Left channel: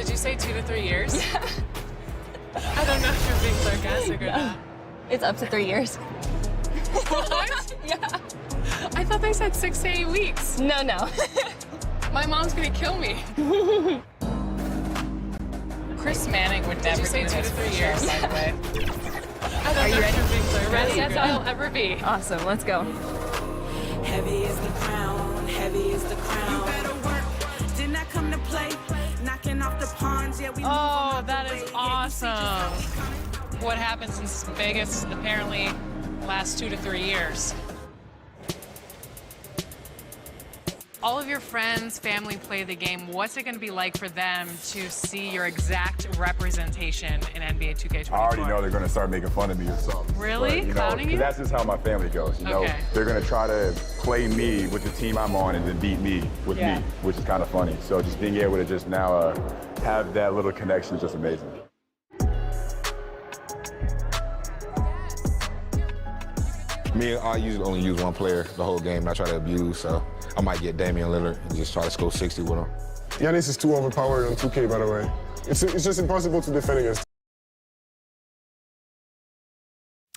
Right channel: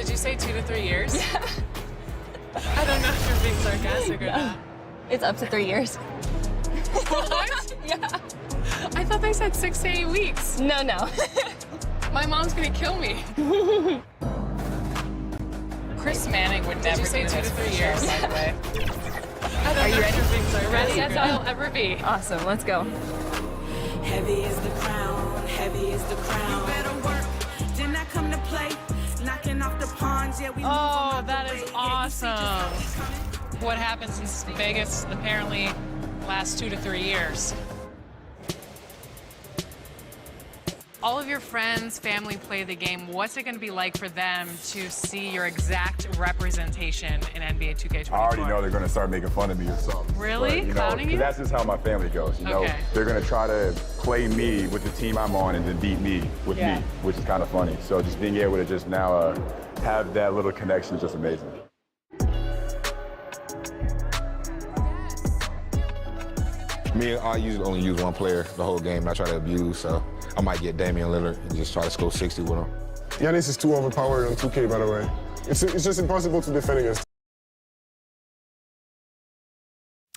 Did you say 2 to 3 years? Yeah. I don't know if you're being sarcastic or not. It's up to 3 years. What? Yeah. I thought they said 6 to 8 weeks. No. My mom's gonna kill me. Chris Manning would never say do 2 to this 3 for years? sure, by the way. I don't Are you know ready? if you're being sarcastic Ready? as I'll ever be. Awesome, let's go. Heavy is the crown, heavy is the crown. You better work, didn't I come to play? Knocking off the pawns, yeah, we move 'em Oh, out the that way. is Yeah, you see just awesome. how we coming? What happens in Vegas apparently lasts 2 to 3 years. All of your friends, family play the game. What's it going to be like for them to see your exact representation in NBA 2K24? I already know they're going to start making fun of me or something. Really? But, you know, Clowning 'cause you? that's just how my family goes. You know, Okay. they're going to try to play me with the team I'm on and then beat me with Yeah. me, which is kind of funny. So just being able to just now have that little connection is just amazing. Me, I usually only use one player the whole game. I try to abuse, so I might get Damian Lillard and just try to score 60 with him. Giannis is too overpowered on 2K, by the way. It's just impossible to defend against.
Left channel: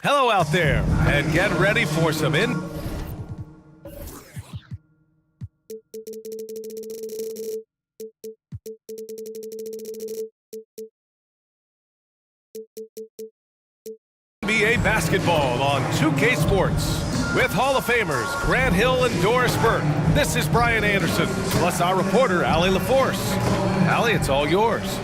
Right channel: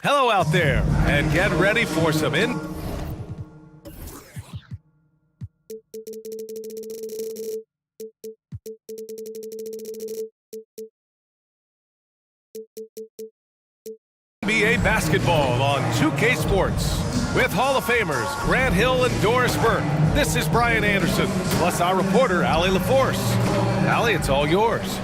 Hello out there, and get ready for some NBA basketball on 2K Sports. With Hall of Famers Grant Hill and Doris Burke, this is Brian Anderson, plus our reporter, Allie LaForce. Allie, it's all yours.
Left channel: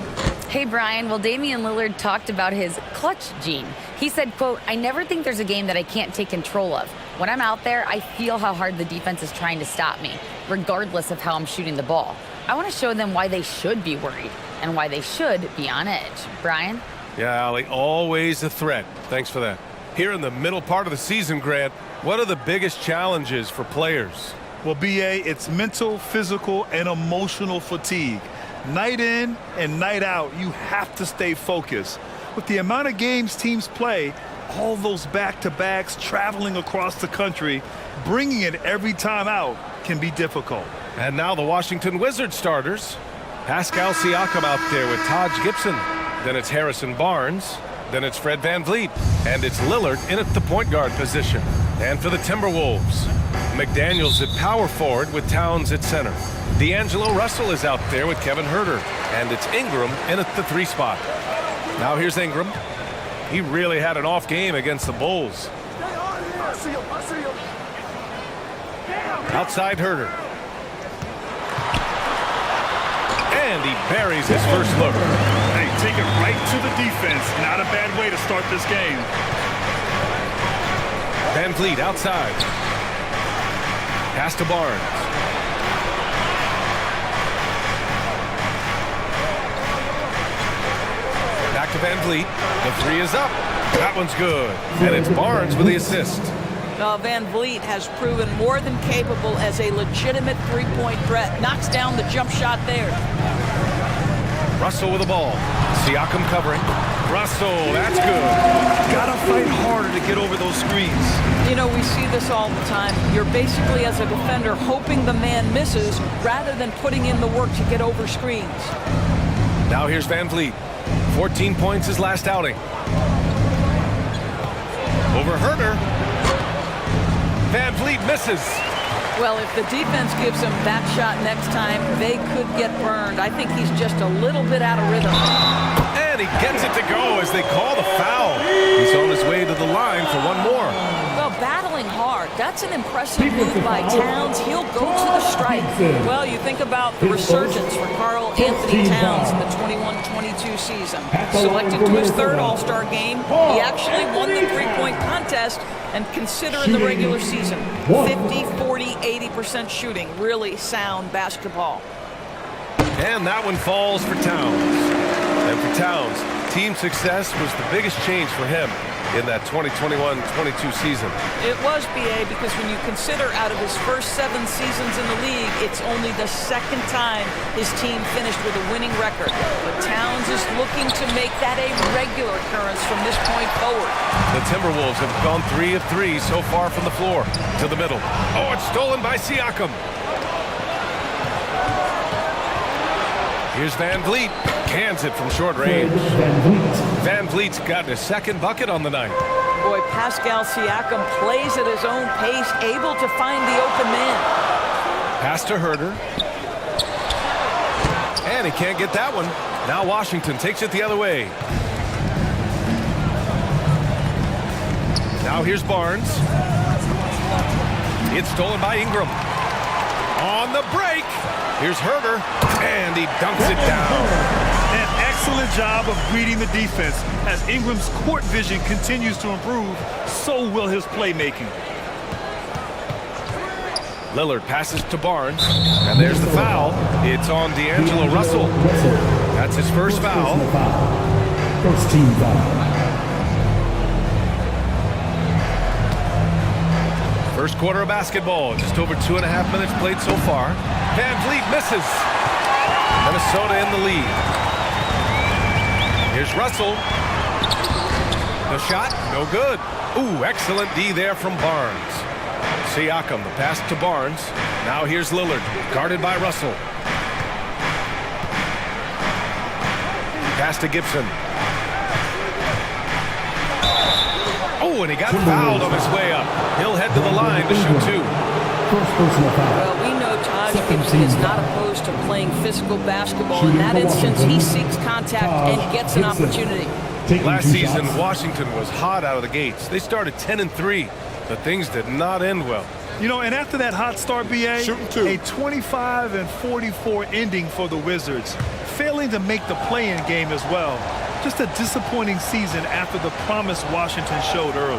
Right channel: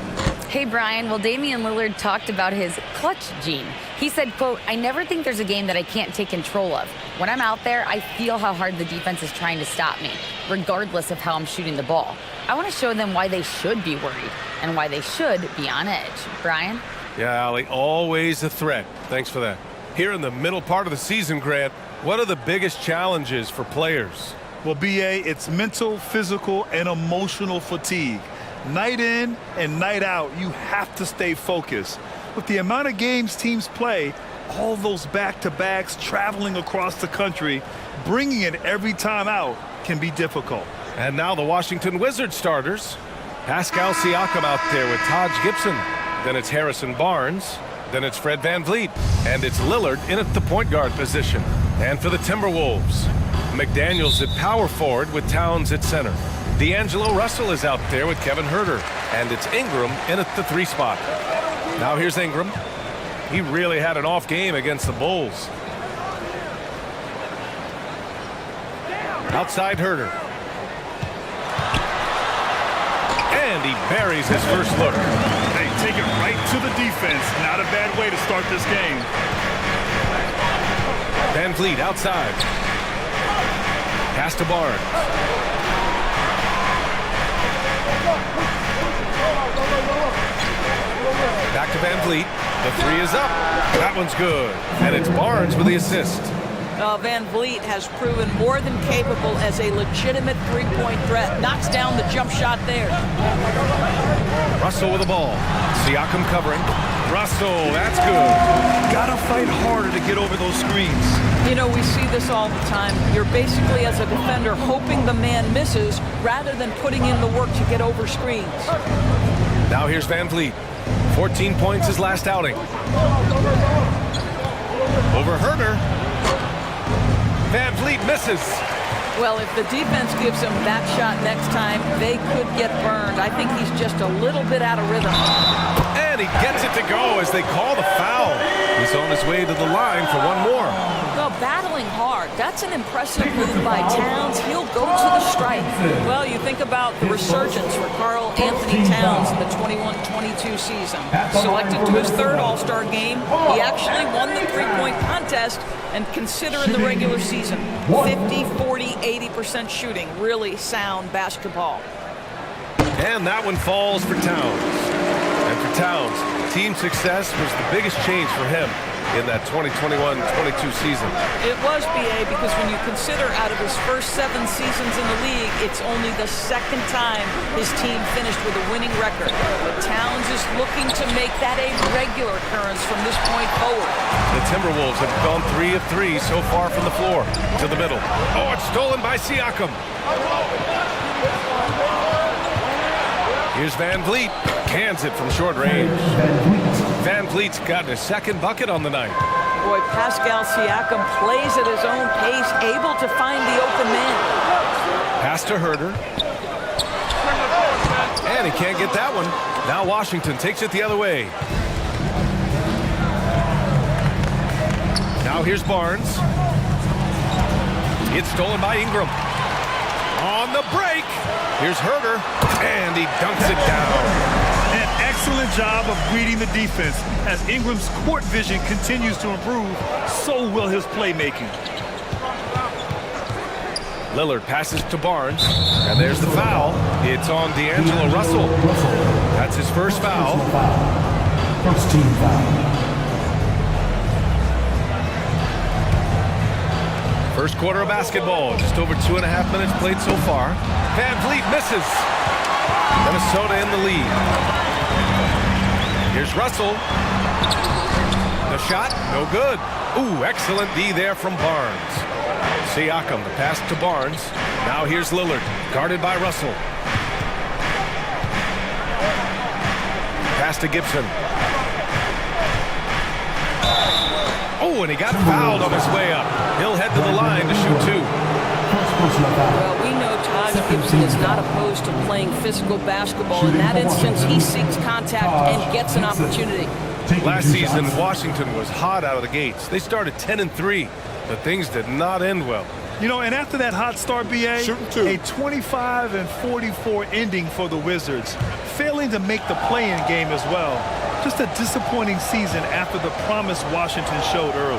Hey, Brian. Well, Damian Lillard talked about his clutch gene. He said, quote, "I never think there's a game that I can't take control of. When I'm out there, I feel how hard the defense is trying to stop me, regardless of how I'm shooting the ball. I want to show them why they should be worried and why they should be on edge." Brian? Yeah, Allie, always a threat. Thanks for that. Here in the middle part of the season, Grant, what are the biggest challenges for players? Well, BA, it's mental, physical, and emotional fatigue. Night in and night out, you have to stay focused. With the amount of games teams play, all those back-to-backs traveling across the country, bringing it every time out can be difficult. And now the Washington Wizards starters. Pascal Siakam out there with Taj Gibson. Then it's Harrison Barnes. Then it's Fred VanVleet. And it's Lillard in at the point guard position. And for the Timberwolves, McDaniels at power forward with Towns at center. D'Angelo Russell is out there with Kevin Huerter. And it's Ingram in at the 3 spot. Now here's Ingram. He really had an off game against the Bulls. Outside Huerter. And he buries his first look. Hey, take it right to the defense. Not a bad way to start this game. VanVleet outside. Pass to Barnes. Back to VanVleet. The 3 is up. That one's good. And it's Barnes with the assist. VanVleet has proven more than capable as a legitimate three-point threat. Knocks down the jump shot there. Russell with the ball. Siakam covering. Russell, that's good. Gotta fight harder to get over those screens. You know, we see this all the time. You're basically, as a defender, hoping the man misses rather than putting in the work to get over screens. Now here's VanVleet. 14 points his last outing. Over Huerter. VanVleet misses. Well, if the defense gives him that shot next time, they could get burned. I think he's just a little bit out of rhythm. And he gets it to go as they call the foul. He's on his way to the line for one more. Well, battling hard. That's an impressive move by Towns. He'll go to the stripe. Well, you think about the resurgence for Karl Anthony Towns in the 21-22 season. Selected to his 3rd All-Star game, he actually won the three-point contest. And consider in the regular season, 50, 40, 80% shooting. Really sound basketball. And that one falls for Towns. And for Towns, team success was the biggest change for him in that 2021-22 season. It was, BA, because when you consider out of his first 7 seasons in the league, it's only the 2nd time his team finished with a winning record. But Towns is looking to make that a regular occurrence from this point forward. The Timberwolves have gone 3 of 3 so far from the floor to the middle. Oh, it's stolen by Siakam. Here's Van Vliet. Cans it from short range. Van Vliet's gotten his second bucket on the night. Boy, Pascal Siakam plays at his own pace, able to find the open man. Pass to Herter. And he can't get that one. Now Washington takes it the other way. Now here's Barnes. It's stolen by Ingram. On the break. Here's Herter. And he dunks it down. An excellent job of reading the defense. As Ingram's court vision continues to improve, so will his playmaking. Lillard passes to Barnes, and there's the foul. It's on D'Angelo Russell. That's his first foul. First team foul. First quarter of basketball, just over 2.5 minutes played so far. Van Vliet misses. Minnesota in the lead. Here's Russell. The shot, no good. Ooh, excellent D there from Barnes. Siakam, the pass to Barnes. Now here's Lillard, guarded by Russell. Pass to Gibson. Oh, and he got fouled on his way up. He'll head to the line to shoot two. Well, we know Taj Gibson is not opposed to playing physical basketball. In that instance, he seeks contact and gets an opportunity. Last season, Washington was hot out of the gates. They started 10-3, but things did not end well. You know, and after that hot start, BA, Shooting two. a 25-44 ending for the Wizards, failing to make the play-in game as well. Just a disappointing season after the promise Washington showed early.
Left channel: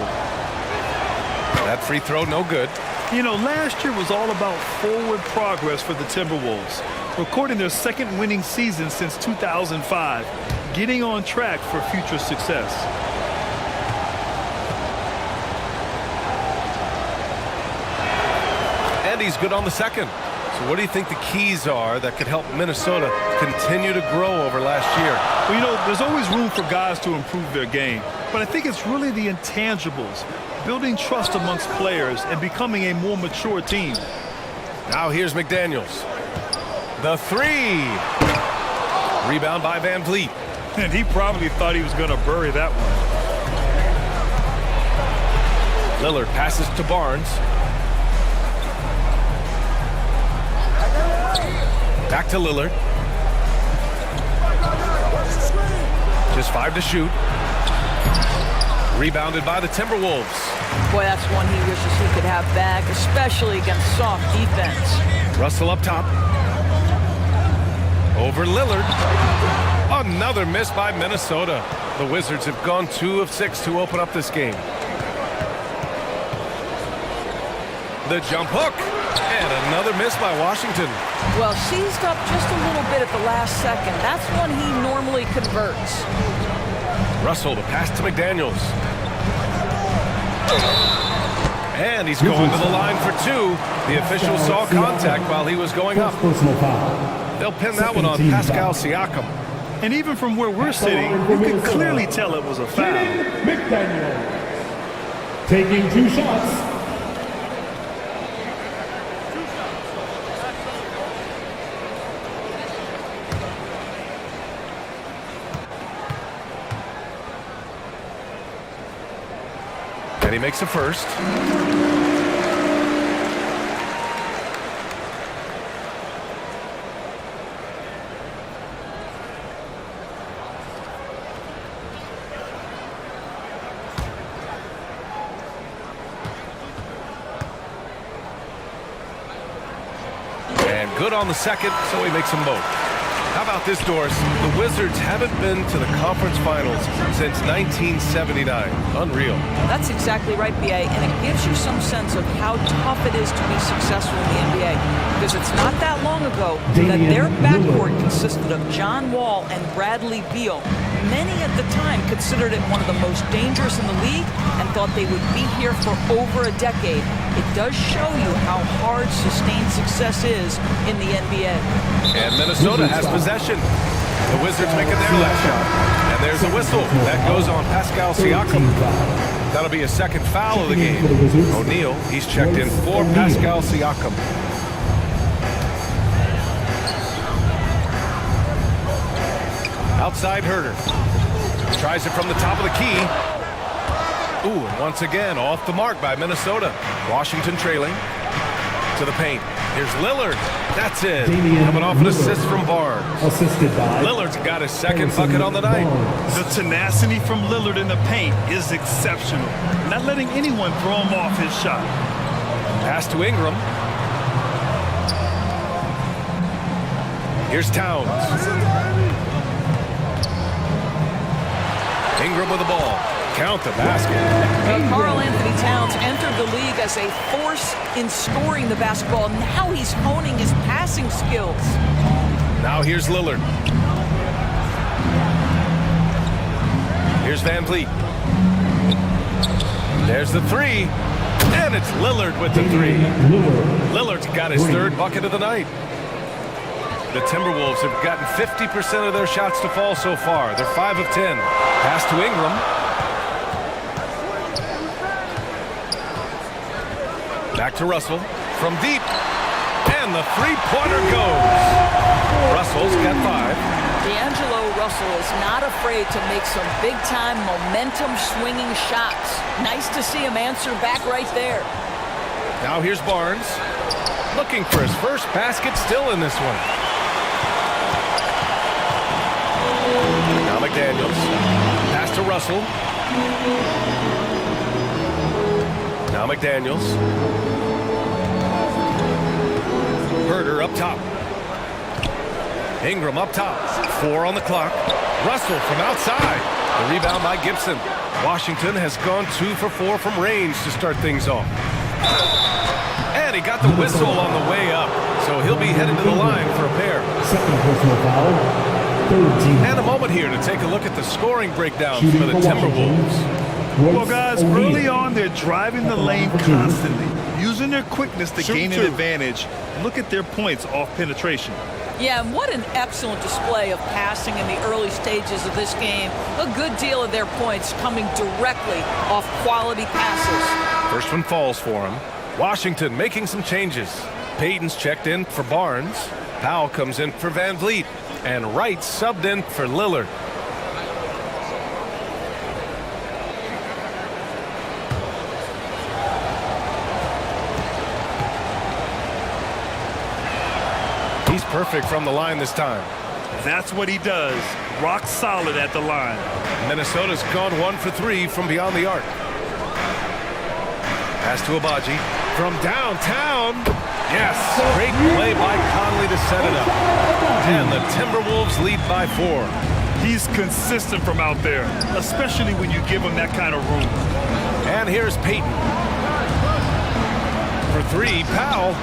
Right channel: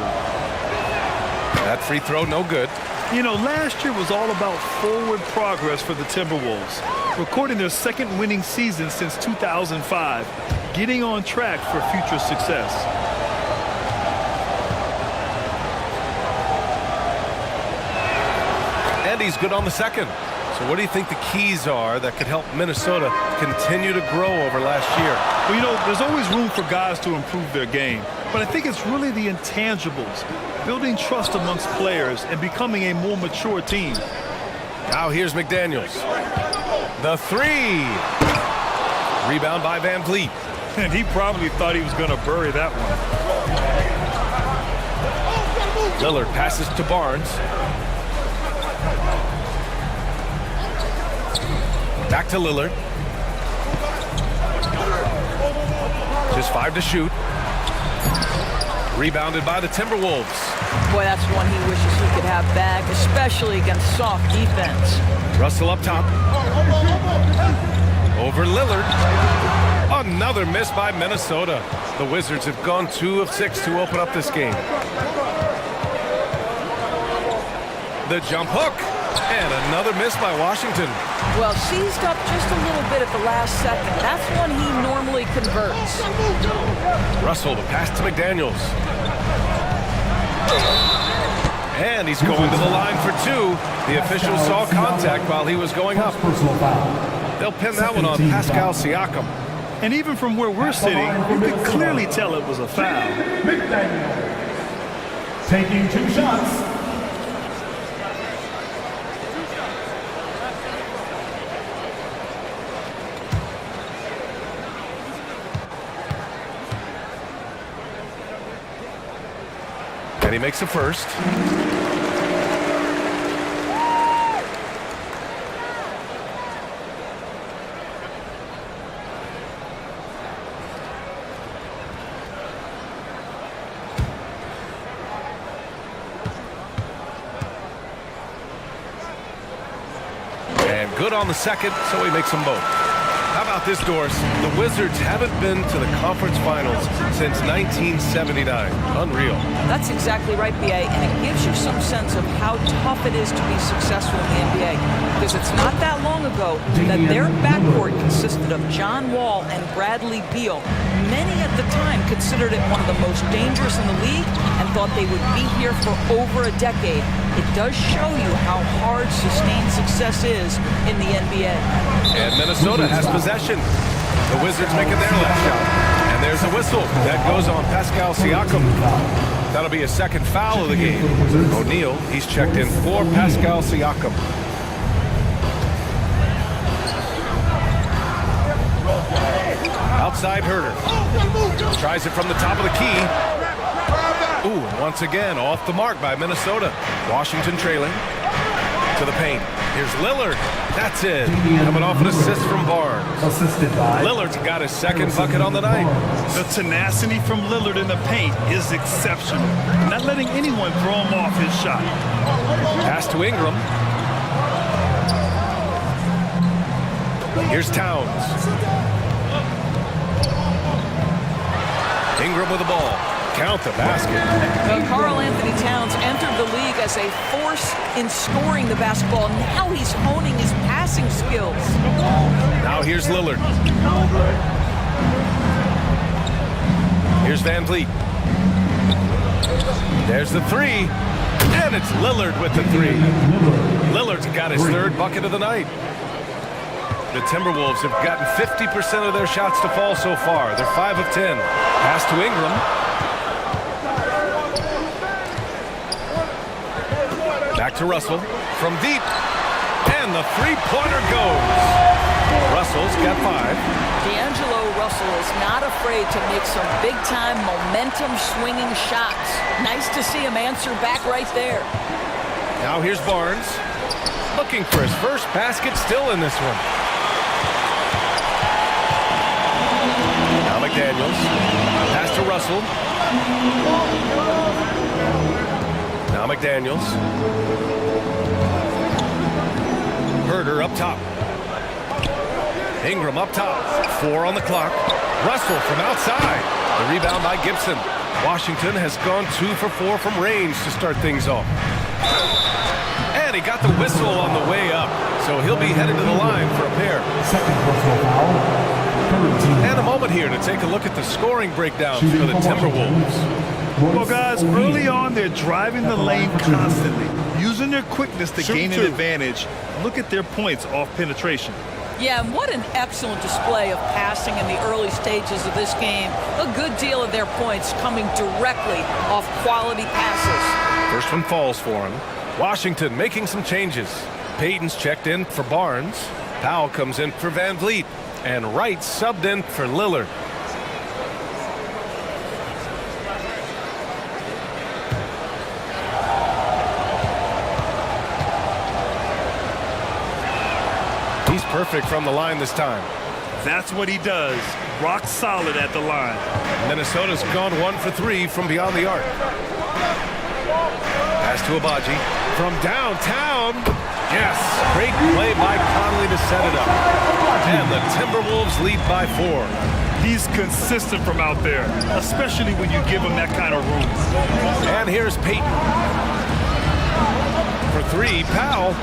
That free throw, no good. You know, last year was all about forward progress for the Timberwolves, recording their second winning season since 2005, getting on track for future success. And he's good on the second. So what do you think the keys are that could help Minnesota continue to grow over last year? Well, you know, there's always room for guys to improve their game, but I think it's really the intangibles, building trust amongst players and becoming a more mature team. Now here's McDaniels. The three. Rebound by Van Vliet. And he probably thought he was going to bury that one. Lillard passes to Barnes. Back to Lillard. Just 5 to shoot. Rebounded by the Timberwolves. Boy, that's one he wishes he could have back, especially against soft defense. Russell up top. Over Lillard. Another miss by Minnesota. The Wizards have gone 2 of 6 to open up this game. The jump hook. And another miss by Washington. Well, seized up just a little bit at the last second. That's when he normally converts. Russell, the pass to McDaniels. And he's going to the line for 2. The official saw contact while he was going up. They'll pin that one on Pascal Siakam. And even from where we're sitting, you can clearly tell it was a foul. McDaniel taking 2 shots. And he makes a first. And good on the second, so he makes them both. How about this, Doris? The Wizards haven't been to the conference finals since 1979. Unreal. That's exactly right, BA, and it gives you some sense of how tough it is to be successful in the NBA. Because it's not that long ago that their backcourt consisted of John Wall and Bradley Beal. Many at the time considered it one of the most dangerous in the league and thought they would be here for over a decade. It does show you how hard sustained success is in the NBA. And Minnesota has possession. The Wizards making their last shot. And there's a whistle. That goes on Pascal Siakam. That'll be a second foul of the game. O'Neal, he's checked in for Pascal Siakam. Outside Herder. Tries it from the top of the key. Ooh, and once again, off the mark by Minnesota. Washington trailing to the paint. Here's Lillard. That's it. Coming off an assist from Barnes. Assisted by Lillard's got his second bucket on the night. The tenacity from Lillard in the paint is exceptional. Not letting anyone throw him off his shot. Pass to Ingram. Here's Towns. Ingram with the ball. Count the basket. Well, Karl Anthony Towns entered the league as a force in scoring the basketball. Now he's honing his passing skills. Now here's Lillard. Here's Van Vliet. There's the three. And it's Lillard with the three. Lillard's got his third bucket of the night. The Timberwolves have gotten 50% of their shots to fall so far. They're 5 of 10. Pass to Ingram. Back to Russell from deep. And the three-pointer goes. Russell's got 5. D'Angelo Russell is not afraid to make some big-time momentum-swinging shots. Nice to see him answer back right there. Now here's Barnes. Looking for his first basket, still in this one. Now McDaniels. Pass to Russell. Now McDaniels. Herder up top. Ingram up top. 4 on the clock. Russell from outside. The rebound by Gibson. Washington has gone 2 for 4 from range to start things off. And he got the whistle on the way up, so he'll be headed to the line for a pair. second personal foul. Third team. And a moment here to take a look at the scoring breakdown for the Timberwolves. Well, guys, early on, they're driving the lane constantly, using their quickness to gain an advantage. Look at their points off penetration. Yeah, and what an excellent display of passing in the early stages of this game. A good deal of their points coming directly off quality passes. First one falls for him. Washington making some changes. Payton's checked in for Barnes. Powell comes in for Van Vliet. And Wright subbed in for Lillard. He's perfect from the line this time. That's what he does. Rock solid at the line. Minnesota's gone 1 for 3 from beyond the arc. Pass to Abaji. From downtown. Yes, great play by Conley to set it up. And the Timberwolves lead by 4. He's consistent from out there, especially when you give him that kind of room. And here's Payton. For 3, Powell.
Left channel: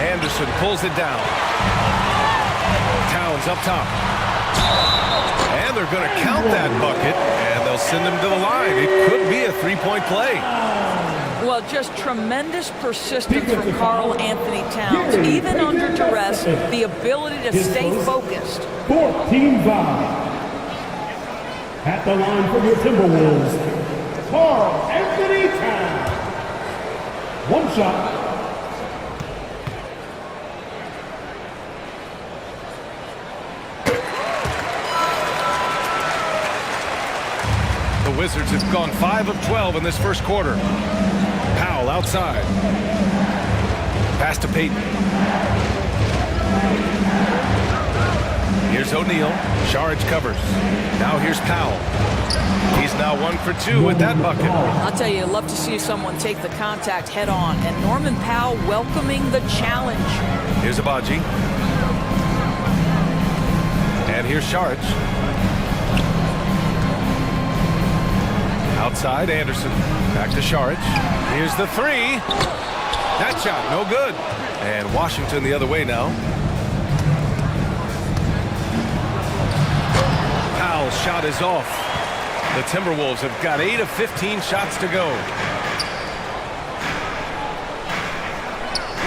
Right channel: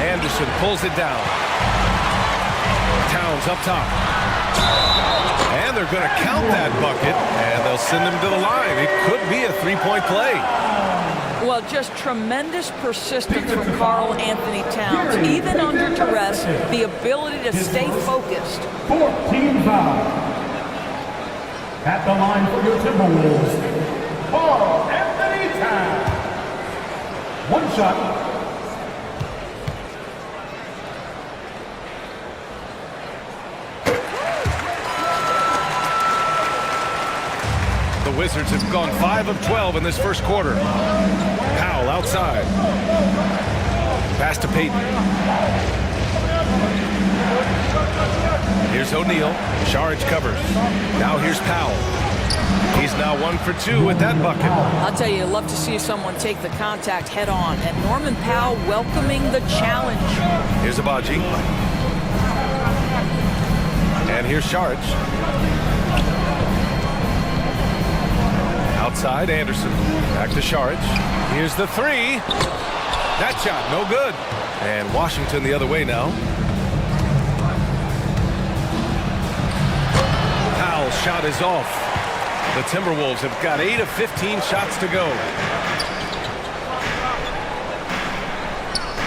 Anderson pulls it down. Towns up top. And they're going to count that bucket, and they'll send him to the line. It could be a three-point play. Well, just tremendous persistence from Karl Anthony Towns. Even under duress, the ability to stay focused. 14 foul. At the line for your Timberwolves, Karl Anthony Towns. One shot. The Wizards have gone 5 of 12 in this first quarter. Powell outside. Pass to Payton. Here's O'Neal. Saric covers. Now here's Powell. He's now 1 for 2 with that bucket. I'll tell you, I'd love to see someone take the contact head on. And Norman Powell welcoming the challenge. Here's Abaji. And here's Saric. Outside, Anderson. Back to Saric. Here's the 3. That shot, no good. And Washington the other way now. Powell's shot is off. The Timberwolves have got 8 of 15 shots to go.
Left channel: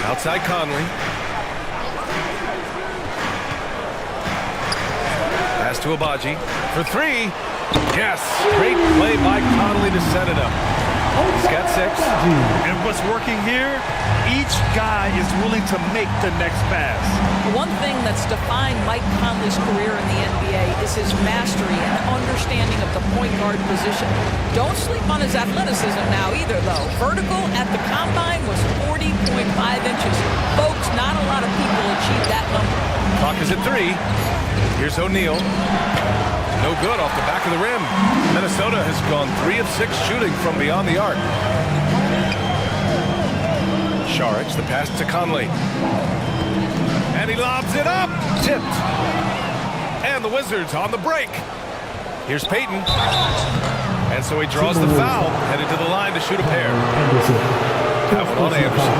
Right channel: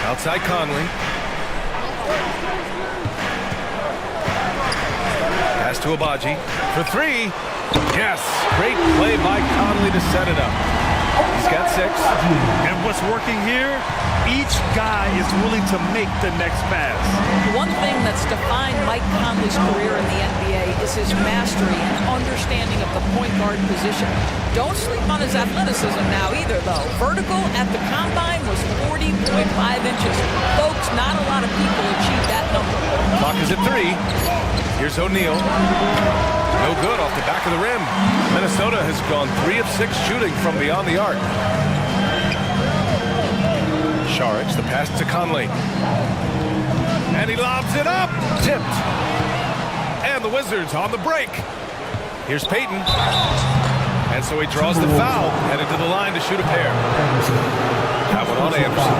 Outside Conley. Pass to Abaji for 3. Yes, great play by Conley to set it up. He's got 6. And what's working here? Each guy is willing to make the next pass. One thing that's defined Mike Conley's career in the NBA is his mastery and understanding of the point guard position. Don't sleep on his athleticism now either, though. Vertical at the combine was 40.5 inches. Folks, not a lot of people achieve that number. Clock is at 3. Here's O'Neal. No good off the back of the rim. Minnesota has gone 3 of 6 shooting from beyond the arc. Saric, the pass to Conley. And he lobs it up. Tipped. And the Wizards on the break. Here's Payton. And so he draws the foul, headed to the line to shoot a pair. That one on Anderson.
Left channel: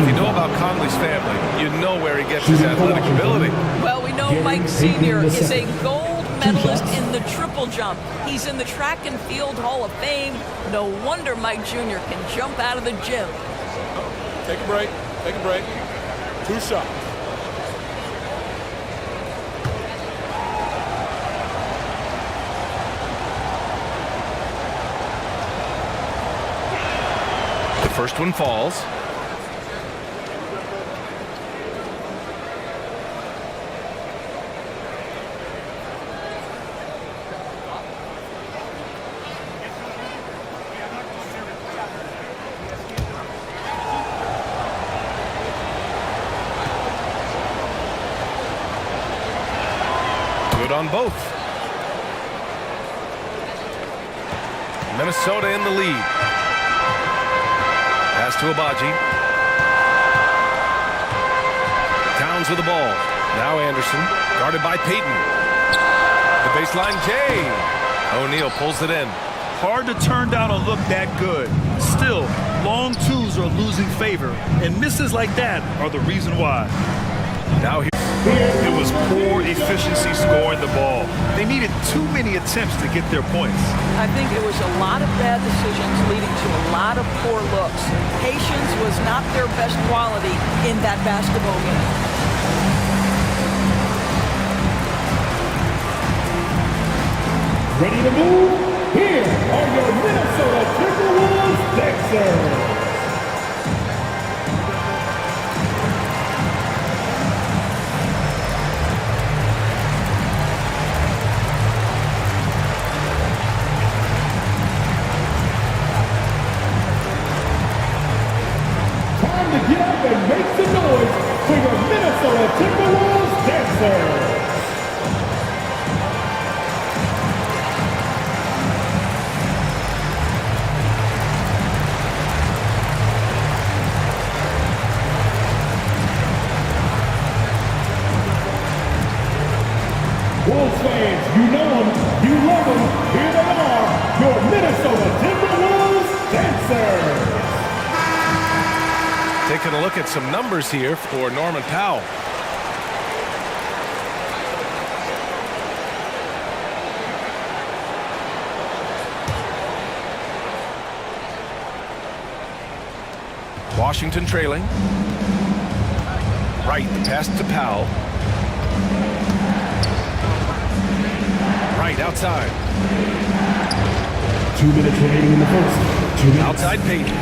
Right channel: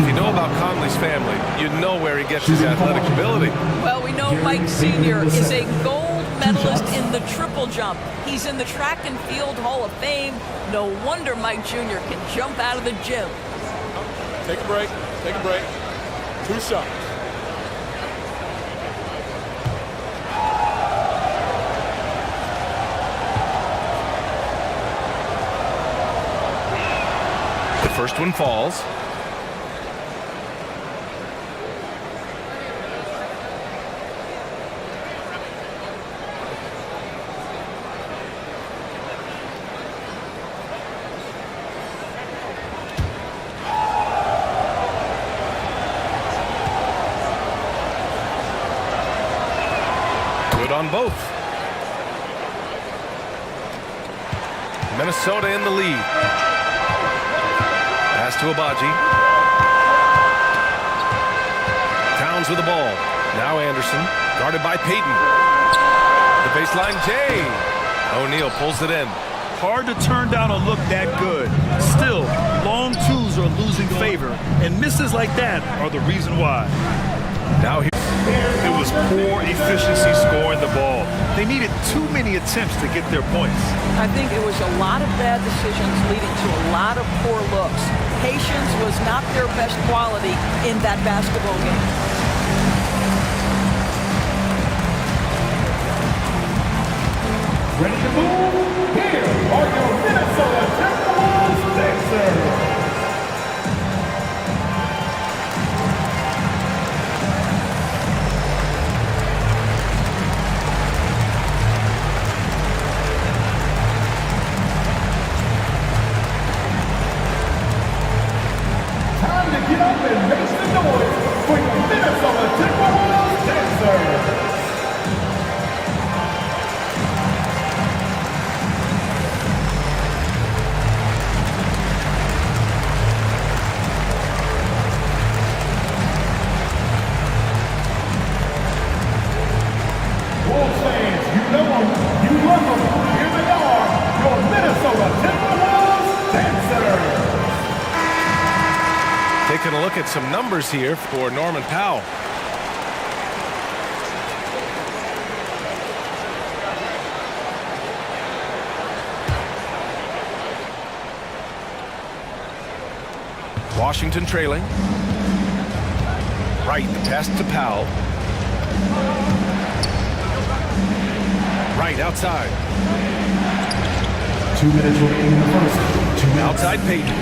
If you know about Conley's family, you know where he gets his athletic ability. Well, we know Mike Sr. is a gold medalist in the triple jump. He's in the track and field Hall of Fame. No wonder Mike Jr. can jump out of the gym. Take a break. Take a break. 2 shots. The first one falls. Good on both. Minnesota in the lead. Pass to Agbaji. Towns with the ball. Now Anderson, guarded by Payton. The baseline Jay. O'Neal pulls it in. Hard to turn down a look that good. Still, long twos are losing favor, and misses like that are the reason why. Now it was poor efficiency scoring the ball. They needed too many attempts to get their points. I think it was a lot of bad decisions leading to a lot of poor looks. Patience was not their best quality in that basketball game. Ready to move? Here are your Minnesota Timberwolves Dancers. Time to get up and make some noise for your Minnesota Timberwolves Dancers. Wolves fans, you know them, you love them. Here they are, your Minnesota Timberwolves Dancers. taking a look at some numbers here for Norman Powell. Washington trailing. Right, the pass to Powell. Right, outside. 2 minutes remaining in the first. 2 minutes. Outside Payton.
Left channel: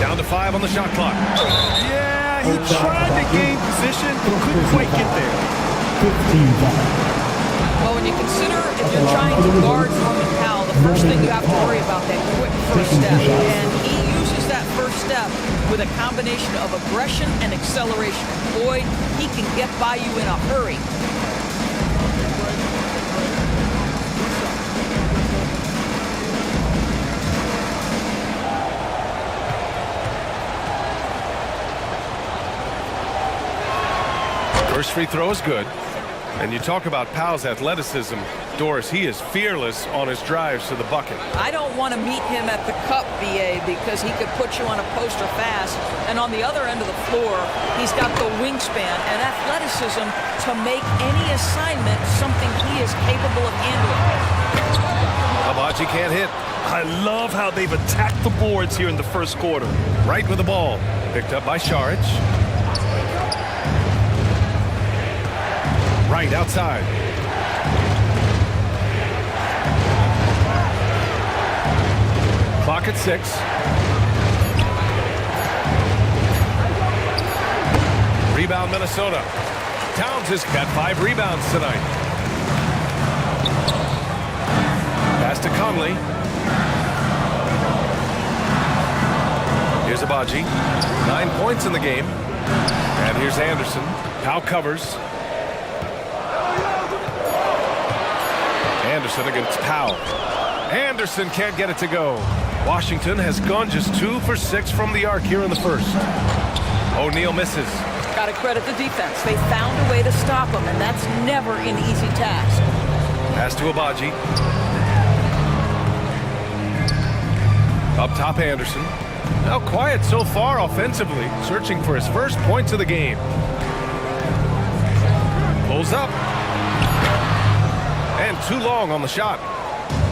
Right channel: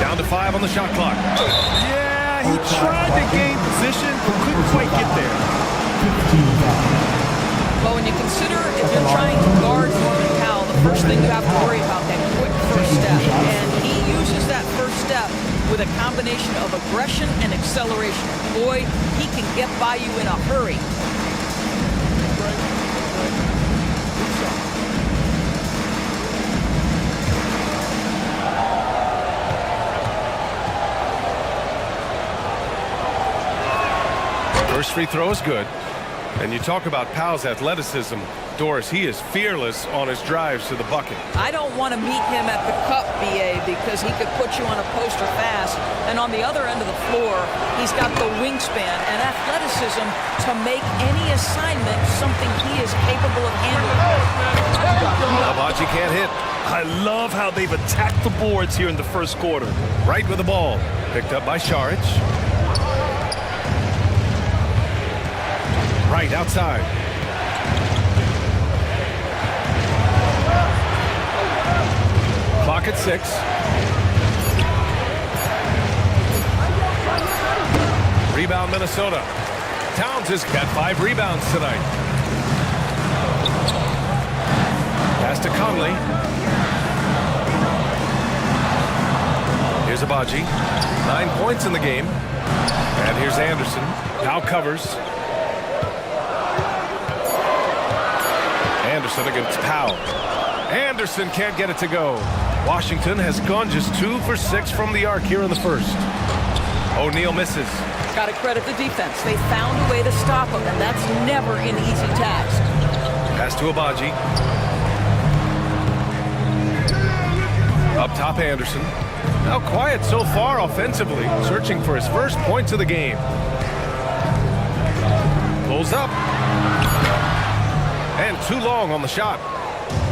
Down to 5 on the shot clock. Yeah, he tried to gain position, but couldn't quite get there. 15-5. Well, when you consider if you're trying to guard Norman Powell, the first thing you have to worry about that quick first step. And he uses that first step with a combination of aggression and acceleration. And boy, he can get by you in a hurry. First free throw is good. And you talk about Powell's athleticism, Doris, he is fearless on his drives to the bucket. I don't want to meet him at the cup, BA, because he could put you on a poster fast. And on the other end of the floor, he's got the wingspan and athleticism to make any assignment something he is capable of handling. Agbaji can't hit. I love how they've attacked the boards here in the first quarter. Right with the ball. Picked up by Saric. Right outside. Clock at 6. Rebound, Minnesota. Towns has got 5 rebounds tonight. Pass to Conley. Here's Abaji. 9 points in the game. And here's Anderson. Powell covers. Anderson against Powell. Anderson can't get it to go. Washington has gone just 2 for 6 from the arc here in the first. O'Neal misses. Got to credit the defense. They found a way to stop him, and that's never an easy task. Pass to Abaji. Up top, Anderson. Now quiet so far offensively, searching for his first points of the game. Pulls up. And too long on the shot.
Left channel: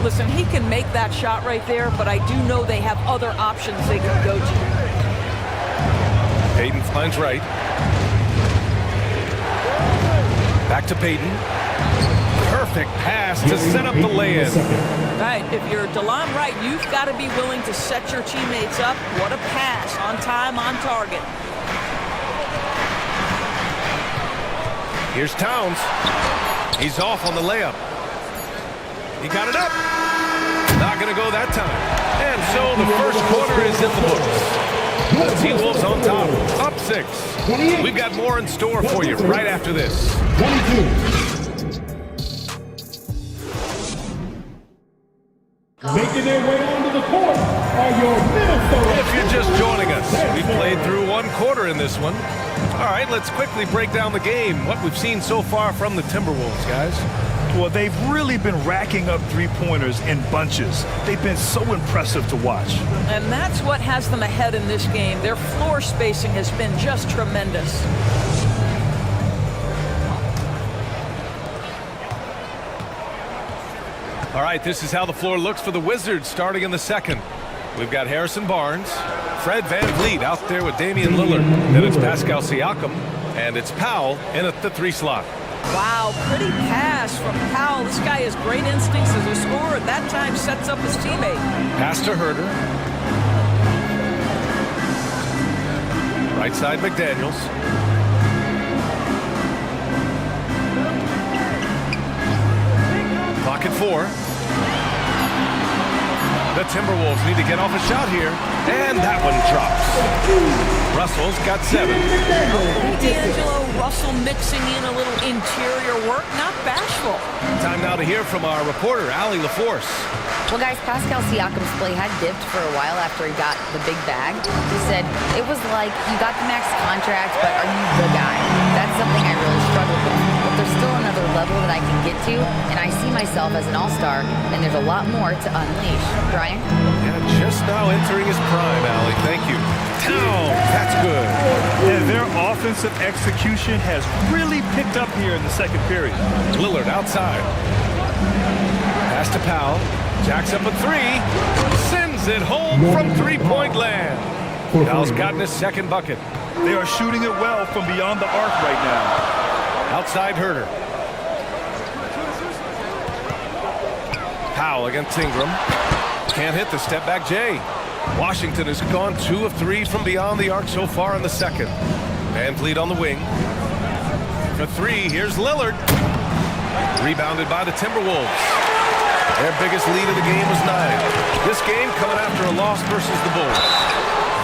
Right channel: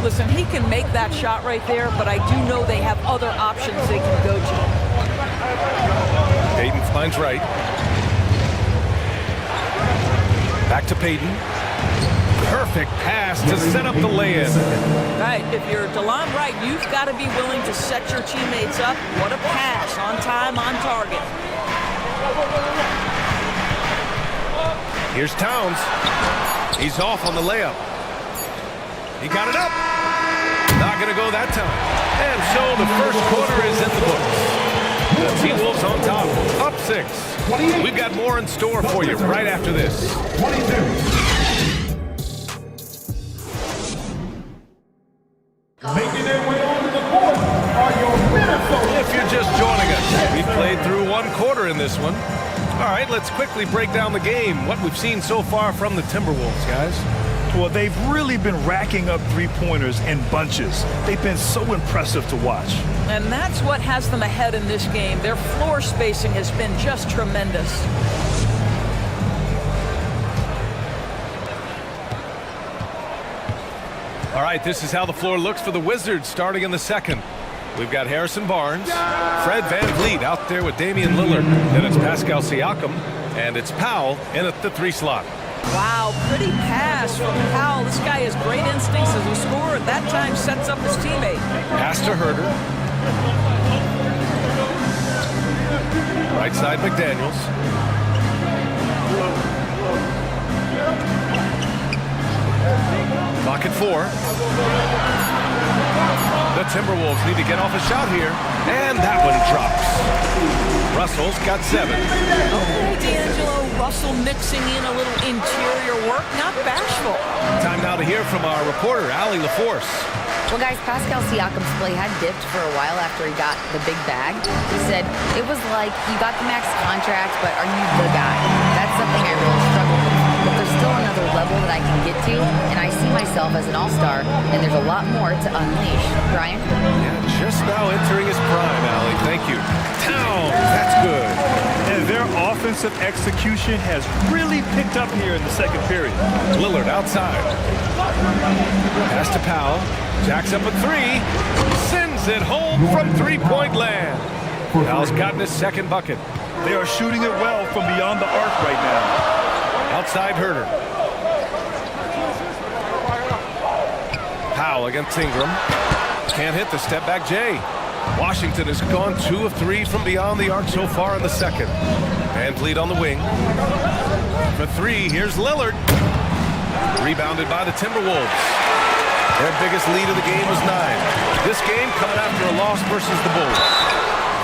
Listen, he can make that shot right there, but I do know they have other options they can go to. Payton finds Wright. Back to Payton. Perfect pass to set up the lay-in. Right, if you're DeLon Wright, you've got to be willing to set your teammates up. What a pass, on time, on target. Here's Towns. He's off on the layup. He got it up. Not going to go that time. And so the first quarter is in the books. The T-Wolves on top, up 6. We've got more in store for you right after this. 22. Making their way onto the court are your Minnesota. If you're just joining us, we've played through 1 quarter in this one. All right, let's quickly break down the game. What we've seen so far from the Timberwolves, guys. Well, they've really been racking up three-pointers in bunches. They've been so impressive to watch. And that's what has them ahead in this game. Their floor spacing has been just tremendous. All right, this is how the floor looks for the Wizards starting in the second. We've got Harrison Barnes, Fred VanVleet out there with Damian Lillard. Then it's Pascal Siakam, and it's Powell in at the 3 slot. Wow, pretty pass from Powell. This guy has great instincts as a scorer. At that time, sets up his teammate. Pass to Herter. Right side, McDaniels. Clock at 4. The Timberwolves need to get off a shot here, and that one drops. Russell's got 7. Okay, D'Angelo, Russell mixing in a little interior work, not bashful. Time now to hear from our reporter, Allie LaForce. Well, guys, Pascal Siakam's play had dipped for a while after he got the big bag. He said, it was like, you got the max contract, but are you the guy? That's something I really struggled with. But there's still another level that I can get to, and I see myself as an all-star, and there's a lot more to unleash. Brian? Yeah, just now entering his prime, Allie. Thank you. Towns, that's good. And their offensive execution has really picked up here in the second period. Lillard outside. Pass to Powell. Jacks up a 3. Sends it home from three-point land. Powell's gotten his second bucket. They are shooting it well from beyond the arc right now. Outside Herter. Powell against Ingram. Can't hit the step-back J. Washington has gone 2 of 3 from beyond the arc so far in the second. VanVleet on the wing. For 3, here's Lillard. Rebounded by the Timberwolves. Their biggest lead of the game was 9. This game coming after a loss versus the Bulls.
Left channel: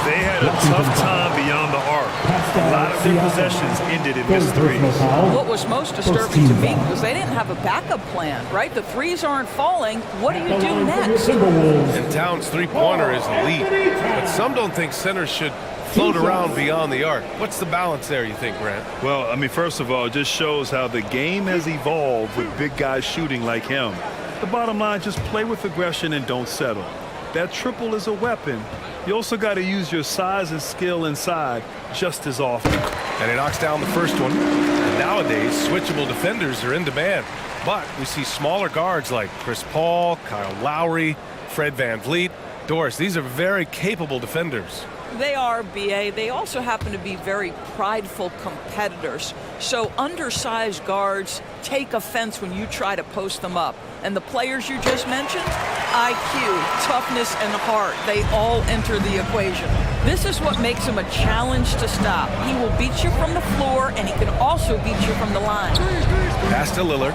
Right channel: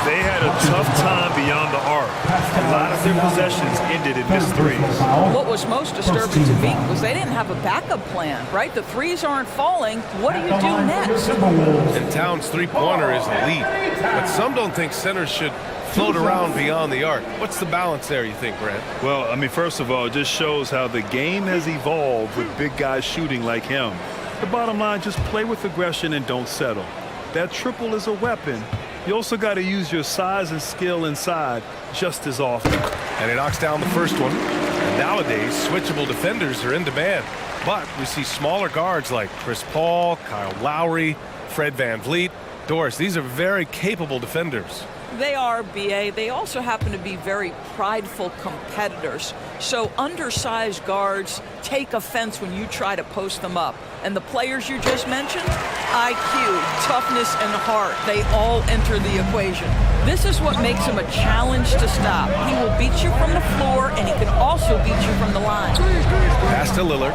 They had a tough time beyond the arc. A lot of their possessions ended in missed threes. What was most disturbing to me was they didn't have a backup plan, right? The threes aren't falling. What do you do next? And Towns' three-pointer is elite, but some don't think centers should float around beyond the arc. What's the balance there, you think, Grant? Well, I mean, first of all, it just shows how the game has evolved with big guys shooting like him. The bottom line, just play with aggression and don't settle. That triple is a weapon. You also got to use your size and skill inside just as often. And he knocks down the first one. And nowadays, switchable defenders are in demand. But we see smaller guards like Chris Paul, Kyle Lowry, Fred VanVleet. Doris, these are very capable defenders. They are, B.A. They also happen to be very prideful competitors. So undersized guards take offense when you try to post them up. And the players you just mentioned, IQ, toughness, and heart, they all enter the equation. This is what makes him a challenge to stop. He will beat you from the floor, and he can also beat you from the line. Pass to Lillard.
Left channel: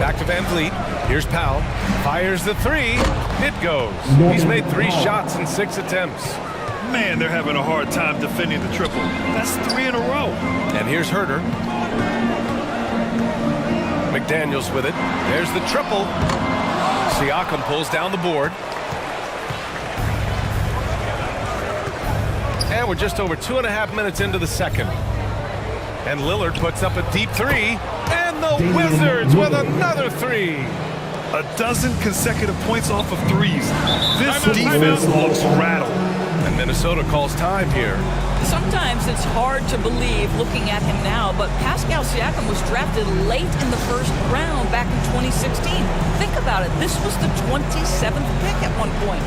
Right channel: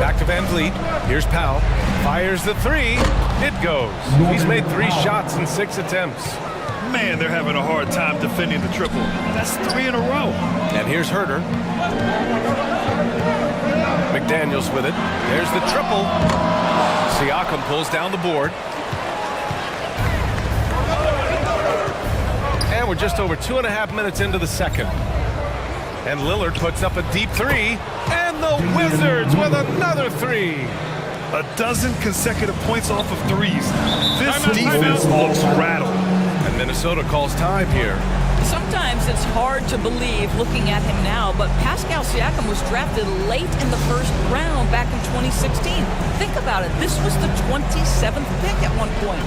Back to Van Vliet. Here's Powell. Fires the three. It goes. He's made 3 shots in 6 attempts. Man, they're having a hard time defending the triple. That's 3 in a row. And here's Herter. McDaniels with it. There's the triple. Siakam pulls down the board. And we're just over 2.5 minutes into the second. And Lillard puts up a deep 3. And the Wizards with another 3. A dozen consecutive points off of threes. This defense looks rattled. And Minnesota calls time here. Sometimes it's hard to believe looking at him now, but Pascal Siakam was drafted late in the first round back in 2016. Think about it. This was the 27th pick at one point.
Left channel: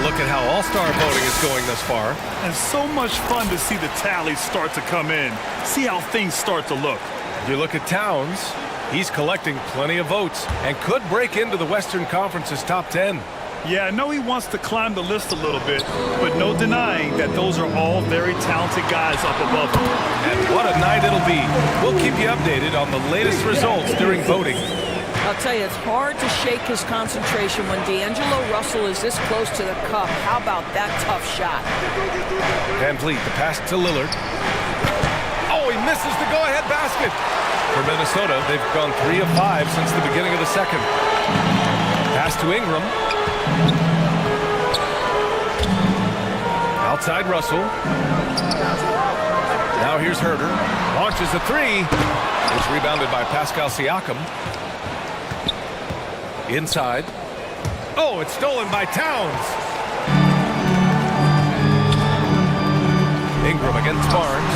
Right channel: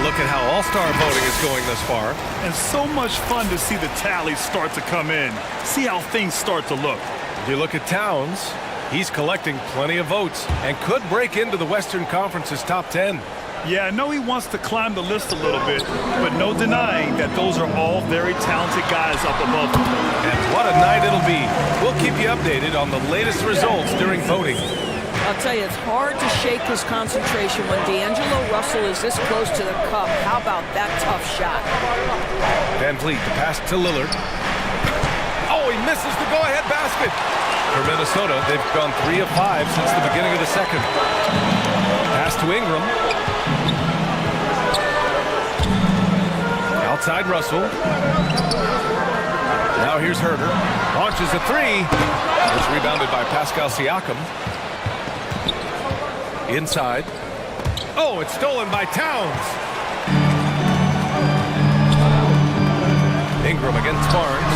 Look at how all-star voting is going thus far. And so much fun to see the tallies start to come in. See how things start to look. You look at Towns, he's collecting plenty of votes and could break into the Western Conference's top 10. Yeah, I know he wants to climb the list a little bit, but no denying that those are all very talented guys up above him. And what a night it'll be. We'll keep you updated on the latest results during voting. I'll tell you, it's hard to shake his concentration when D'Angelo Russell is this close to the cup. How about that tough shot? Van Vliet, the pass to Lillard. Oh, he misses the go-ahead basket. For Minnesota, they've gone 3 of 5 since the beginning of the second. Pass to Ingram. Outside Russell. Now here's Herter. Launches a 3. It's rebounded by Pascal Siakam. Inside. Oh, it's stolen by Towns. Ingram against Barnes.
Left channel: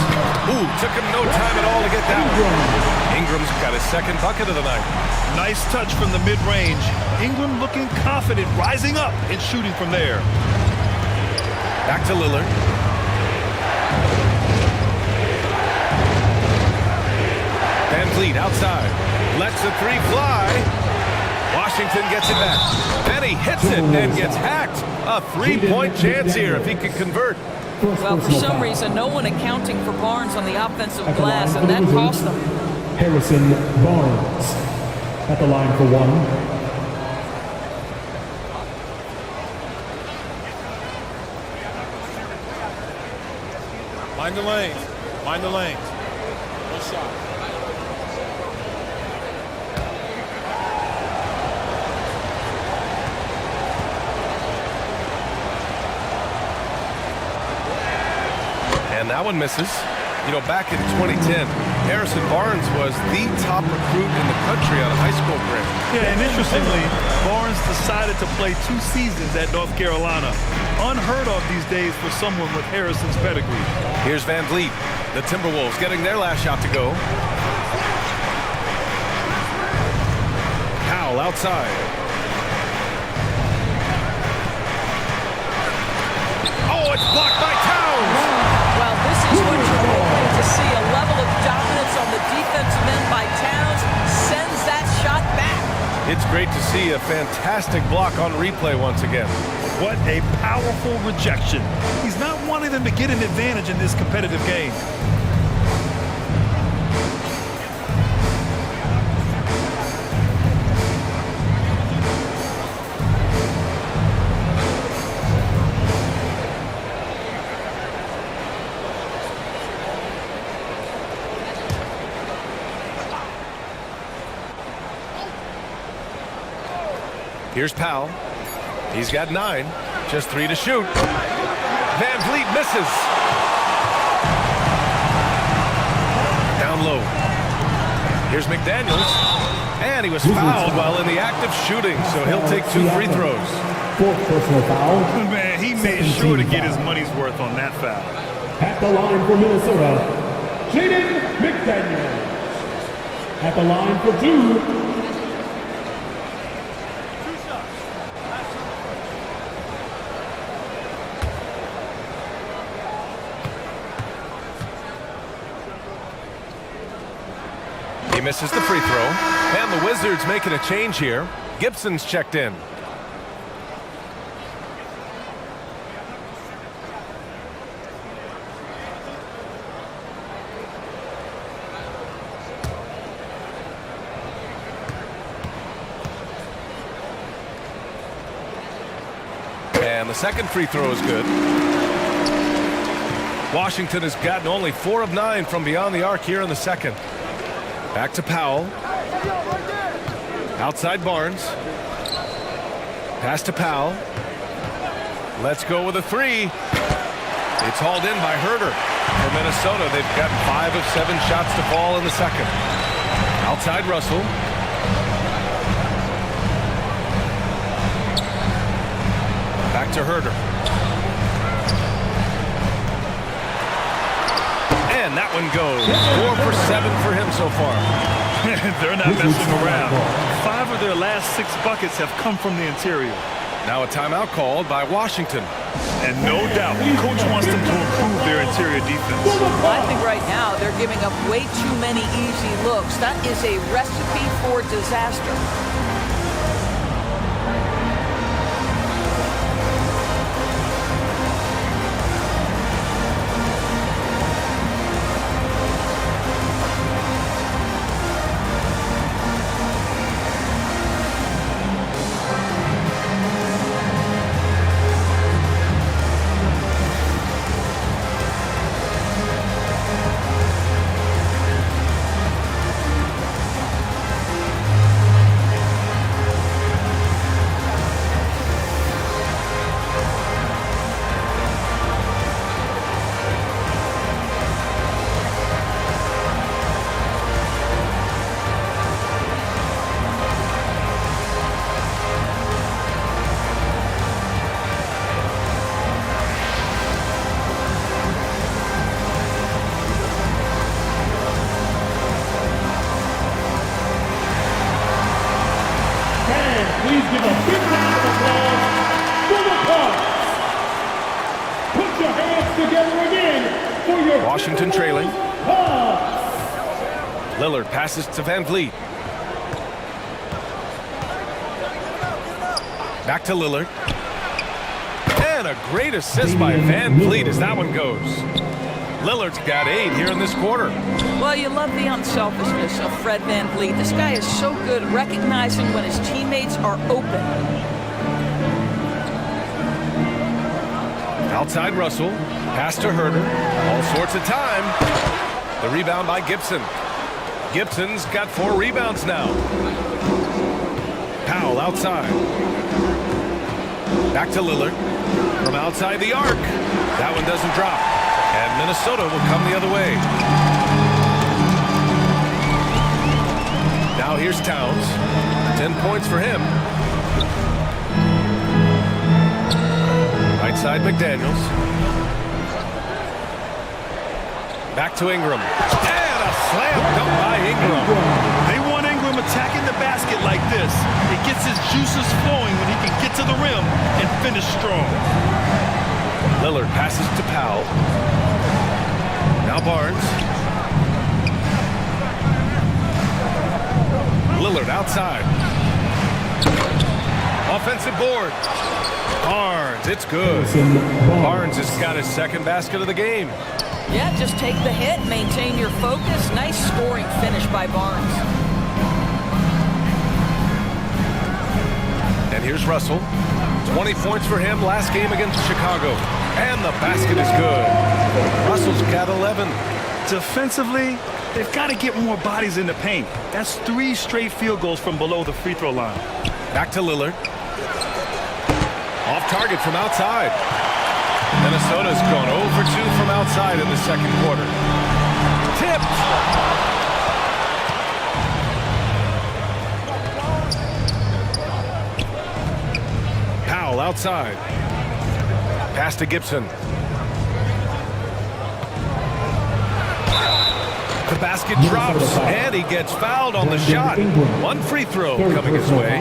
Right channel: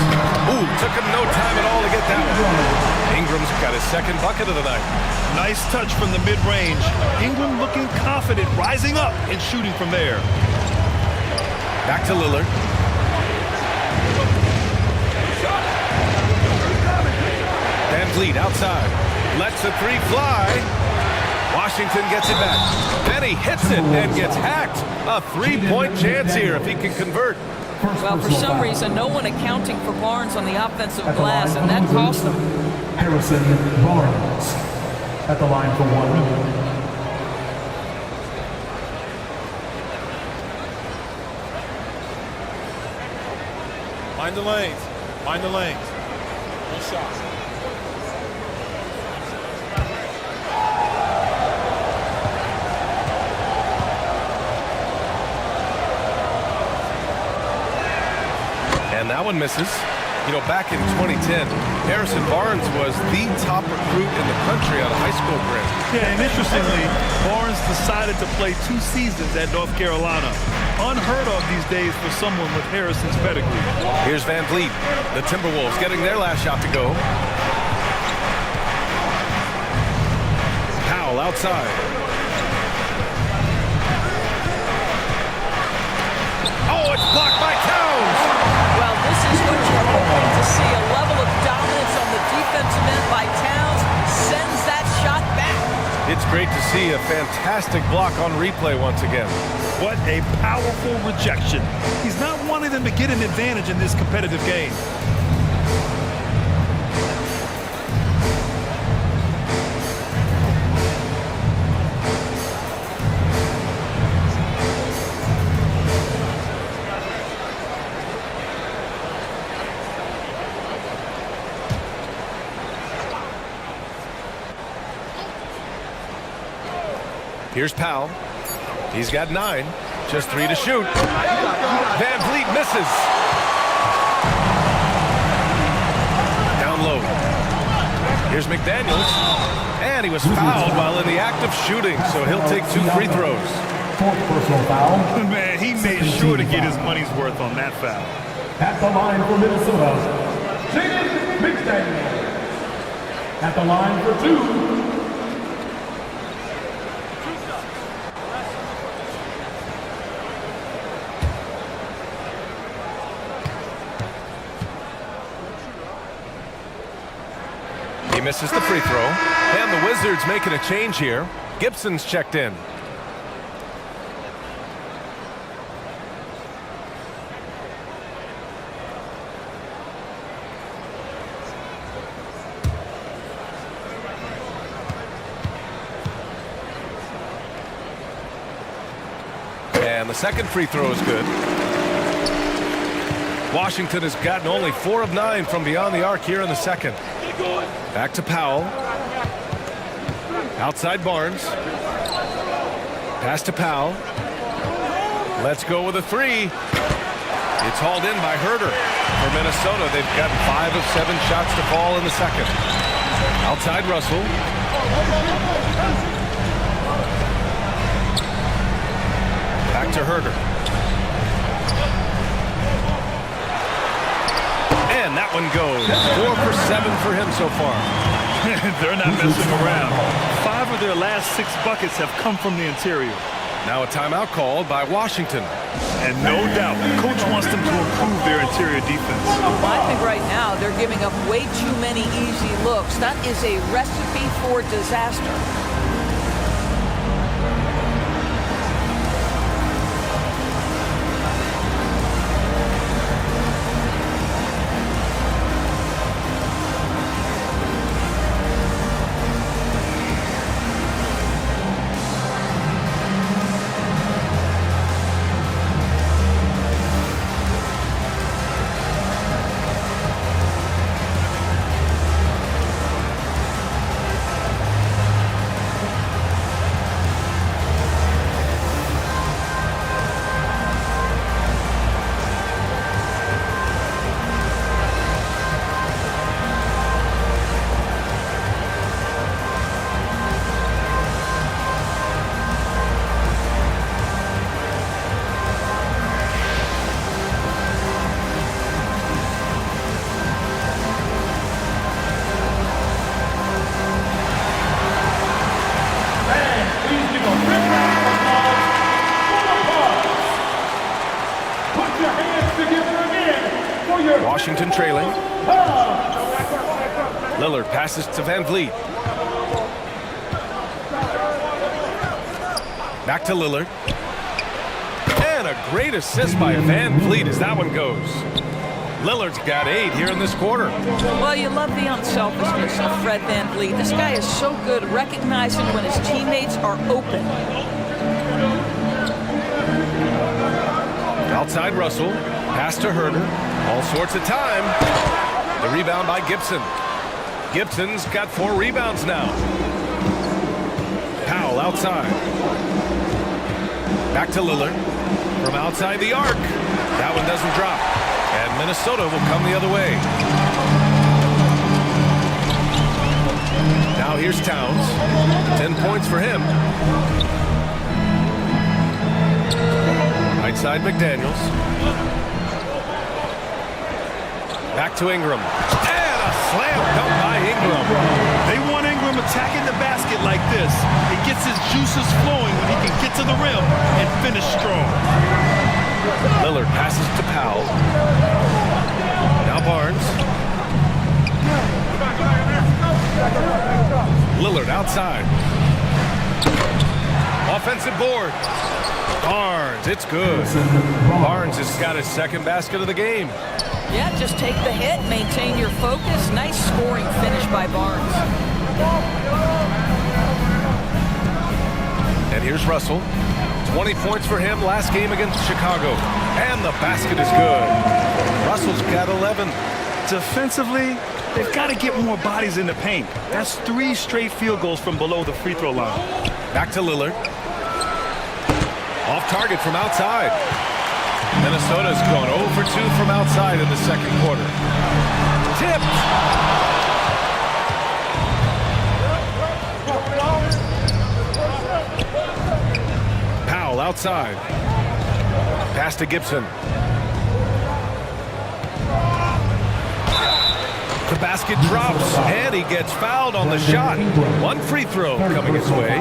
Ooh, took him no time at all to get that one. Ingram's got his second bucket of the night. Nice touch from the mid-range. Ingram looking confident, rising up and shooting from there. Back to Lillard. Van Vliet outside. Lets the 3 fly. Washington gets it back. Then he hits it and gets hacked. A 3-point chance here if he can convert. Well, for some reason, no one accounting for Barnes on the offensive glass, and that cost them. Harrison Barnes at the line for 1. Mind the lanes. Mind the lanes. One shot. And that one misses. You know, back in 2010, Harrison Barnes was the top recruit in the country out of high school grade. Yeah, and interestingly, Barnes decided to play 2 seasons at North Carolina. Unheard of these days for someone with Harrison's pedigree. Here's Van Vliet. The Timberwolves getting their last shot to go. Powell outside. Oh, it's blocked by Towns. Well, this is what you're hoping to see. A level of dominance on the defensive end by Towns sends that shot back. It's great to see a fantastic block on replay once again. What a powerful rejection. He's not wanting them to get an advantage in this competitive game. Here's Powell. He's got 9. Just 3 to shoot. Van Vliet misses. Down low. Here's McDaniels. And he was fouled while in the act of shooting, so he'll take 2 free throws. 4th personal foul. Man, he made sure to get his money's worth on that foul. At the line for Minnesota, Jaden McDaniels. At the line for 2. He misses the free throw. And the Wizards making a change here. Gibson's checked in. And the second free throw is good. Washington has gotten only 4 of 9 from beyond the arc here in the second. Back to Powell. Outside Barnes. Pass to Powell. Let's go with a 3. It's hauled in by Herder. For Minnesota, they've gotten 5 of 7 shots to fall in the second. Outside Russell. Back to Herder. And that one goes. 4 for 7 for him so far. They're not messing around. 5 of their last 6 buckets have come from the interior. Now a timeout called by Washington. And no doubt, coach wants them to improve their interior defense. Well, I think right now they're giving up way too many easy looks. That is a recipe for disaster. Please give a big round of applause for the Cards. Put your hands together again for your Washington trailing. Lillard passes to Van Vliet. Back to Lillard. And a great assist by Van Vliet as that one goes. Lillard's got 8 here in this quarter. Well, you love the unselfishness of Fred Van Vliet. This guy is so good recognizing when his teammates are open. Outside Russell. Pass to Herder. All sorts of time. The rebound by Gibson. Gibson's got 4 rebounds now. Powell outside. Back to Lillard. From outside the arc. That one doesn't drop. And Minnesota will come the other way. Now here's Towns. 10 points for him. Right side McDaniels. Back to Ingram. And a slam dunk by Ingram. They want Ingram attacking the basket like this. It gets his juices flowing when he can get to the rim and finish strong. Lillard passes to Powell. Now Barnes. Lillard outside. Offensive board. Barnes, it's good. Barnes has got his second basket of the game. Yeah, just take the hit, maintain your focus. Nice scoring finish by Barnes. And here's Russell. 20 points for him last game against Chicago. And the basket is good. Russell's got 11. Defensively, they've got to get more bodies in the paint. That's 3 straight field goals from below the free throw line. Back to Lillard. Off target from outside. Minnesota's gone 0 for 2 from outside in the second quarter. Tipped. Powell outside. Pass to Gibson. The basket drops, and he gets fouled on the shot. One free throw coming his way.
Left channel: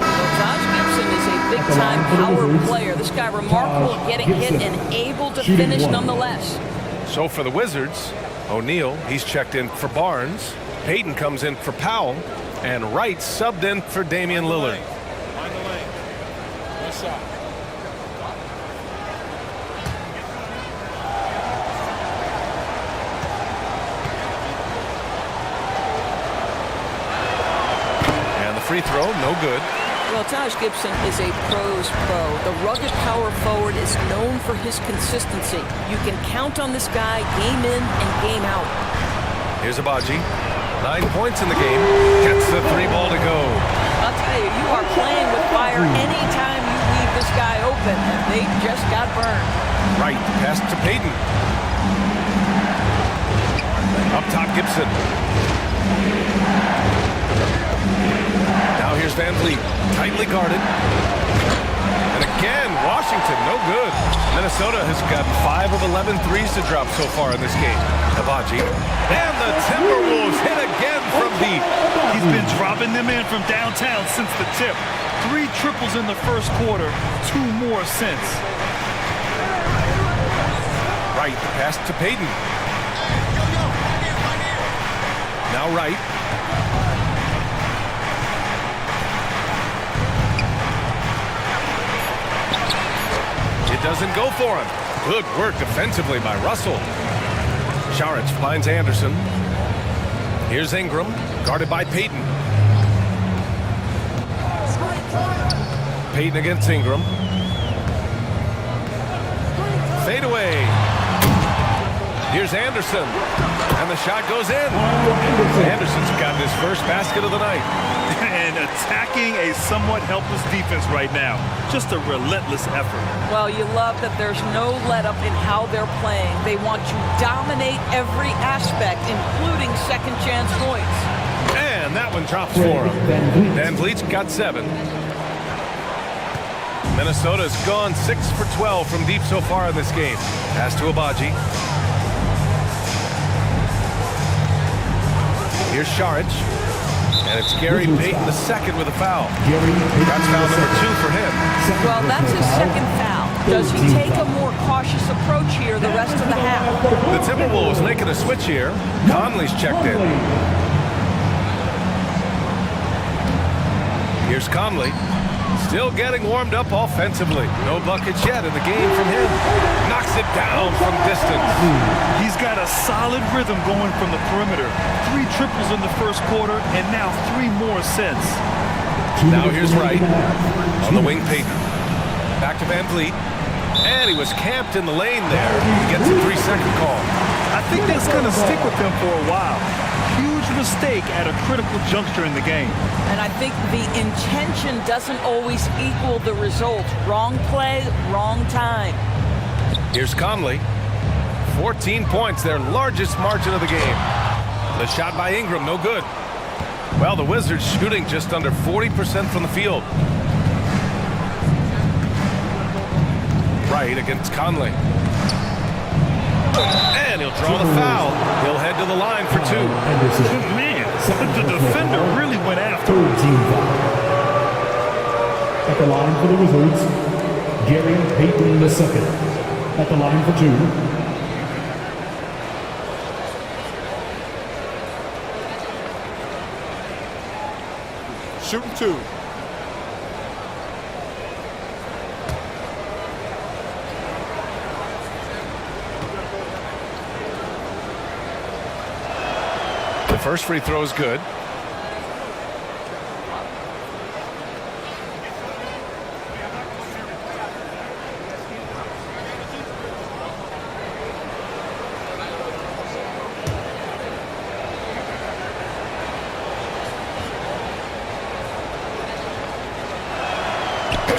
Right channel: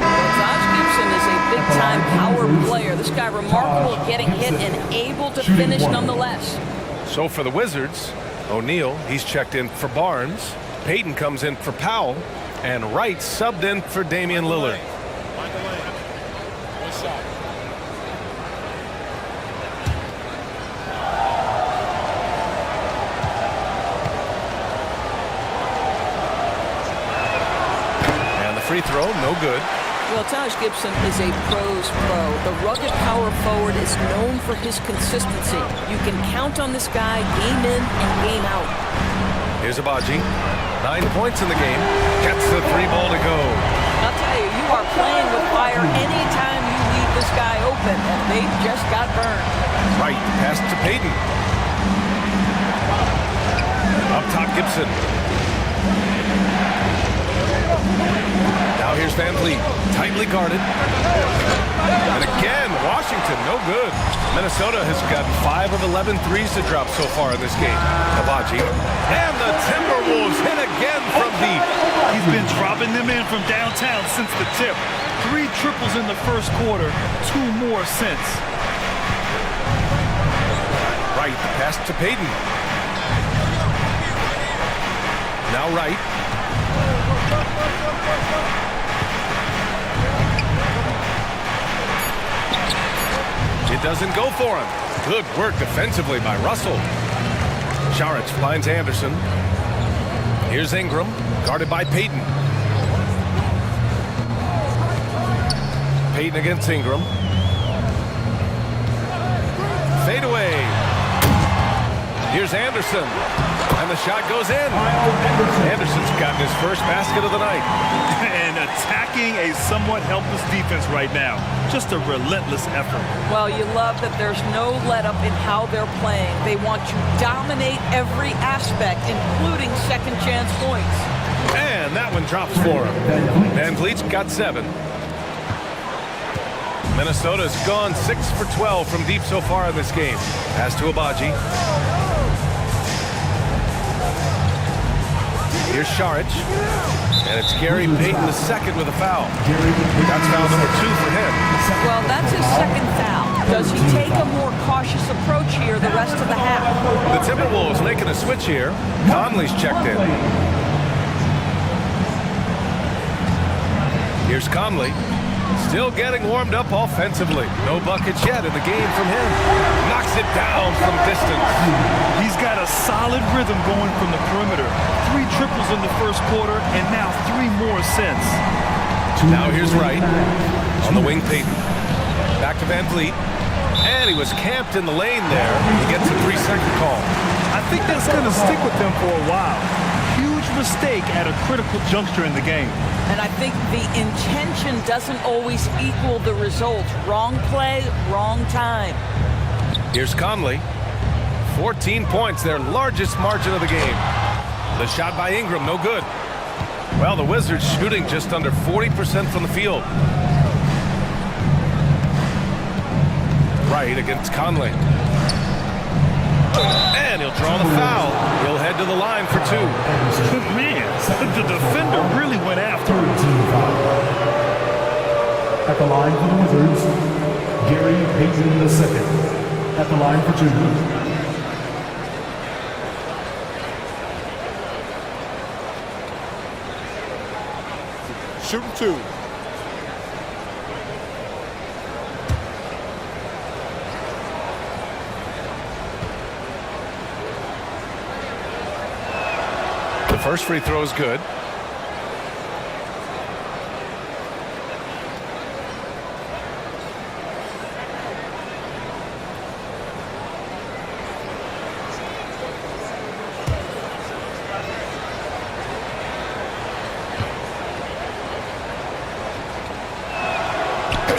Taj Gibson is a big-time power player. This guy remarkable at getting hit and able to finish nonetheless. So for the Wizards, O'Neal, he's checked in for Barnes. Payton comes in for Powell. And Wright subbed in for Damian Lillard. Find the lane. One shot. And the free throw, no good. Well, Taj Gibson is a pro's pro. The rugged power forward is known for his consistency. You can count on this guy game in and game out. Here's Abaji. 9 points in the game. Gets the 3 ball to go. I'll tell you, you are playing with fire anytime you leave this guy open, and they just got burned. Right, pass to Payton. Up top, Gibson. Now here's Van Vliet, tightly guarded. And again, Washington, no good. Minnesota has gotten 5 of 11 threes to drop so far in this game. Abaji. And the Timberwolves hit again from deep. He's been dropping them in from downtown since the tip. 3 triples in the first quarter, 2 more since. Right, the pass to Payton. Now Wright. It doesn't go for him. Good work defensively by Russell. Saric finds Anderson. Here's Ingram, guarded by Payton. Payton against Ingram. Fade away. Here's Anderson. And the shot goes in. Anderson's gotten his first basket of the night. And attacking a somewhat helpless defense right now. Just a relentless effort. Well, you love that there's no let-up in how they're playing. They want to dominate every aspect, including second-chance points. And that one drops for him. Van Vliet's got 7. Minnesota's gone 6 for 12 from deep so far in this game. Pass to Abaji. Here's Saric. And it's Gary Payton the second with a foul. That's foul number 2 for him. Well, that's his second foul. Does he take a more cautious approach here the rest of the half? The Timberwolves making a switch here. Conley's checked in. Here's Conley. Still getting warmed up offensively. No buckets yet in the game from him. Knocks it down from distance. He's got a solid rhythm going from the perimeter. 3 triples in the first quarter, and now 3 more since. Now here's Wright. On the wing, Payton. Back to Van Vliet. And he was camped in the lane there. He gets a 3-second call. I think that's going to stick with him for a while. Huge mistake at a critical juncture in the game. And I think the intention doesn't always equal the result. Wrong play, wrong time. Here's Conley. 14 points, their largest margin of the game. The shot by Ingram, no good. Well, the Wizards shooting just under 40% from the field. Wright against Conley. And he'll draw the foul. He'll head to the line for 2. Man, the defender really went after him. At the line for the Wizards, Gary Payton II. At the line for 2. Shooting 2. The first free throw is good.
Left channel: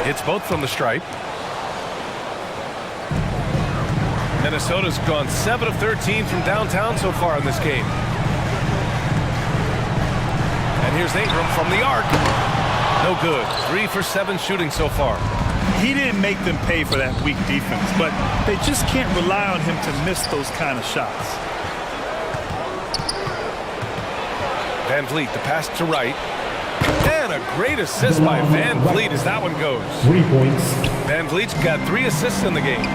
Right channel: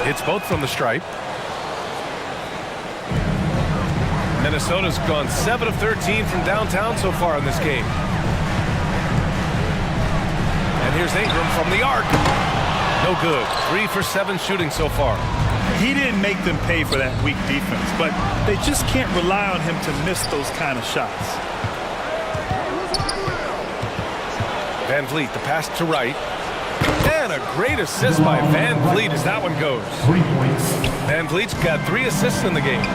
Hits both from the stripe. Minnesota's gone 7 of 13 from downtown so far in this game. And here's Ingram from the arc. No good. 3 for 7 shooting so far. He didn't make them pay for that weak defense, but they just can't rely on him to miss those kind of shots. Van Vliet, the pass to Wright. And a great assist by Van Vliet as that one goes. 3 points. Van Vliet's got 3 assists in the game.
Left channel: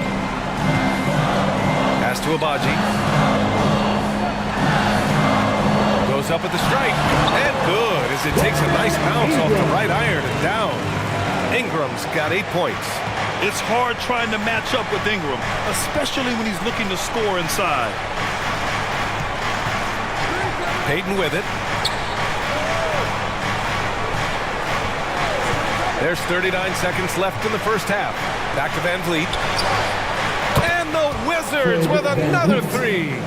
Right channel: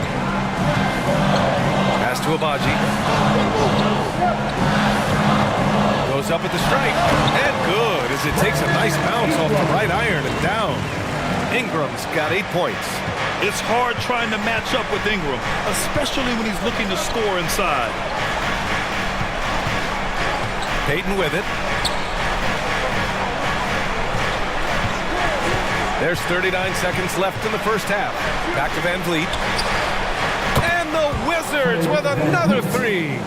Pass to Abaji. Goes up at the stripe. And good as it takes a nice bounce off the right iron and down. Ingram's got 8 points. It's hard trying to match up with Ingram, especially when he's looking to score inside. Payton with it. There's 39 seconds left in the first half. Back to Van Vliet. And the Wizards with another 3.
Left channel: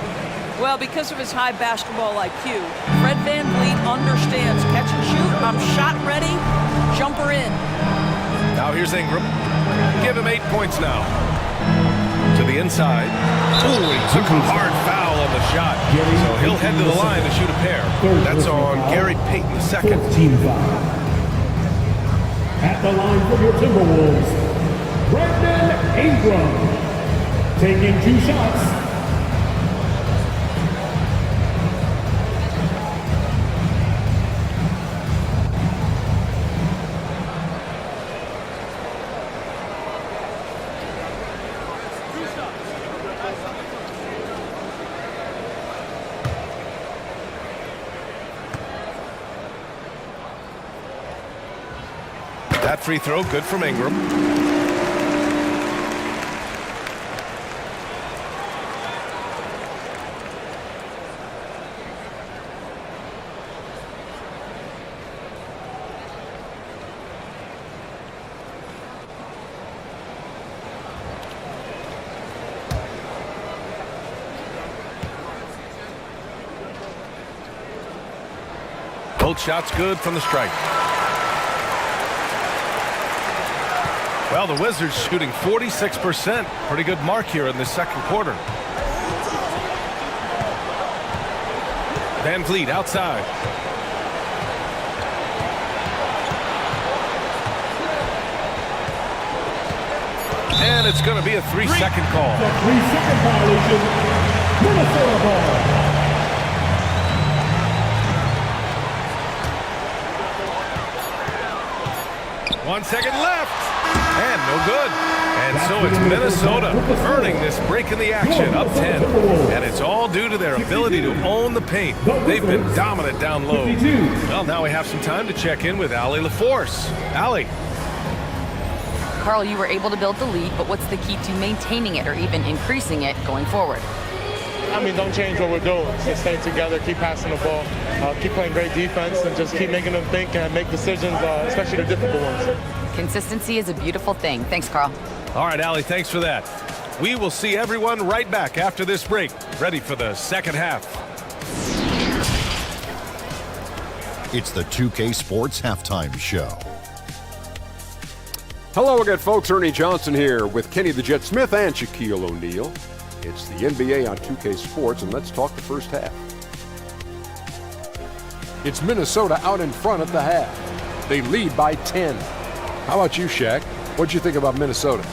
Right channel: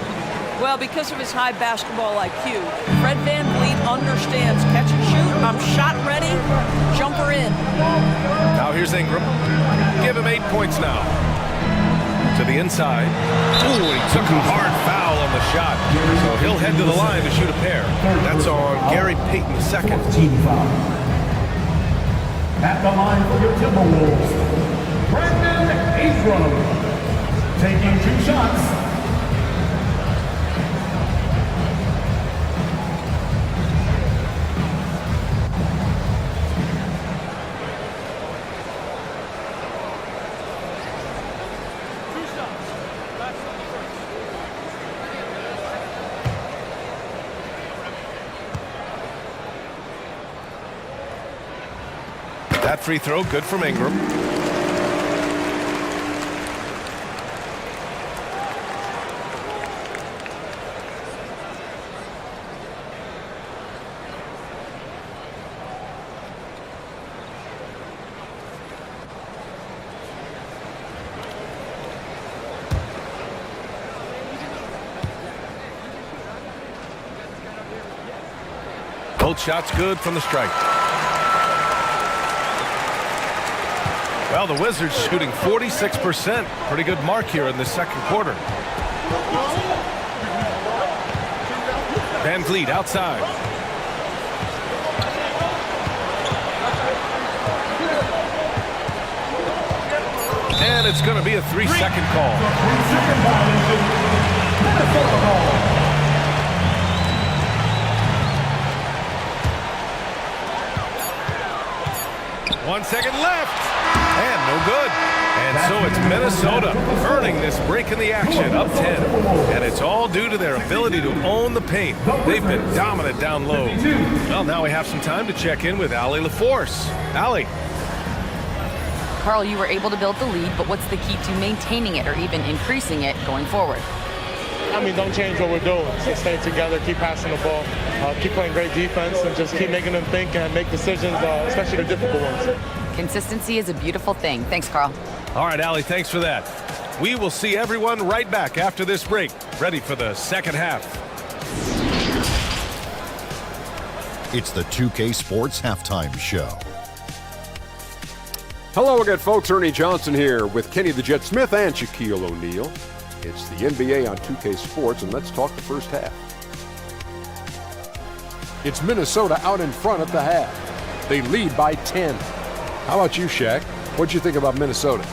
Well, because of his high basketball IQ, Fred Van Vliet understands catch and shoot. I'm shot ready. Jumper in. Now here's Ingram. Give him 8 points now. To the inside. Ooh, he took a hard foul on the shot. So he'll head to the line to shoot a pair. That's on Gary Payton II. 14 foul. At the line for your Timberwolves, Brandon Ingram, taking 2 shots. That free throw, good from Ingram. Both shots good from the strike. Well, the Wizards shooting 46%. Pretty good mark here in the second quarter. Van Vliet outside. And it's going to be a 3-second call. The 3-second violation. Minnesota ball. One second left. And no good. And so it's Minnesota earning this break in the action, up 10. And it's all due to their ability to own the paint. They've been dominant down low. Well, now we have some time to check in with Allie LaForce. Allie. Carl, you were able to build the lead, but what's the key to maintaining it or even increasing it going forward? I mean, don't change what we're doing. Just stay together, keep passing the ball, keep playing great defense, and just keep making them think and make decisions, especially the difficult ones. Consistency is a beautiful thing. Thanks, Carl. All right, Allie, thanks for that. We will see everyone right back after this break, ready for the second half. It's the 2K Sports Halftime Show. Hello again, folks. Ernie Johnson here with Kenny the Jet Smith and Shaquille O'Neal. It's the NBA on 2K Sports, and let's talk the first half. It's Minnesota out in front at the half. They lead by 10. How about you, Shaq? What'd you think about Minnesota?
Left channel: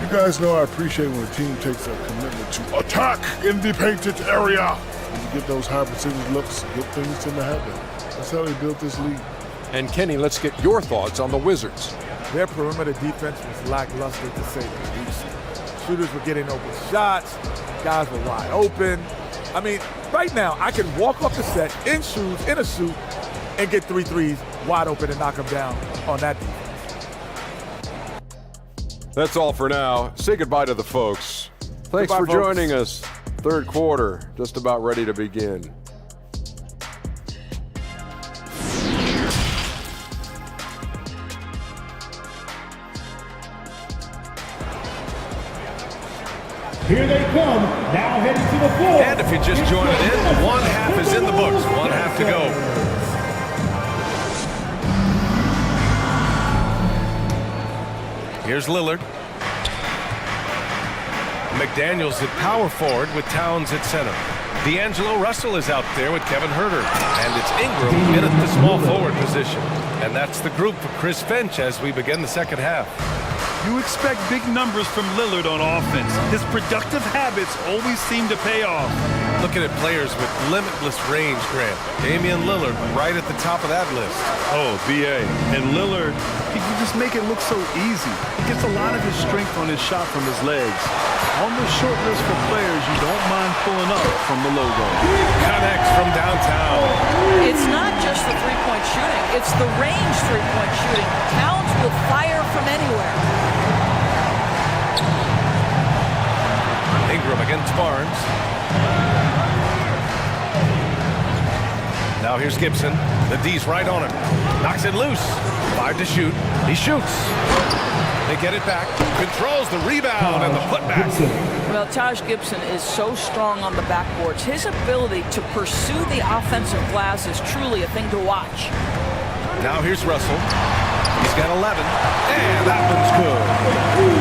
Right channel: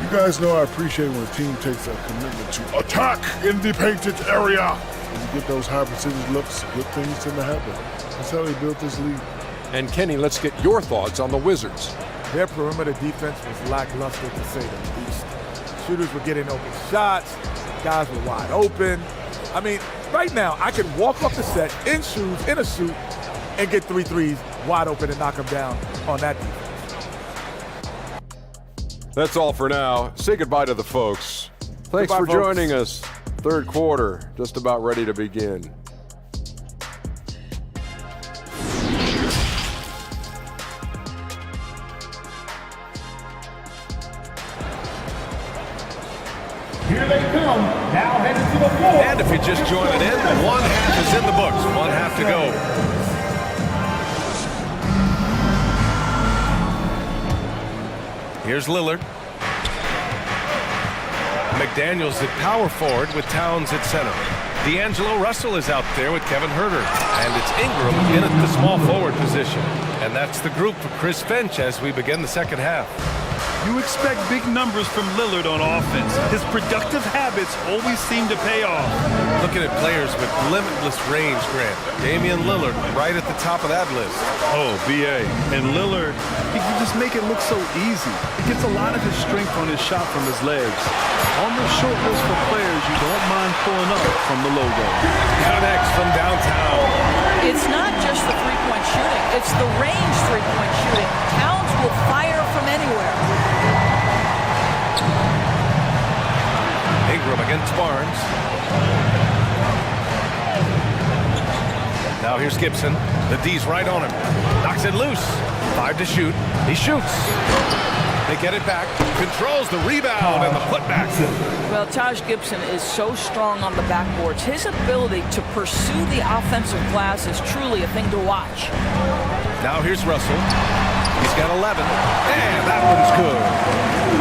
You guys know I appreciate when a team takes a commitment to attack in the painted area. When you get those high percentage looks, good things tend to happen. That's how they built this lead. And Kenny, let's get your thoughts on the Wizards. Their perimeter defense was lackluster, to say the least. Shooters were getting open shots. Guys were wide open. I mean, right now, I can walk off the set in shoes, in a suit, and get 3 threes wide open and knock them down on that defense. That's all for now. Say goodbye to the folks. Thanks Goodbye, for folks. joining us. Third quarter, just about ready to begin. Here they come, now headed to the floor. And if you're just joining in, one half is in the books. One half to go. Here's Lillard. McDaniels at power forward with Towns at center. D'Angelo Russell is out there with Kevin Huerter. And it's Ingram in at the small forward position. And that's the group for Chris Finch as we begin the second half. You expect big numbers from Lillard on offense. His productive habits always seem to pay off. Looking at players with limitless range, Grant. Damian Lillard right at the top of that list. Oh, B.A. And Lillard, he can just make it look so easy. He gets a lot of his strength on his shot from his legs. On the short list for players you don't mind pulling up from the logo. Connects from downtown. It's not just the three-point shooting. It's the range three-point shooting. Towns will fire from anywhere. Ingram against Barnes. Now here's Gibson. The D's right on him. Knocks it loose. 5 to shoot. He shoots. They get it back. Controls the rebound and the putback. Well, Taj Gibson is so strong on the backboards. His ability to pursue the offensive glass is truly a thing to watch. Now here's Russell. He's got 11. And that one's good.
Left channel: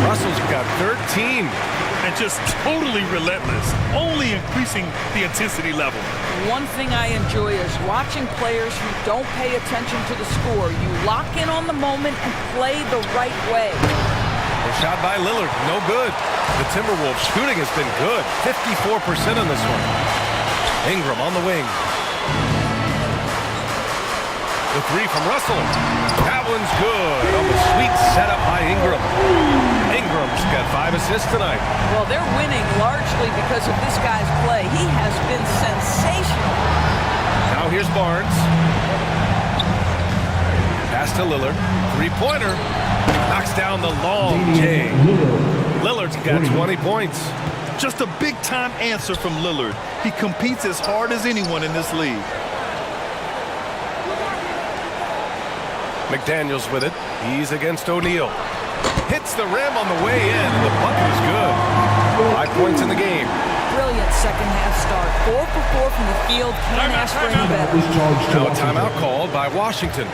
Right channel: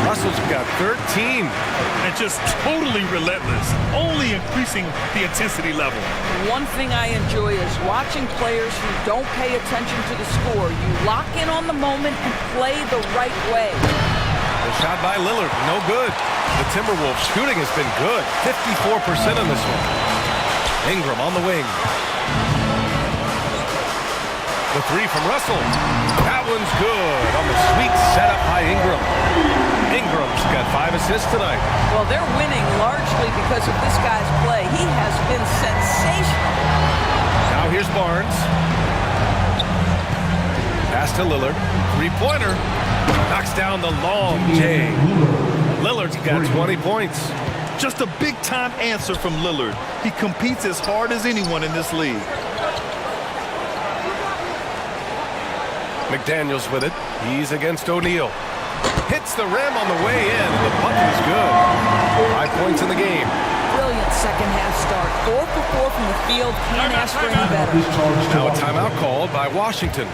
Russell's got 13. And just totally relentless, only increasing the intensity level. One thing I enjoy is watching players who don't pay attention to the score. You lock in on the moment and play the right way. The shot by Lillard, no good. The Timberwolves shooting has been good. 54% on this one. Ingram on the wing. The three from Russell. That one's good on the sweet setup by Ingram. Ingram's got 5 assists tonight. Well, they're winning largely because of this guy's play. He has been sensational. Now here's Barnes. Pass to Lillard. Three-pointer. Knocks down the long J. Lillard's got 20 points. Just a big-time answer from Lillard. He competes as hard as anyone in this league. McDaniels with it. He's against O'Neal. Hits the rim on the way in, and the bucket is good. 5 points in the game. Brilliant second-half start. 4 for 4 from the field. Can't ask for any better. Now a timeout called by Washington.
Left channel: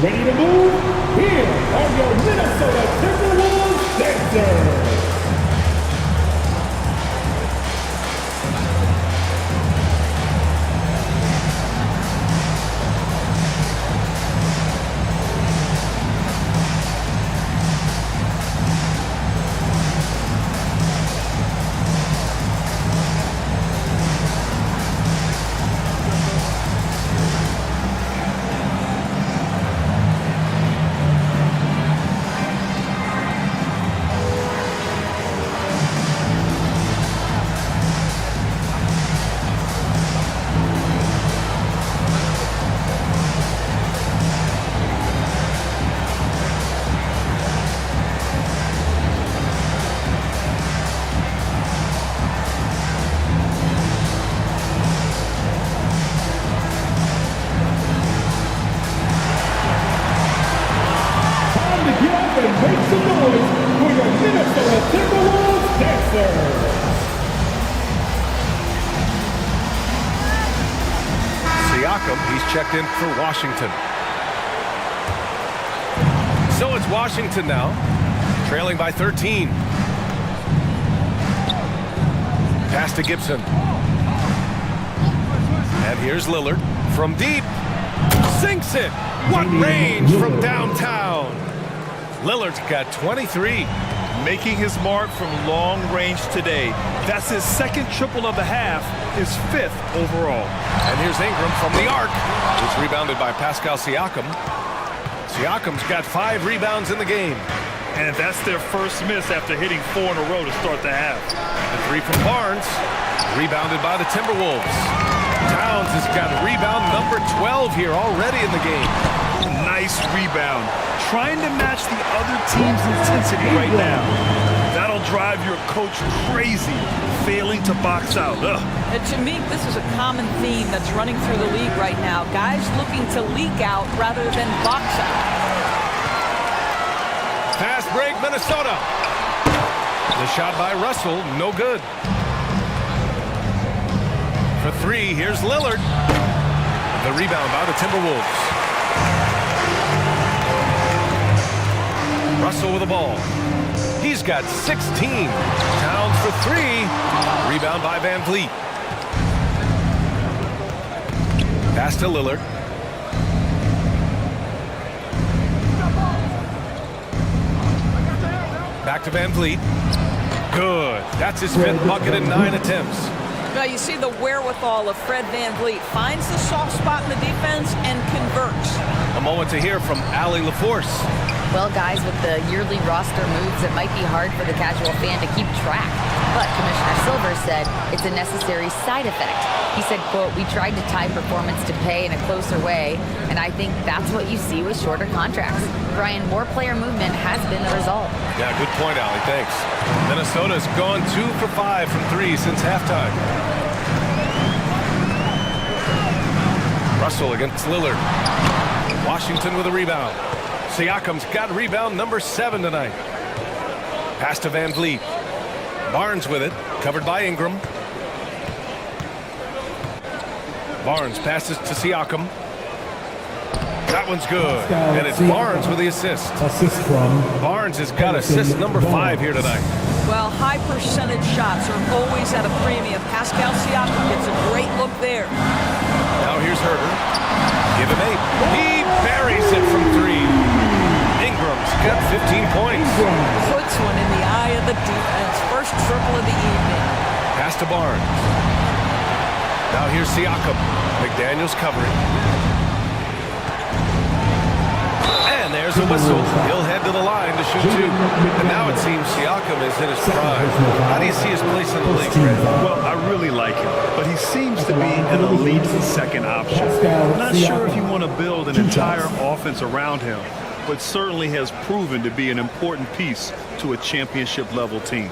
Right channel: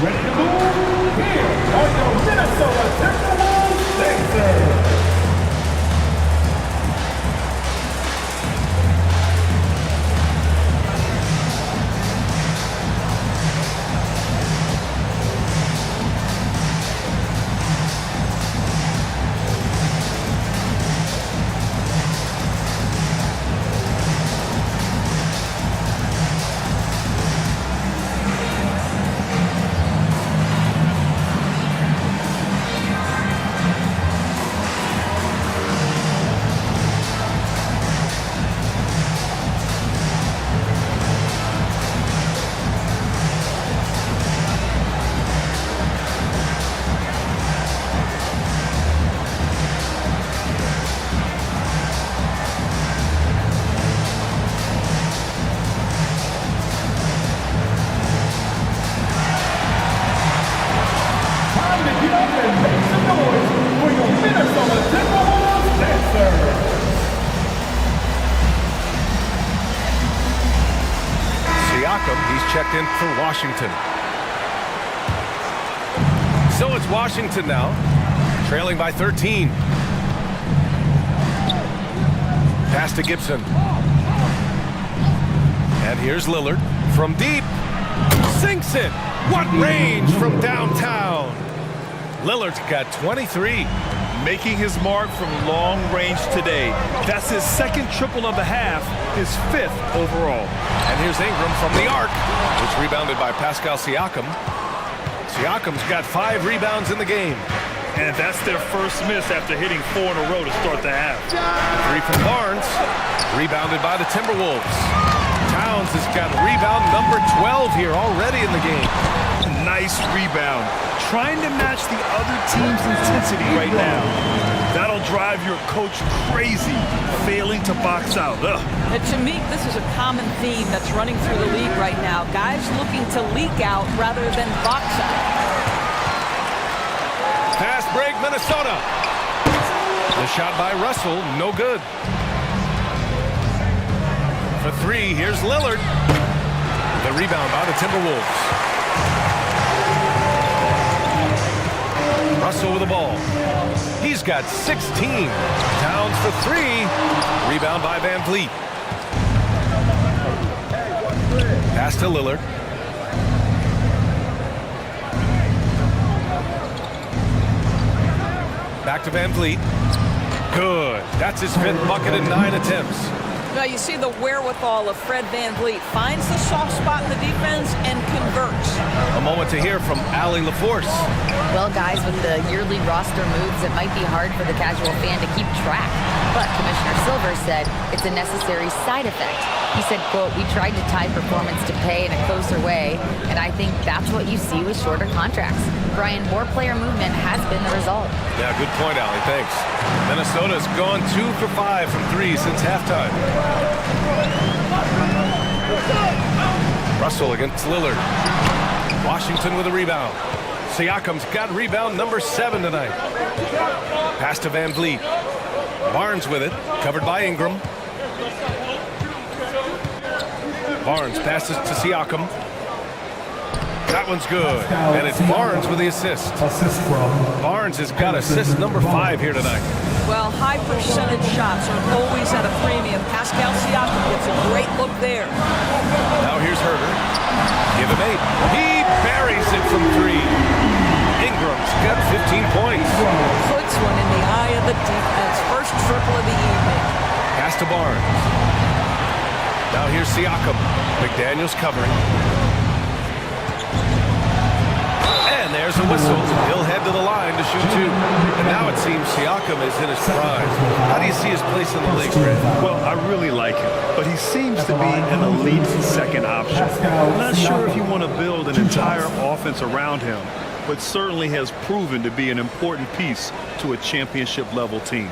Ready to move? Here are your Minnesota Timberwolves Sixers. And make some noise for your Minnesota Timberwolves Sixers. Siakam, he's checked in for Washington. So it's Washington now, trailing by 13. Pass to Gibson. And here's Lillard from deep. Sinks it. What range from downtown. Lillard's got 23. Making his mark from long range today. That's his second triple of the half, his 5th overall. And here's Ingram from the arc. It's rebounded by Pascal Siakam. Siakam's got 5 rebounds in the game. And that's their first miss after hitting 4 in a row to start the half. The 3 from Barnes. Rebounded by the Timberwolves. Towns has got rebound number 12 here already in the game. Nice rebound. Trying to match the other team's intensity right now. That'll drive your coach crazy, failing to box out. And to me, this is a common theme that's running through the league right now. Guys looking to leak out rather than box out. Fast break, Minnesota. The shot by Russell, no good. For 3, here's Lillard. The rebound by the Timberwolves. Russell with the ball. He's got 16. Towns for 3. Rebound by Van Vliet. Pass to Lillard. Back to Van Vliet. Good. That's his 5th bucket in 9 attempts. Now you see the wherewithal of Fred Van Vliet. Finds the soft spot in the defense and converts. A moment to hear from Allie LaForce. Well, guys, with the yearly roster moves, it might be hard for the casual fan to keep track. But Commissioner Silver said it's a necessary side effect. He said, quote, we tried to tie performance to pay in a closer way, and I think that's what you see with shorter contracts. Brian, more player movement has been the result. Yeah, good point, Allie. Thanks. Minnesota's gone 2 for 5 from 3 since halftime. Russell against Lillard. Washington with a rebound. Siakam's got rebound number 7 tonight. Pass to Van Vliet. Barnes with it, covered by Ingram. Barnes passes to Siakam. That one's good, and it's Barnes with the assist. Barnes has got assist number 5 here tonight. Well, high percentage shots are always at a premium. Pascal Siakam gets a great look there. Now here's Herter. Give him 8. He buries it from 3. Ingram's got 15 points. Puts one in the eye of the defense. First triple of the evening. Pass to Barnes. Now here's Siakam. McDaniels covering. And there's a whistle. He'll head to the line to shoot 2. And now it seems Siakam is in his prime. How do you see his place in the league, Fred? Well, I really like him, but he seems to be an elite second option. I'm not sure if you want to build an entire offense around him, but certainly has proven to be an important piece to a championship-level team.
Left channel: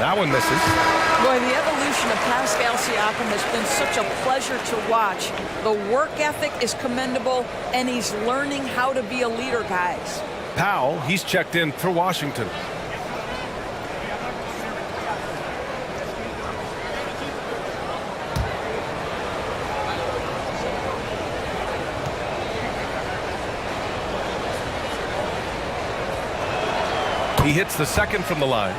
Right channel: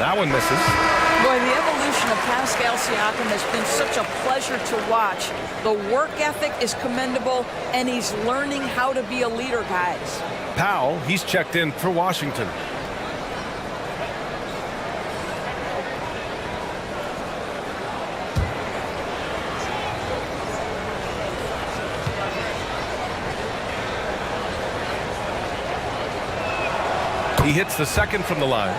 That one misses. Boy, the evolution of Pascal Siakam has been such a pleasure to watch. The work ethic is commendable, and he's learning how to be a leader, guys. Powell, he's checked in for Washington. He hits the second from the line.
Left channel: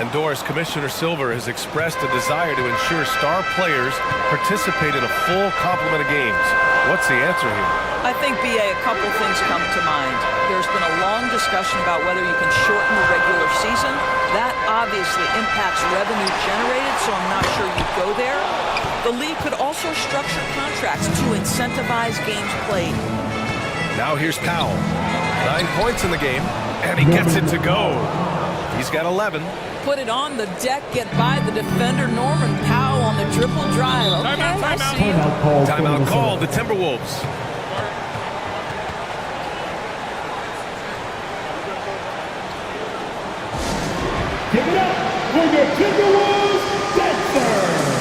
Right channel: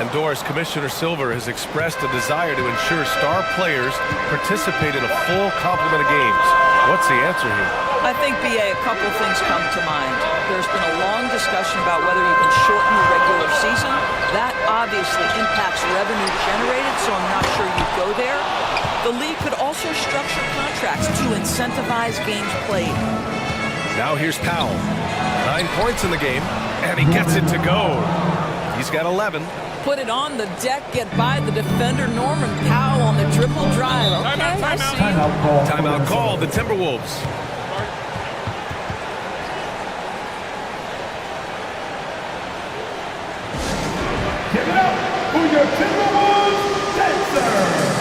And Doris, Commissioner Silver has expressed a desire to ensure star players participate in a full complement of games. What's the answer here? I think, B.A., a couple things come to mind. There's been a long discussion about whether you can shorten the regular season. That obviously impacts revenue generated, so I'm not sure you'd go there. The league could also structure contracts to incentivize games played. Now here's Powell. 9 points in the game, and he gets it to go. He's got 11. Put it on the deck, get by the defender. Norman Powell on the triple drive. Okay, I see you. Timeout called the Timberwolves. Give it up for your Timberwolves dancer.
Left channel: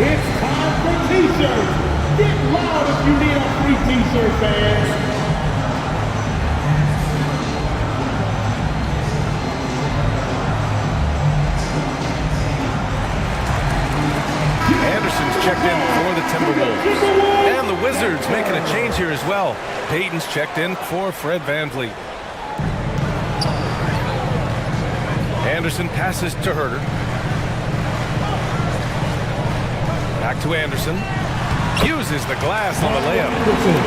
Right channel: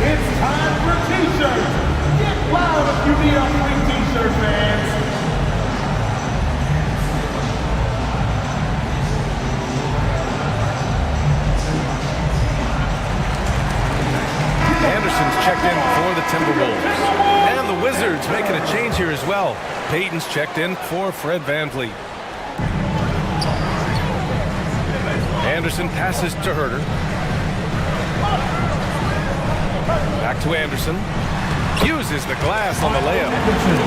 It's time for t-shirts. Get loud if you need a free t-shirt, fans. Anderson's checked in for the Timberwolves. And the Wizards making a change here as well. Payton's checked in for Fred VanVleet. Anderson passes to Herter. Back to Anderson. Uses the glass on the layup.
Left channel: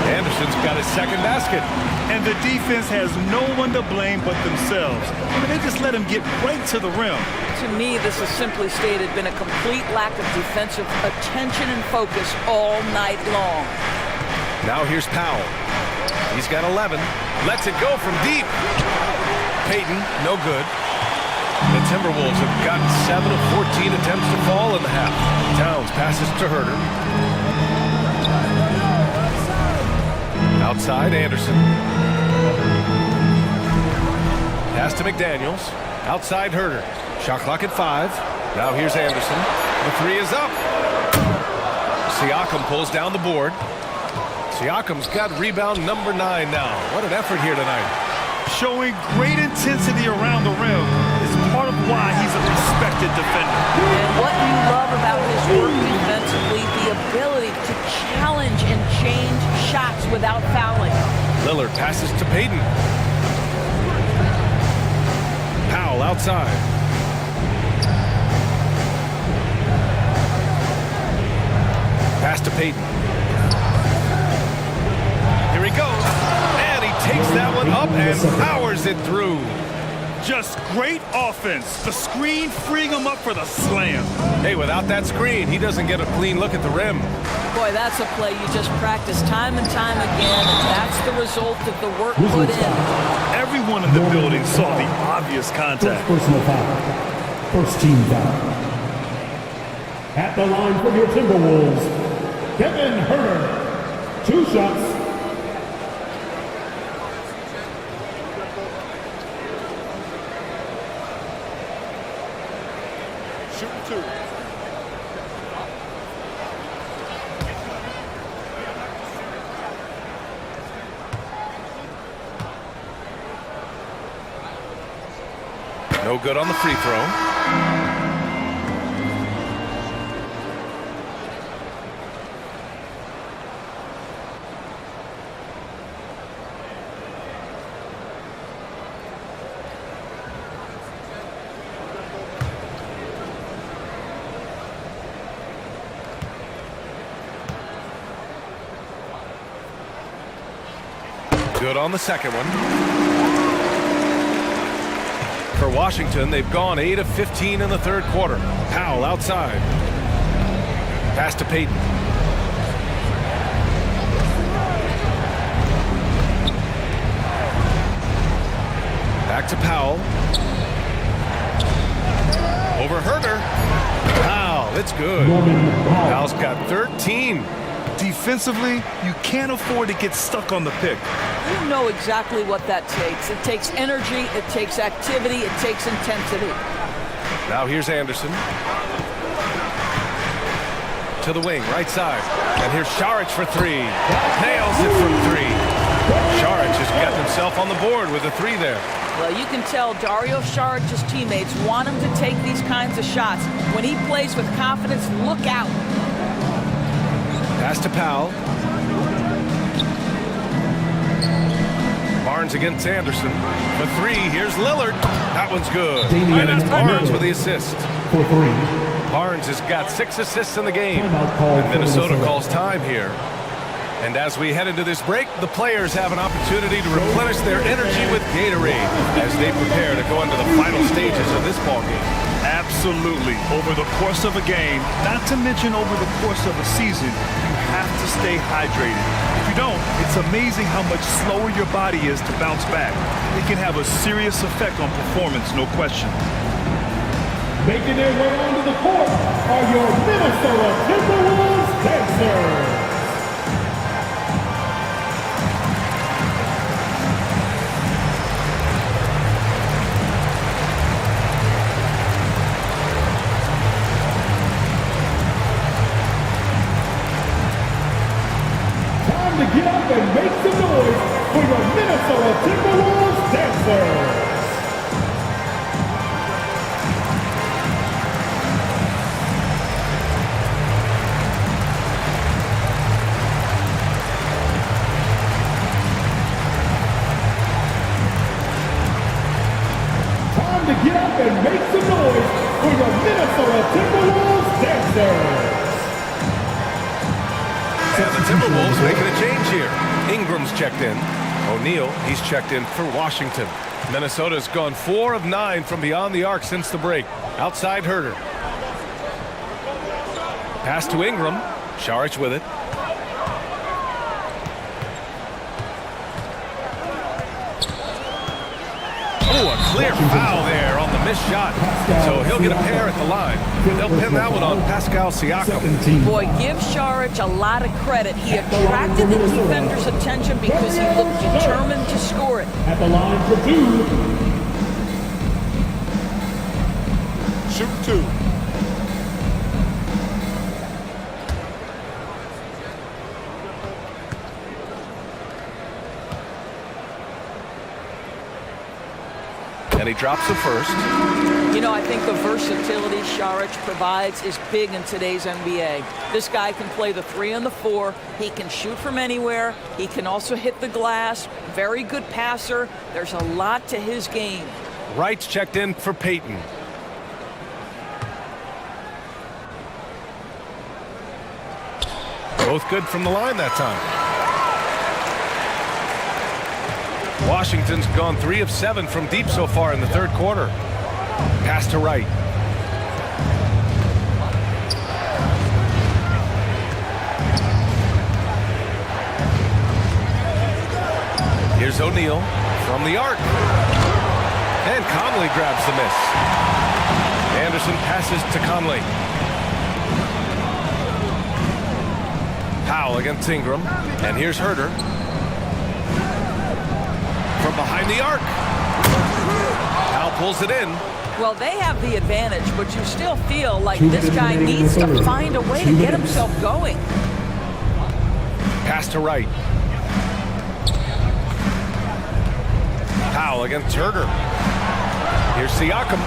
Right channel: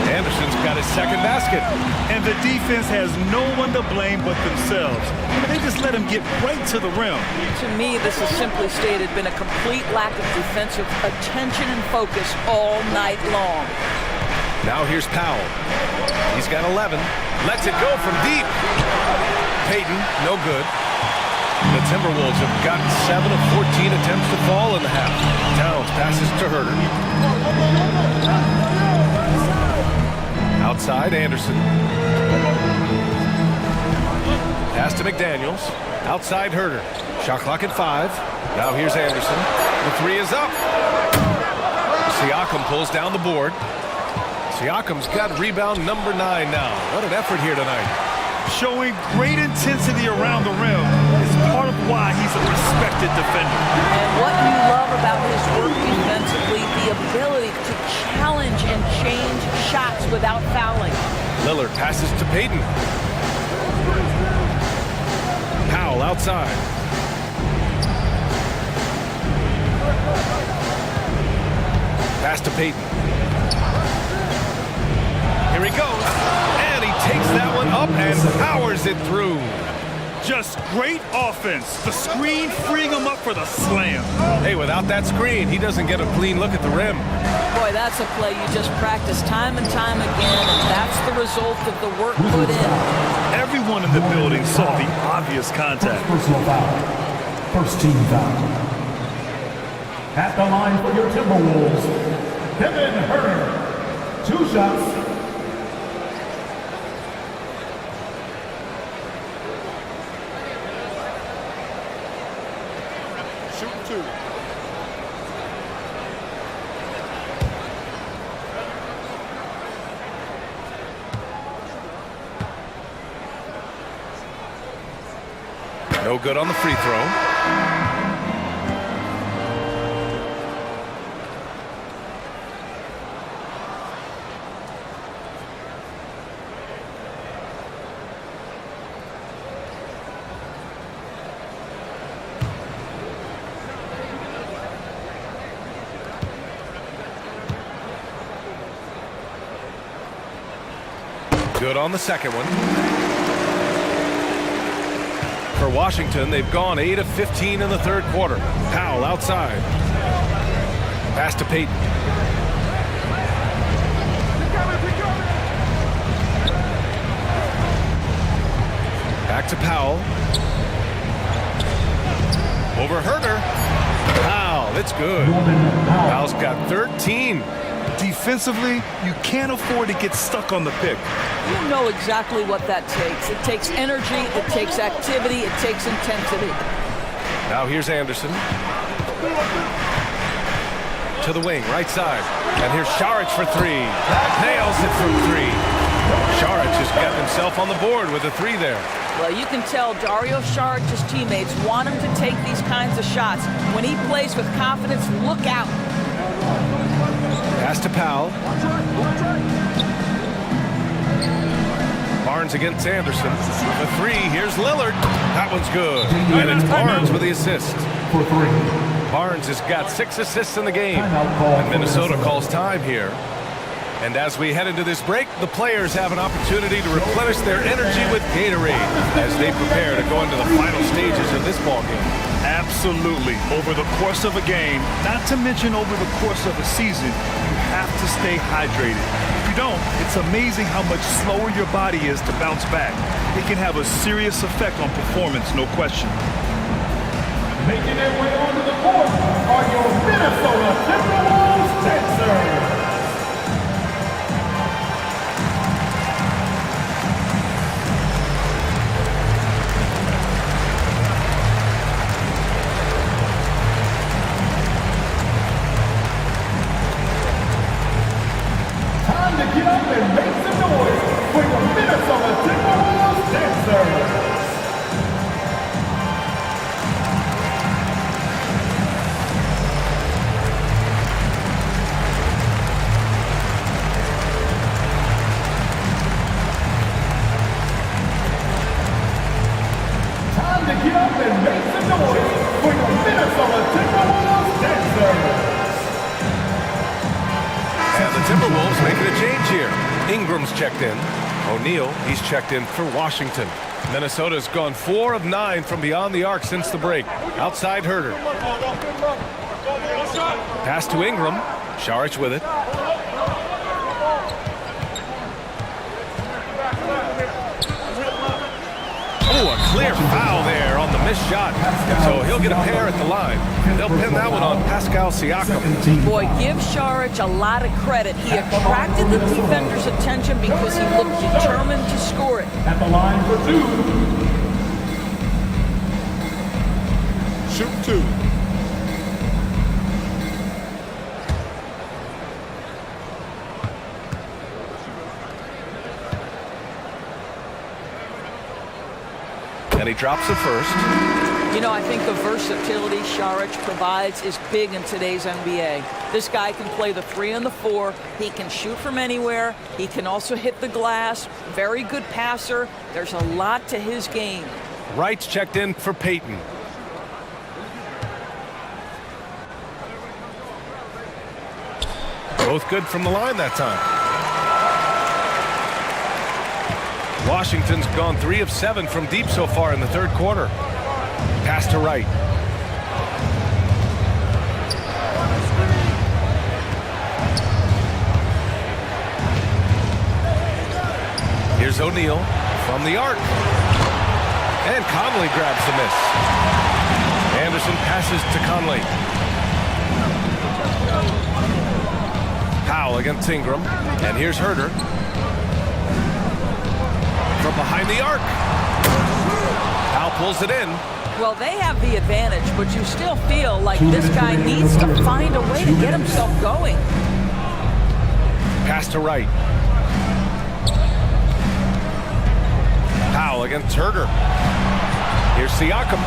Anderson's got his second basket. And the defense has no one to blame but themselves. I mean, they just let him get right to the rim. To me, this has simply stated been a complete lack of defensive attention and focus all night long. Now here's Powell. He's got 11. Lets it go from deep. Payton, no good. The Timberwolves have gotten 7 of 14 attempts to fall in the half. Towns passes to Herter. Outside, Anderson. Pass to McDaniels. Outside, Herter. Shot clock at 5. Now here's Anderson. The 3 is up. Siakam pulls down the board. Siakam's got rebound number 9 now. What an effort here tonight. Showing great intensity around the rim is part of why he's a respected defender. And what you love about his work defensively, the ability to challenge and change shots without fouling. Lillard passes to Payton. Powell outside. Pass to Payton. Here he goes. And he takes that one up and powers it through. Just great offense. The screen freeing him up for the slam. Hey, without that screen, he doesn't get a clean look at the rim. Boy, that's a play you just practice time and time again, and that's the result of the work put in. Everyone in the building saw the obvious contact. Personal foul. First team foul. At the line for your Timberwolves, Kevin Herter. 2 shots. Shooting 2. No good on the free throw. Good on the second one. For Washington, they've gone 8 of 15 in the third quarter. Powell outside. Pass to Payton. Back to Powell. Over Herter. Powell, it's good. Powell's got 13. Defensively, you can't afford to get stuck on the pick. You know exactly what that takes. It takes energy, it takes activity, it takes intensity. Now here's Anderson. To the wing, right side. And here's Saric for 3. Nails it from 3. Saric has gotten himself on the board with a 3 there. Well, you can tell Dario Saric's teammates want him to take these kinds of shots. When he plays with confidence, look out. Pass to Powell. Barnes against Anderson. For 3, here's Lillard. That one's good. And it's Barnes with the assist. For 3. Barnes has got 6 assists in the game. And Minnesota calls time here. And as we head into this break, the players have an opportunity to replenish their energy with Gatorade as they prepare to go into the final stages of this ball game. Absolutely. Over the course of a game, not to mention over the course of a season, you have to stay hydrated. If you don't, it's amazing how much slower your body is to bounce back. It can have a serious effect on performance, no question. Making their way onto the court are your Minnesota Timberwolves dancers. Time to get up and make some noise for your Minnesota Timberwolves dancers. Time to get up and make the Timberwolves making a change here. Ingram's checked in. O'Neal, he's checked in for Washington. Minnesota's gone 4 of 9 from beyond the arc since the break. Outside Herter. Pass to Ingram. Saric with it. Oh, a clear foul there on the missed shot. So he'll get a pair at the line. They'll pin that one on Pascal Siakam. Boy, give Saric a lot of credit. He attracted the defender's attention because he looked determined to score it. At the line for 2. Shoot 2. And he drops the first. You know, I think the versatility Saric provides is big in today's NBA. This guy can play the 3 and the 4. He can shoot from anywhere. He can also hit the glass. Very good passer. There's a lot to his game. Wright's checked in for Payton. Both good from the line that time. Washington's gone 3 of 7 from deep so far in the third quarter. Pass to Wright. Here's O'Neal from the arc. And Conley grabs the miss. Anderson passes to Conley. Powell against Ingram. And here's Herter. From behind the arc. Powell pulls it in. Well, they have the advantage, but you still feel like this guy needs to find a way to get himself going. Pass to Wright. Powell against Herter. Here's Siakam.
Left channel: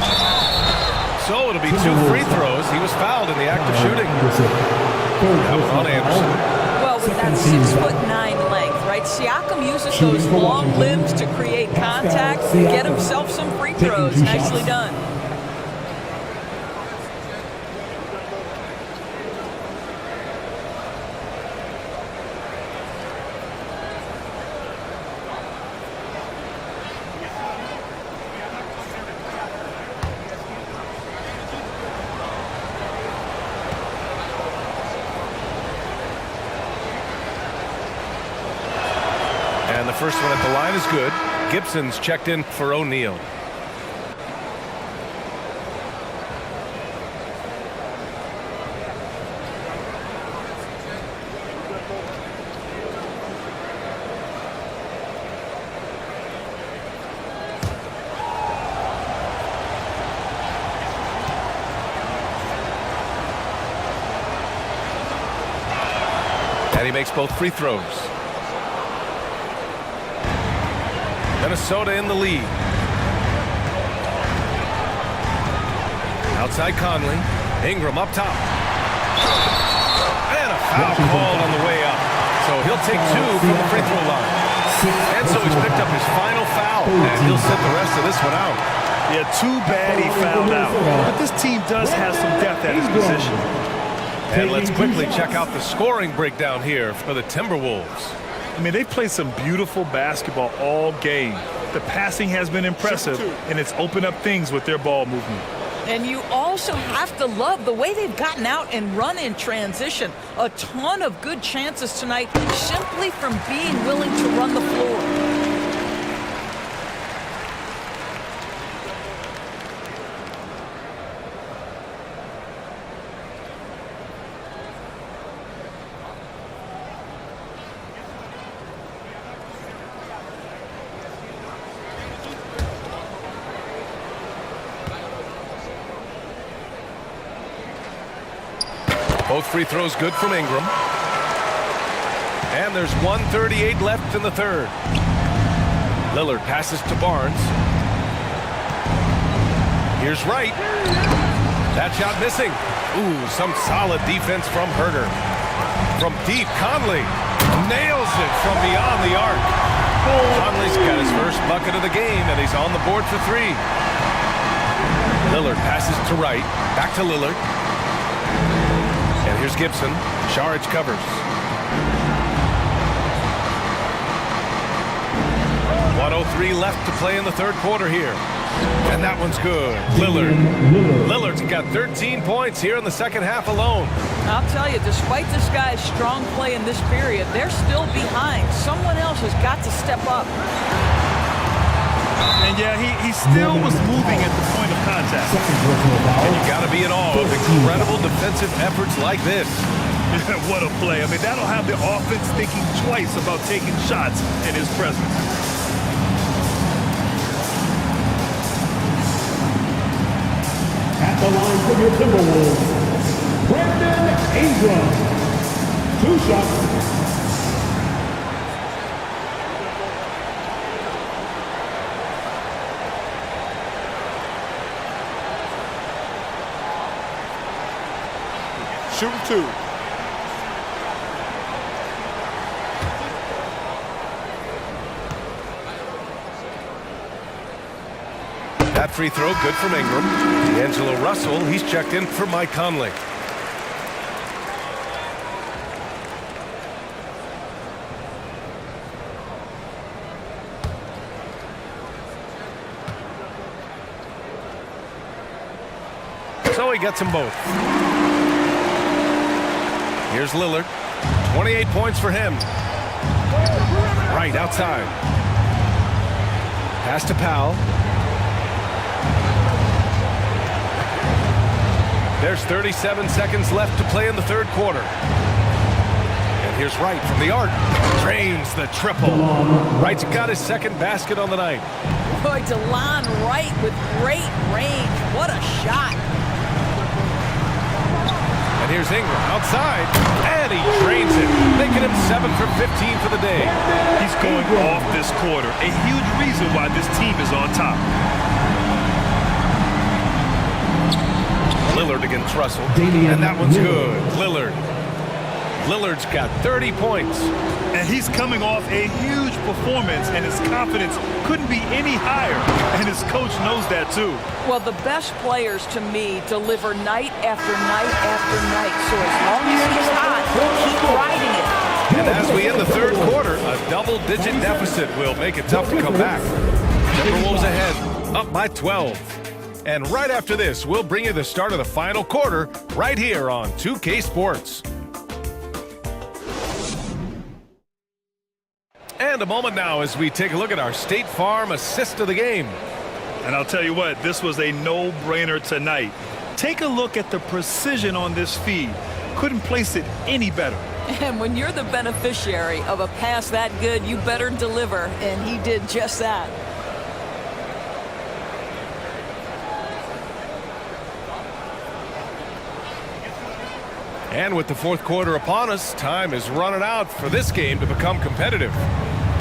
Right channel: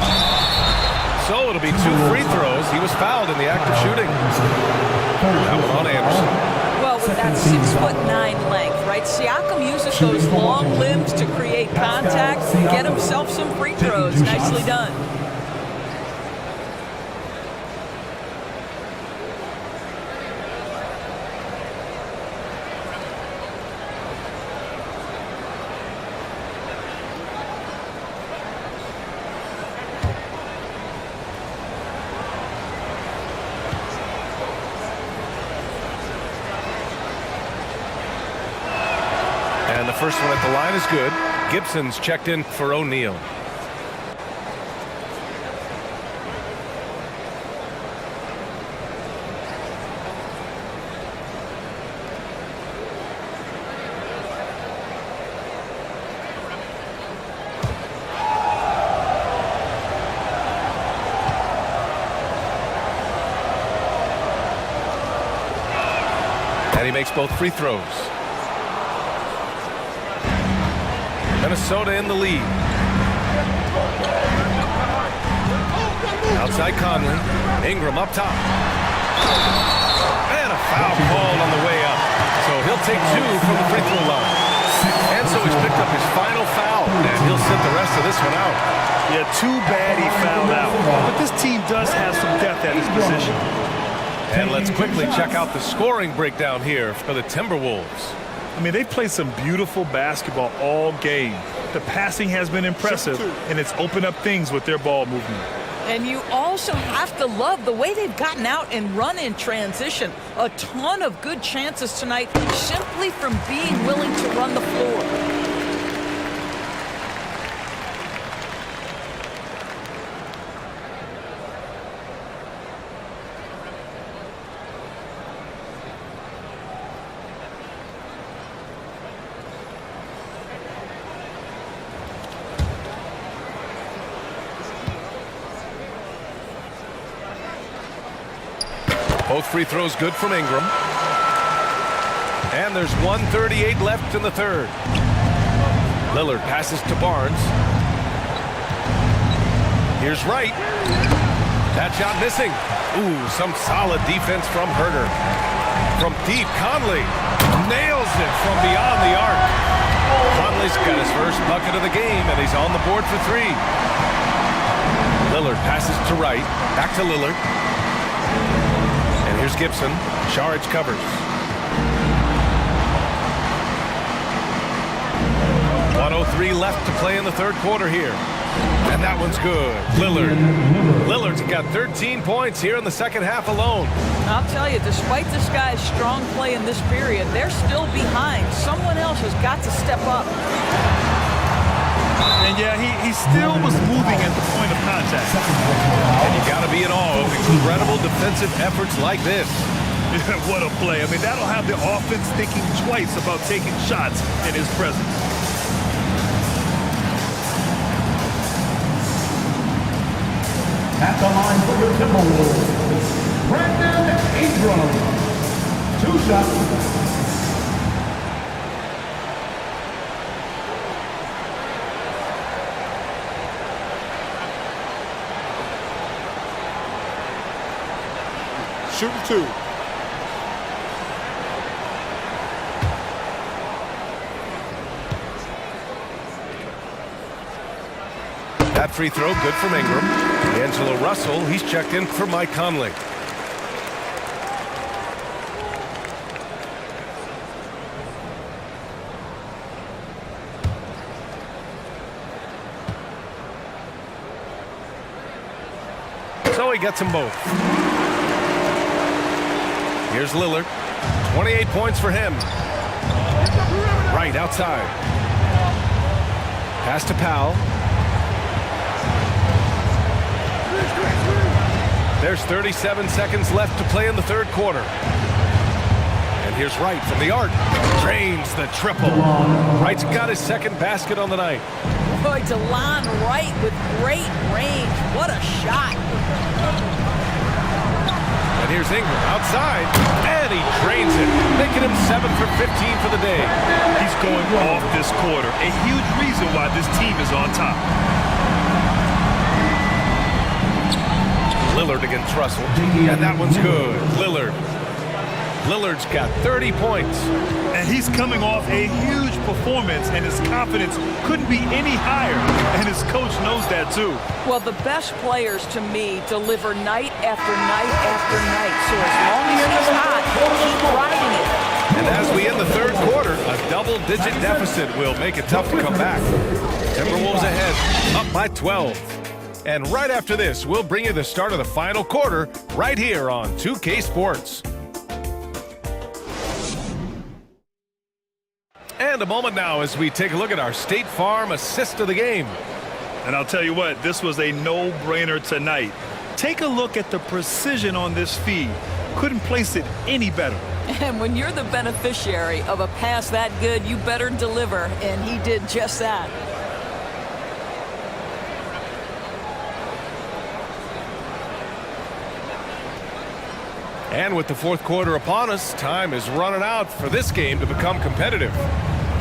So it'll be 2 free throws. He was fouled in the act of shooting. That one on Anderson. Well, with that 6'9" length, right? Siakam uses those long limbs to create contact, get himself some free throws. Nicely done. And the first one at the line is good. Gibson's checked in for O'Neal. And he makes both free throws. Minnesota in the lead. Outside Conley. Ingram up top. And a foul called on the way up. So he'll take 2 from the free throw line. And so he's picked up his final foul. And he'll sit the rest of this one out. Yeah, too bad he fouled out. But this team does have some depth at his position. And let's quickly check out the scoring breakdown here for the Timberwolves. I mean, they've played some beautiful basketball all game. The passing has been impressive, and it's opened up things with their ball movement. And you also have to love the way they've gotten out and run in transition. A ton of good chances tonight simply from being willing to run the floor. Both free throws good from Ingram. And there's 1:38 left in the third. Lillard passes to Barnes. Here's Wright. That shot missing. Ooh, some solid defense from Herter. From deep, Conley nails it from beyond the arc. Conley's got his first bucket of the game, and he's on the board for 3. Lillard passes to Wright. Back to Lillard. And here's Gibson. Saric covers. 1:03 left to play in the third quarter here. And that one's good. Lillard's got 13 points here in the second half alone. I'll tell you, despite this guy's strong play in this period, they're still behind. Someone else has got to step up. And yeah, he still was moving at the point of contact. And you got to be in awe of incredible defensive efforts like this. What a play. I mean, that'll have the offense thinking twice about taking shots in his presence. At the line for your Timberwolves, Brandon Ingram. 2 shots. Shooting 2. That free throw good from Ingram. D'Angelo Russell, he's checked in for Mike Conley. So he gets them both. Here's Lillard. 28 points for him. Right outside. Pass to Powell. There's 37 seconds left to play in the third quarter. And here's Wright from the arc. Drains the triple. Wright's got his second basket on the night. Boy, DeLon Wright with great range. What a shot. And here's Ingram outside. And he drains it, making him 7 for 15 for the day. He's going off this quarter. A huge reason why this team is on top. Lillard against Russell, and that one's good. Lillard's got 30 points. And he's coming off a huge performance, and his confidence couldn't be any higher. And his coach knows that, too. Well, the best players, to me, deliver night after night after night. So as long as he's hot, keep riding it. And as we end the third quarter, a double-digit deficit will make it tough to come back. Timberwolves ahead, up by 12. And right after this, we'll bring you the start of the final quarter right here on 2K Sports. And a moment now as we take a look at our State Farm assist of the game. And I'll tell you what, this was a no-brainer tonight. Take a look at the precision on this feed. Couldn't place it any better. And when you're the beneficiary of a pass that good, you better deliver. And he did just that. And with the fourth quarter upon us, time is running out for this game to become competitive.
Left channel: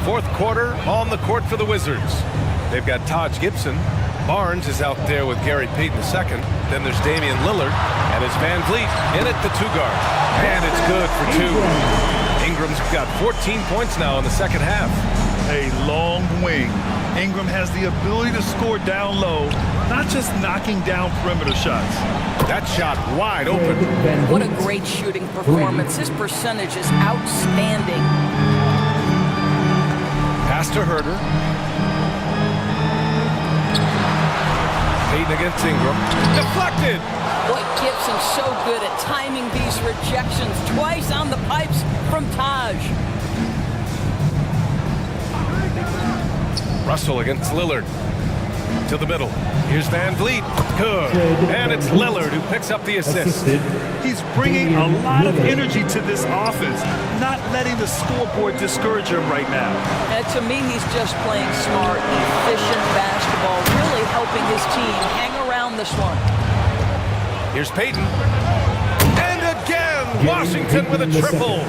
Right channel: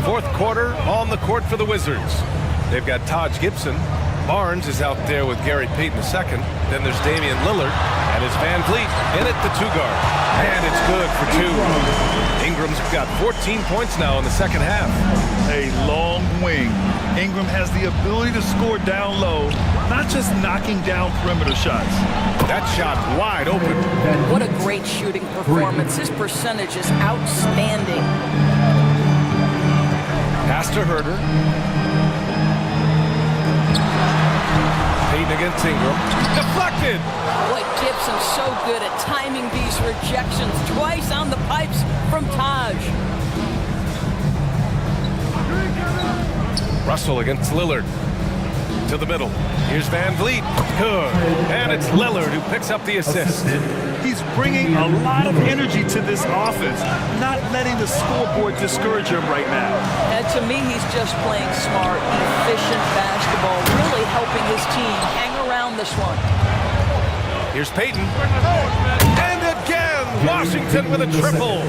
Fourth quarter on the court for the Wizards. They've got Taj Gibson. Barnes is out there with Gary Payton II. Then there's Damian Lillard. And it's Van Vliet in at the 2-guard. And it's good for 2. Ingram's got 14 points now in the second half. A long wing. Ingram has the ability to score down low, not just knocking down perimeter shots. That shot wide open. What a great shooting performance. His percentage is outstanding. Pass to Herter. Payton against Ingram. Deflected. Boy, Gibson's so good at timing these rejections. Twice on the pipes from Taj. Russell against Lillard. To the middle. Here's Van Vliet. Good. And it's Lillard who picks up the assist. He's bringing a lot of energy to this offense, not letting the scoreboard discourage him right now. And to me, he's just playing smart, efficient basketball, really helping his team hang around this one. Here's Payton. And again, Washington with a triple.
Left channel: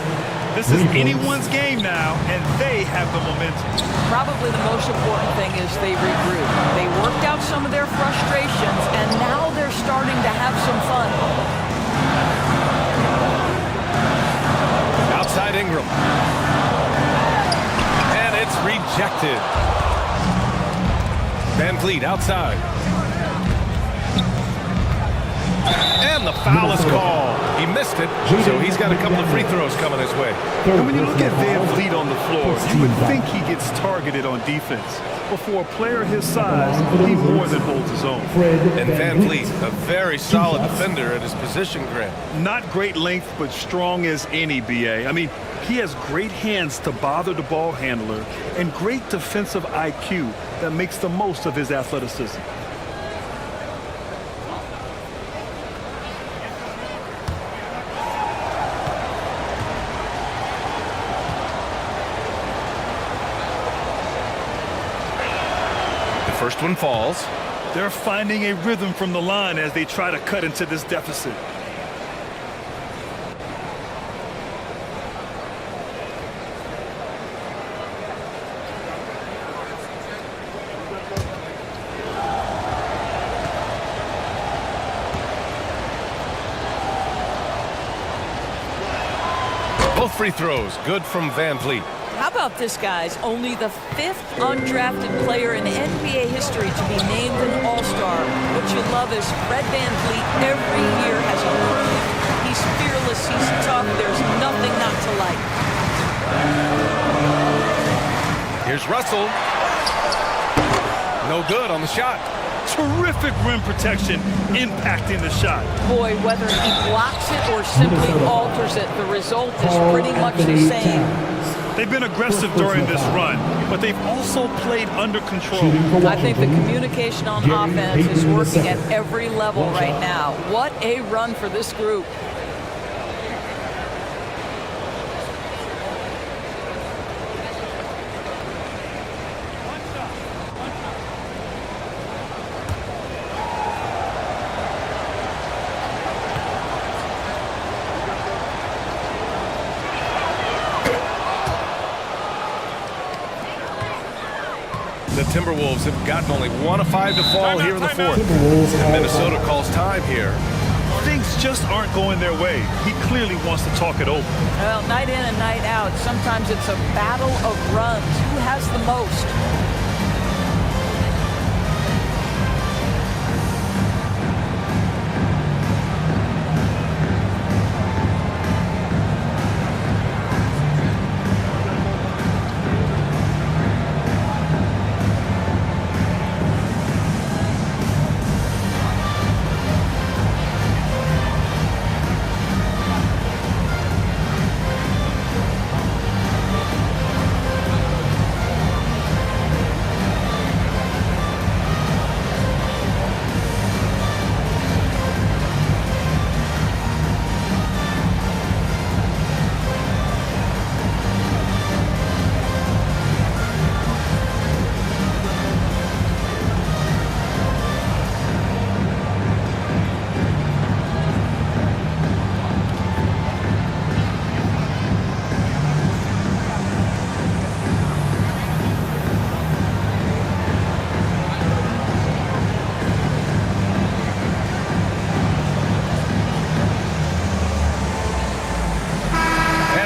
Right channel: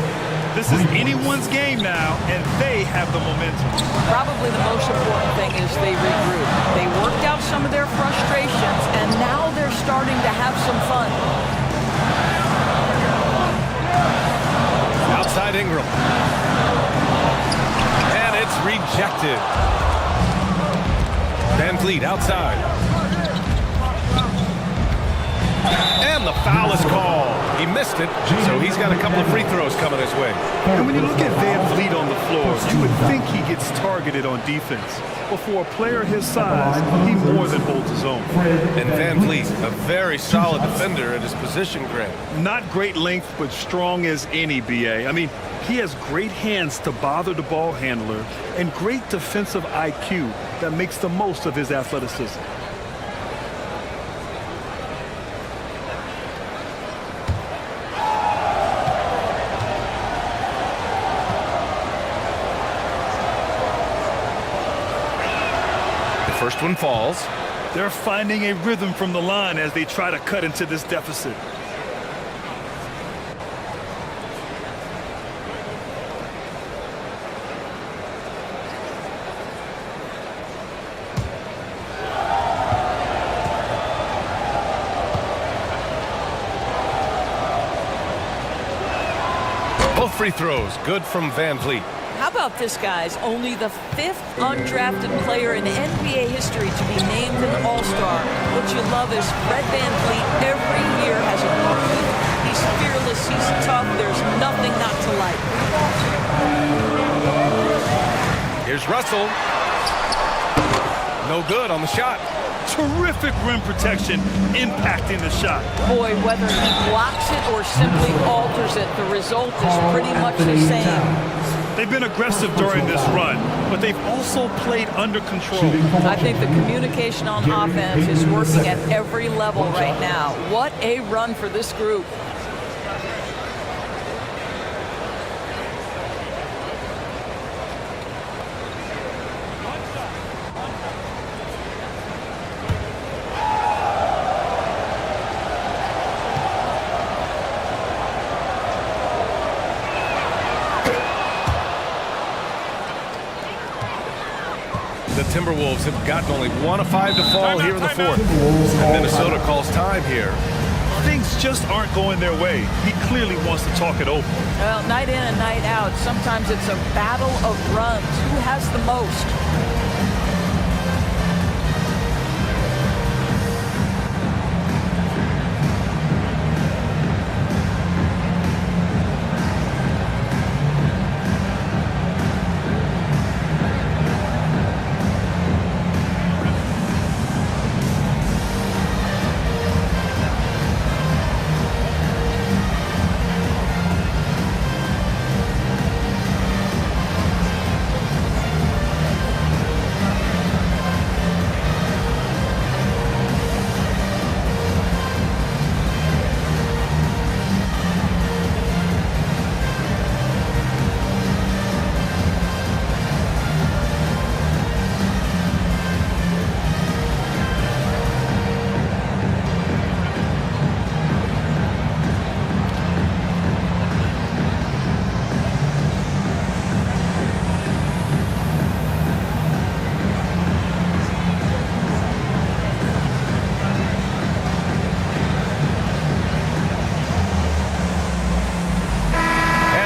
This is anyone's game now, and they have the momentum. Probably the most important thing is they regroup. They worked out some of their frustrations, and now they're starting to have some fun. Outside Ingram. And it's rejected. Van Vliet outside. And the foul is called. He missed it, so he's got a couple of free throws coming his way. And when you look at Van Vliet on the floor, you would think he gets targeted on defense. But for a player his size, he more than holds his own. And Van Vliet, a very solid defender at his position, Grant. Not great length, but strong as any, B.A. I mean, he has great hands to bother the ball handler and great defensive IQ that makes the most of his athleticism. First one falls. They're finding a rhythm from the line as they try to cut into this deficit. Both free throws, good from Van Vliet. How about this, guys? Only the 5th undrafted player in NBA history to be named an All-Star. What you love is Fred VanVleet every year has improved. He's fearless, he's tough, there's nothing not to like. Here's Russell. No good on the shot. Terrific rim protection impacting the shot. Boy, whether he blocks it or simply alters it, the result is pretty much the same. They've been aggressive during this run, but they've also played under control. I think the communication on offense is working at every level right now. What a run for this group. The Timberwolves have gotten only 1 of 5 to fall here in the fourth. And Minnesota calls time here. Things just aren't going their way. He clearly wants to talk it over. Well, night in and night out, sometimes it's a battle of runs. Who has the most?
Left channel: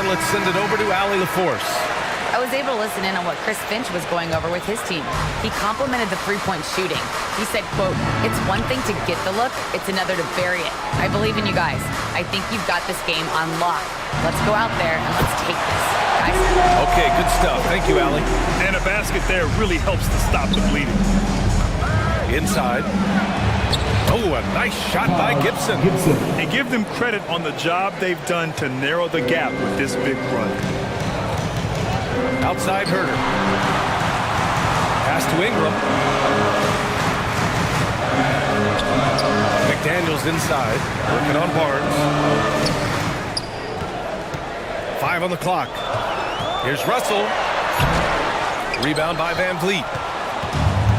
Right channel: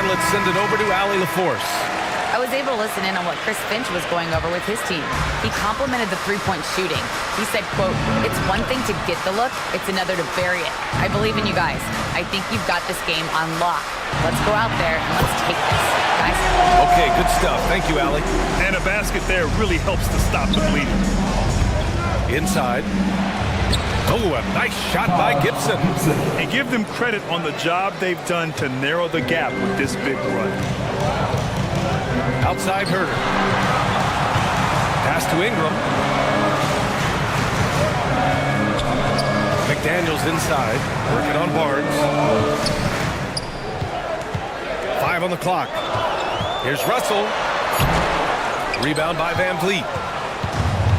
Let's send it over to Allie LaForce. I was able to listen in on what Chris Finch was going over with his team. He complimented the three-point shooting. He said, quote, "It's one thing to get the look, it's another to bury it. I believe in you guys. I think you've got this game on lock. Let's go out there and let's take this, guys." Okay, good stuff. Thank you, Allie. And a basket there really helps to stop the bleeding. Inside. Oh, a nice shot by Gibson. And give them credit on the job they've done to narrow the gap with this big run. Outside Herder. Pass to Ingram. McDaniels inside, working on Barnes. 5 on the clock. Here's Russell. Rebound by Van Vliet.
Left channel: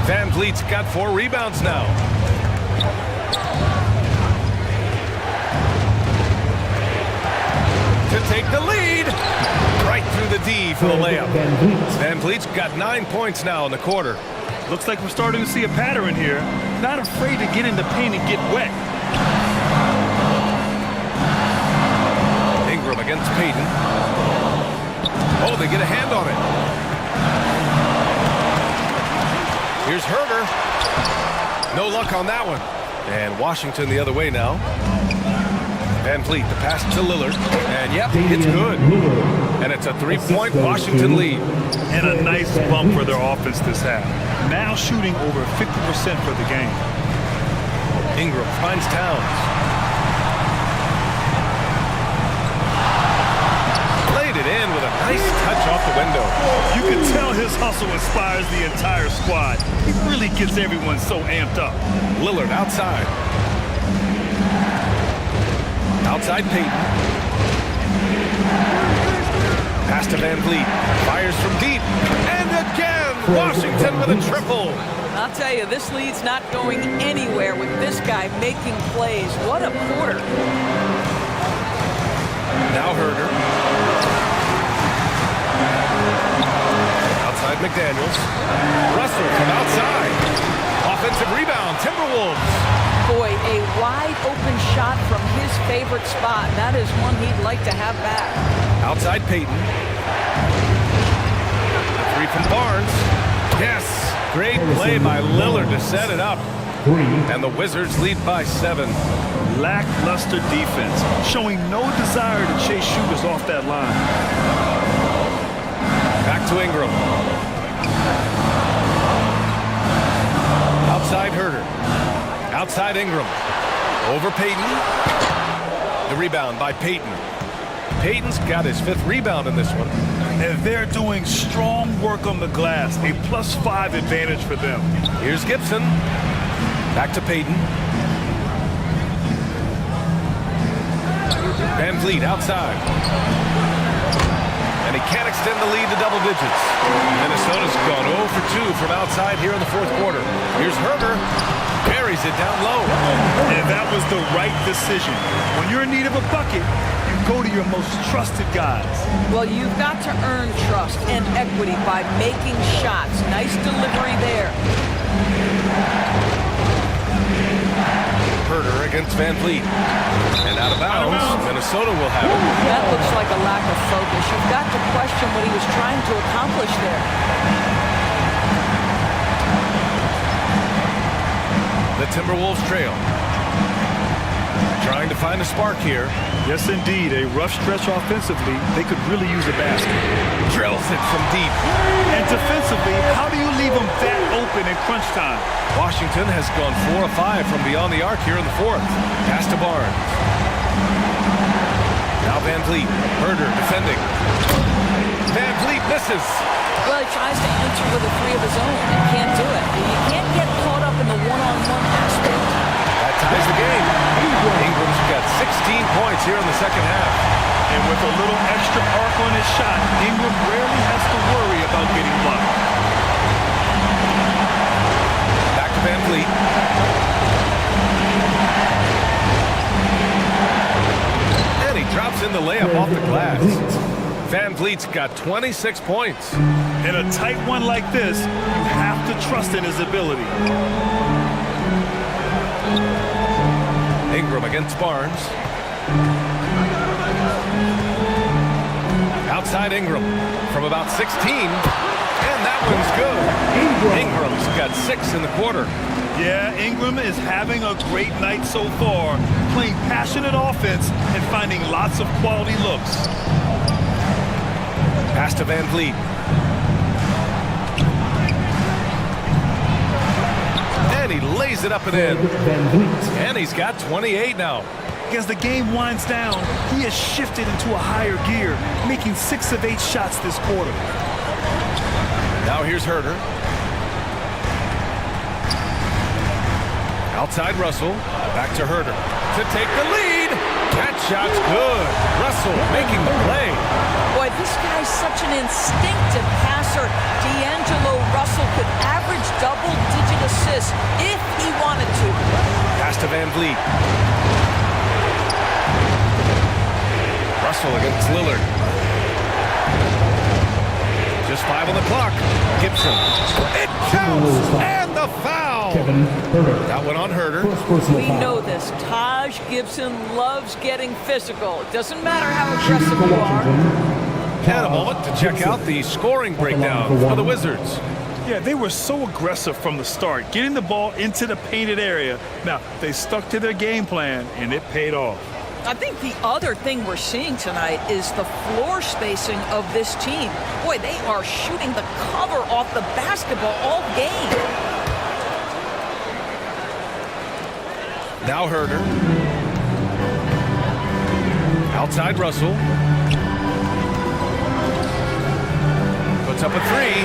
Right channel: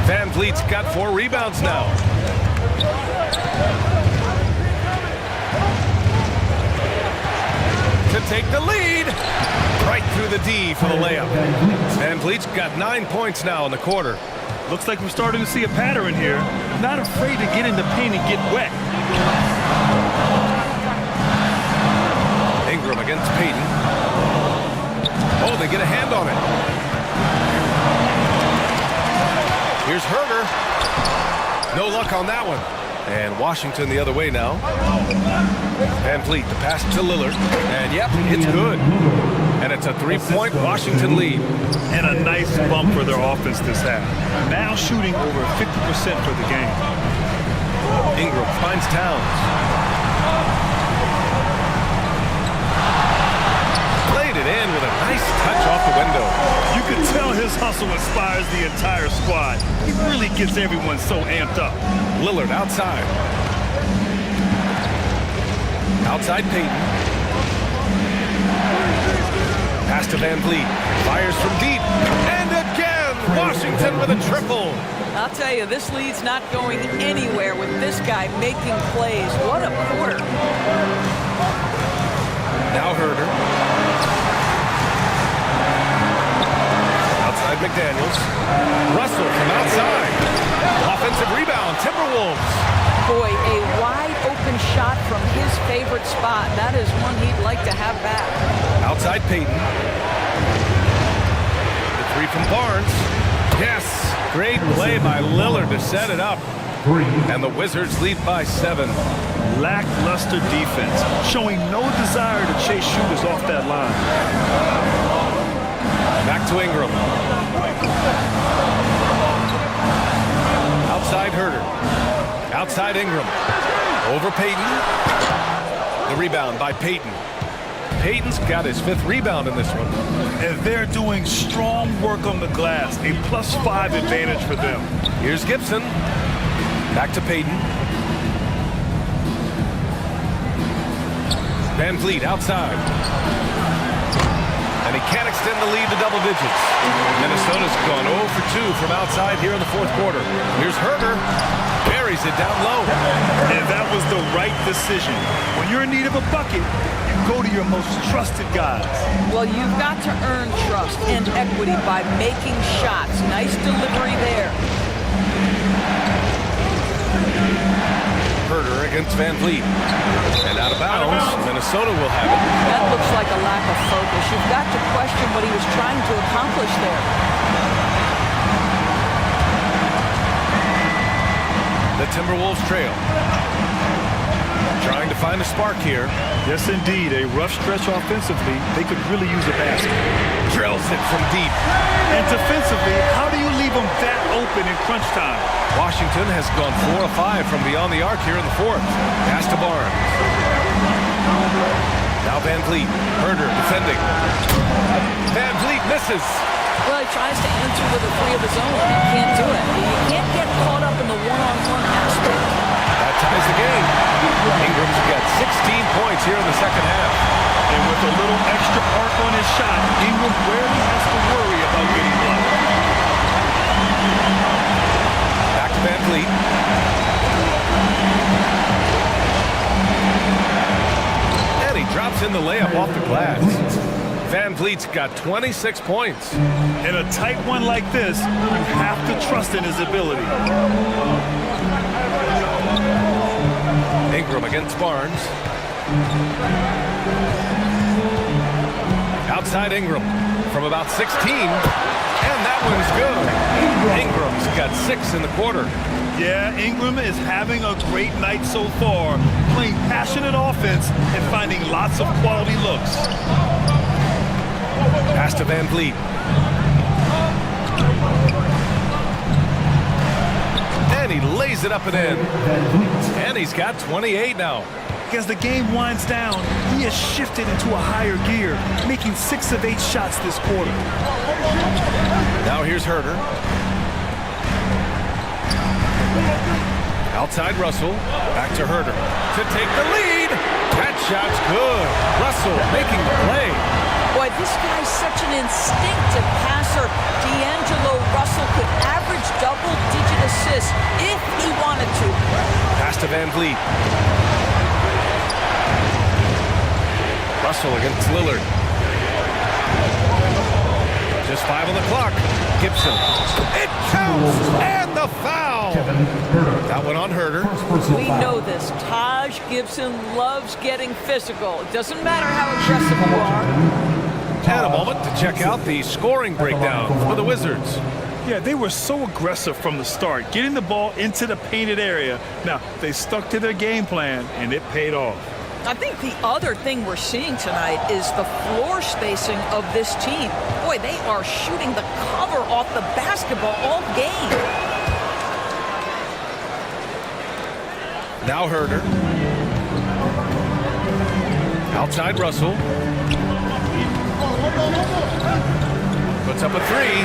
Van Vliet's got 4 rebounds now. To take the lead. Right through the D for the layup. Van Vliet's got 9 points now in the quarter. Looks like we're starting to see a pattern here. Not afraid to get in the paint and get wet. Ingram against Payton. Oh, they get a hand on it. Here's Herder. No luck on that one. And Washington the other way now. Van Vliet, the pass to Lillard. And yep, it's good. And it's a 3-point Washington lead. And a nice bump for their offense this half. Now shooting over 50% for the game. Ingram finds Towns. Laid it in with a nice touch off the window. You can tell his hustle inspires the entire squad. He really gets everyone so amped up. Lillard outside. Outside Payton. Pass to Van Vliet. Fires from deep. And again, Washington with a triple. I'll tell you, this lead's not going anywhere with this guy making plays. What a quarter. Now Herder. Outside McDaniels. Russell from outside. Offensive rebound, Timberwolves. Boy, a wide open shot from his favorite spot. That is one he'd like to have back. Outside Payton. The three from Barnes. Yes. Great play by Lillard to set it up. And the Wizards lead by 7. Lackluster defense, showing no desire to chase shooters off that line. Back to Ingram. Outside Herder. Outside Ingram. Over Payton. The rebound by Payton. Payton's got his 5th rebound in this one. And they're doing strong work on the glass. A +5 advantage for them. Here's Gibson. Back to Payton. Van Vliet outside. And he can't extend the lead to double digits. Minnesota's gone 0 for 2 from outside here in the 4th quarter. Here's Herder. Buries it down low. And that was the right decision. When you're in need of a bucket, you go to your most trusted guys. Well, you've got to earn trust and equity by making shots. Nice delivery there. Herder against Van Vliet. And out of bounds, Minnesota will have it. That looks like a lack of focus. You've got to question what he was trying to accomplish there. The Timberwolves trail. Trying to find a spark here. Yes, indeed. A rough stretch offensively. They could really use a basket. Drills it from deep. And defensively, how do you leave them that open in crunch time? Washington has gone 4 of 5 from beyond the arc here in the 4th. Pass to Barnes. Now Van Vliet. Herder defending. Van Vliet misses. Well, he tries to answer with a 3 of his own and can't do it. You can't get caught up in the one-on-one aspect. That ties the game. Ingram's got 16 points here in the 2nd half. And with a little extra arc on his shot, Ingram rarely has to worry about getting blocked. Back to Van Vliet. And he drops in the layup off the glass. Van Vliet's got 26 points. In a tight one like this, you have to trust in his ability. Ingram against Barnes. Outside Ingram from about 16. And that one's good. Ingram's got 6 in the quarter. Yeah, Ingram is having a great night so far, playing passionate offense and finding lots of quality looks. Pass to Van Vliet. And he lays it up and in. And he's got 28 now. As the game winds down, he has shifted into a higher gear, making 6 of 8 shots this quarter. Now here's Herder. Outside Russell. Back to Herder to take the lead. That shot's good. Russell making the play. Boy, this guy's such an instinctive passer. D'Angelo Russell could average double-digit assists if he wanted to. Pass to Van Vliet. Russell against Lillard. Just 5 on the clock. Gibson. It counts! And the foul! That one on Herder. We know this. Taj Gibson loves getting physical. It doesn't matter how aggressive you are. And a moment to check out the scoring breakdown for the Wizards. Yeah, they were so aggressive from the start, getting the ball into the painted area. Now, they stuck to their game plan, and it paid off. I think the other thing we're seeing tonight is the floor spacing of this team. Boy, they are shooting the cover off the basketball all game. Now Herder. Outside Russell. Puts up a three.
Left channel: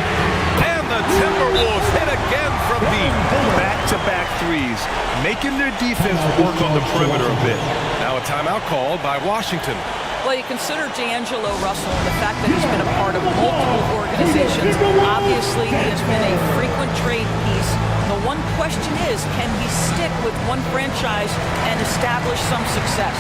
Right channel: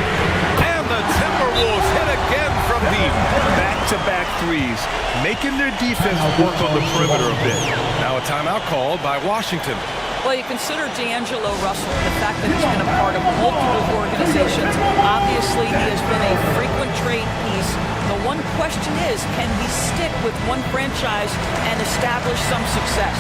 And the Timberwolves hit again from deep. Back-to-back threes, making their defense work on the perimeter a bit. Now a timeout called by Washington. Well, you consider D'Angelo Russell and the fact that he's been a part of multiple organizations. Obviously, he has been a frequent trade piece. The one question is, can he stick with one franchise and establish some success?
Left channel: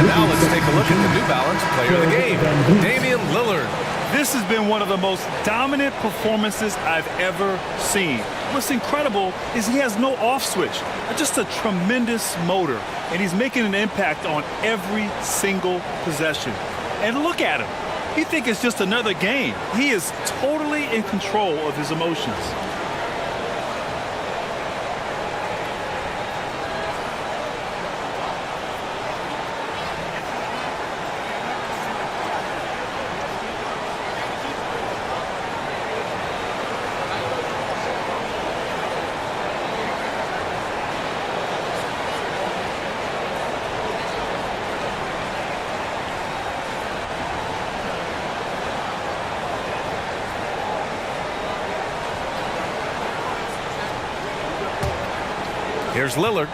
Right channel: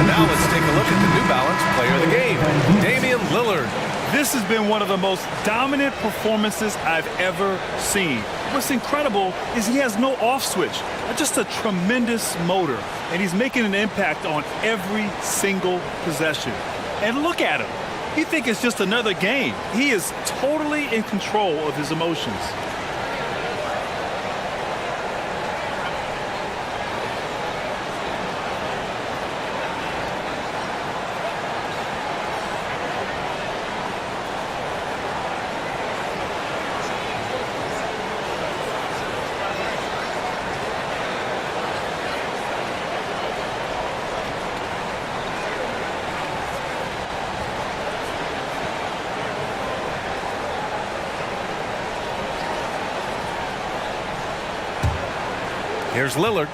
And now let's take a look at the New Balance Player of the Game, Damian Lillard. This has been one of the most dominant performances I've ever seen. What's incredible is he has no off switch, just a tremendous motor, and he's making an impact on every single possession. And look at him. He thinks it's just another game. He is totally in control of his emotions. Here's Lillard.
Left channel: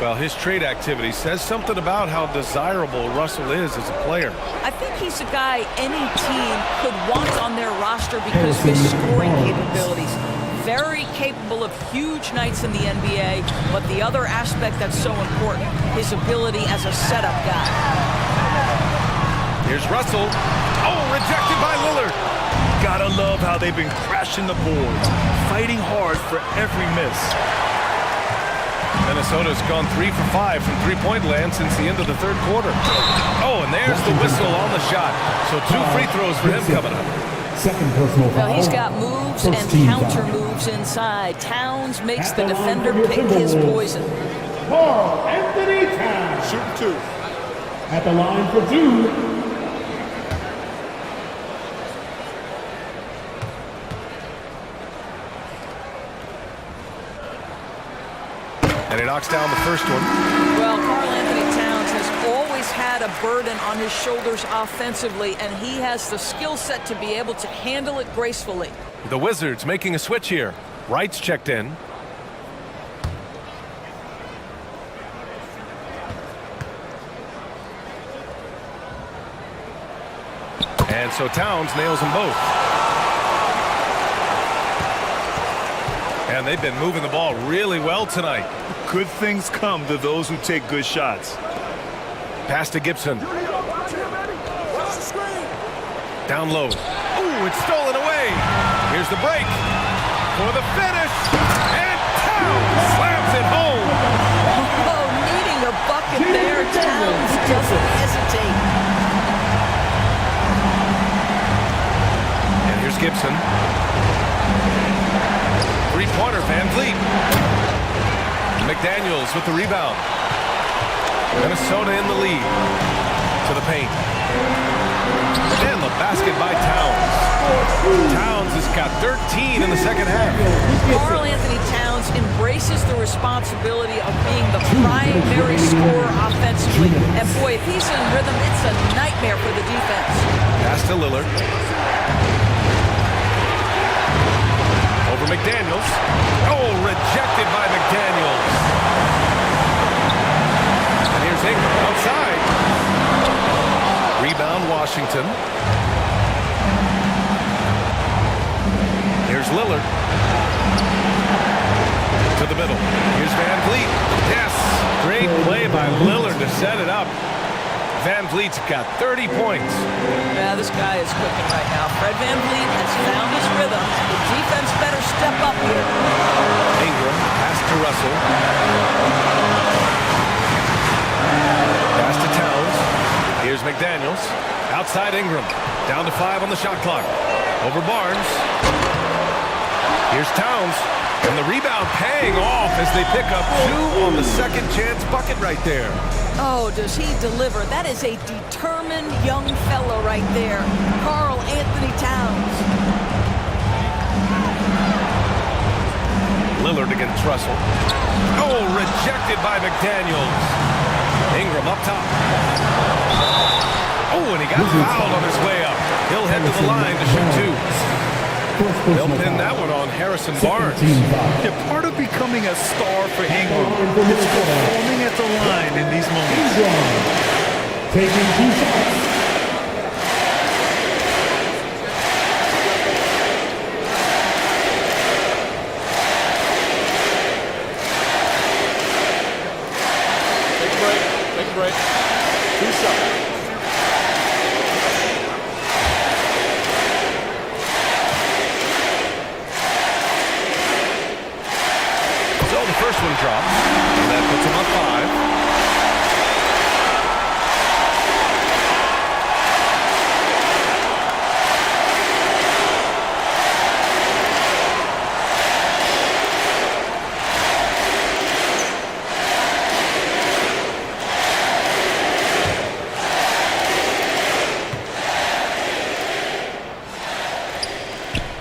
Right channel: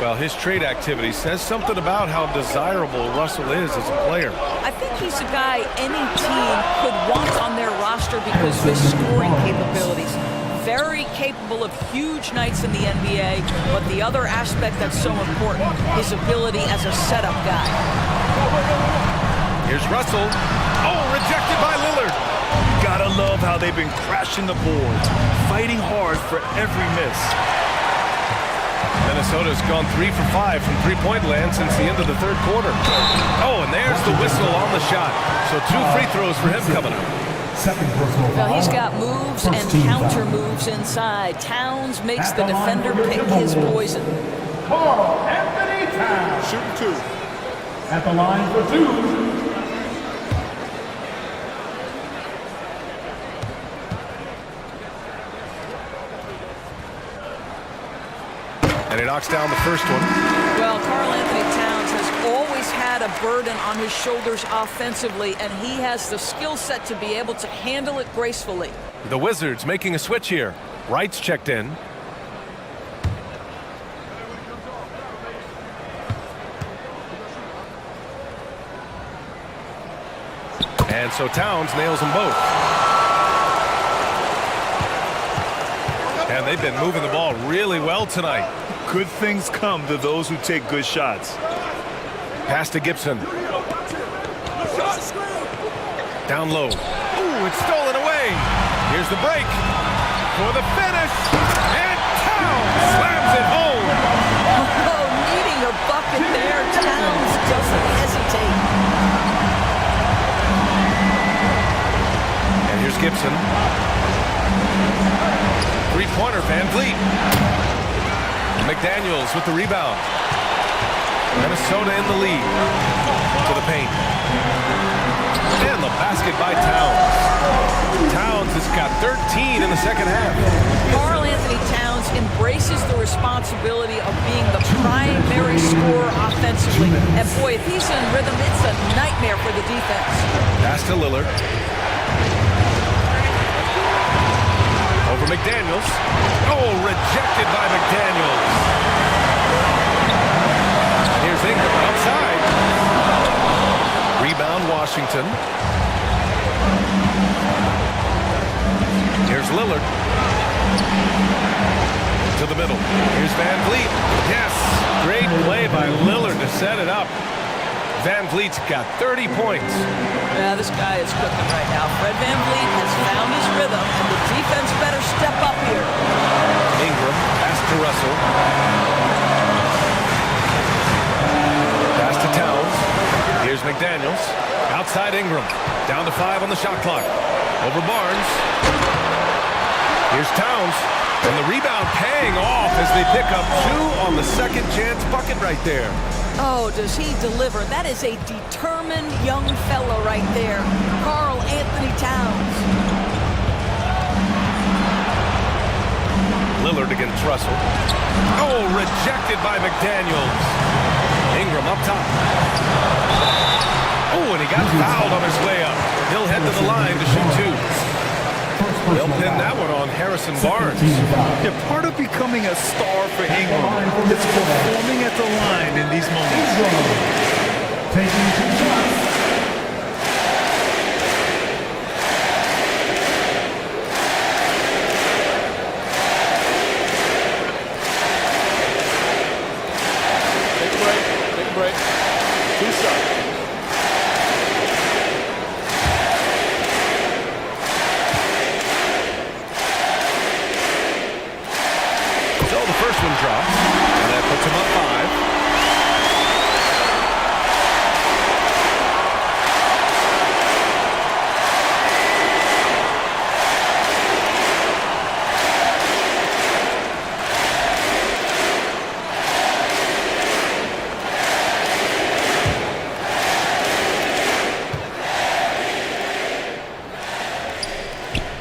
Well, his trade activity says something about how desirable Russell is as a player. I think he's a guy any team could want on their roster because of his scoring capabilities. Very capable of huge nights in the NBA, but the other aspect that's so important, his ability as a setup guy. Here's Russell. Oh, rejected by Lillard. Gotta love how they've been crashing the boards, fighting hard for every miss. Minnesota's gone 3 for 5 from three-point land since the end of the third quarter. Oh, and there's the whistle on the shot. So 2 free throws for him coming up. Second personal foul. Well, he's got moves and counter moves inside. Towns makes the defender pick his poison. Karl Anthony Towns. Shooting 2. At the line for 2. And he knocks down the first one. Well, Karl Anthony Towns has always had a burden on his shoulders offensively, and he has the skill set to be able to handle it gracefully. The Wizards making a switch here. Wright's checked in. And so Towns nails them both. And they've been moving the ball really well tonight. Good things come to those who take good shots. Pass to Gibson. Down low. Ooh, it's stolen away. Here's the break for the finish. And Towns slams it home. Oh, needing a bucket there. Towns doesn't hesitate. And here's Gibson. Three-pointer, Van Vliet. McDaniels with the rebound. Minnesota in the lead. To the paint. And the the basket by Towns. Towns has got 13 in the second half. Karl Anthony Towns embraces the responsibility of being the primary scorer offensively. And boy, if he's in rhythm, it's a nightmare for the defense. Pass to Lillard. Over McDaniels. Oh, rejected by McDaniels. And here's Ingram outside. Rebound, Washington. Here's Lillard. To the middle. Here's Van Vliet. Yes, great play by Lillard to set it up. Van Vliet's got 30 points. Yeah, this guy is cooking right now. Fred Van Vliet has found his rhythm, and the defense better step up here. Ingram, pass to Russell. Pass to Towns. Here's McDaniels. Outside Ingram. Down to 5 on the shot clock. Over Barnes. Here's Towns. And the rebound paying off as they pick up 2 on the second chance bucket right there. Oh, does he deliver? That is a determined young fella right there. Karl Anthony Towns. Lillard against Russell. Oh, rejected by McDaniels. Ingram up top. Oh, and he got fouled on his way up. He'll head to the line to shoot 2. They'll pin that one on Harrison Barnes. Yeah, part of becoming a star for Ingram is performing at the line in these moments. Taking 2 shots. Take a break. Take a break. 2 shots. So the first one drops, and that puts him up 5.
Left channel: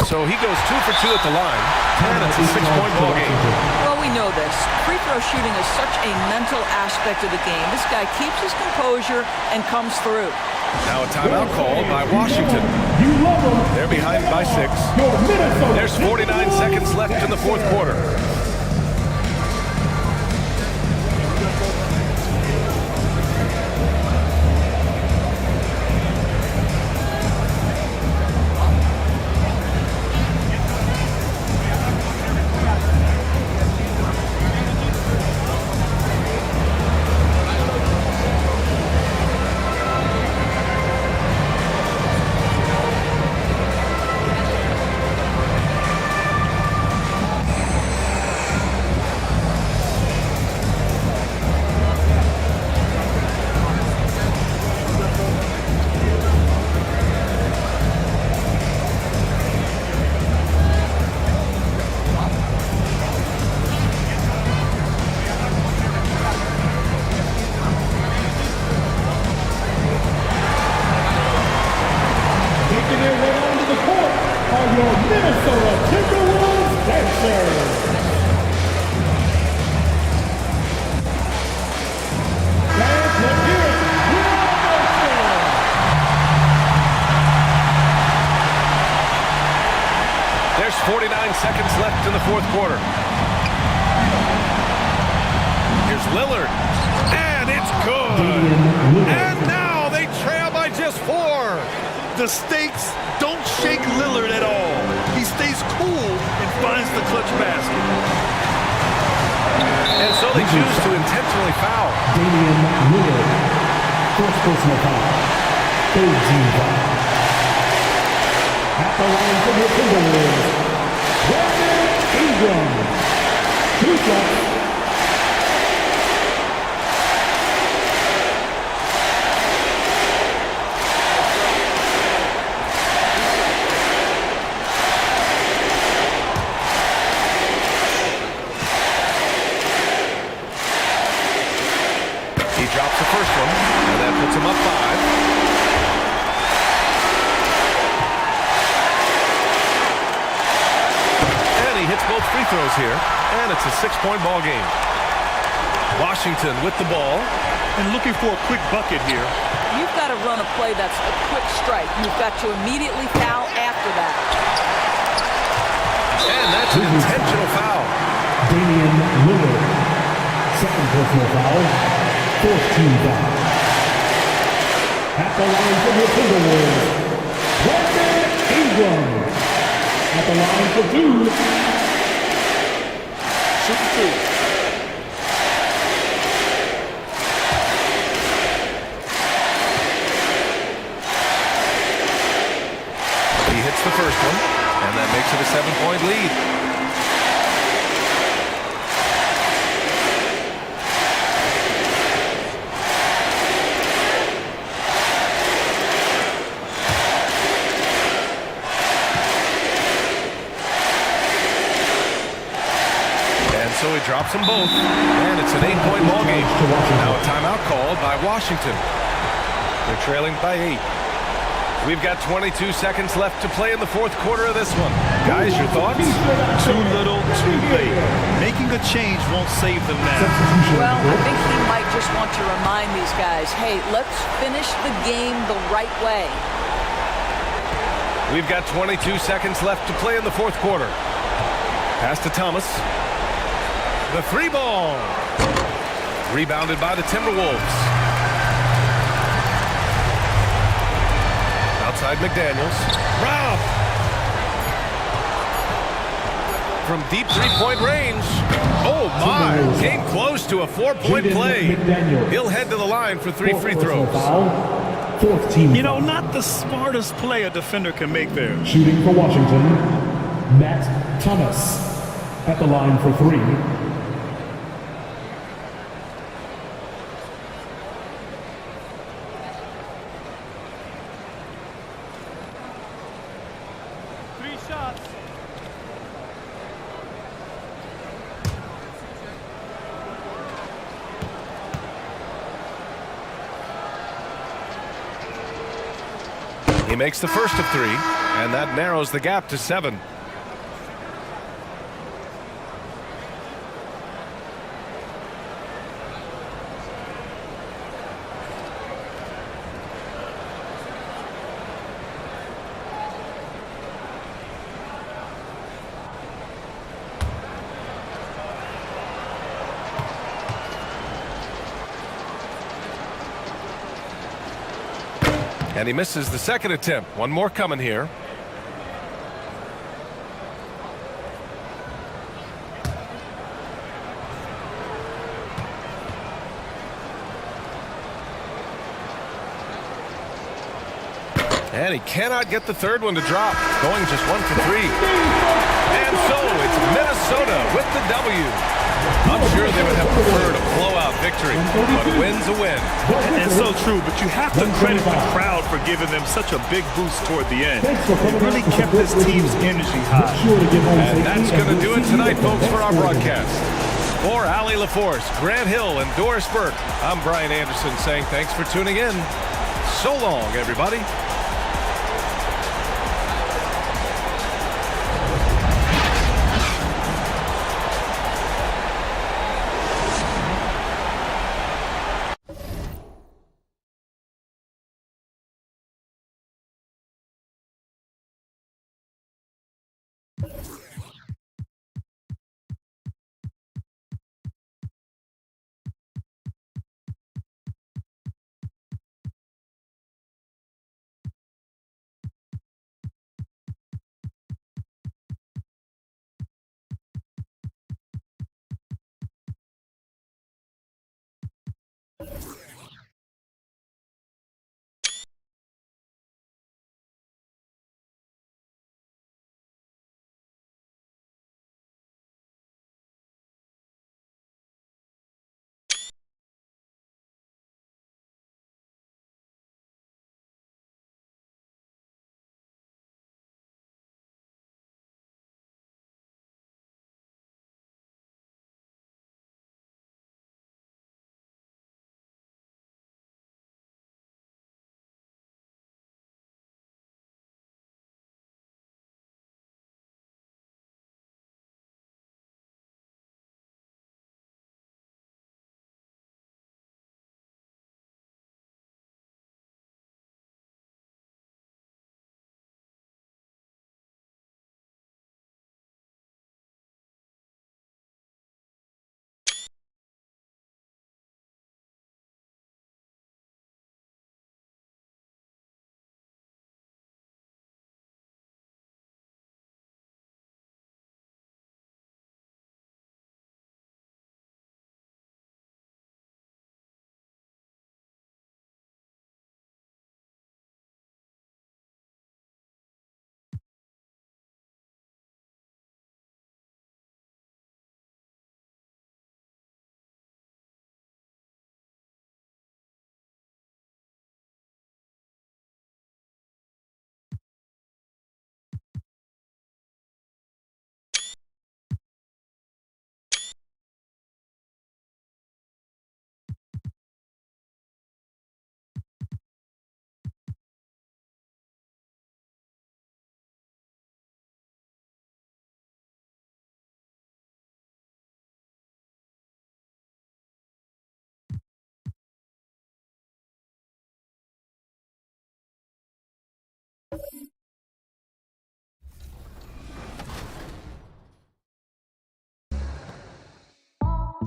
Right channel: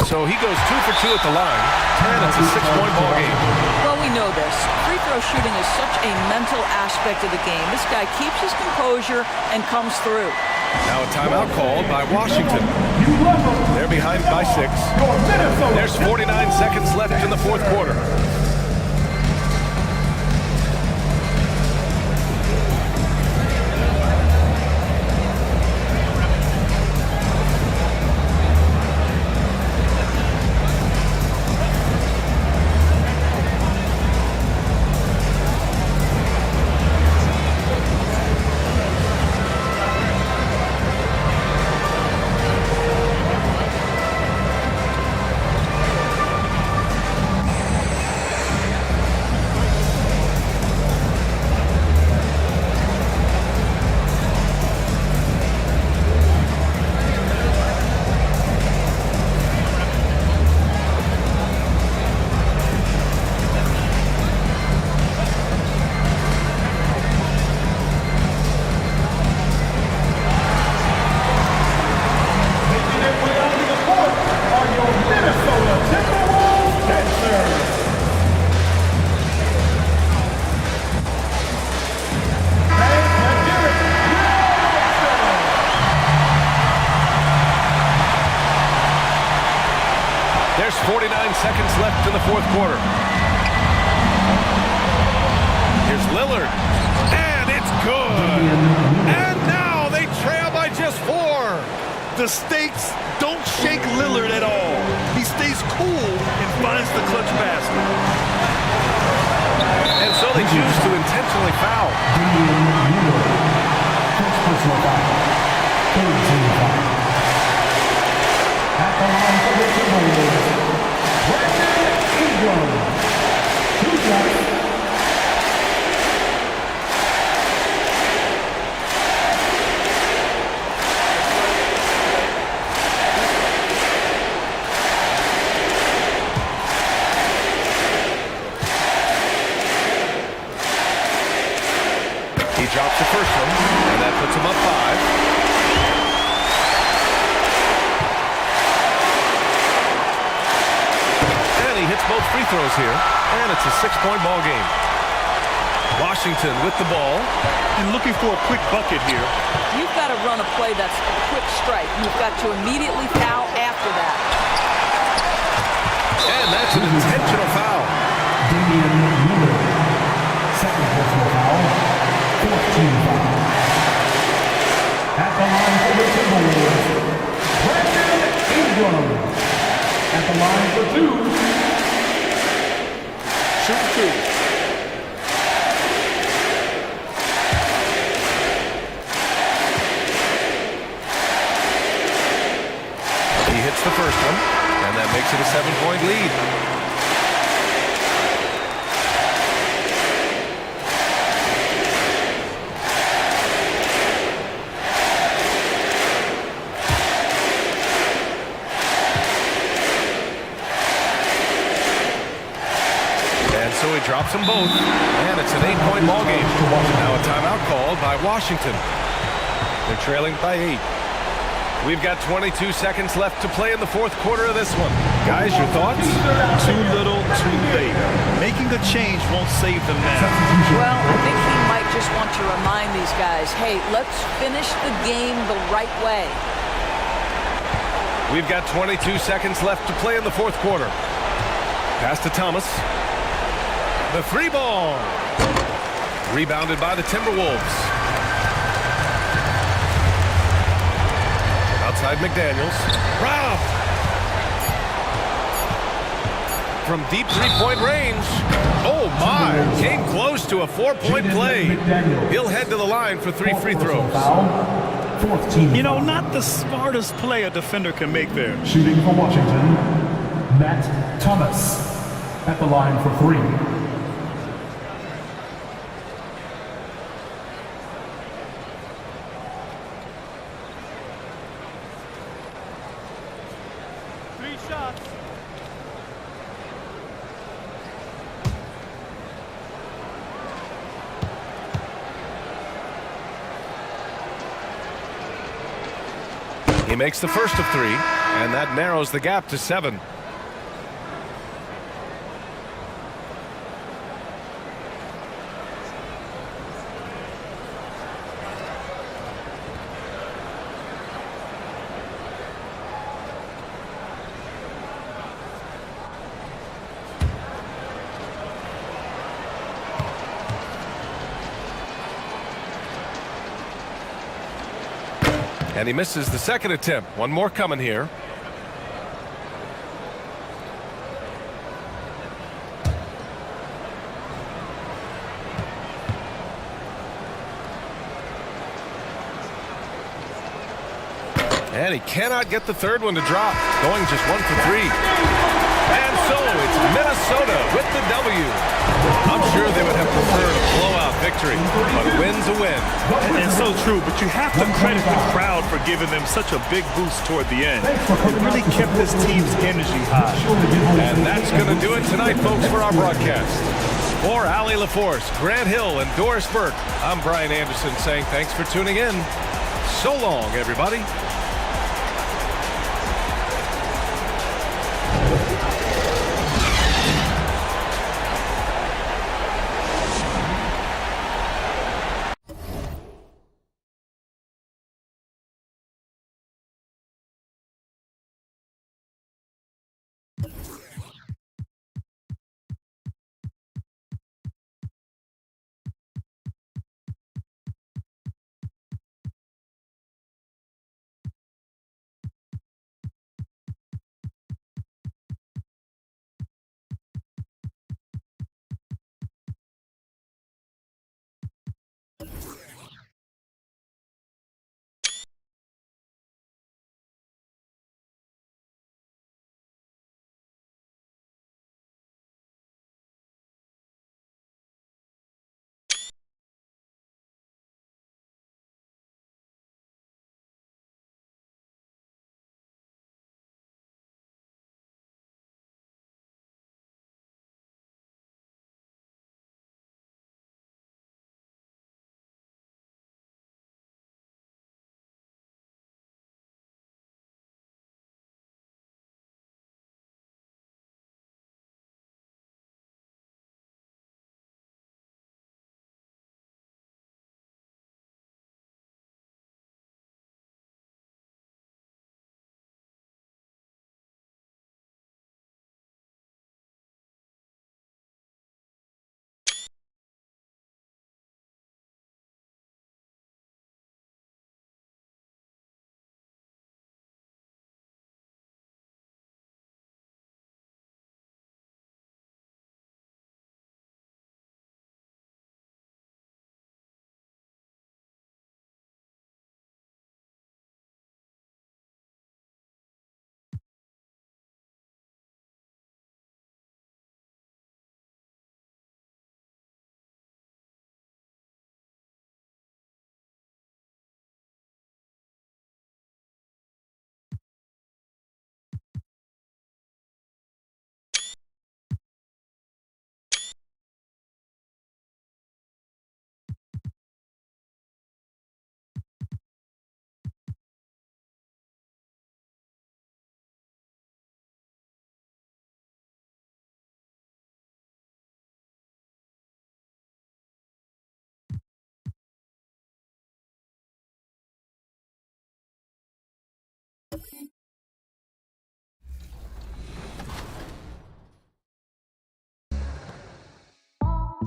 So he goes 2 for 2 at the line, and it's a 6-point ball game. Well, we know this. Free throw shooting is such a mental aspect of the game. This guy keeps his composure and comes through. Now a timeout called by Washington. They're behind by 6. There's 49 seconds left in the fourth quarter. There's 49 seconds left in the fourth quarter. Here's Lillard, and it's good. And now they trail by just 4. The stakes don't shake Lillard at all. He stays cool and finds the clutch basket. And so they choose to intentionally foul. Damian Lillard. First personal foul. Third team foul. At the line for the Timberwolves, Brandon Ingram. 2 shots. He drops the first one, and that puts him up 5. hits both free throws here, and it's a 6-point ball game. Washington with the ball. And looking for a quick bucket here. You've got to run a play that's a quick strike. You've got to immediately foul after that. And that's an intentional foul. Damian Lillard. Second personal foul. 4th team foul. At the line for the Timberwolves, Brandon Ingram. At the line for 2. Shooting 2. He hits the first one, and that makes it a 7-point lead. And so he drops them both, and it's an 8-point ball game. Now a timeout called by Washington. They're trailing by 8. We've got 22 seconds left to play in the fourth quarter of this one. Guys, your thoughts? Too little, too late. Making a change won't save them now. Well, I think he might just want to remind these guys, hey, let's finish the game the right way. We've got 22 seconds left to play in the fourth quarter. Pass to Thomas. The 3-ball. Rebounded by the Timberwolves. Outside McDaniels. Rob! From deep 3-point range. Oh my! Came close to a 4-point play. He'll head to the line for 3 free throws. 4th team. You know, not the smartest play a defender can make there. Shooting for Washington, Matt Thomas. At the line for 3. Shots. He makes the first of 3, and that narrows the gap to 7. And he misses the second attempt. One more coming here. And he cannot get the third one to drop. Going just 1 for 3. And so it's Minnesota with the W. I'm sure they would have preferred a blowout victory, but a win's a win. And so true, but you have to credit the crowd for giving them such a big boost toward the end. It really kept this team's energy high. And that's going to do it tonight, folks, for our broadcast. For Allie LaForce, Grant Hill, and Doris Burke, I'm Brian Anderson saying thanks for tuning in. So long, everybody.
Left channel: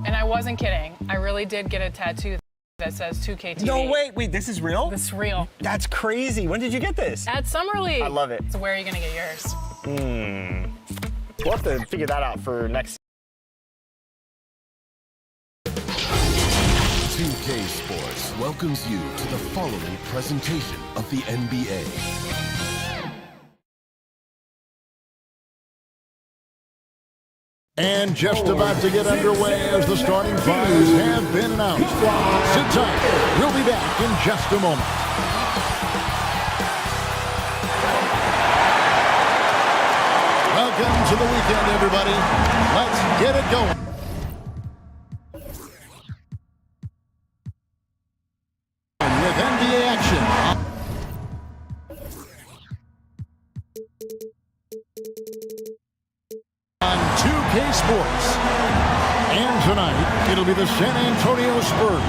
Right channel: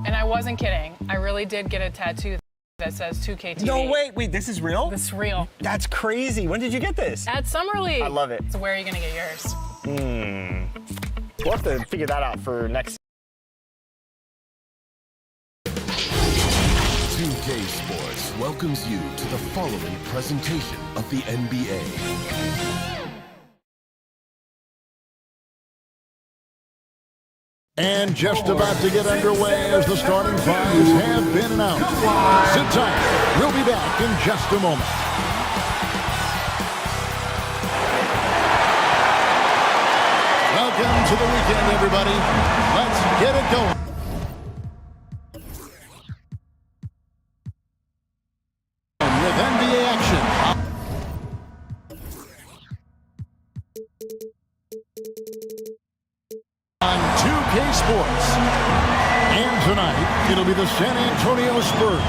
And I wasn't kidding. I really did get a tattoo that says 2K TV. No, wait, this is real? This is real. That's crazy. When did you get this? At Summer League. I love it. So where are you going to get yours? We'll have to figure that out for next. 2K Sports welcomes you to the following presentation of the NBA. And just about to get underway as the starting fives have been announced. Sit tight. We'll be back in just a moment. Welcome to the weekend, everybody. Let's get it going. With NBA action. On 2K Sports. And tonight, it'll be the San Antonio Spurs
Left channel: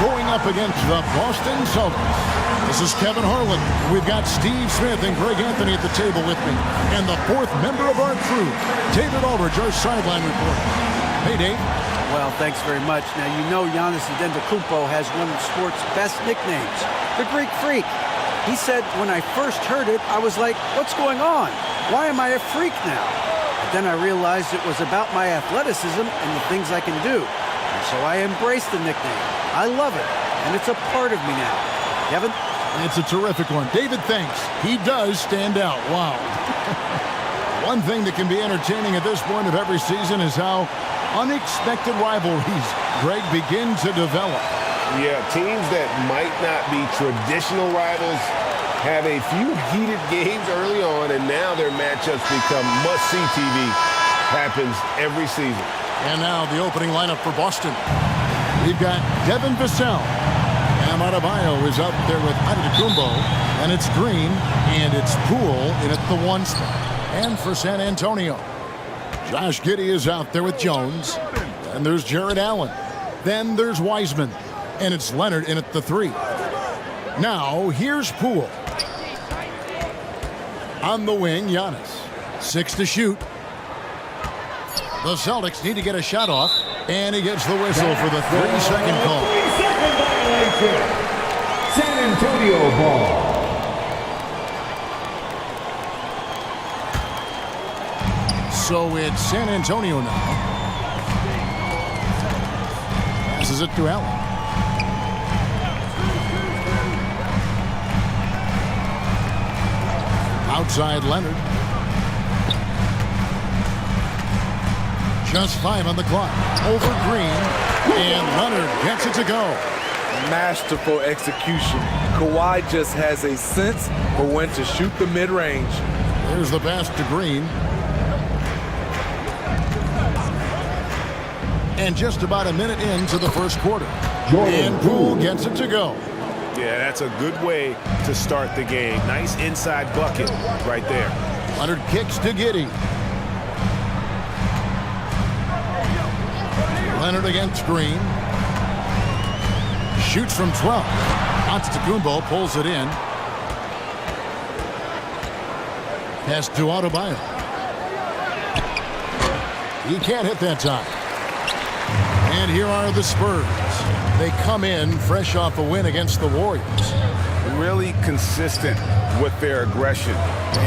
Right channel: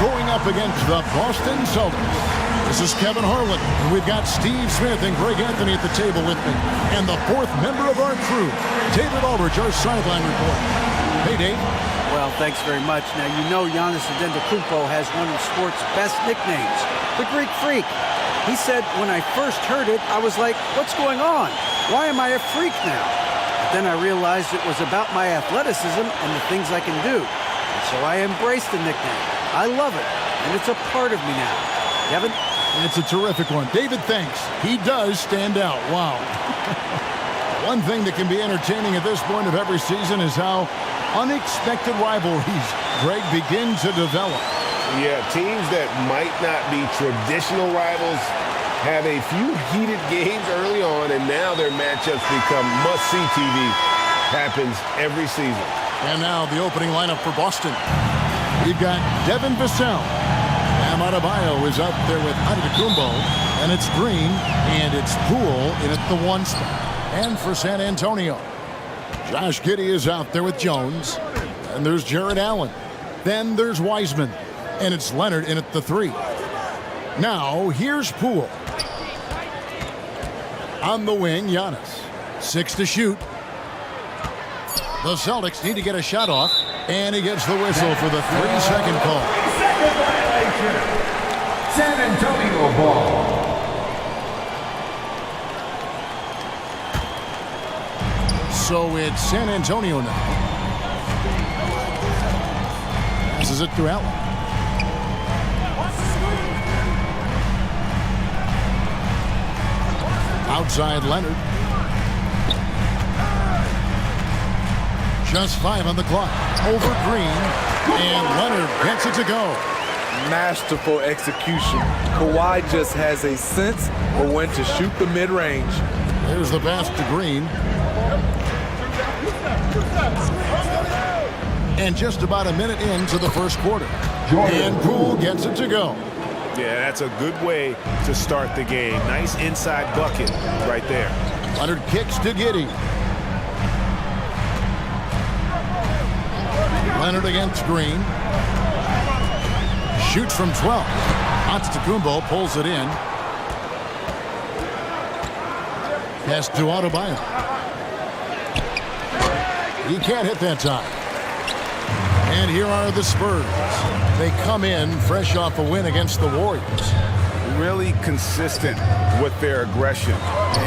going up against the Boston Celtics. This is Kevin Harlan. And we've got Steve Smith and Greg Anthony at the table with me. And the fourth member of our crew, David Aldridge, our sideline reporter. Hey, Dave. Well, thanks very much. Now, you know Giannis Antetokounmpo has one of sports' best nicknames, the Greek Freak. He said, when I first heard it, I was like, what's going on? Why am I a freak now? But then I realized it was about my athleticism and the things I can do. And so I embraced the nickname. I love it, and it's a part of me now. Kevin? It's a terrific one. David, thanks. He does stand out. Wow. One thing that can be entertaining at this point of every season is how unexpected rivalries, Greg, begin to develop. Yeah, teams that might not be traditional rivals have a few heated games early on, and now their matchups become must-see TV. Happens every season. And now the opening lineup for Boston. We've got Devin Vassell. Bam Adebayo is up there with Antetokounmpo, and it's Green, and it's Poole in at the 1 spot. And for San Antonio, Josh Giddey is out there with Jones. And there's Jared Allen. Then there's Wiseman. And it's Leonard in at the 3. Now, here's Poole. On the wing, Giannis. 6 to shoot. The Celtics need to get a shot off. And he gets the whistle for the 3-second call. 3-second violation. San Antonio ball. So it's San Antonio now. Passes it to Allen. Outside Leonard. Just 5 on the clock. Over Green. And Leonard gets it to go. Masterful execution. Kawhi just has a sense for when to shoot the mid-range. There's the pass to Green. And just about a minute into the first quarter. And Poole gets it to go. Yeah, that's a good way to start the game. Nice inside bucket right there. Leonard kicks to Giddey. Leonard against Green. Shoots from 12. Antetokounmpo pulls it in. Pass to Adebayo. He can't hit that time. And here are the Spurs. They come in fresh off a win against the Warriors. Really consistent with their aggression.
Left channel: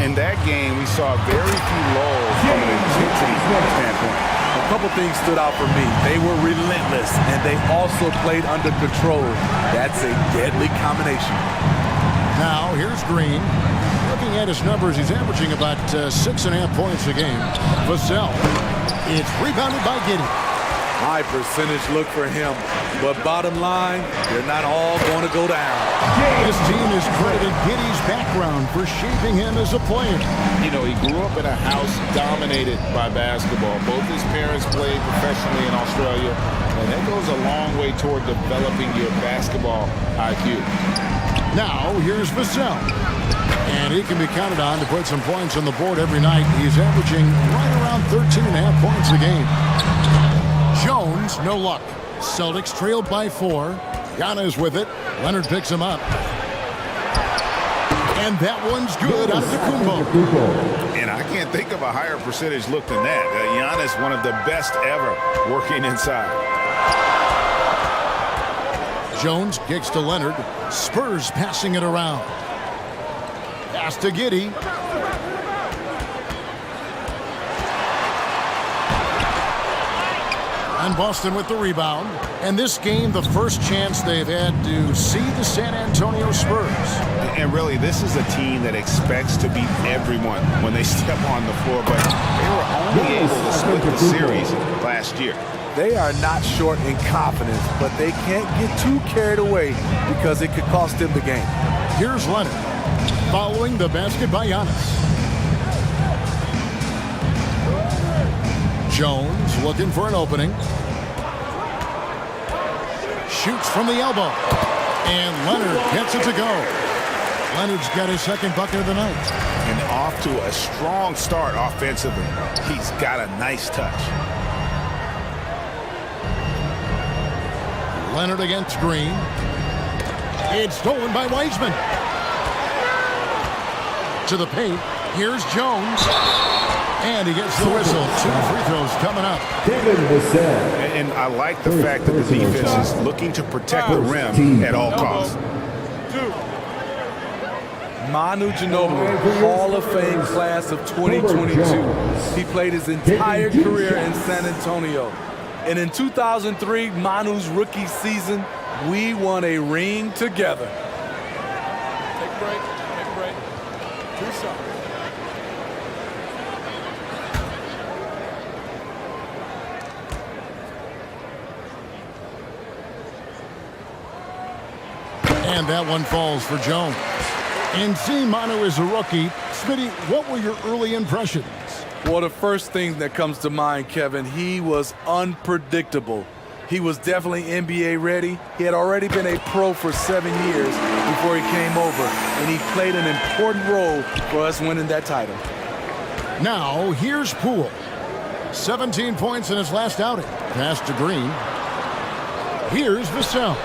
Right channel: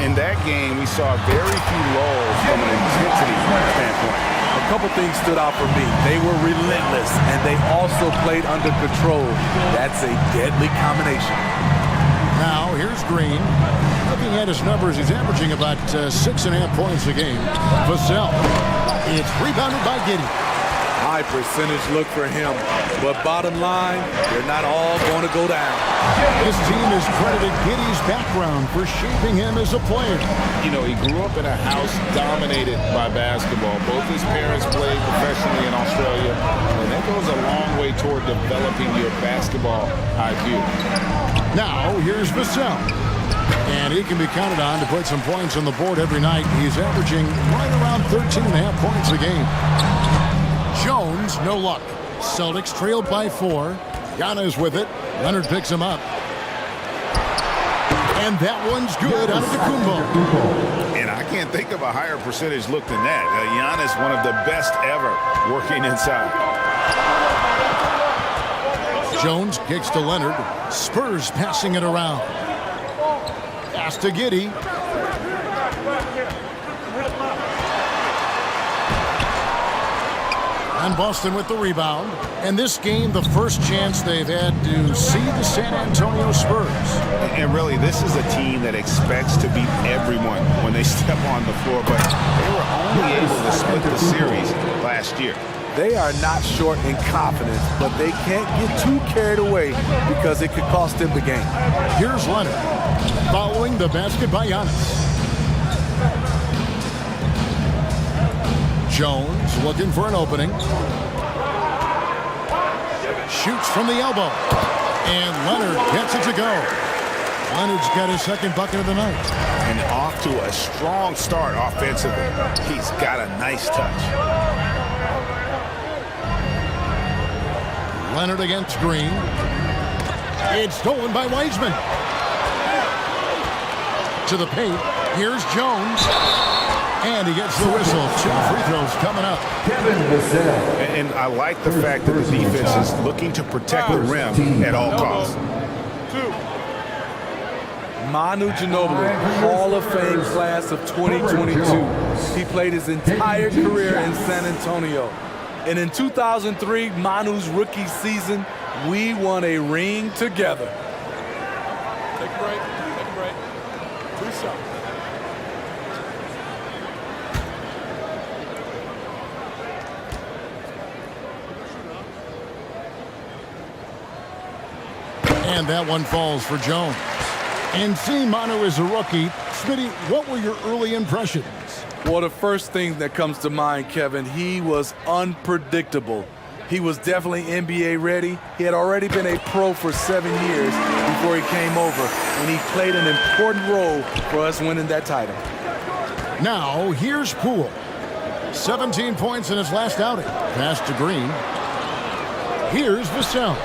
In that game, we saw very few lulls from an intensity standpoint. A couple things stood out for me. They were relentless, and they also played under control. That's a deadly combination. Now, here's Green. Looking at his numbers, he's averaging about 6.5 points a game. Vassell. It's rebounded by Giddey. High percentage look for him. But bottom line, they're not all going to go down. This team has credited Giddey's background for shaping him as a player. You know, he grew up in a house dominated by basketball. Both his parents played professionally in Australia, and that goes a long way toward developing your basketball IQ. Now, here's Vassell. And he can be counted on to put some points on the board every night. He's averaging right around 13.5 points a game. Jones, no luck. Celtics trailed by 4. Giannis with it. Leonard picks him up. And that one's good out of Antetokounmpo. And I can't think of a higher percentage look than that. Giannis, one of the best ever working inside. Jones kicks to Leonard. Spurs passing it around. Pass to Giddey. And Boston with the rebound. And this game, the first chance they've had to see the San Antonio Spurs. And really, this is a team that expects to beat everyone when they step on the floor, but they were only able to split the series last year. They are not short in confidence, but they can't get too carried away because it could cost them the game. Here's Leonard, following the basket by Giannis. Jones looking for an opening. Shoots from the elbow. And Leonard gets it to go. Leonard's got his second bucket of the night. And off to a strong start offensively. He's got a nice touch. Leonard against Green. It's stolen by Wiseman. To the paint. Here's Jones. And he gets the whistle. 2 free throws coming up. Devin Vassell. And I like the fact that the defense is looking to protect the rim at all costs. Manu Ginobili, Hall of Fame class of 2022. He played his entire career in San Antonio. And in 2003, Manu's rookie season, we won a ring together. Take a break. Take a break. 2 shots. And that one falls for Jones. And seeing Manu as a rookie, Smitty, what were your early impressions? Well, the first thing that comes to mind, Kevin, he was unpredictable. He was definitely NBA ready. He had already been a pro for 7 years before he came over, and he played an important role for us winning that title. Now, here's Poole. 17 points in his last outing. Pass to Green. Here's Vassell.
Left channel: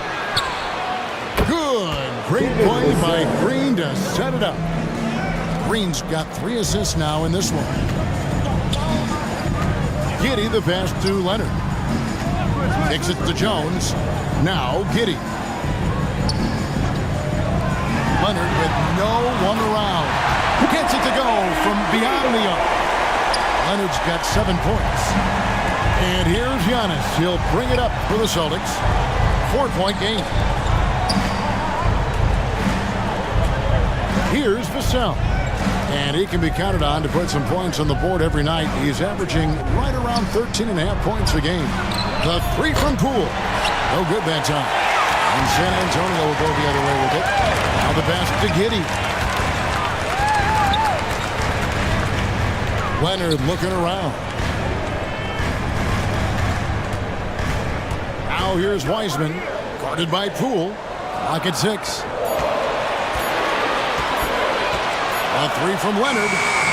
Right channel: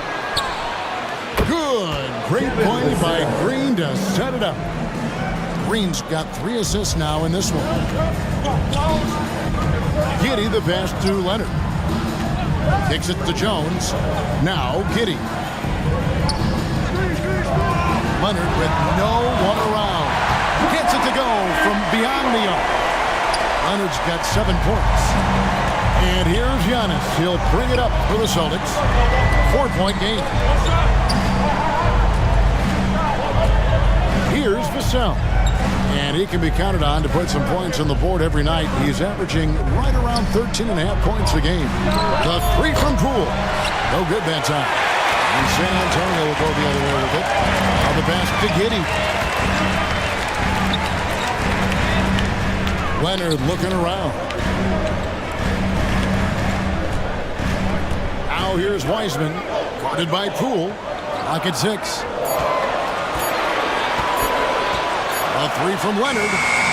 Good. Great play by Green to set it up. Green's got 3 assists now in this one. Giddey the pass to Leonard. Kicks it to Jones. Now Giddey. Leonard with no one around. Gets it to go from beyond the arc. Leonard's got 7 points. And here's Giannis. He'll bring it up for the Celtics. 4-point game. Here's Vassell. And he can be counted on to put some points on the board every night. He's averaging right around 13.5 points a game. The 3 from Poole. No good that time. And San Antonio will go the other way with it. Now the pass to Giddey. Leonard looking around. Now here's Wiseman. Guarded by Poole. Clock at 6. A 3 from Leonard.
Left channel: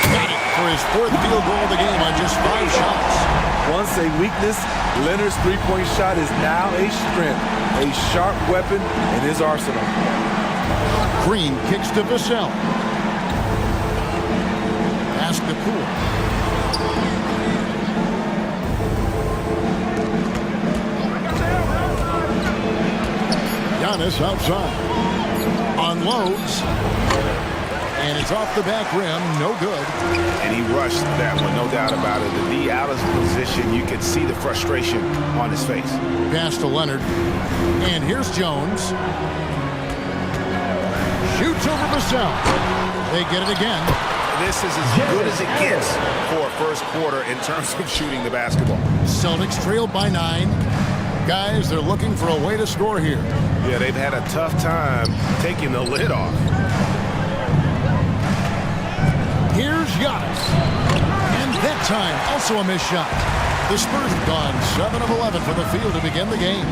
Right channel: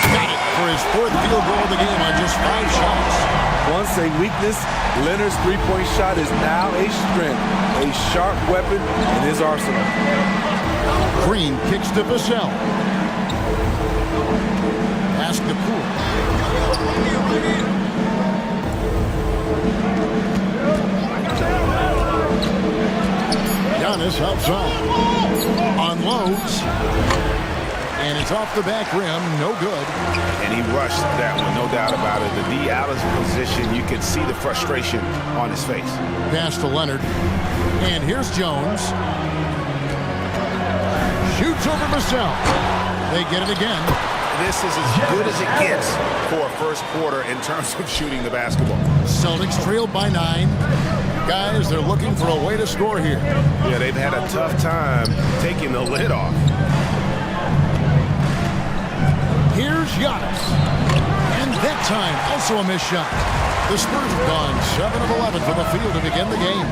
Got it for his 4th field goal of the game on just 5 shots. Once a weakness, Leonard's three-point shot is now a strength, a sharp weapon in his arsenal. Green kicks to Vassell. Pass to Poole. Giannis outside. Unloads. And it's off the back rim, no good. And he rushed that one, no doubt about it. The D out of position, you could see the frustration on his face. Pass to Leonard. And here's Jones. Shoots over Vassell. They get it again. This is as good as it gets for a first quarter in terms of shooting the basketball. Celtics trailed by 9. Guys, they're looking for a way to score here. Yeah, they've had a tough time taking the lid off. Here's Giannis. And that time, also a missed shot. The Spurs have gone 7 of 11 from the field to begin the game.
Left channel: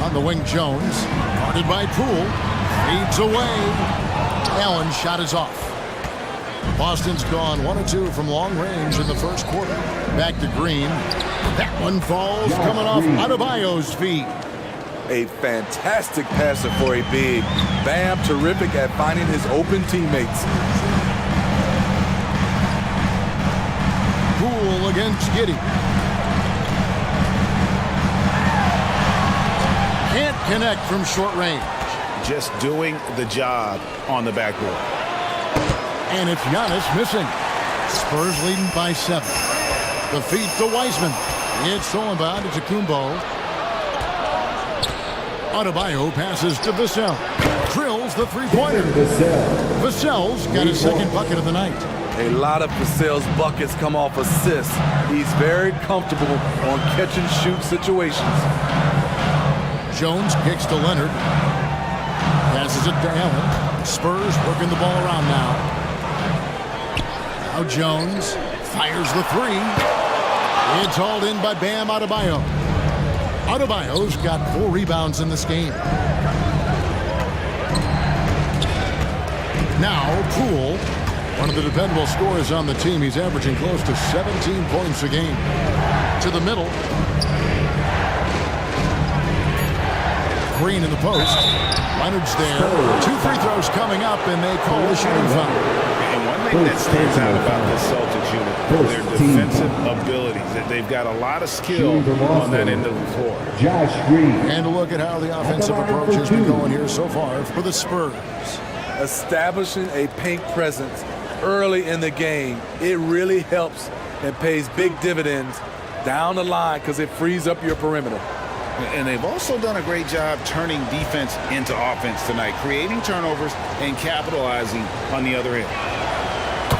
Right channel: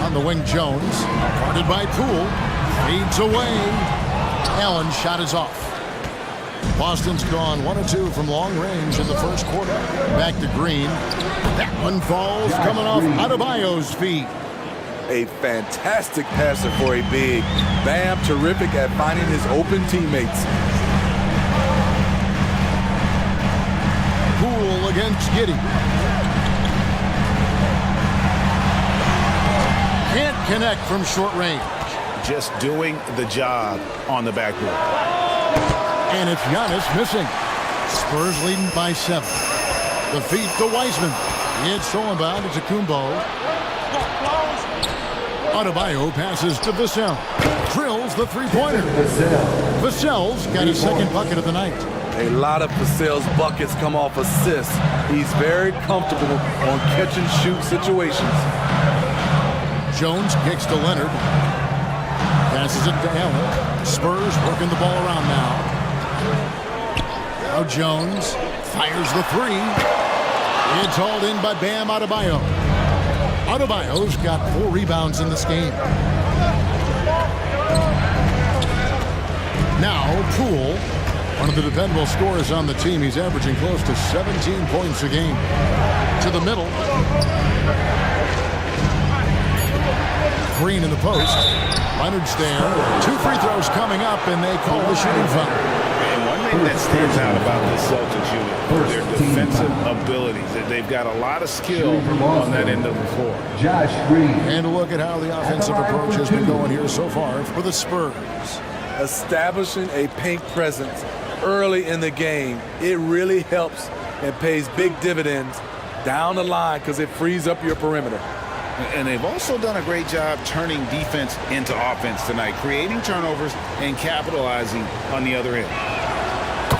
On the wing, Jones. Guarded by Poole. Fades away. Allen's shot is off. Boston's gone 1 of 2 from long range in the first quarter. Back to Green. That one falls coming off Adebayo's feet. A fantastic passer for a big. Bam, terrific at finding his open teammates. Poole against Giddey. Can't connect from short range. Just doing the job on the backboard. And it's Giannis missing. Spurs leading by 7. The feed to Wiseman. It's stolen by Antetokounmpo. Adebayo passes to Vassell. Drills the three-pointer. Vassell's got his second bucket of the night. A lot of Vassell's buckets come off assists. He's very comfortable on catch-and-shoot situations. Jones kicks to Leonard. Passes it to Allen. Spurs working the ball around now. Now Jones fires the three. It's hauled in by Bam Adebayo. Adebayo's got 4 rebounds in this game. Now Poole, one of the dependable scorers on the team. He's averaging close to 17 points a game. To the middle. Green in the post. Leonard's there. 2 free throws coming up, and they call the shooting foul. And one thing that stands out about this Celtics unit, their defensive abilities. They've got a lot of skill on that end of the floor. Josh Green. And a look at how the offensive approach has been going here so far for the Spurs. Establishing a paint presence early in the game, it really helps and pays big dividends down the line because it frees up your perimeter. And they've also done a great job turning defense into offense tonight, creating turnovers and capitalizing on the other end.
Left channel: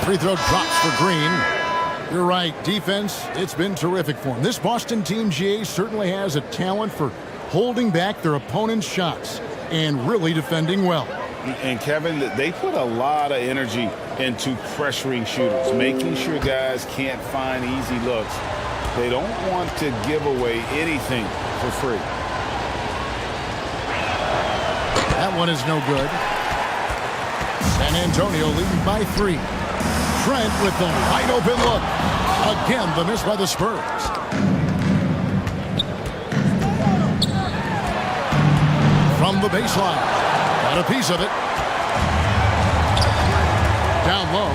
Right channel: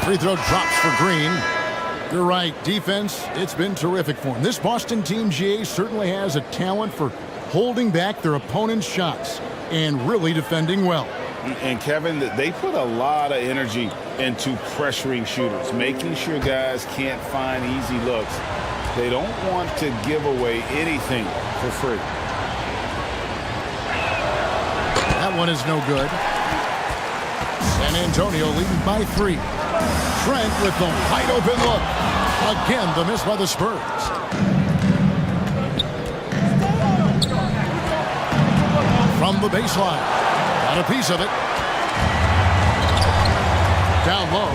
Free throw drops for Green. You're right, defense, it's been terrific for him. This Boston team, GA, certainly has a talent for holding back their opponent's shots and really defending well. And Kevin, they put a lot of energy into pressuring shooters, making sure guys can't find easy looks. They don't want to give away anything for free. That one is no good. San Antonio leading by 3. Trent with the wide open look. Again, the miss by the Spurs. From the baseline. Got a piece of it. Down low.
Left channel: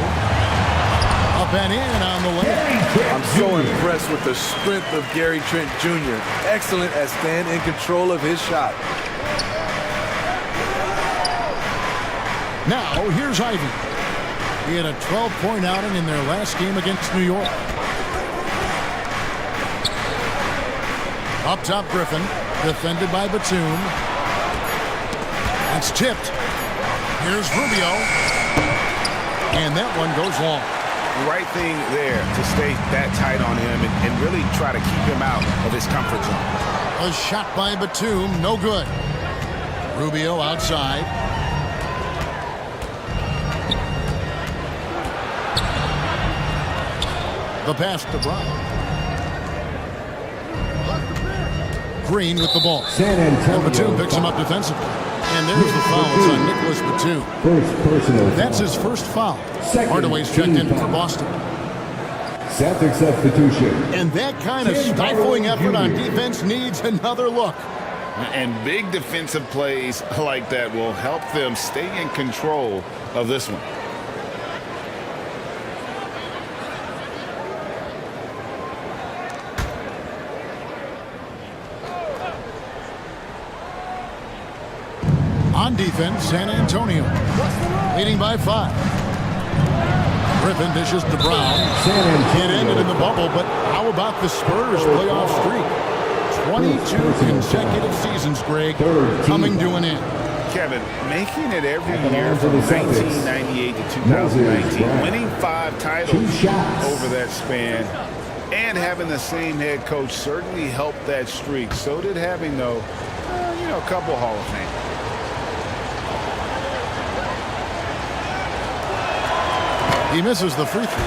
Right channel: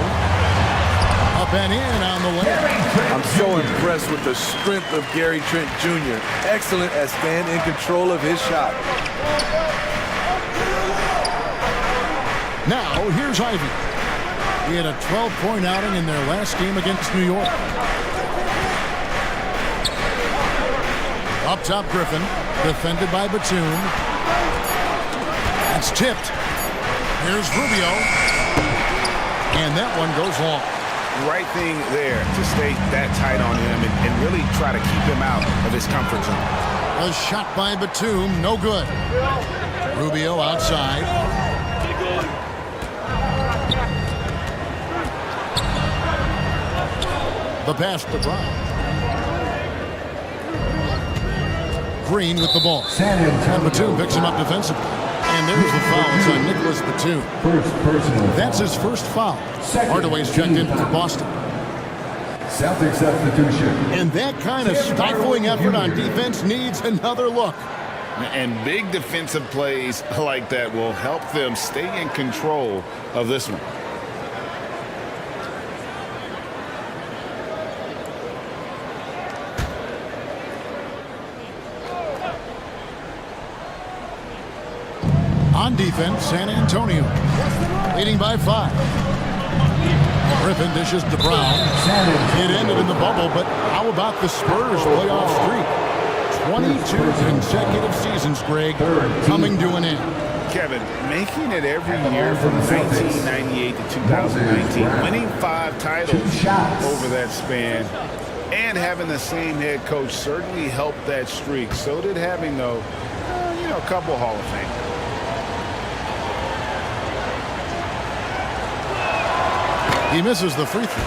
Up and in on the layup. I'm so impressed with the strength of Gary Trent Jr. Excellent at staying in control of his shot. Now, here's Ivy. He had a 12-point outing in their last game against New York. Up top, Griffin. Defended by Batum. It's tipped. Here's Rubio. And that one goes long. The right thing there to stay that tight on him and really try to keep him out of his comfort zone. A shot by Batum, no good. Rubio outside. The pass to Brown. Green with the ball. San Antonio. And Batum picks him up defensively. And there's the foul. It's on Nicholas Batum. First personal foul. That's his first foul. Second Hardaway's checked in for foul. Boston. Celtics substitution. And that kind of stifling effort on defense needs another look. And big defensive plays like that will help them stay in control of this one. On defense, San Antonio leading by 5. Griffin dishes to Brown. It ended in the bubble, but how about the Spurs playoff streak? 22 consecutive seasons, Greg, coming to an end. Kevin, making it every year from 1998 to 2019, winning 5 titles over that span, and having the same head coach certainly helped that streak. So did having, though, a couple Hall of Fame. He misses the free throw.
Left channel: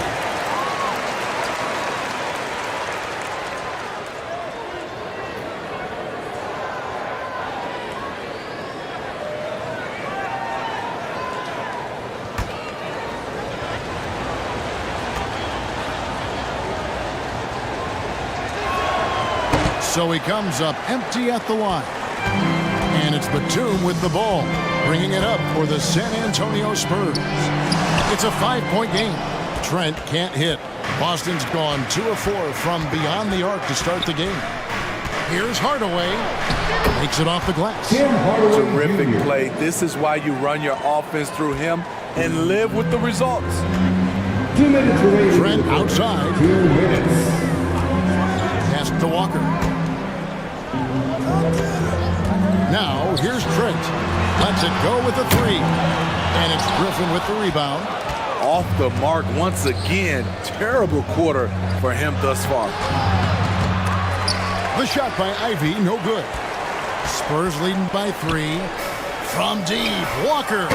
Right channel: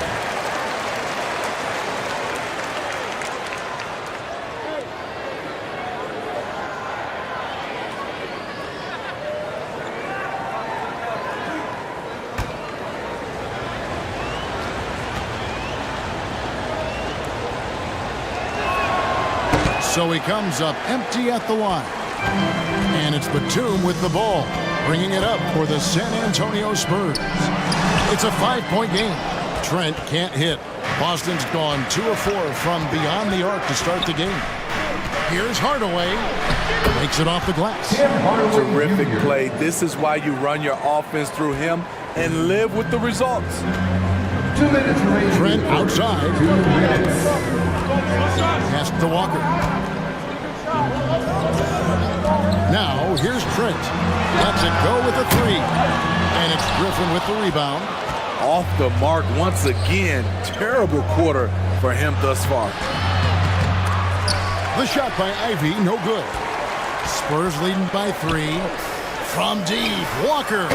So he comes up empty at the line. And it's Batum with the ball, bringing it up for the San Antonio Spurs. It's a 5-point game. Trent can't hit. Boston's gone 2 of 4 from beyond the arc to start the game. Here's Hardaway. Makes it off the glass. Terrific play. This is why you run your offense through him and live with the results. 2 minutes remaining. Trent outside. 2 minutes. Pass to Walker. Now, here's Trent. Lets it go with a three. And it's Griffin with the rebound. Off the mark once again. Terrible quarter for him thus far. The shot by Ivy, no good. Spurs leading by 3. From deep, Walker.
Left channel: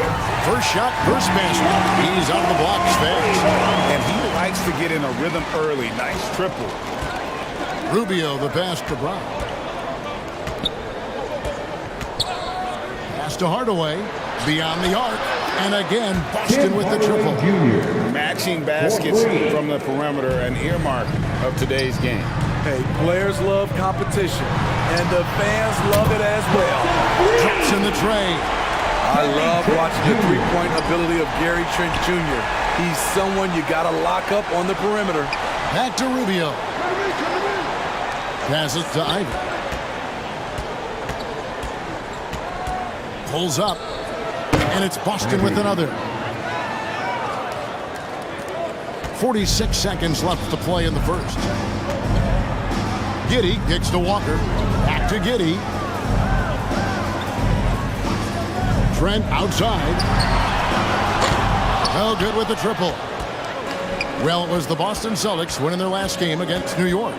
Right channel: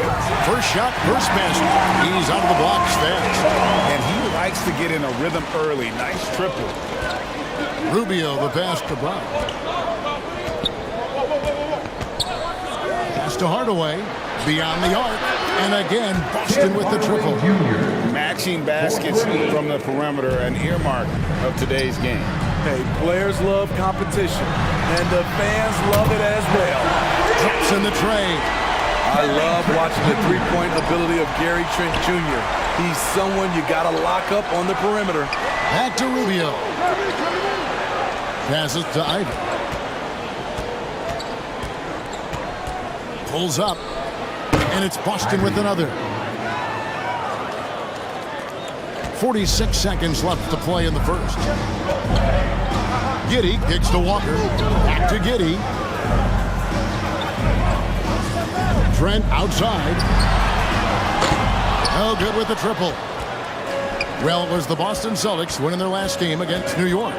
First shot, first basket. He's out of the blocks fast. And he likes to get in a rhythm early. Nice triple. Rubio, the pass to Brown. Pass to Hardaway. Beyond the arc. And again, Boston with the triple. Matching baskets from the perimeter, an earmark of today's game. Hey, players love competition, and the fans love it as well. Drops in the tray. I love watching the three-point ability of Gary Trent Jr. He's someone you got to lock up on the perimeter. Back to Rubio. Passes to Ivy. Pulls up. And it's Boston with another. 46 seconds left to play in the first. Giddey kicks to Walker. Back to Giddey. Trent outside. Oh, good with the triple. Well, it was the Boston Celtics winning their last game against New York.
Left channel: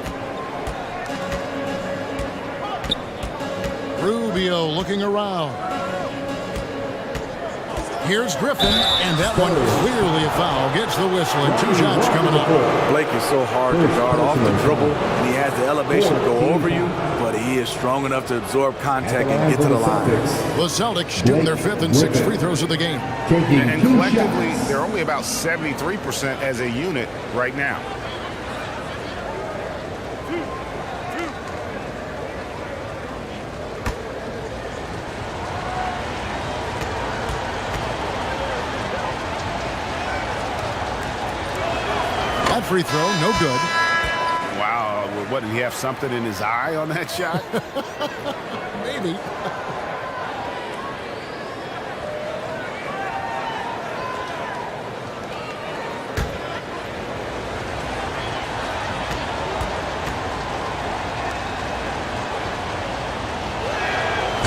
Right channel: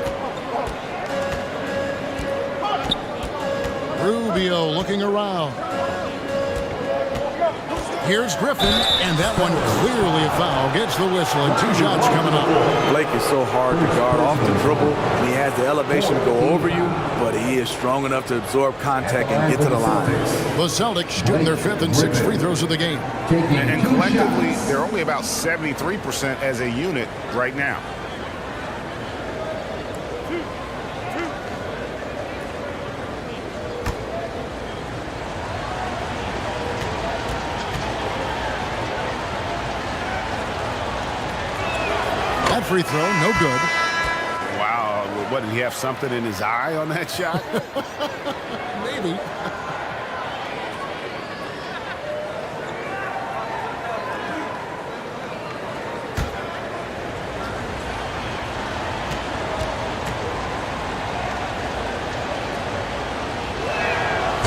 Rubio looking around. Here's Griffin, and that one clearly a foul. Gets the whistle, and 2 shots coming up. Blake is so hard to guard off the dribble, and he has the elevation to go over you, but he is strong enough to absorb contact and get to the line. The Celtics shooting their 5th and 6th free throws of the game. And collectively, they're only about 73% as a unit right now. That free throw, no good. Wow, what, did he have something in his eye on that shot? Maybe.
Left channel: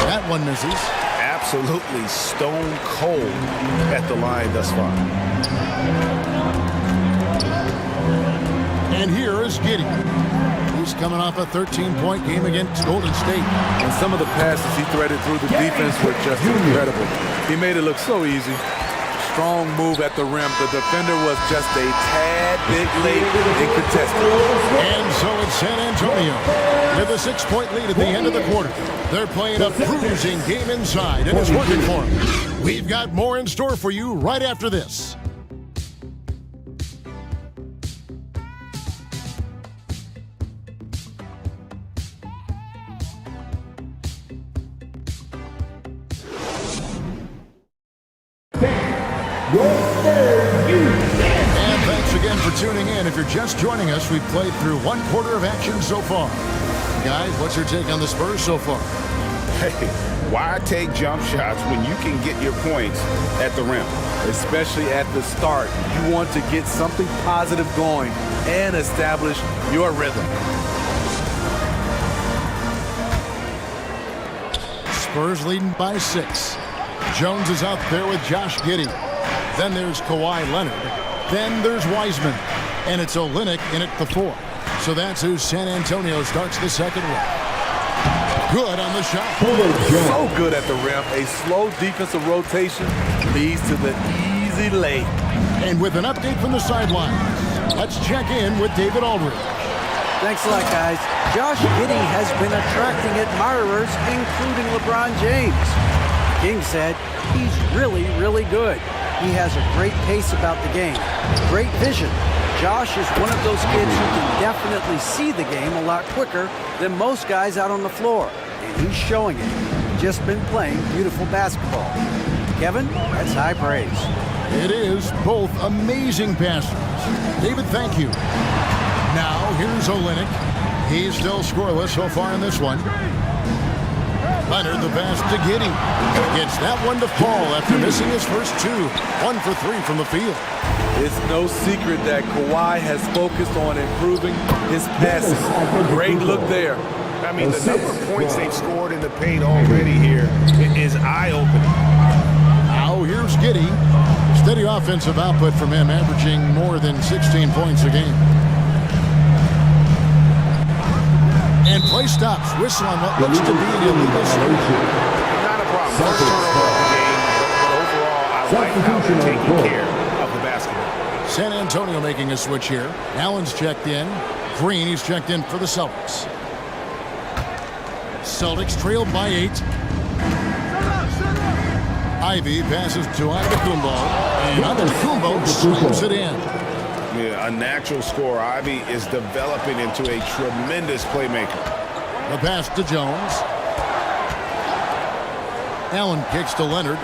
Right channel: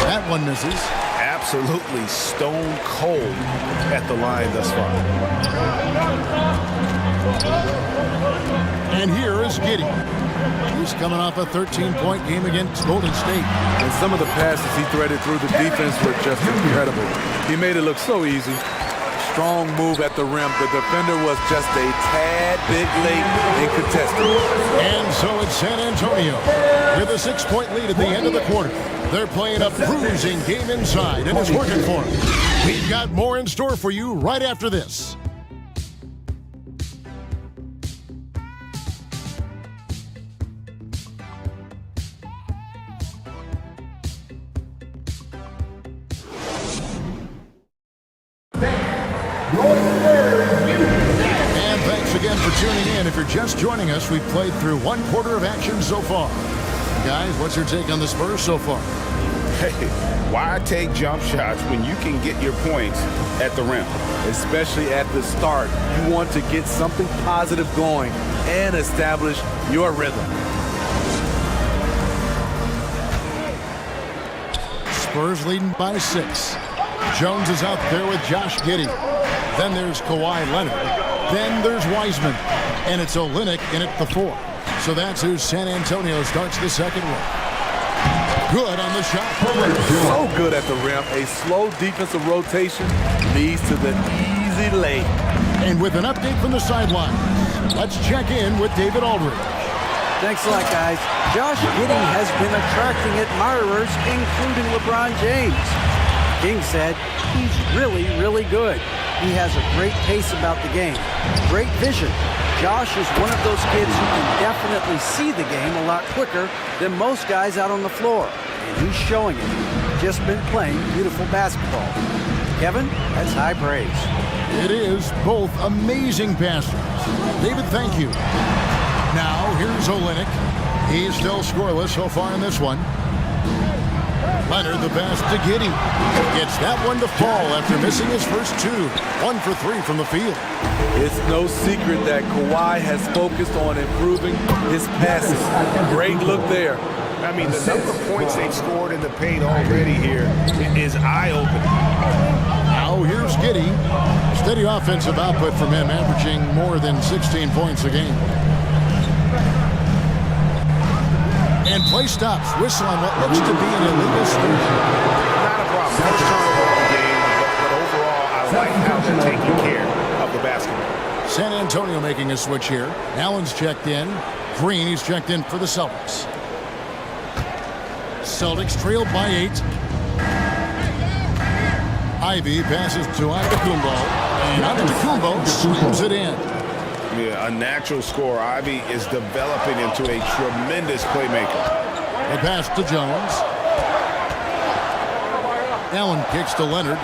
That one misses. Absolutely stone cold at the line thus far. And here is Giddey. He's coming off a 13-point game against Golden State. And some of the passes he threaded through the defense were just incredible. He made it look so easy. Strong move at the rim. The defender was just a tad bit late in contesting. And so it's San Antonio with a 6-point lead at the end of the quarter. They're playing a bruising game inside, and it's working for them. We've got more in store for you right after this. And thanks again for tuning in. If you're just joining us, we've played through 1 quarter of action so far. Guys, what's your take on the Spurs so far? Hey, why take jump shots when you can get your points at the rim? Especially at the start. You want to get something positive going and establish your rhythm. Spurs leading by 6. Jones is out there with Josh Giddey. Then there's Kawhi Leonard. Then there's Wiseman. And it's Olynyk in at the 4. So that's who San Antonio starts the second with. Good on the shot. So good at the rim. A slow defensive rotation leads to the easy lay. And with an update from the sidelines, let's check in with David Aldridge. Thanks a lot, guys. Josh Giddey has been attracting admirers, including LeBron James. King said he's really, really good. He has a great pace about the game, great vision. Josh is one of those kids who can definitely see the game a lot quicker than most guys out on the floor, and he's showing it. Just been playing beautiful basketball. Kevin, that's high praise. It is. Both amazing passers. David, thank you. Now, here's Olynyk. He's still scoreless so far in this one. Leonard, the pass to Giddey. Gets that one to fall after missing his first two. 1 for 3 from the field. It's no secret that Kawhi has focused on improving his passing. Great look there. I mean, the number of points they've scored in the paint already here is eye-opening. Now here's Giddey. Steady offensive output from him, averaging more than 16 points a game. And play stops. Whistle on what looks to be an illegal switch. Not a problem. First turnover of the game, but overall, I like how they're taking care of the basketball. San Antonio making a switch here. Allen's checked in. Green, he's checked in for the Celtics. Celtics trailed by 8. Ivy passes to Antetokounmpo, and Antetokounmpo slams it in. Yeah, a natural scorer. Ivy is developing into a tremendous playmaker. The pass to Jones. Allen kicks to Leonard.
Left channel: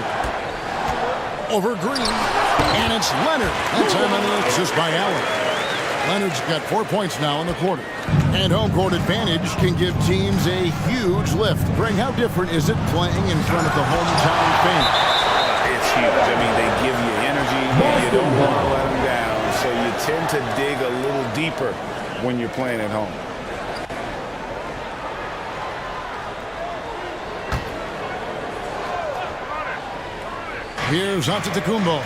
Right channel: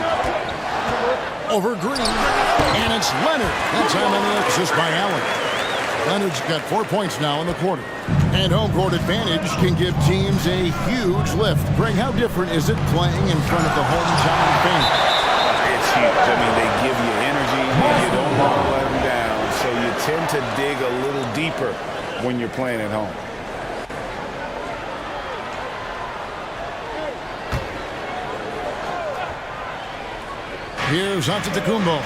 Over Green, and it's Leonard. That time on the assist by Allen. Leonard's got 4 points now in the quarter. And home court advantage can give teams a huge lift. Greg, how different is it playing in front of the hometown fans? It's huge. I mean, they give you energy. You don't want to let them down. So you tend to dig a little deeper when you're playing at home. Here's Antetokounmpo.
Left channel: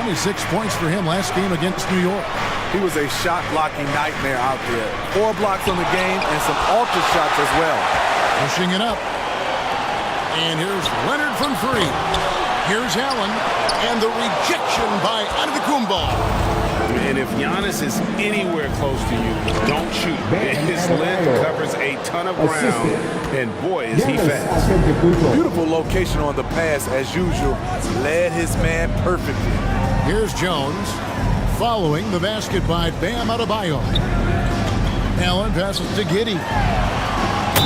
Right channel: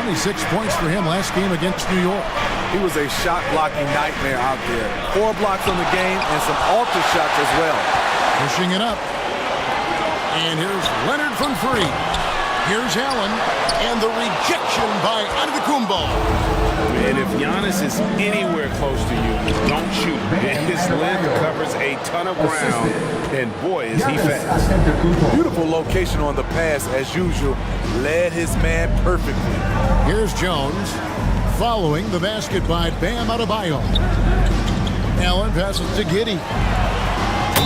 26 points for him last game against New York. He was a shot-blocking nightmare out there. 4 blocks on the game and some alter shots as well. Pushing it up. And here's Leonard from 3. Here's Allen. And the rejection by Antetokounmpo. And if Giannis is anywhere close to you, don't shoot. His length covers a ton of ground, and boy, is he fast. Beautiful location on the pass, as usual. Led his man perfectly. Here's Jones. Following the basket by Bam Adebayo. Allen passes to Giddey.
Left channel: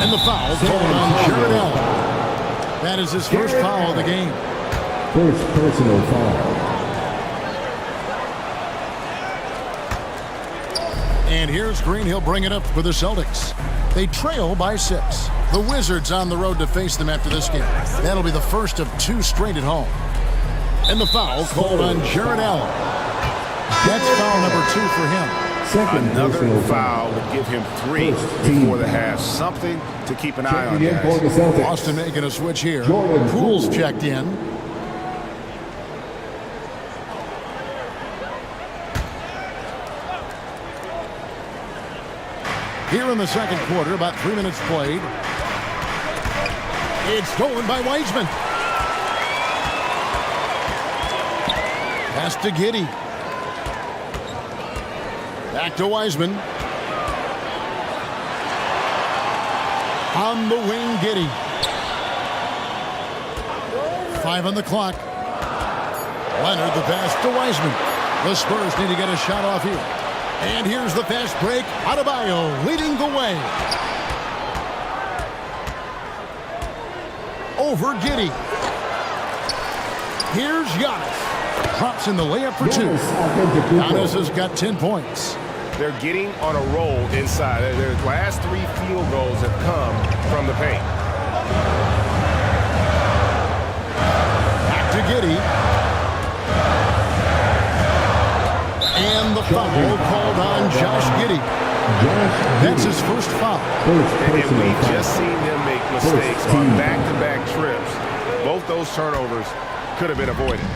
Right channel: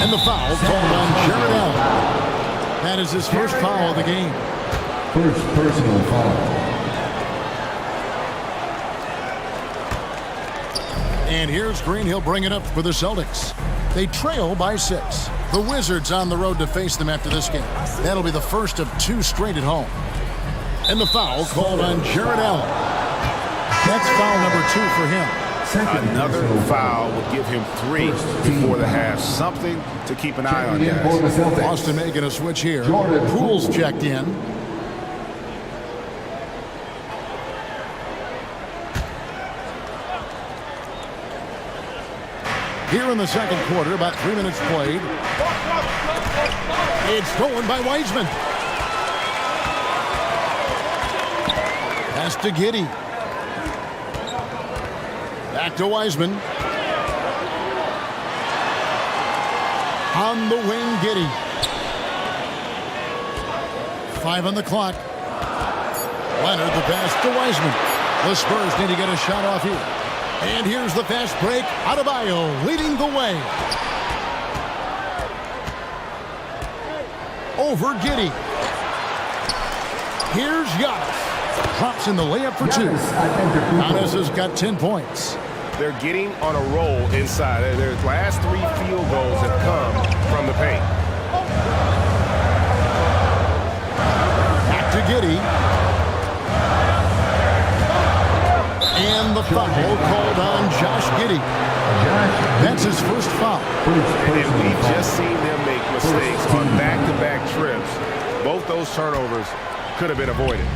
And the foul called on Jarrett Allen. That is his first foul of the game. First personal foul. And here's Green. He'll bring it up for the Celtics. They trail by 6. The Wizards on the road to face them after this game. That'll be the first of 2 straight at home. And the foul called on Jarrett Allen. That's foul number 2 for him. Another foul would give him 3 before the half. Something to keep an eye on, guys. Boston making a switch here. Poole's checked in. Here in the second quarter, about 3 minutes played. It's stolen by Wiseman. Pass to Giddey. Back to Wiseman. On the wing, Giddey. 5 on the clock. Leonard, the pass to Wiseman. The Spurs need to get a shot off here. And here's the fast break. Adebayo leading the way. Over Giddey. Here's Giannis. Drops in the layup for 2. Giannis has got 10 points. They're getting on a roll inside. Their last 3 field goals have come from the paint. Back to Giddey. And the foul called on Josh Giddey. That's his first foul. And we've just seen him make mistakes on back-to-back trips. Both those turnovers could have been avoided.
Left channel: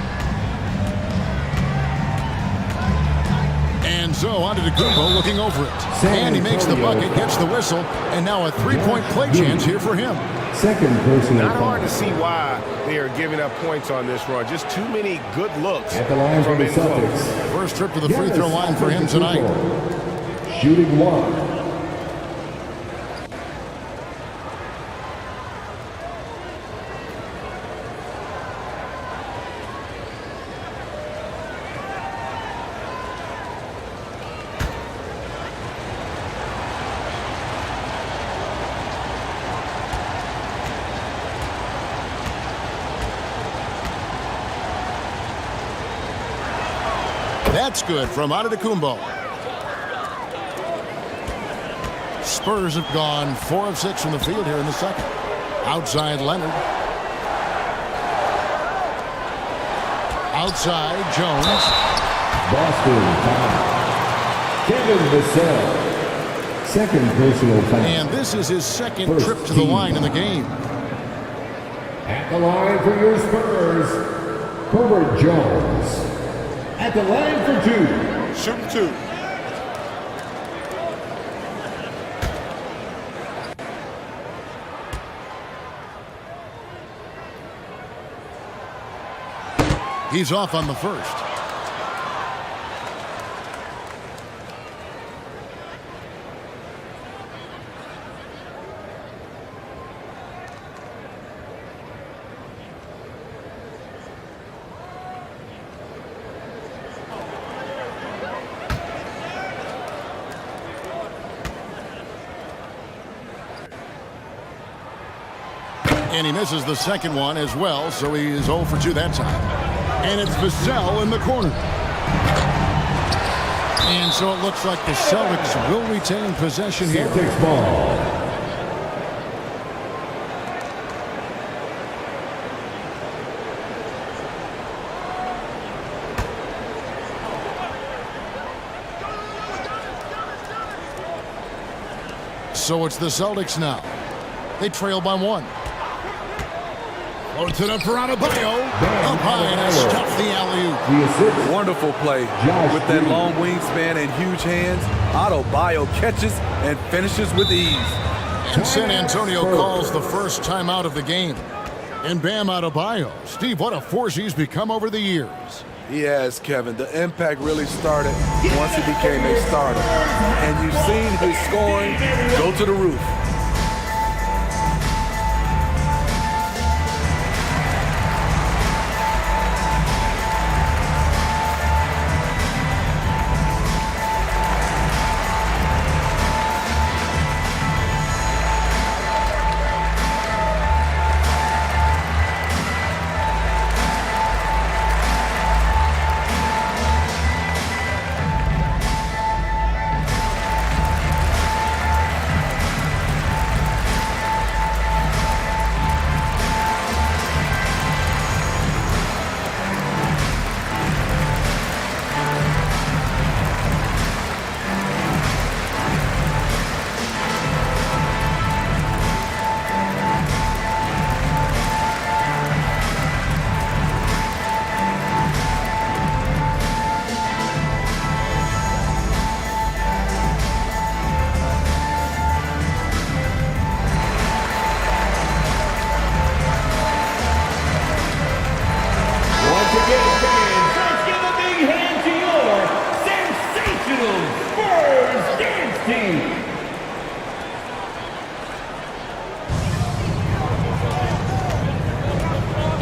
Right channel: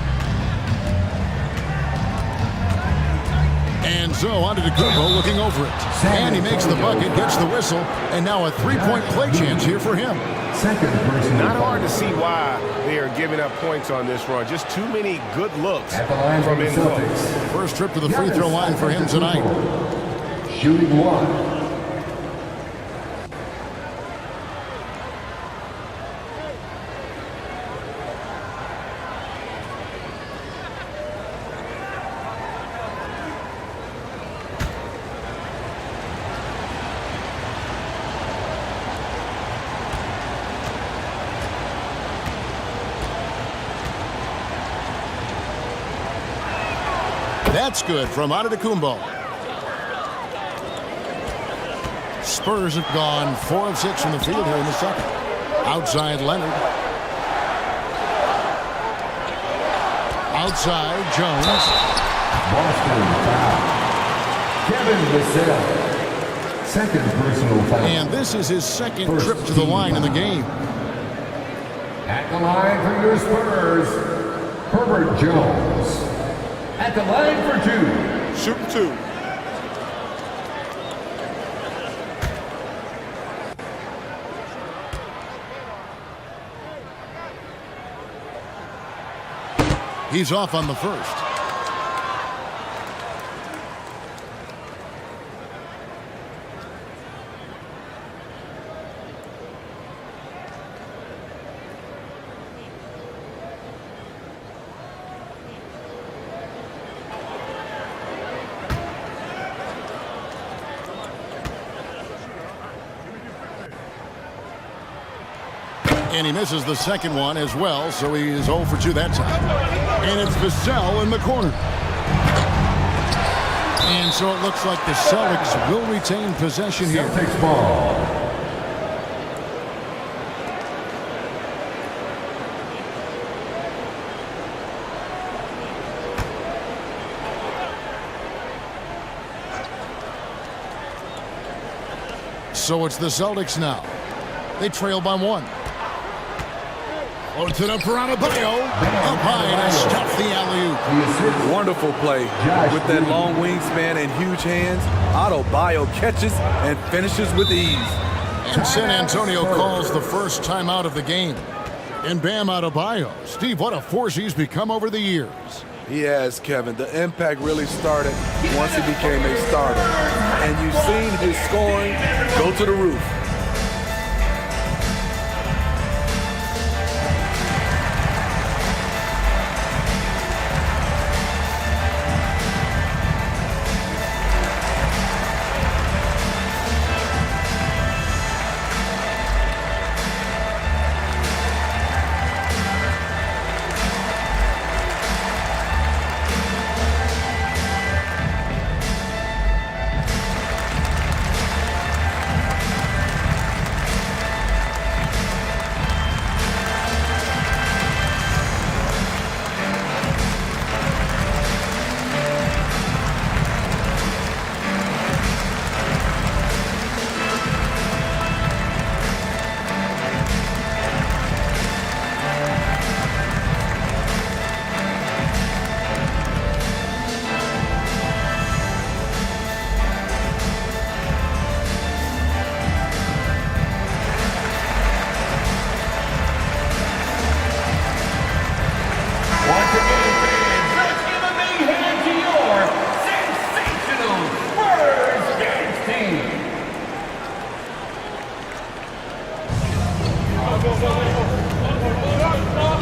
And so Antetokounmpo looking over it. And he makes the bucket, gets the whistle, and now a 3-point play chance here for him. Second personal Not hard to see why they are giving up points on this run. Just too many good looks from in close. First trip to the free throw line for him tonight. Shooting 1. That's good from Antetokounmpo. Spurs have gone 4 of 6 from the field here in the second. Outside Leonard. Outside Jones. Boston foul. Kevin Vassell. Second personal foul. And this is his second trip to the line in the game. At the line for your Spurs, Herbert Jones. At the line for 2. Shooting 2. He's off on the first. And he misses the second one as well, so he is 0 for 2 that time. And it's Vassell in the corner. And so it looks like the Celtics will retain possession here. Celtics ball. So it's the Celtics now. They trail by 1. Floats it up for Adebayo. Up high and has stuffed the alley-oop. Wonderful play with that long wingspan and huge hands. Adebayo catches and finishes with ease. And San Antonio calls the first timeout of the game. And Bam Adebayo. Steve, what a force he's become over the years. He has, Kevin. The impact really started once he became a starter. And you've seen his scoring go to the roof.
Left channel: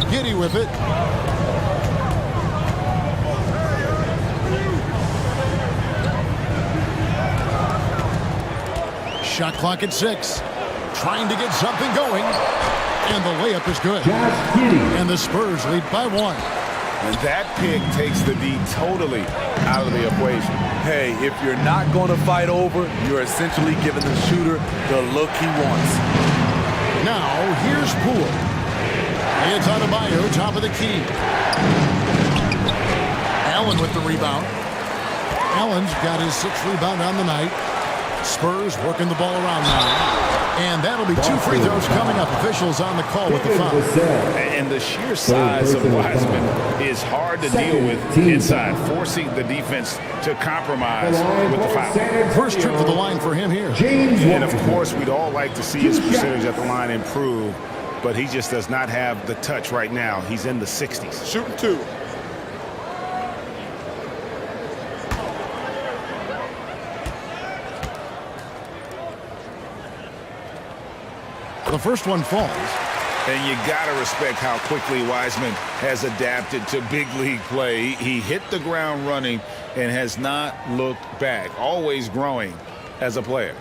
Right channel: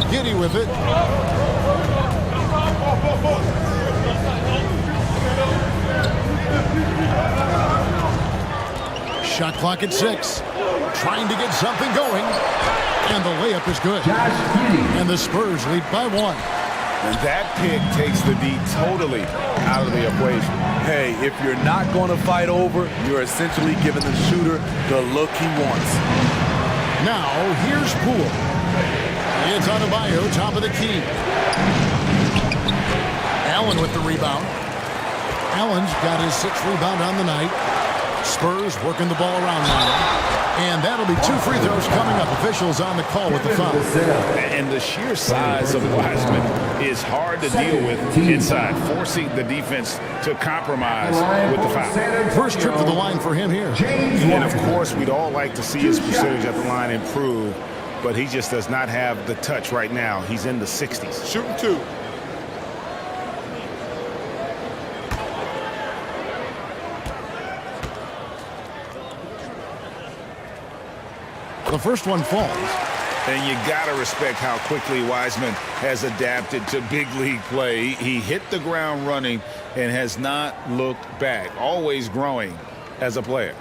Giddy with it. Shot clock at 6. Trying to get something going. And the layup is good. And the Spurs lead by 1. And that pick takes the D totally out of the equation. Hey, if you're not going to fight over, you're essentially giving the shooter the look he wants. Now, here's Poole. It's Adebayo, top of the key. Allen with the rebound. Allen's got his 6th rebound on the night. Spurs working the ball around now. And that'll be 2 free throws coming up. Officials on the call with the foul. And the sheer size of Wiseman is hard to deal with inside, forcing the defense to compromise with the foul. First trip to the line for him here. And of course, we'd all like to see his percentage at the line improve, but he just does not have the touch right now. He's in the 60s. Shooting 2. The first one falls. And you got to respect how quickly Wiseman has adapted to big league play. He hit the ground running and has not looked back, always growing as a player.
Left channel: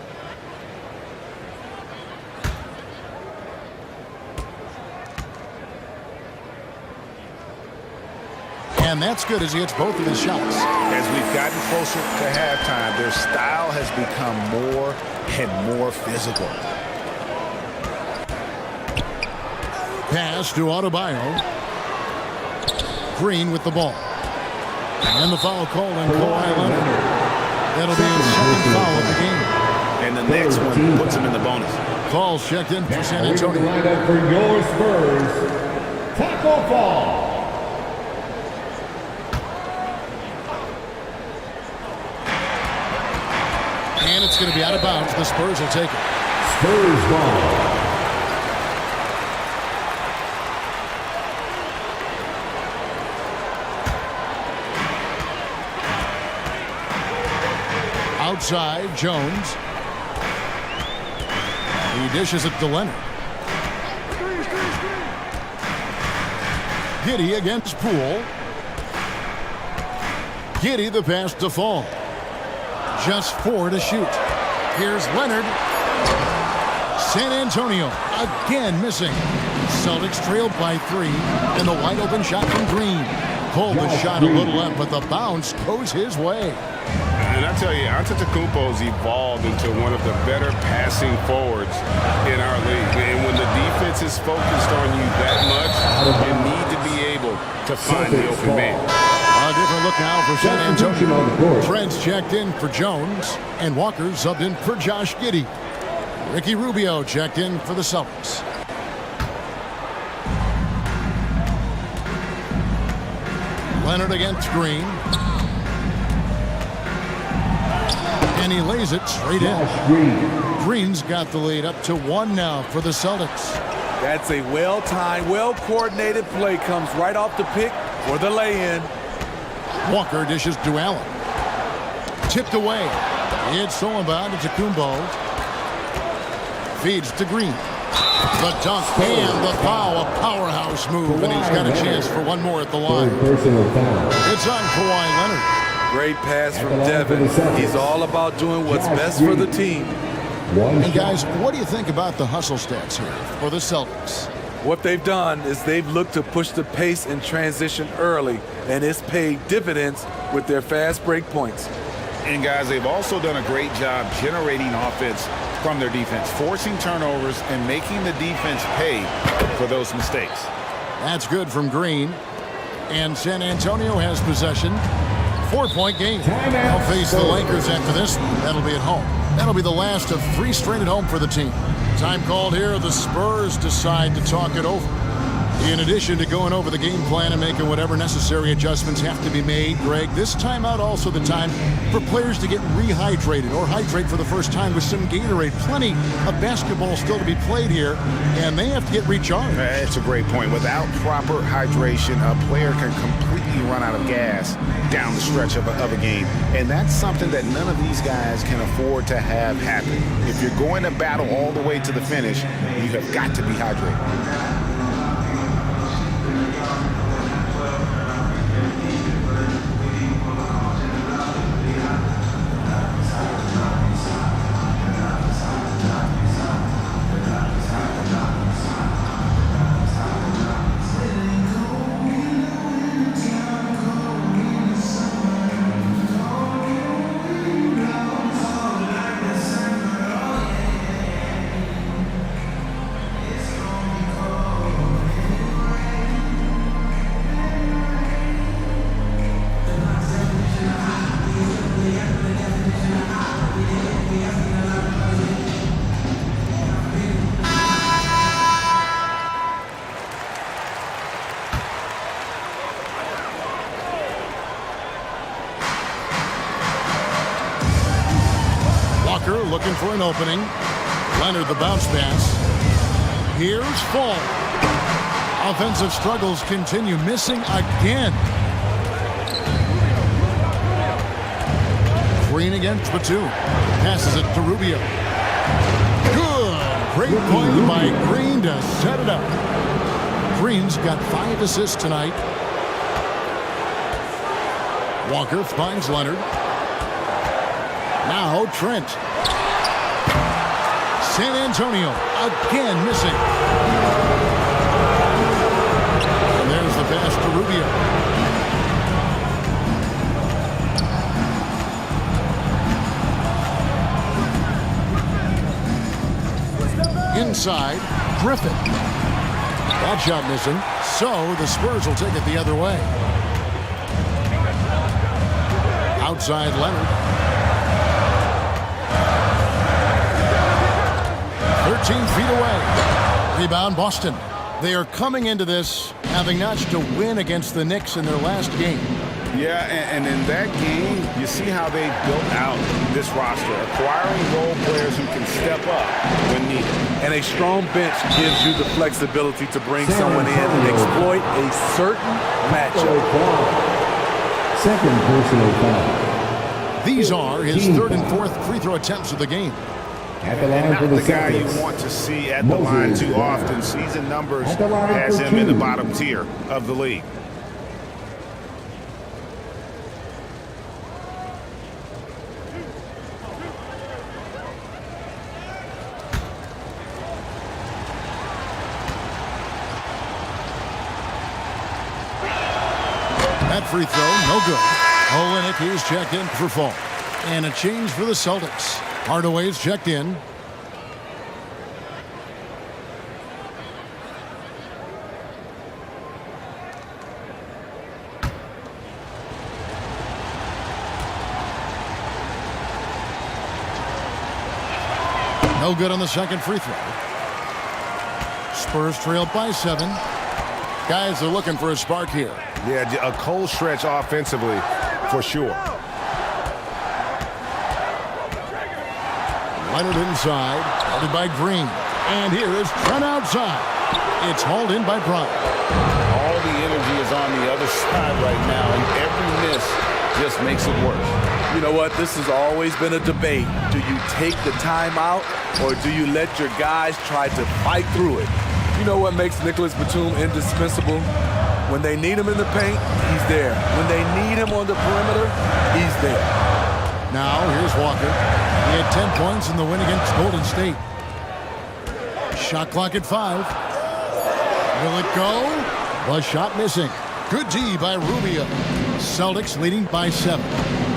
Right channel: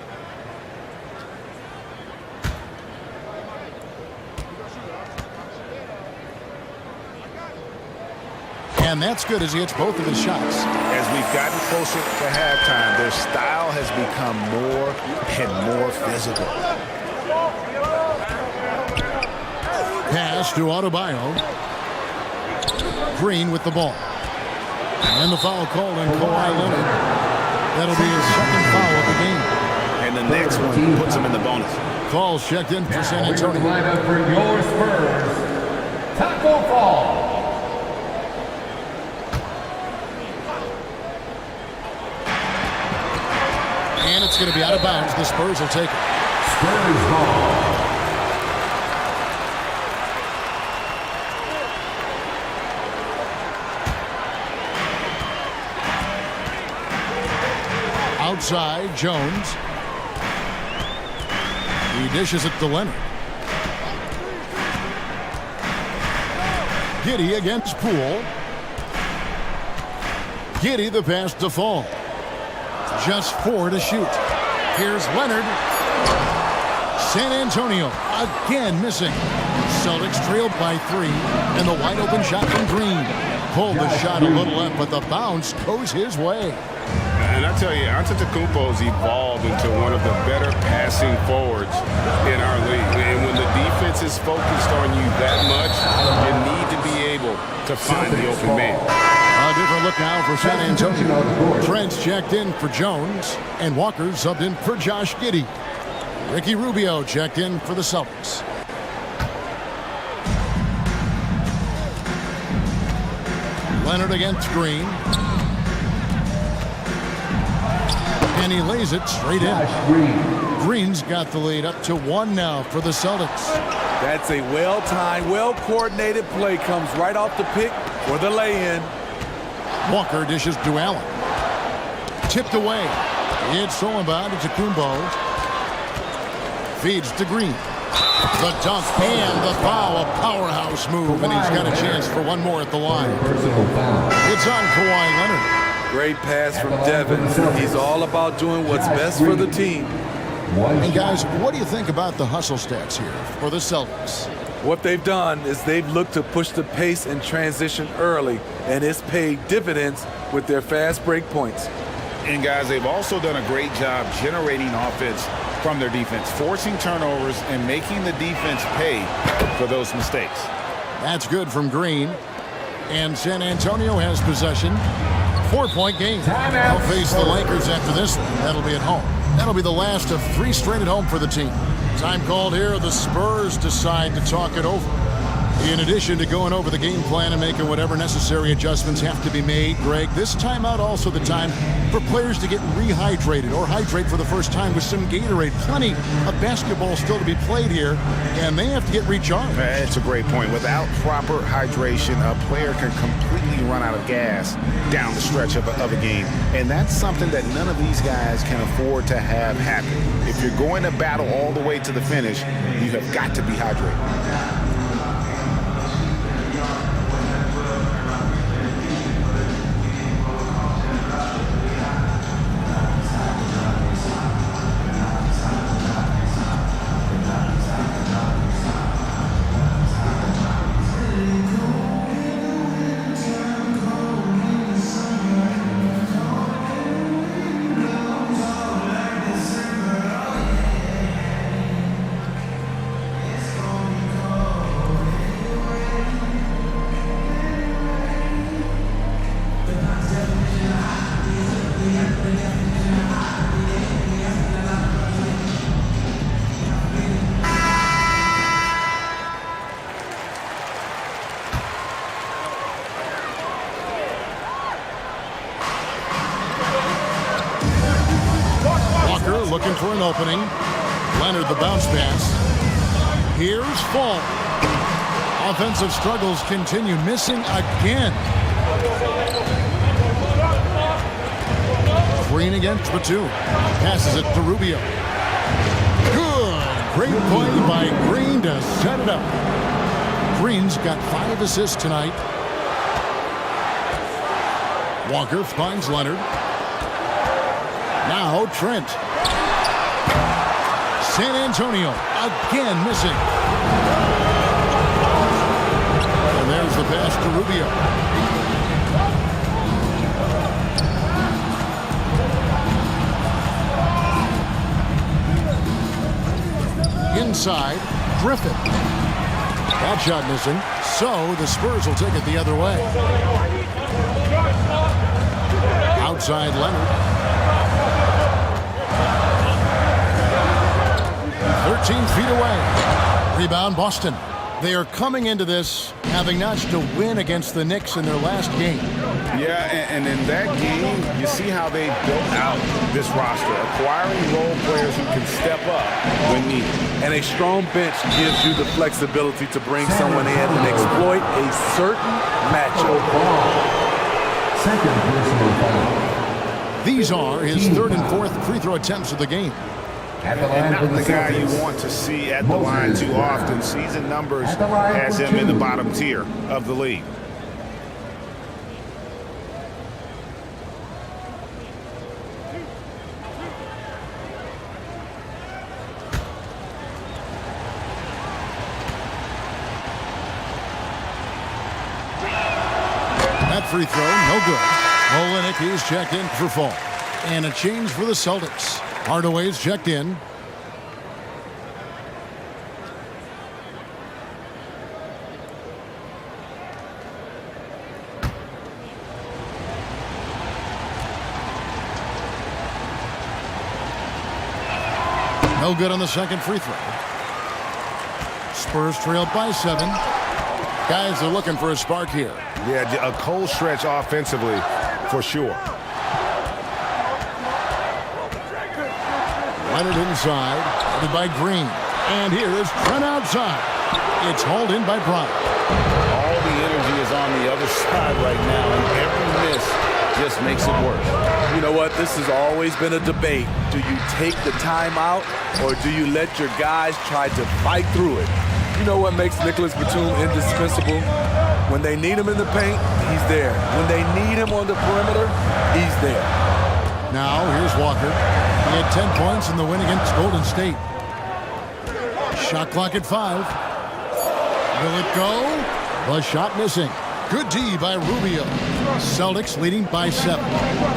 And that's good as he hits both of his shots. As we've gotten closer to halftime, their style has become more and more physical. Pass to Adebayo. Green with the ball. And the foul called on Kawhi Leonard. That'll be his second foul of the game. And the next one puts him in the bonus. Calls checked in for San Antonio. Lineup for your Spurs. Taco Fall. And it's going to be out of bounds. The Spurs will take it. Spurs ball. Outside, Jones. He dishes it to Leonard. Giddey against Poole. Giddey the pass to Fall. Just 4 to shoot. Here's Leonard. San Antonio again missing. Celtics trailed by 3, and the wide open shot from Green. Pulled the shot a little left, but the bounce goes his way. And I tell you, Antetokounmpo's evolved into one of the better passing forwards in our league. And when the defense is focused on you that much, you need to be able to find the open man. A different look now for San Antonio. Trent's checked in for Jones, and Walker subbed in for Josh Giddey. Ricky Rubio checked in for the Celtics. Leonard against Green. And he lays it straight in. Green's got the lead up to 1 now for the Celtics. That's a well-timed, well-coordinated play. Comes right off the pick for the lay-in. Walker dishes to Allen. Tipped away. It's stolen by Antetokounmpo. Feeds to Green. The dunk and the foul. A powerhouse move, and he's got a chance for one more at the line. Personal foul. It's on Kawhi Leonard. Great pass from Devin. He's all about doing what's best for the team. And guys, what do you think about the hustle stats here for the Celtics? What they've done is they've looked to push the pace and transition early, and it's paid dividends with their fast break points. And guys, they've also done a great job generating offense from their defense, forcing turnovers and making the defense pay for those mistakes. That's good from Green. And San Antonio has possession. 4-point game. They'll face the Lakers after this one. That'll be at home. That'll be the last of 3 straight at home for the team. Time called here. The Spurs decide to talk it over. In addition to going over the game plan and making whatever necessary adjustments have to be made, Greg, this timeout also the time for players to get rehydrated or hydrate for the first time with some Gatorade. Plenty of basketball still to be played here, and they have to get recharged. That's a great point. Without proper hydration, a player can completely run out of gas down the stretch of a game, and that's something that none of these guys can afford to have happen. If you're going to battle all the way to the finish, you have got to be hydrated. Looking for an opening. Leonard the bounce pass. Here's Fall. Offensive struggles continue. Missing again. Green against Batum. Passes it to Rubio. Good. Great play by Green to set it up. Green's got 5 assists tonight. Walker finds Leonard. Now Trent. San Antonio again missing. And there's the pass to Rubio. inside. Griffin. That shot missing. So the Spurs will take it the other way. Outside Leonard. 13 feet away. Rebound Boston. They are coming into this having notched a win against the Knicks in their last game. Yeah, and in that game, you see how they built out this roster, acquiring role players who can step up when needed. And a strong bench gives you the flexibility to bring someone in and exploit a certain matchup. Second personal foul. These are his third and fourth free throw attempts of the game. And not the guy you want to see at the line too often. Season numbers has him in the bottom tier of the league. That free throw, no good. Olynyk is checked in for foul. And a change for the Celtics. Hardaway's checked in. No good on the second free throw. Spurs trailed by 7. Guys are looking for a spark here. Yeah, a cold stretch offensively for sure. Leonard inside, guarded by Green. And here's Trent outside. It's hauled in by Brown. All the energy is on the other side right now, and every miss just makes it worse. You know what? This has always been a debate. Do you take the timeout or do you let your guys try to fight through it? You know what makes Nicholas Batum indispensable? When they need him in the paint, he's there. When they need him on the perimeter, he's there. Now, here's Walker. He had 10 points in the win against Golden State. Shot clock at 5. Will it go? The shot missing. Good D by Rubio. Celtics leading by 7.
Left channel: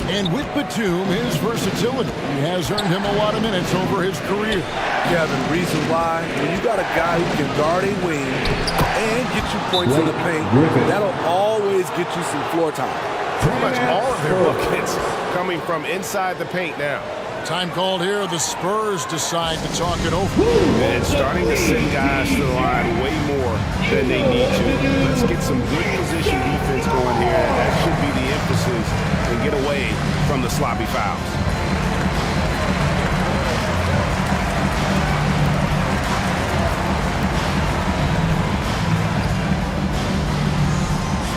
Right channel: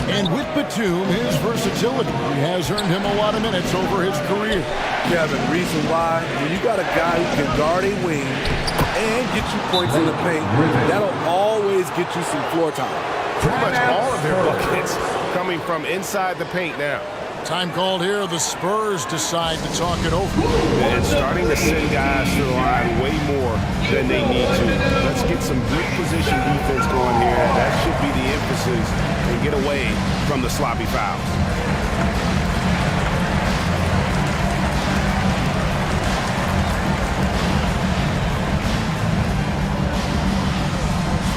And with Batum, his versatility, he has earned him a lot of minutes over his career. Kevin, reason why, when you got a guy who can guard a wing and get you points in the paint, that'll always get you some floor time. Pretty much all of their buckets coming from inside the paint now. Time called here. The Spurs decide to talk it over. And starting to send guys to the line way more than they need to. Let's get some good position defense going here. That should be the emphasis and get away from the sloppy fouls.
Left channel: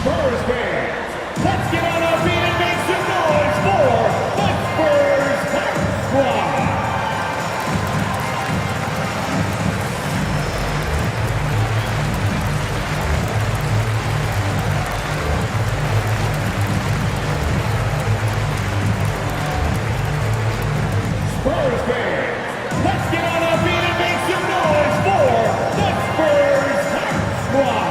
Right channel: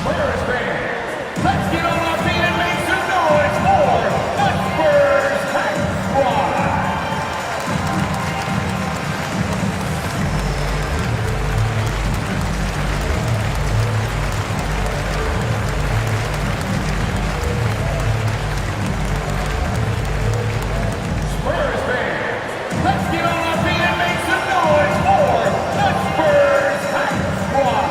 Spurs fans, let's get on our feet and make some noise for the Spurs Hype Squad. Spurs fans, let's get on our feet and make some noise for the Spurs Hype Squad.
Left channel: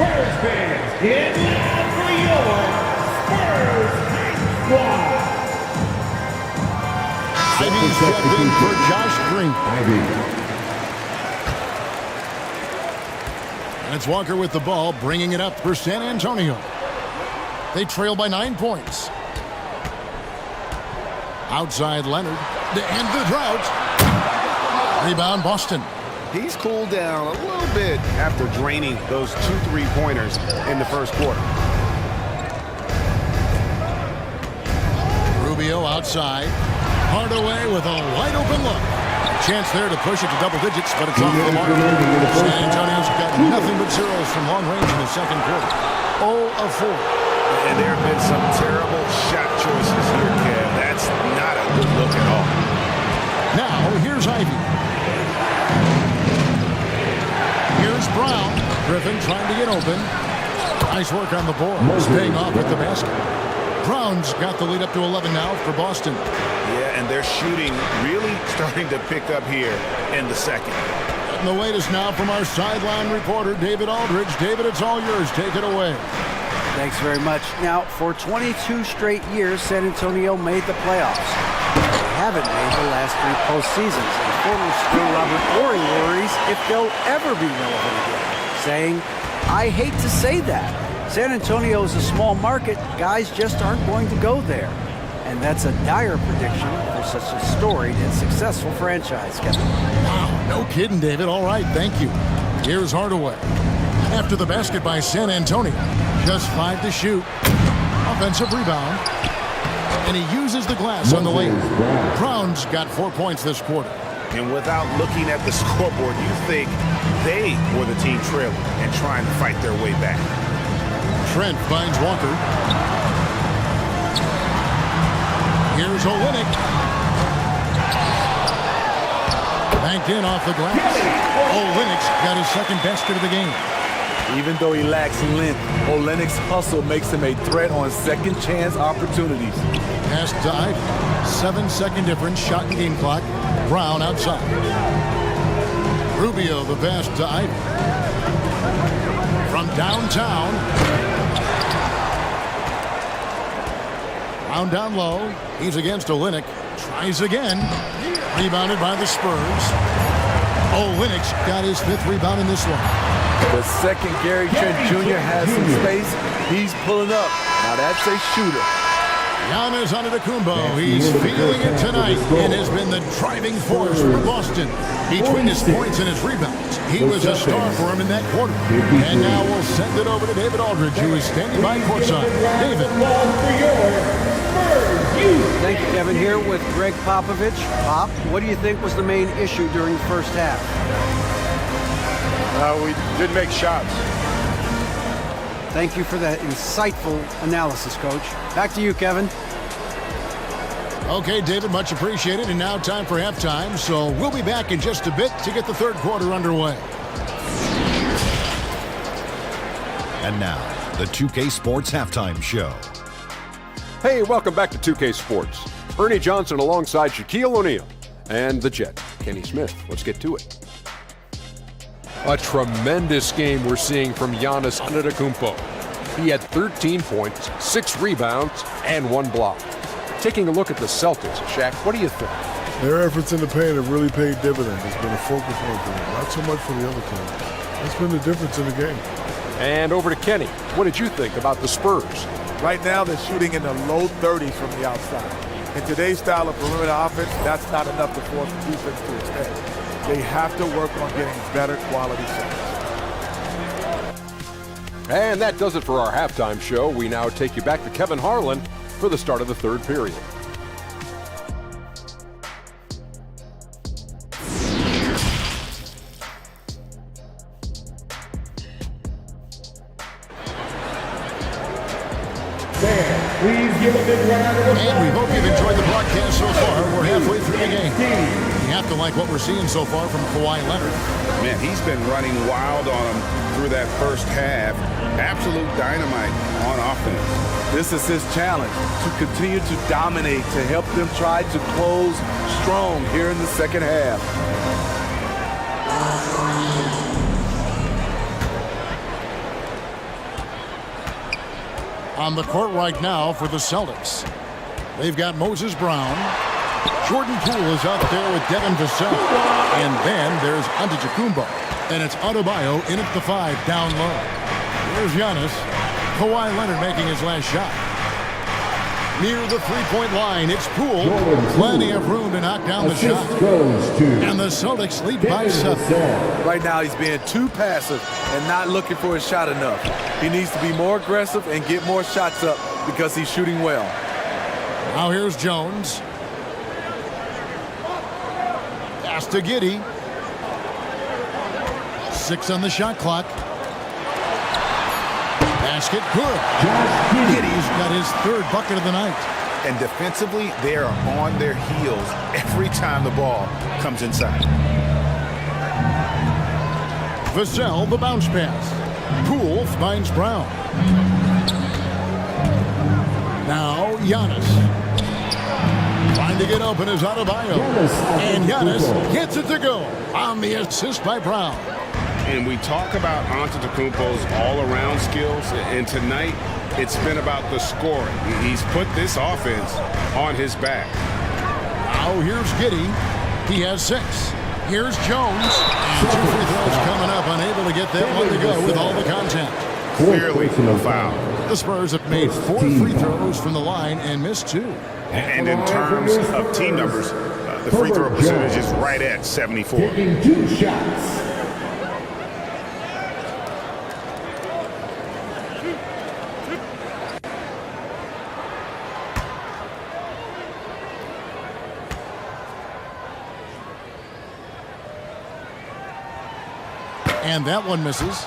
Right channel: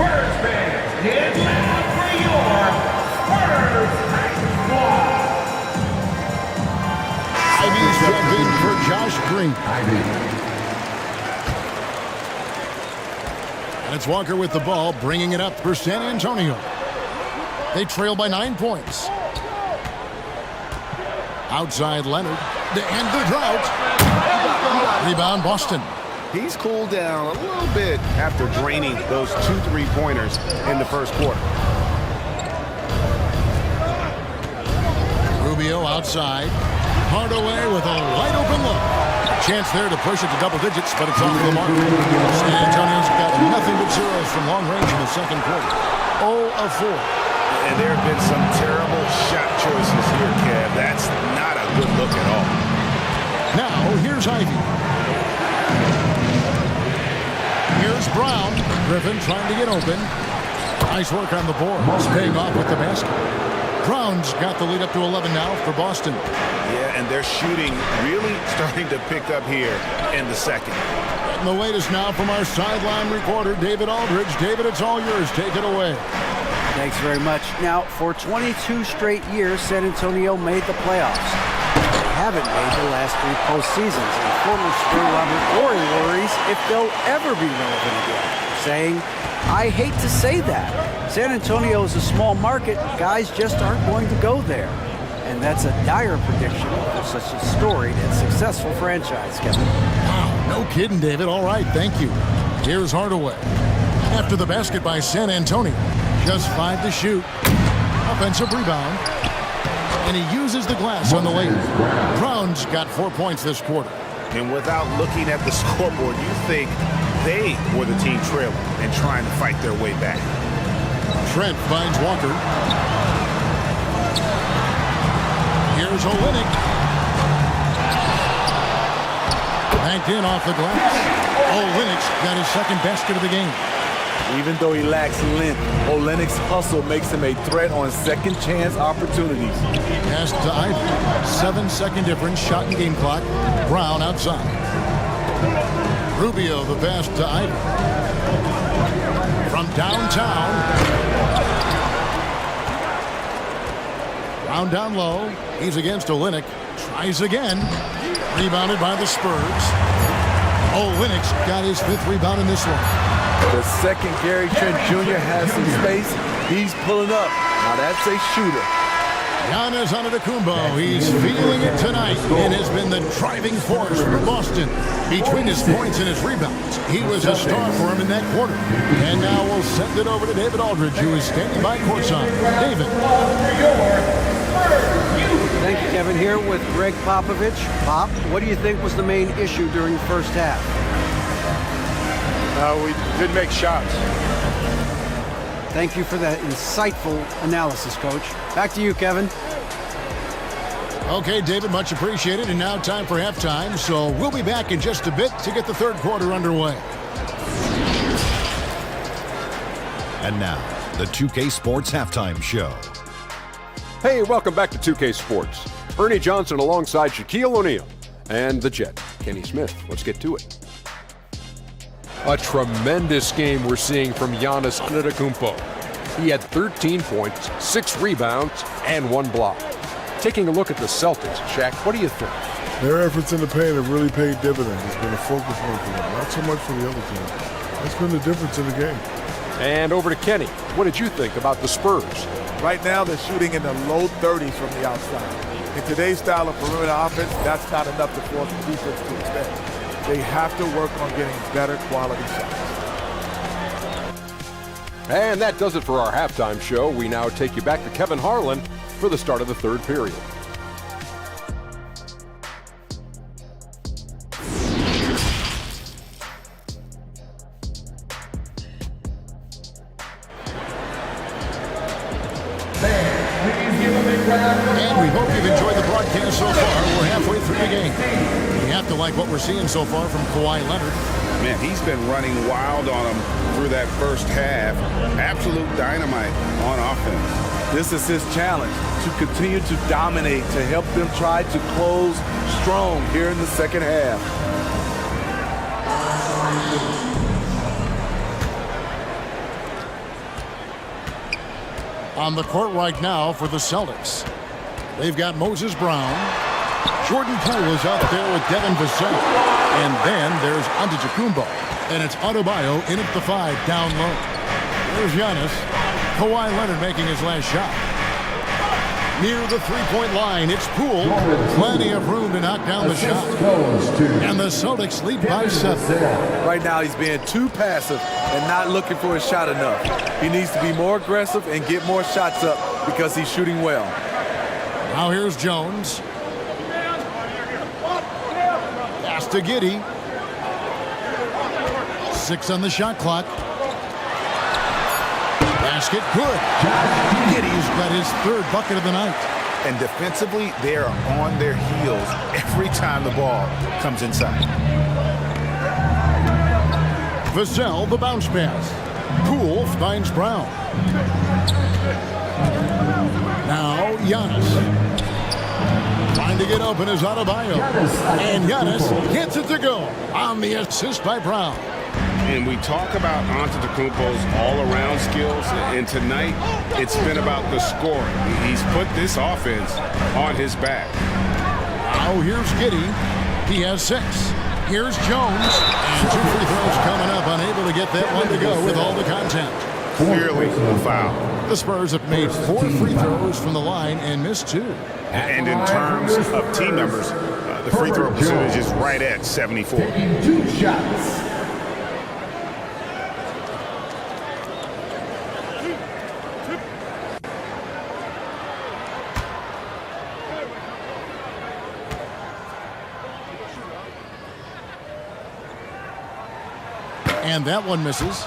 Spurs fans, get loud for your Spurs Hype Squad. Ivy's checked in for Josh Green. And it's Walker with the ball, bringing it up for San Antonio. They trail by 9 points. Outside Leonard to end the drought. Rebound Boston. He's cooled down a little bit after draining those 2 3-pointers in the first quarter. Rubio outside. Hardaway with a wide open look. A chance there to push it to double digits, but it's off the mark. San Antonio's got nothing but zeros from long range in the second quarter. 0 of 4. And there have been some terrible shot choices here, Kev. That's not a good look at all. Now, here's Ivy. Here's Brown. Griffin trying to get open. Nice work on the board. Paying off with the basket. Brown's got the lead up to 11 now for Boston. Yeah, and their shooting really starting to pick up here in the second. And the latest now from our sideline reporter, David Aldridge. David, it's all yours. Take it away. Thanks very much. Now, for 22 straight years, San Antonio made the playoffs. They haven't made the last 3 postseasons, and former Spur Robert Ory worries if they'll ever be relevant again, saying, I hate to say that. San Antonio is a small market. Guys just aren't going to go there. And that's a dire prediction for such a storied and successful franchise, Kevin. Wow, no kidding, David. All right, thank you. Here's Hardaway. After the basket by San Antonio. Just 5 to shoot. Offensive rebound. And he uses the glass on the lane. Brown's got 4 points this quarter. And without looking at the scoreboard, you think they were the team trailing and trying to fight their way back. Trent finds Walker. Here's Olynyk. Banked in off the glass. Olynyk's got his second basket of the game. Even though he lacks length, Olynyk's hustle makes him a threat on second chance opportunities. Pass to Ivy. 7-second difference, shot and game clock. Brown outside. Rubio the pass to Ivy. From downtown. Brown down low. He's against Olynyk. Tries again. Rebounded by the Spurs. Olynyk's got his 5th rebound in this one. The second Gary Trent Jr. has some space. He's pulling up. Now that's a shooter. Giannis Antetokounmpo, he's feeling it tonight and has been the driving force for Boston. Between his points and his rebounds, he was a star for him in that quarter. And now we'll send it over to David Aldridge, who is standing by courtside. David. Thank you, Kevin. Here with Greg Popovich. Pop, what do you think was the main issue during the first half? We didn't make shots. Thank you for that insightful analysis, Coach. Back to you, Kevin. Okay, David, much appreciated. And now time for halftime. So we'll be back in just a bit to get the third quarter underway. And now, the 2K Sports Halftime Show. Hey, welcome back to 2K Sports. Ernie Johnson alongside Shaquille O'Neal and the Jet, Kenny Smith. Let's get to it. A tremendous game we're seeing from Giannis Antetokounmpo. He had 13 points, 6 rebounds, and 1 block. Taking a look at the Celtics, Shaq, what do you think? Their efforts in the paint have really paid dividends. It's been a focal point for them, not so much for the other team. That's been the difference in the game. And over to Kenny. What did you think about the Spurs? Right now, they're shooting in the low 30s from the outside. In today's style of perimeter offense, that's not enough to force the defense to extend. They have to work on getting better quality shots. And that does it for our halftime show. We now take you back to Kevin Harlan for the start of the third period. And we hope you've enjoyed the broadcast so far. We're halfway through the game. You have to like what we're seeing so far from Kawhi Leonard. Man, he's been running wild on him through that first half. Absolute dynamite on offense. This is his challenge, to continue to dominate, to help them try to close strong here in the second half. On the court right now for the Celtics. They've got Moses Brown. Jordan Poole is out there with Devin Vassell. And then there's Antetokounmpo. And it's Adebayo in at the 5 down low. Here's Giannis. Kawhi Leonard making his last shot. Near the three-point line, it's Poole. Plenty of room to knock down the shot. And the Celtics lead by 7. Right now, he's being too passive and not looking for his shot enough. He needs to be more aggressive and get more shots up because he's shooting well. Now here's Jones. Pass to Giddey. 6 on the shot clock. Basket good. Giddey's got his 3rd bucket of the night. And defensively, they are on their heels every time the ball comes inside. Vassell, the bounce pass. Poole finds Brown. Now Giannis. Trying to get open is Adebayo. And Giannis gets it to go on the assist by Brown. And we talk about Antetokounmpo's all-around skills, and tonight it's been about the scoring. He's put this offense on his back. Now here's Giddey. He has 6. Here's Jones. And 2 free throws coming up. Unable to get that one to go with all the contact. Clearly a foul. The Spurs have made 4 free throws from the line and missed 2. And in terms of team numbers, the free throw percentage is right at 74. Taking 2 shots. And that one misses.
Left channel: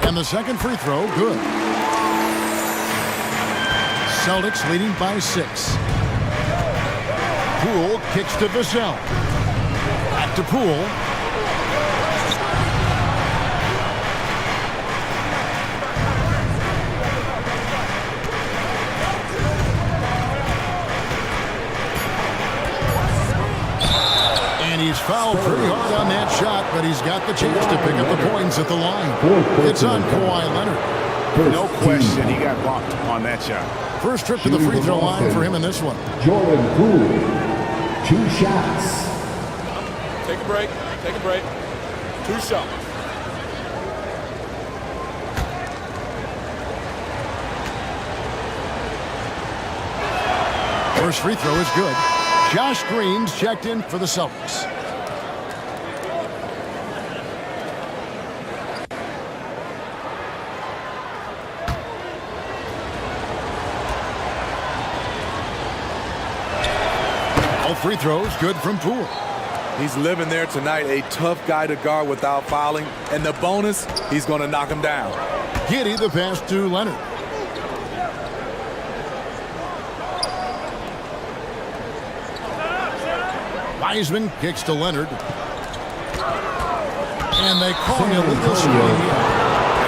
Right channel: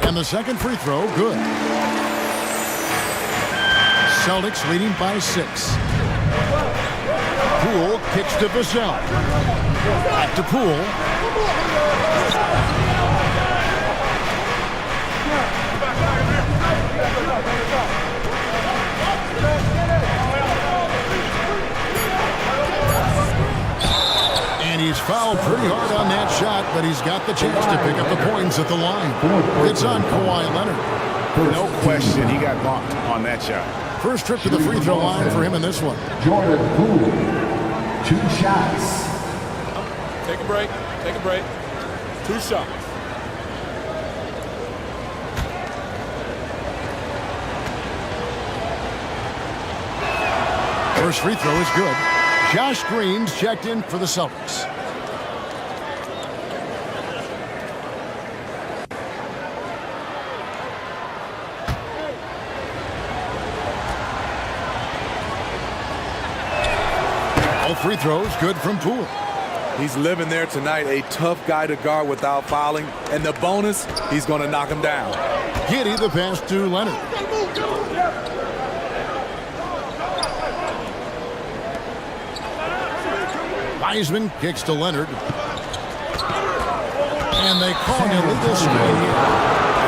And the second free throw, good. Celtics leading by 6. Poole kicks to Vassell. Back to Poole. And he's fouled pretty hard on that shot, but he's got the chance to pick up the points at the line. It's on Kawhi Leonard. No question, he got bumped on that shot. First trip to the free throw line for him in this one. Jordan Poole, 2 shots. Take a break. Take a break. 2 shots. First free throw is good. Josh Green's checked in for the Celtics. All free throws good from Poole. He's living there tonight, a tough guy to guard without fouling. And the bonus, he's going to knock him down. Giddey the pass to Leonard. Wiseman kicks to Leonard. And they call an illegal screen here.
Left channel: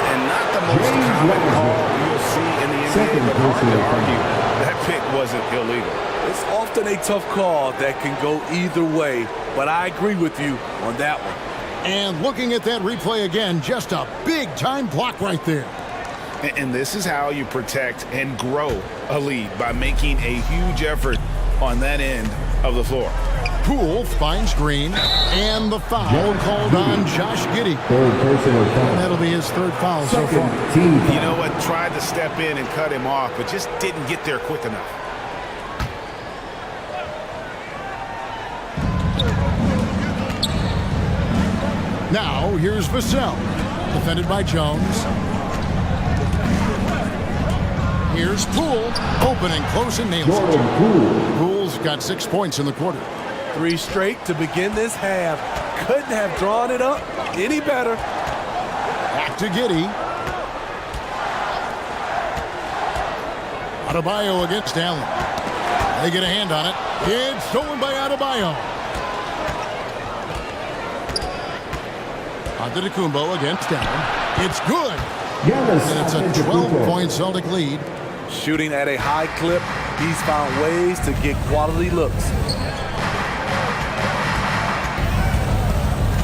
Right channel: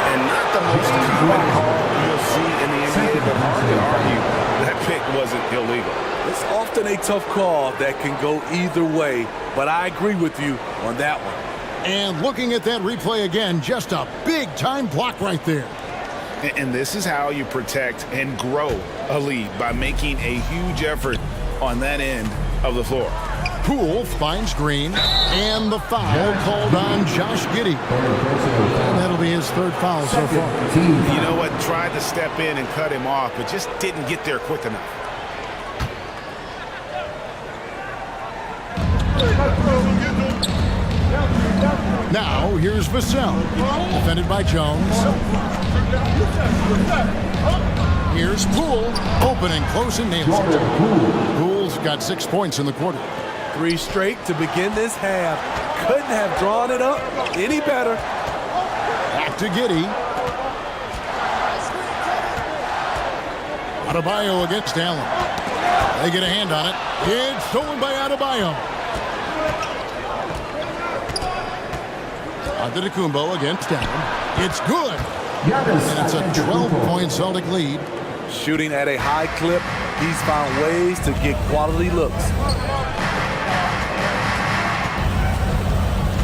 And not the most common call you'll see in the NBA, but hard to argue that pick wasn't illegal. It's often a tough call that can go either way, but I agree with you on that one. And looking at that replay again, just a big-time block right there. And this is how you protect and grow a lead, by making a huge effort on that end of the floor. Poole finds Green, and the foul called on Josh Giddey. And that'll be his 3rd foul so far. You know what? Tried to step in and cut him off, but just didn't get there quick enough. Now, here's Vassell, defended by Jones. Here's Poole, open and close and nails it. Poole's got 6 points in the quarter. 3 straight to begin this half. Couldn't have drawn it up any better. Back to Giddey. Adebayo against Allen. They get a hand on it. It's stolen by Adebayo. Antetokounmpo against Allen. It's good. And it's a 12-point Celtic lead. Shooting at a high clip, he's found ways to get quality looks.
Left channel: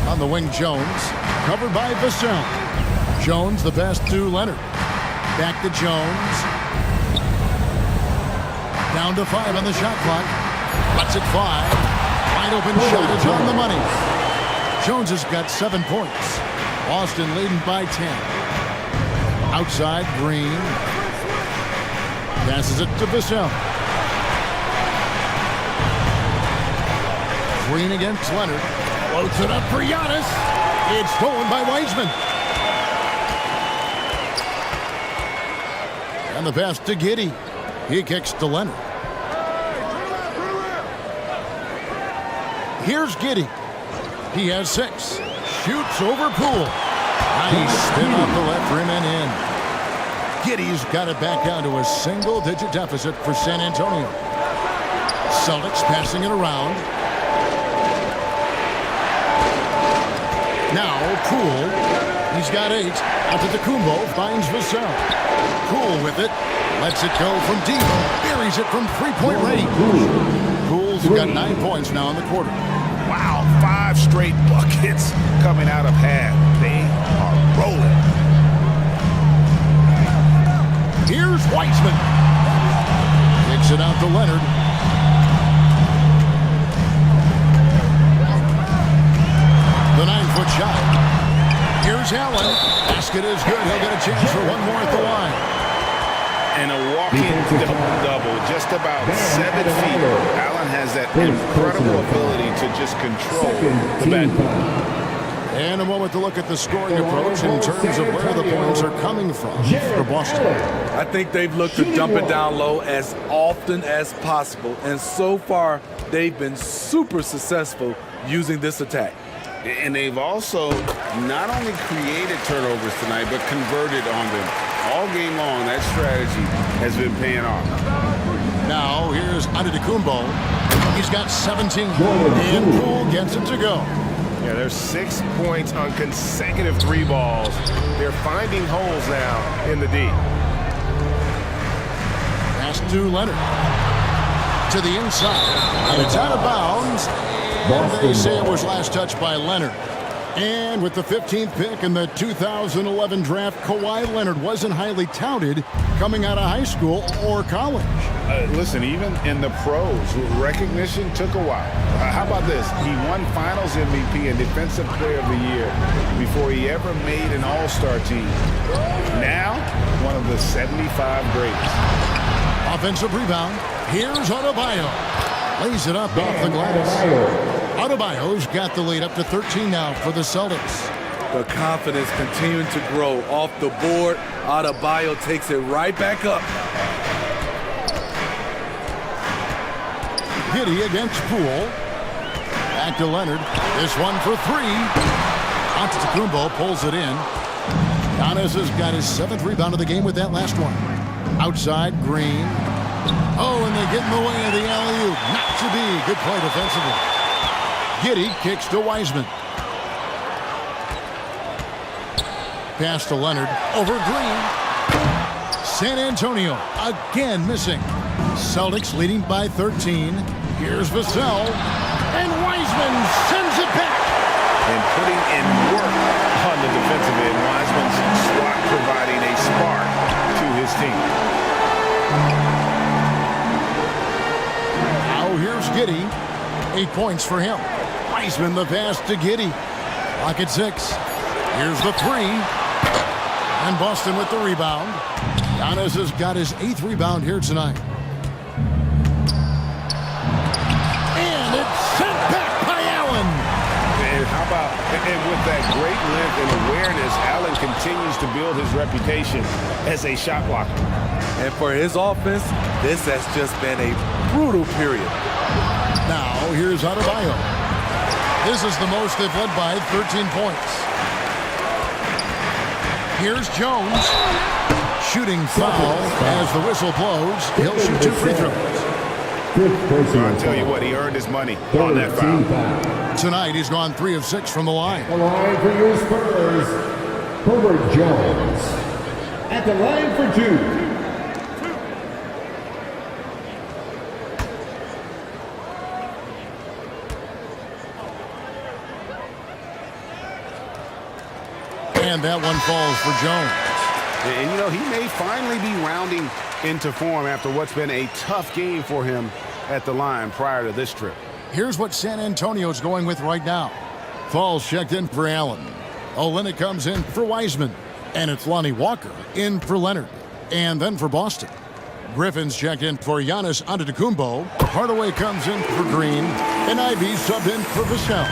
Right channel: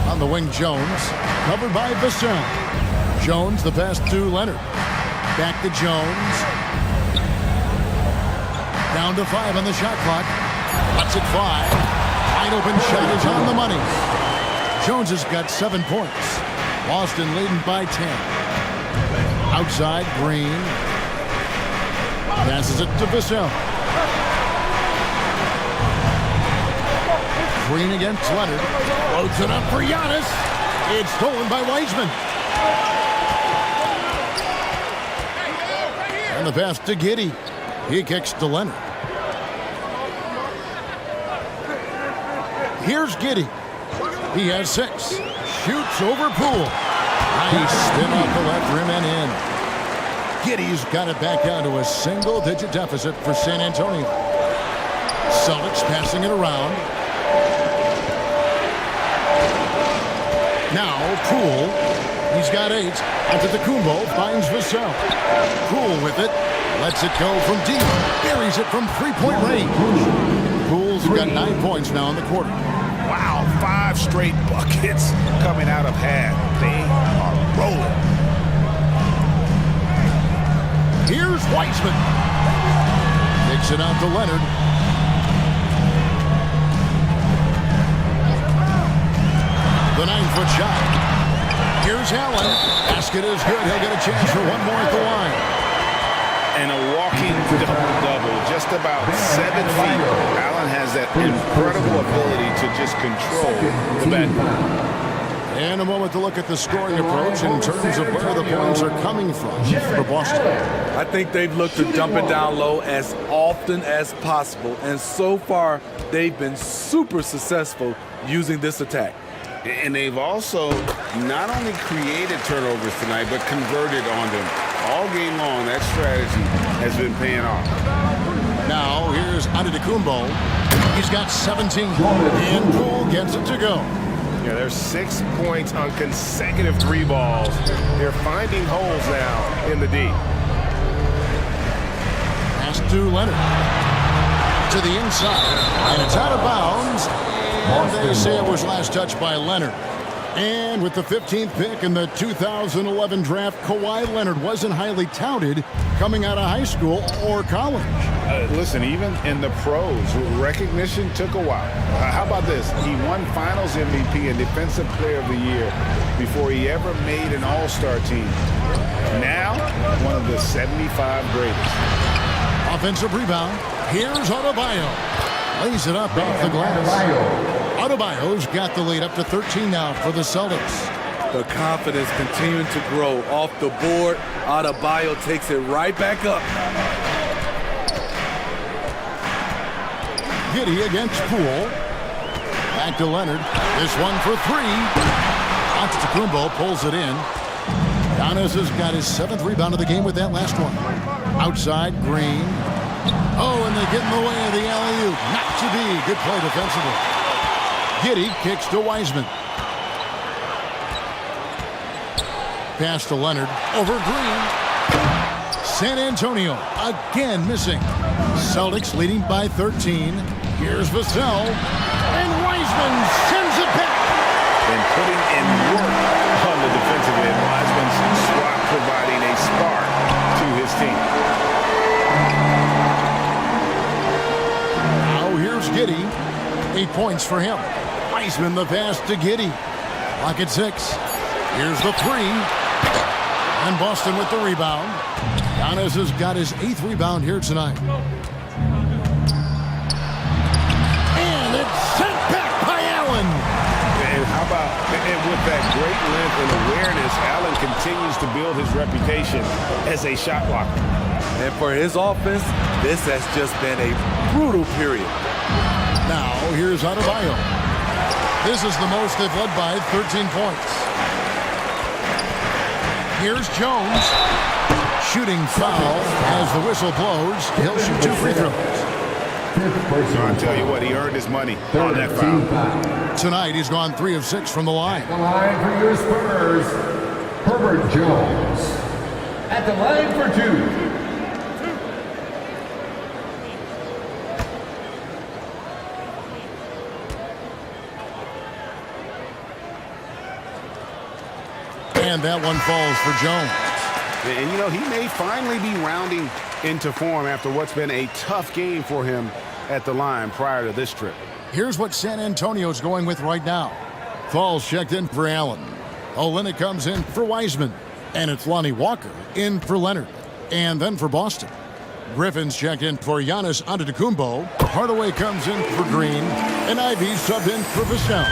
On the wing, Jones, covered by Vassell. Jones, the pass to Leonard. Back to Jones. Down to 5 on the shot clock. Lets it fly. Wide open shot is on the money. Jones has got 7 points. Boston leading by 10. Outside, Green. Passes it to Vassell. Green against Leonard. Floats it up for Giannis. It's stolen by Wiseman. And the pass to Giddey. He kicks to Leonard. Here's Giddey. He has 6. Shoots over Poole. Nice spin off the left rim and in. Giddey's got it back down to a single-digit deficit for San Antonio. Celtics passing it around. Now, Poole. He's got 8. Antetokounmpo finds Vassell. Poole with it. Lets it go from deep. Buries it from three-point range. Poole's got 9 points now in the quarter. Wow, 5 straight buckets coming out of half. They are rolling. Here's Wiseman. Kicks it out to Leonard. The 9-foot shot. Here's Allen. Basket is good. He'll get a chance for one more at the line. And a walking double-double, just about 7 feet. Allen has that incredible ability to just control the backcourt. And a moment to look at the scoring approach in terms of where the points are coming from for Boston. I think they've looked to dump it down low as often as possible, and so far they've been super successful using this attack. And they've also not only created turnovers tonight, but converted on them. All game long, that strategy has been paying off. Now, here's Antetokounmpo. He's got 17, and Poole gets it to go. Yeah, there's 6 points on consecutive 3 balls. They're finding holes now in the D. Pass to Leonard. To the inside, and it's out of bounds. And they say it was last touched by Leonard. And with the 15th pick in the 2011 draft, Kawhi Leonard wasn't highly touted coming out of high school or college. Listen, even in the pros, recognition took a while. How about this? He won Finals MVP and Defensive Player of the Year before he ever made an All-Star team. Now, one of the 75 greatest. Offensive rebound. Here's Adebayo. Lays it up off the glass. Adebayo's got the lead up to 13 now for the Celtics. The confidence continuing to grow off the board. Adebayo takes it right back up. Giddey against Poole. Back to Leonard. This one for 3. Antetokounmpo pulls it in. Giannis has got his 7th rebound of the game with that last one. Outside, Green. Oh, and they get in the way of the alley-oop. Not to be. Good play defensively. Giddey kicks to Wiseman. Pass to Leonard. Over Green. San Antonio again missing. Celtics leading by 13. Here's Vassell. And Wiseman sends it back. And putting in work on the defensive end. Wiseman's swat providing a spark to his team. Now here's Giddey. 8 points for him. Wiseman the pass to Giddey. Clock at 6. Here's the 3. And Boston with the rebound. Giannis has got his 8th rebound here tonight. And it's sent back by Allen. And how about, and with that great length and awareness, Allen continues to build his reputation as a shot blocker. And for his offense, this has just been a brutal period. Now, here's Adebayo. This is the most they've led by, 13 points. Here's Jones. Shooting foul as the whistle blows. He'll shoot 2 free throws. So I'll tell you what, he earned his money on that foul. Tonight, he's gone 3 of 6 from the line. The line for your Spurs, Herbert Jones. At the line for 2. And that one falls for Jones. And, you know, he may finally be rounding into form after what's been a tough game for him at the line prior to this trip. Here's what San Antonio's going with right now. Falls checked in for Allen. Olynyk comes in for Wiseman. And it's Lonnie Walker in for Leonard. And then for Boston. Griffin's checked in for Giannis Antetokounmpo. Hardaway comes in for Green. And Ivy subbed in for Vassell.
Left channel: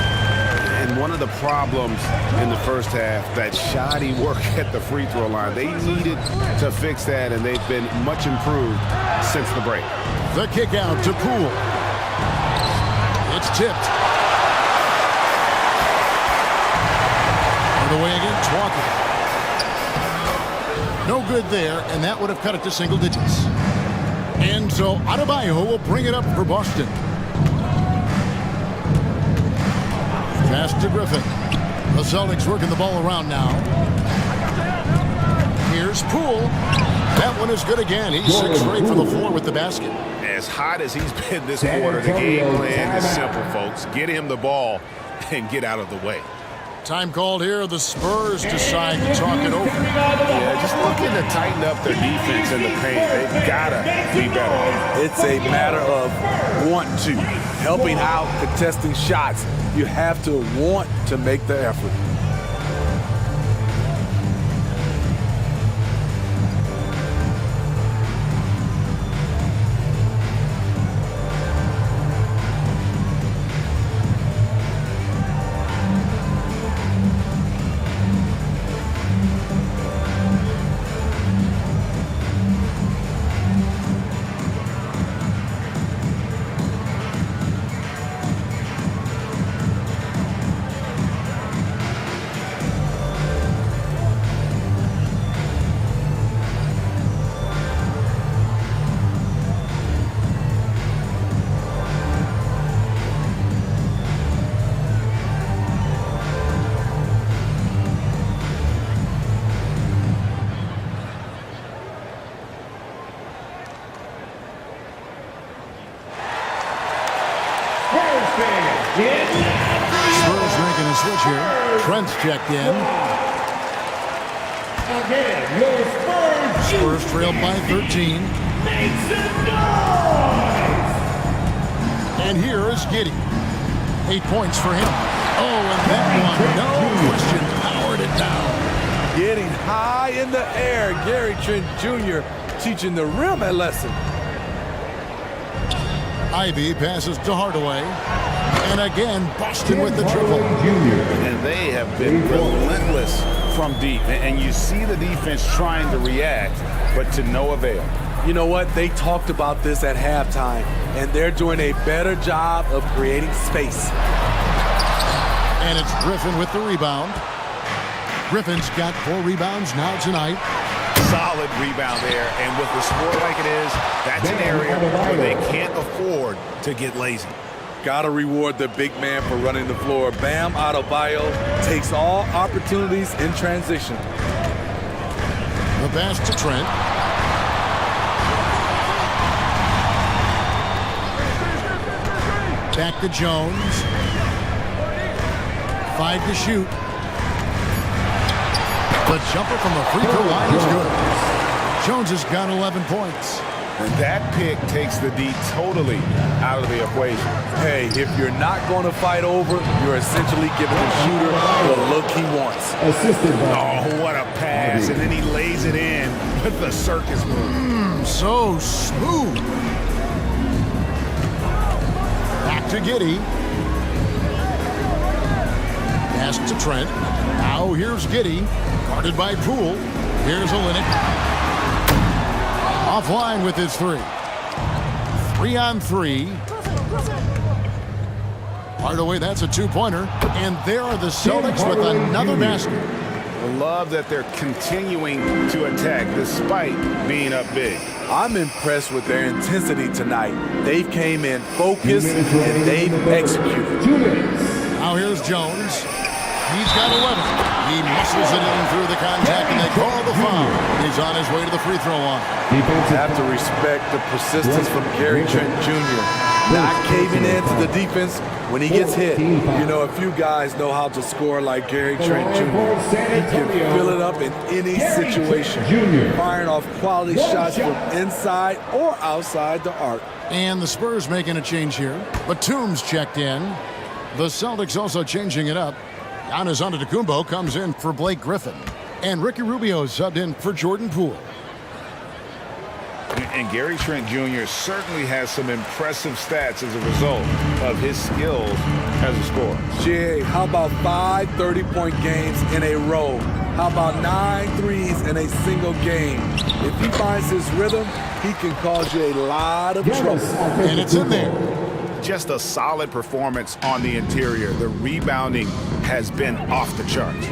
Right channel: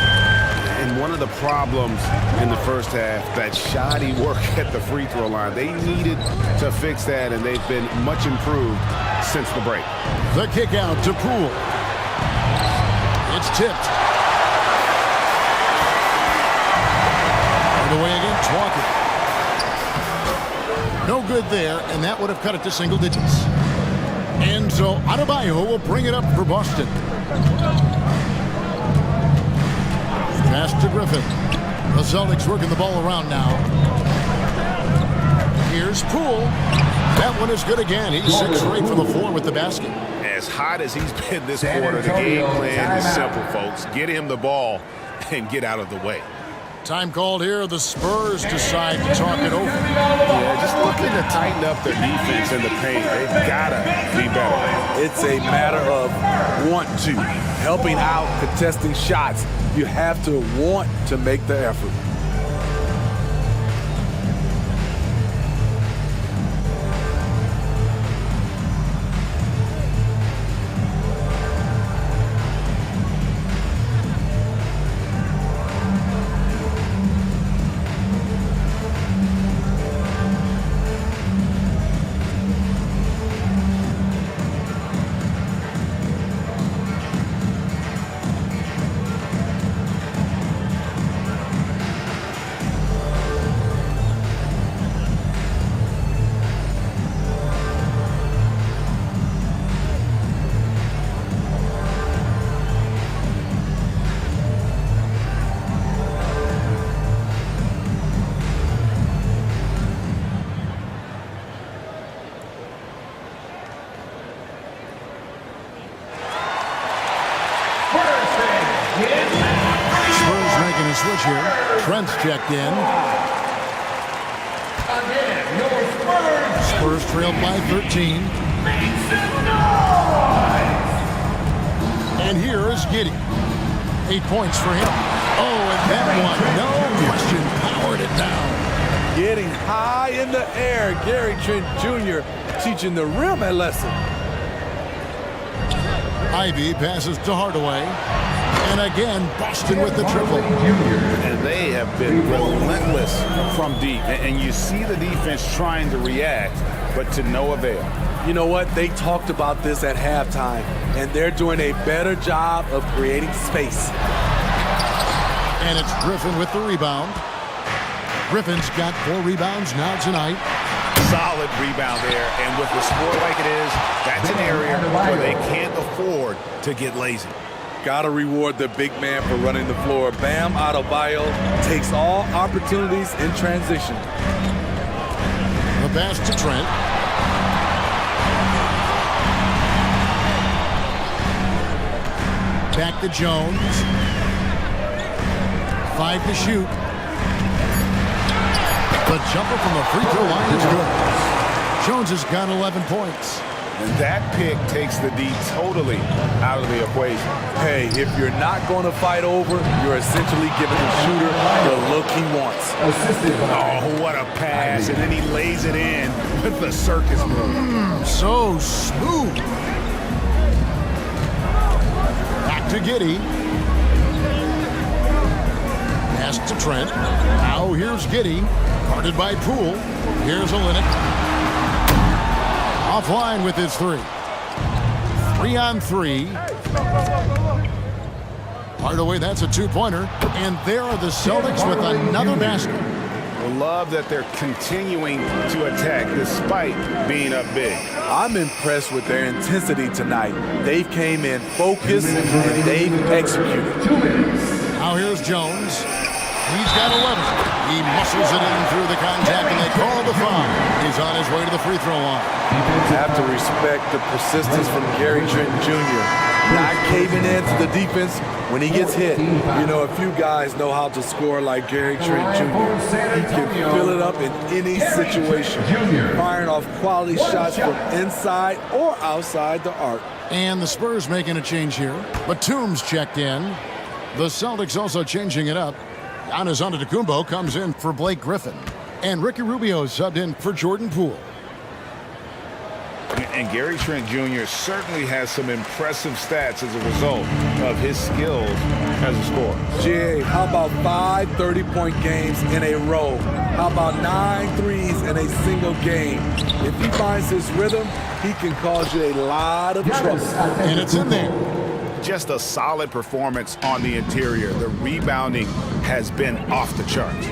And one of the problems in the first half, that shoddy work at the free throw line. They needed to fix that, and they've been much improved since the break. The kick out to Poole. It's tipped. Hardaway against Walker. No good there, and that would have cut it to single digits. And so Adebayo will bring it up for Boston. Pass to Griffin. The Celtics working the ball around now. Here's Poole. That one is good again. He's 6 for 8 from the floor with the basket. As hot as he's been this quarter, the game plan is simple, folks. Get him the ball and get out of the way. Time called here. The Spurs decide to talk it over. Yeah, just looking to tighten up their defense in the paint. They've got to be better. It's a matter of want to. Helping out, contesting shots. You have to want to make the effort. Spurs making a switch here. Trent's checked in. Again, your Spurs. Spurs trailed by 13. Make some noise. And here is Giddey. 8 points for him. Oh, and that one, no question, powered it down. Getting high in the air. Gary Trent Jr. teaching the rim a lesson. Ivy passes to Hardaway. And again, Boston with the triple. And they have been relentless from deep. And you see the defense trying to react, but to no avail. You know what? They talked about this at halftime, and they're doing a better job of creating space. And it's Griffin with the rebound. Griffin's got 4 rebounds now tonight. Solid rebound there, and with the score like it is, that's an area where they can't afford to get lazy. Gotta reward the big man for running the floor. Bam Adebayo takes all opportunities in transition. The pass to Trent. Back to Jones. 5 to shoot. The jumper from the free throw line is good. Jones has got 11 points. And that pick takes the D totally out of the equation. Hey, if you're not going to fight over, you're essentially giving the shooter the look he wants. Oh, what a pass. And then he lays it in with the circus move. So smooth. Back to Giddey. Pass to Trent. Now here's Giddey. Guarded by Poole. Here's Olynyk. Offline with his 3. 3 on 3. Hardaway, that's a 2-pointer. And there are the Celtics with another basket. I love that they're continuing to attack despite being up big. I'm impressed with their intensity tonight. They've came in focused and they've executed. 2 minutes. Now here's Jones. He's got 11. He muscles it in through the contact, and they call the foul. He's on his way to the free throw line. Have to respect the persistence from Gary Trent Jr. Not caving in to the defense when he gets hit. You know, a few guys know how to score like Gary Trent Jr. He can fill it up in any situation, firing off quality shots from inside or outside the arc. And the Spurs making a change here. Batum's checked in. The Celtics also changing it up. Giannis Antetokounmpo comes in for Blake Griffin. And Ricky Rubio subbed in for Jordan Poole. And Gary Trent Jr. certainly has some impressive stats as a result of his skills as a scorer. Jay, how about 5 30-point games in a row? How about 9 threes in a single game? If he finds his rhythm, he can cause you a lot of trouble. And it's in there. Just a solid performance on the interior. The rebounding has been off the charts.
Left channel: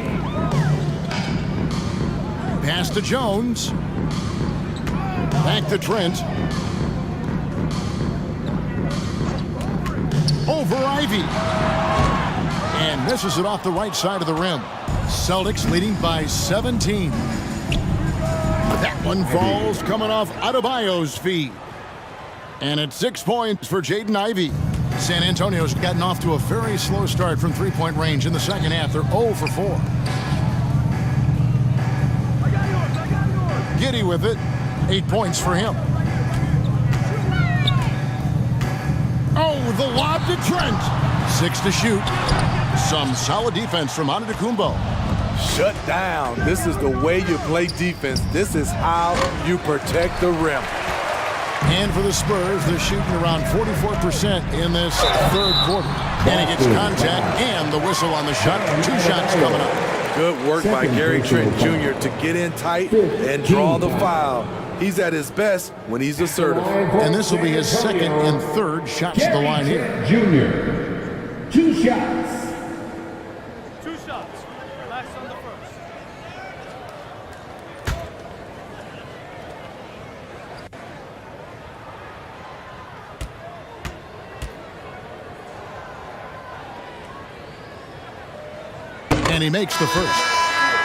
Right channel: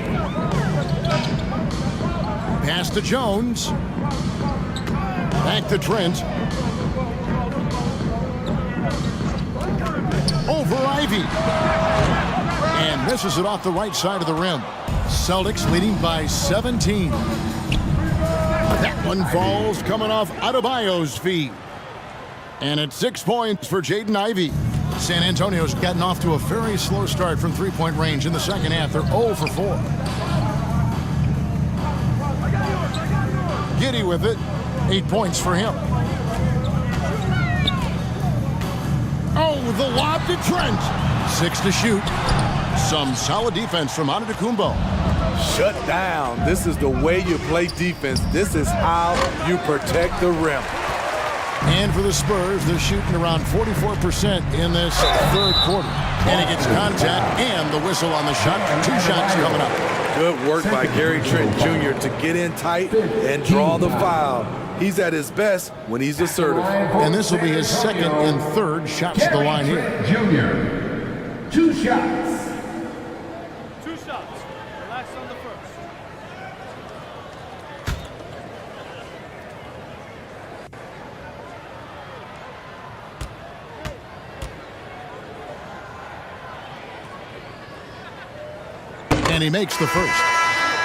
Pass to Jones. Back to Trent. Over Ivy. And misses it off the right side of the rim. Celtics leading by 17. That one falls coming off Adebayo's feet. And it's 6 points for Jaden Ivey. San Antonio's gotten off to a very slow start from three-point range in the second half. They're 0 for 4. Giddey with it. 8 points for him. Oh, the lob to Trent. 6 to shoot. Some solid defense from Antetokounmpo. Shut down. This is the way you play defense. This is how you protect the rim. And for the Spurs, they're shooting around 44% in this third quarter. And he gets contact and the whistle on the shot. 2 shots coming up. Good work by Gary Trent Jr. to get in tight and draw the foul. He's at his best when he's assertive. And this will be his second and third shots at the line here. Jr. 2 shots. 2 shots. Relax on the first. And he makes the first.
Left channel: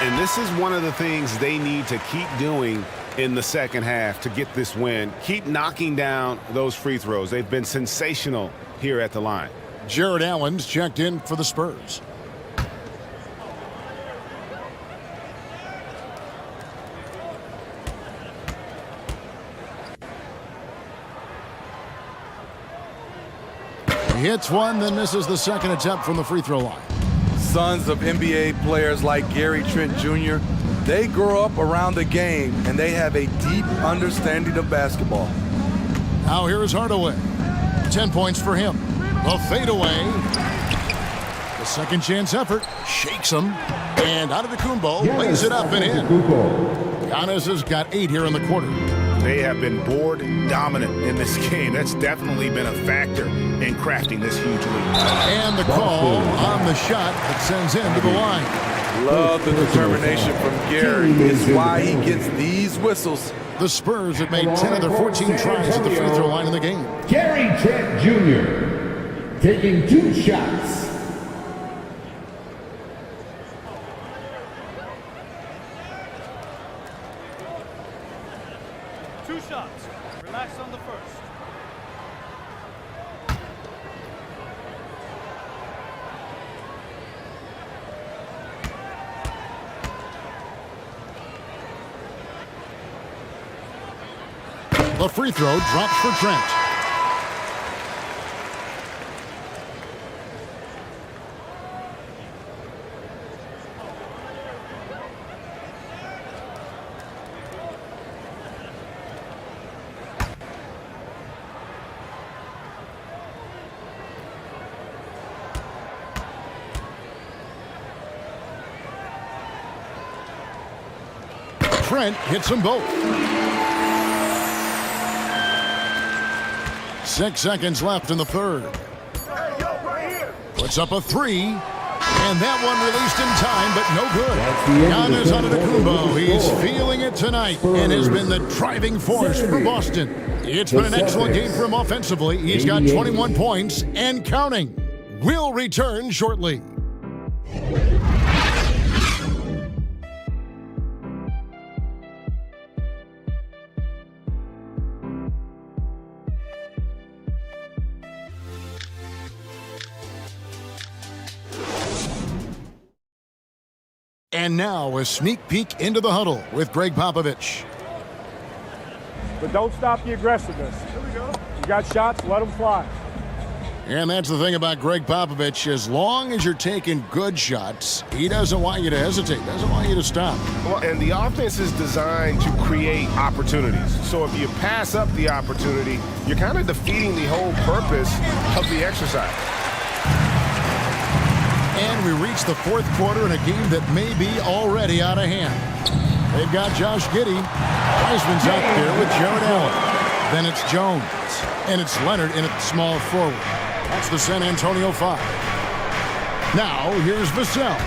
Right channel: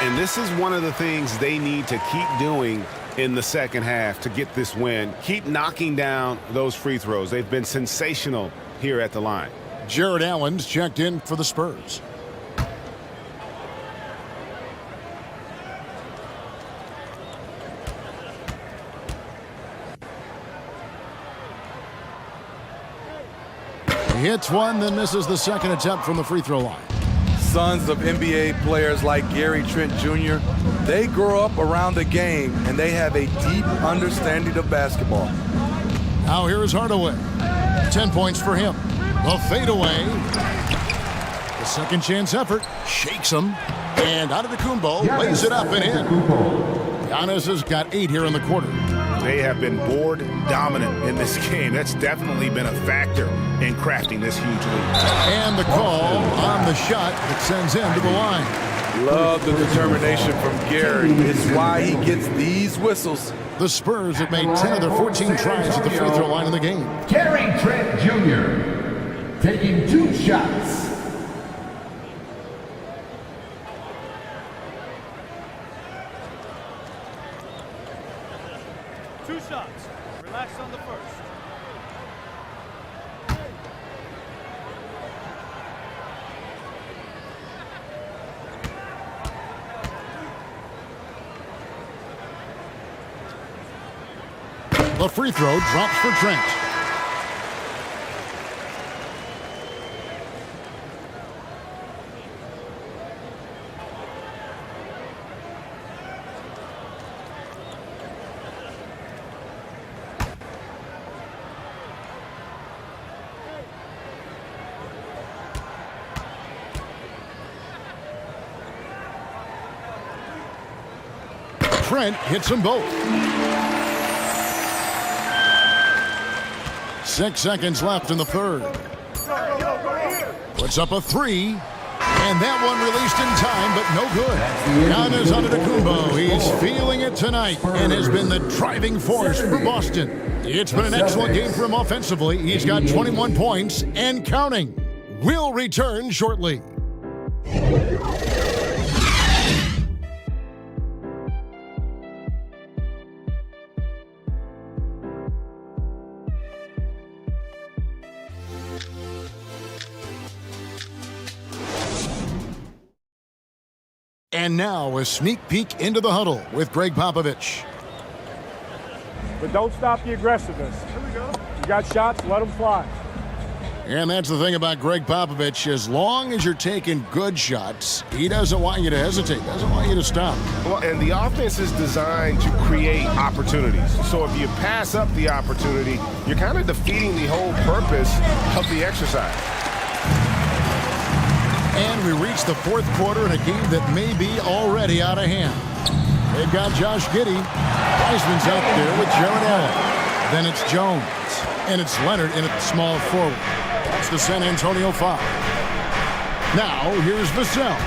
And this is one of the things they need to keep doing in the second half to get this win. Keep knocking down those free throws. They've been sensational here at the line. Jared Allen's checked in for the Spurs. He hits one, then misses the second attempt from the free throw line. Sons of NBA players like Gary Trent Jr., they grow up around the game and they have a deep understanding of basketball. Now here is Hardaway. 10 points for him. The fadeaway. The second chance effort shakes him. And Antetokounmpo lays it up and in. Giannis has got 8 here in the quarter. They have been board dominant in this game. That's definitely been a factor in crafting this huge lead. And the call on the shot that sends him to the line. Love the determination from Gary. It's why he gets these whistles. The Spurs have made 10 of their 14 tries at the free throw line in the game. Gary Trent Jr. taking 2 shots. Two shots. Relax on the first. The free throw drops for Trent. Trent hits them both. 6 seconds left in the third. Puts up a 3. And that one released in time, but no good. Giannis Antetokounmpo, he's feeling it tonight and has been the driving force for Boston. It's been an excellent game for him offensively. He's got 21 points and counting. We'll return shortly. And now a sneak peek into the huddle with Greg Popovich. But don't stop the aggressiveness. Here we go. You got shots, let them fly. And that's the thing about Greg Popovich. As long as you're taking good shots, he doesn't want you to hesitate, doesn't want you to stop. Well, and the offense is designed to create opportunities. So if you pass up the opportunity, you're kind of defeating the whole purpose of the exercise. And we reach the fourth quarter in a game that may be already out of hand. They've got Josh Giddey. Wiseman's out there with Jared Allen. Then it's Jones. And it's Leonard in at small forward. That's the San Antonio 5. Now, here's Vassell.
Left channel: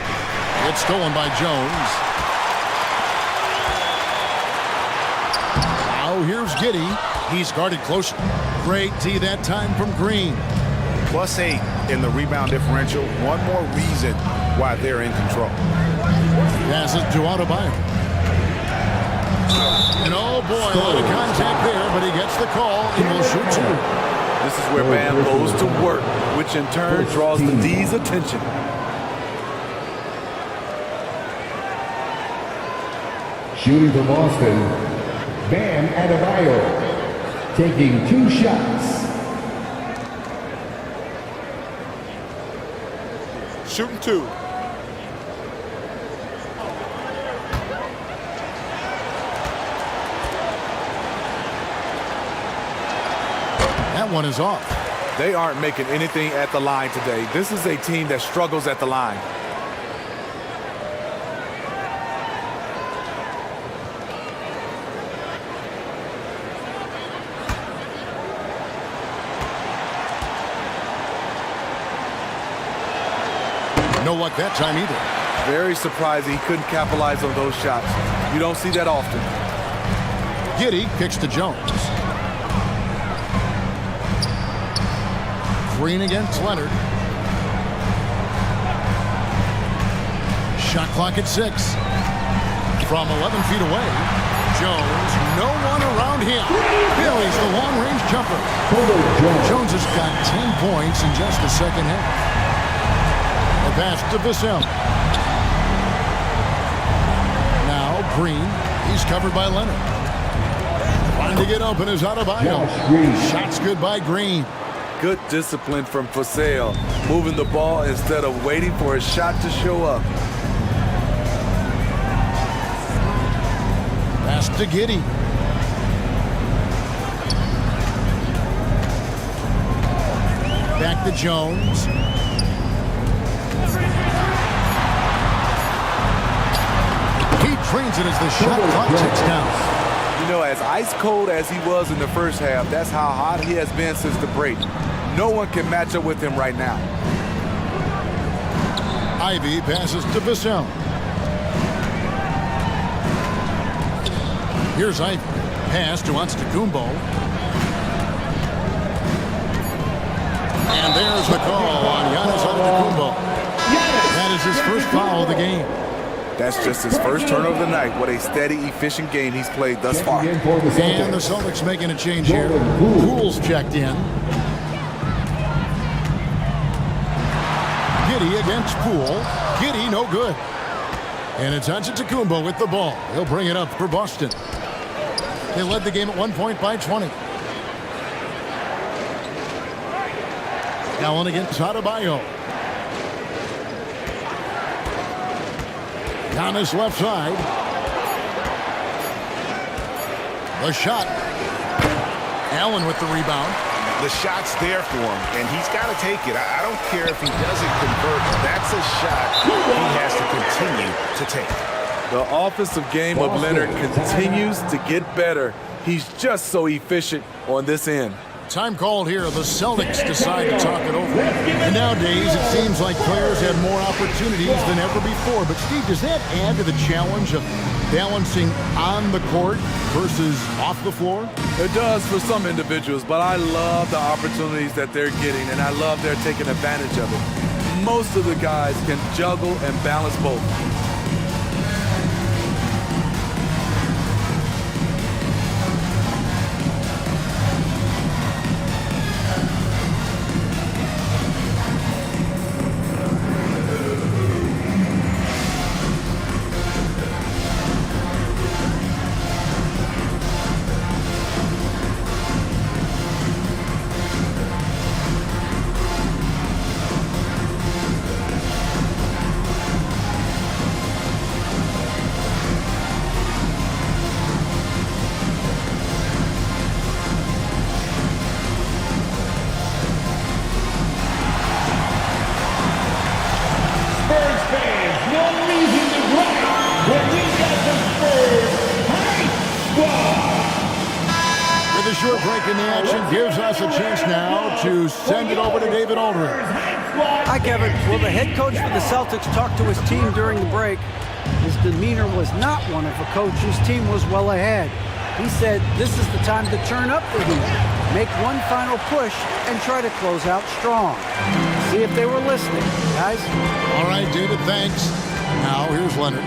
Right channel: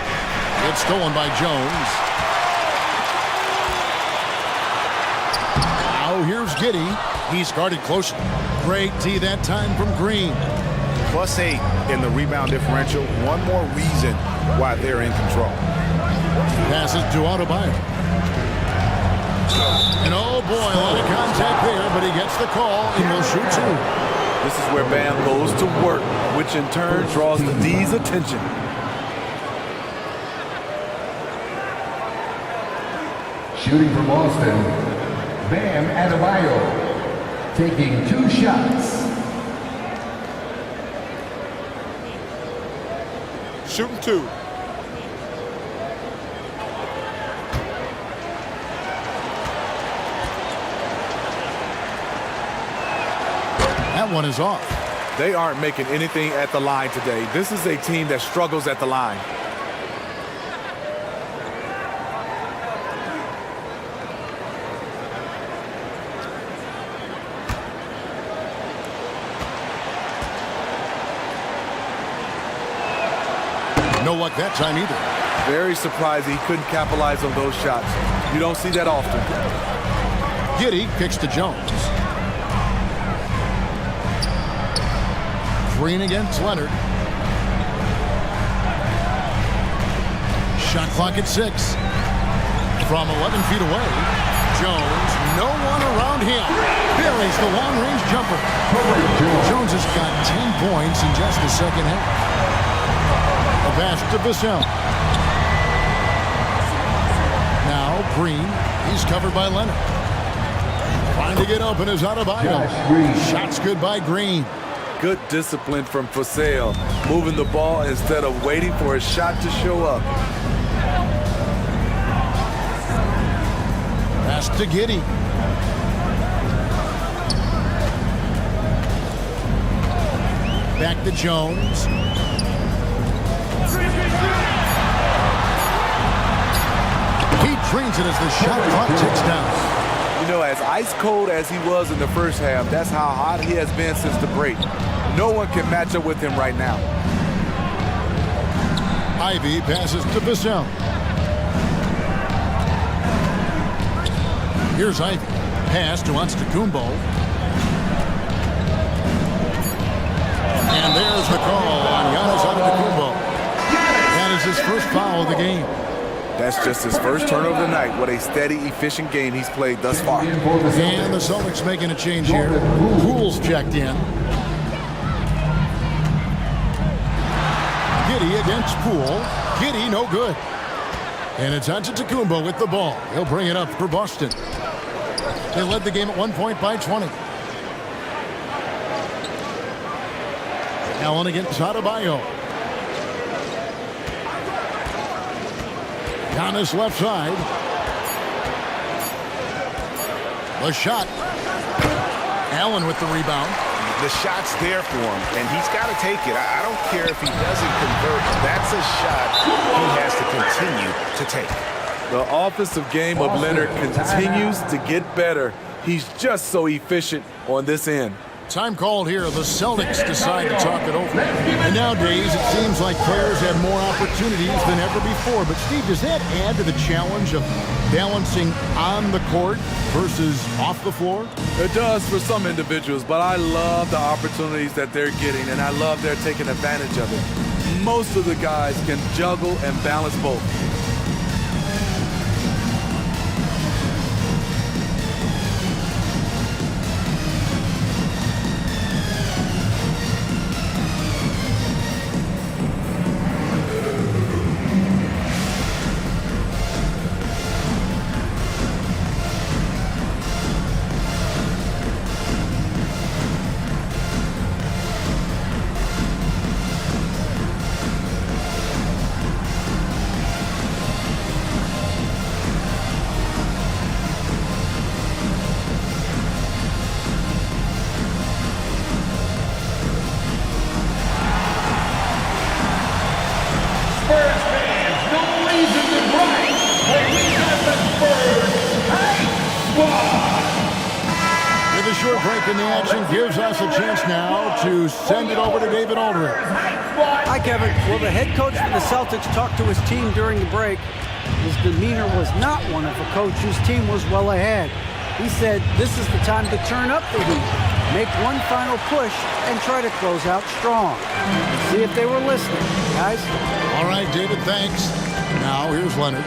It's stolen by Jones. Now here's Giddey. He's guarded closely. Great D that time from Green. +8 in the rebound differential. One more reason why they're in control. Passes to Adebayo. And oh boy, a lot of contact there, but he gets the call and will shoot 2. This is where Bam goes to work, which in turn draws the D's attention. Shooting for Boston, Bam Adebayo, taking 2 shots. Shooting 2. That one is off. They aren't making anything at the line today. This is a team that struggles at the line. No luck that time either. Very surprised he couldn't capitalize on those shots. You don't see that often. Giddey kicks to Jones. Green against Leonard. Shot clock at 6. From 11 feet away, Jones, no one around him. Buries the long-range jumper. Jones has got 10 points in just the second half. A pass to Vassell. Now Green, he's covered by Leonard. Trying to get open is Adebayo. Shots good by Green. Good discipline from Vassell, moving the ball instead of waiting for a shot to show up. Pass to Giddey. Back to Jones. He trains it as the shot clock ticks down. You know, as ice cold as he was in the first half, that's how hot he has been since the break. No one can match up with him right now. Ivy passes to Vassell. Here's Ivy. Pass to Antetokounmpo. And there's the call on Giannis Antetokounmpo. That is his first foul of the game. That's just his first turnover of the night. What a steady, efficient game he's played thus far. And the Celtics making a change here. Poole's checked in. Giddey against Poole. Giddey no good. And it's Antetokounmpo with the ball. He'll bring it up for Boston. They led the game at 1 point by 20. Allen against Adebayo. Giannis left side. The shot. Allen with the rebound. The shot's there for him, and he's got to take it. I don't care if he doesn't convert. That's a shot he has to continue to take. The offensive game of Leonard continues to get better. He's just so efficient on this end. Time called here. The Celtics decide to talk it over. And nowadays, it seems like players have more opportunities than ever before. But, Steve, does that add to the challenge of balancing on the court versus off the floor? It does for some individuals, but I love the opportunities that they're getting, and I love they're taking advantage of it. Most of the guys can juggle and balance both. With a short break in the action, gives us a chance now to send it over to David Aldridge. Hi, Kevin. Well, the head coach for the Celtics talked to his team during the break. His demeanor was not one of a coach whose team was well ahead. He said this is the time to turn up the heat, make one final push, and try to close out strong. See if they were listening, guys. All right, David, thanks. Now here's Leonard,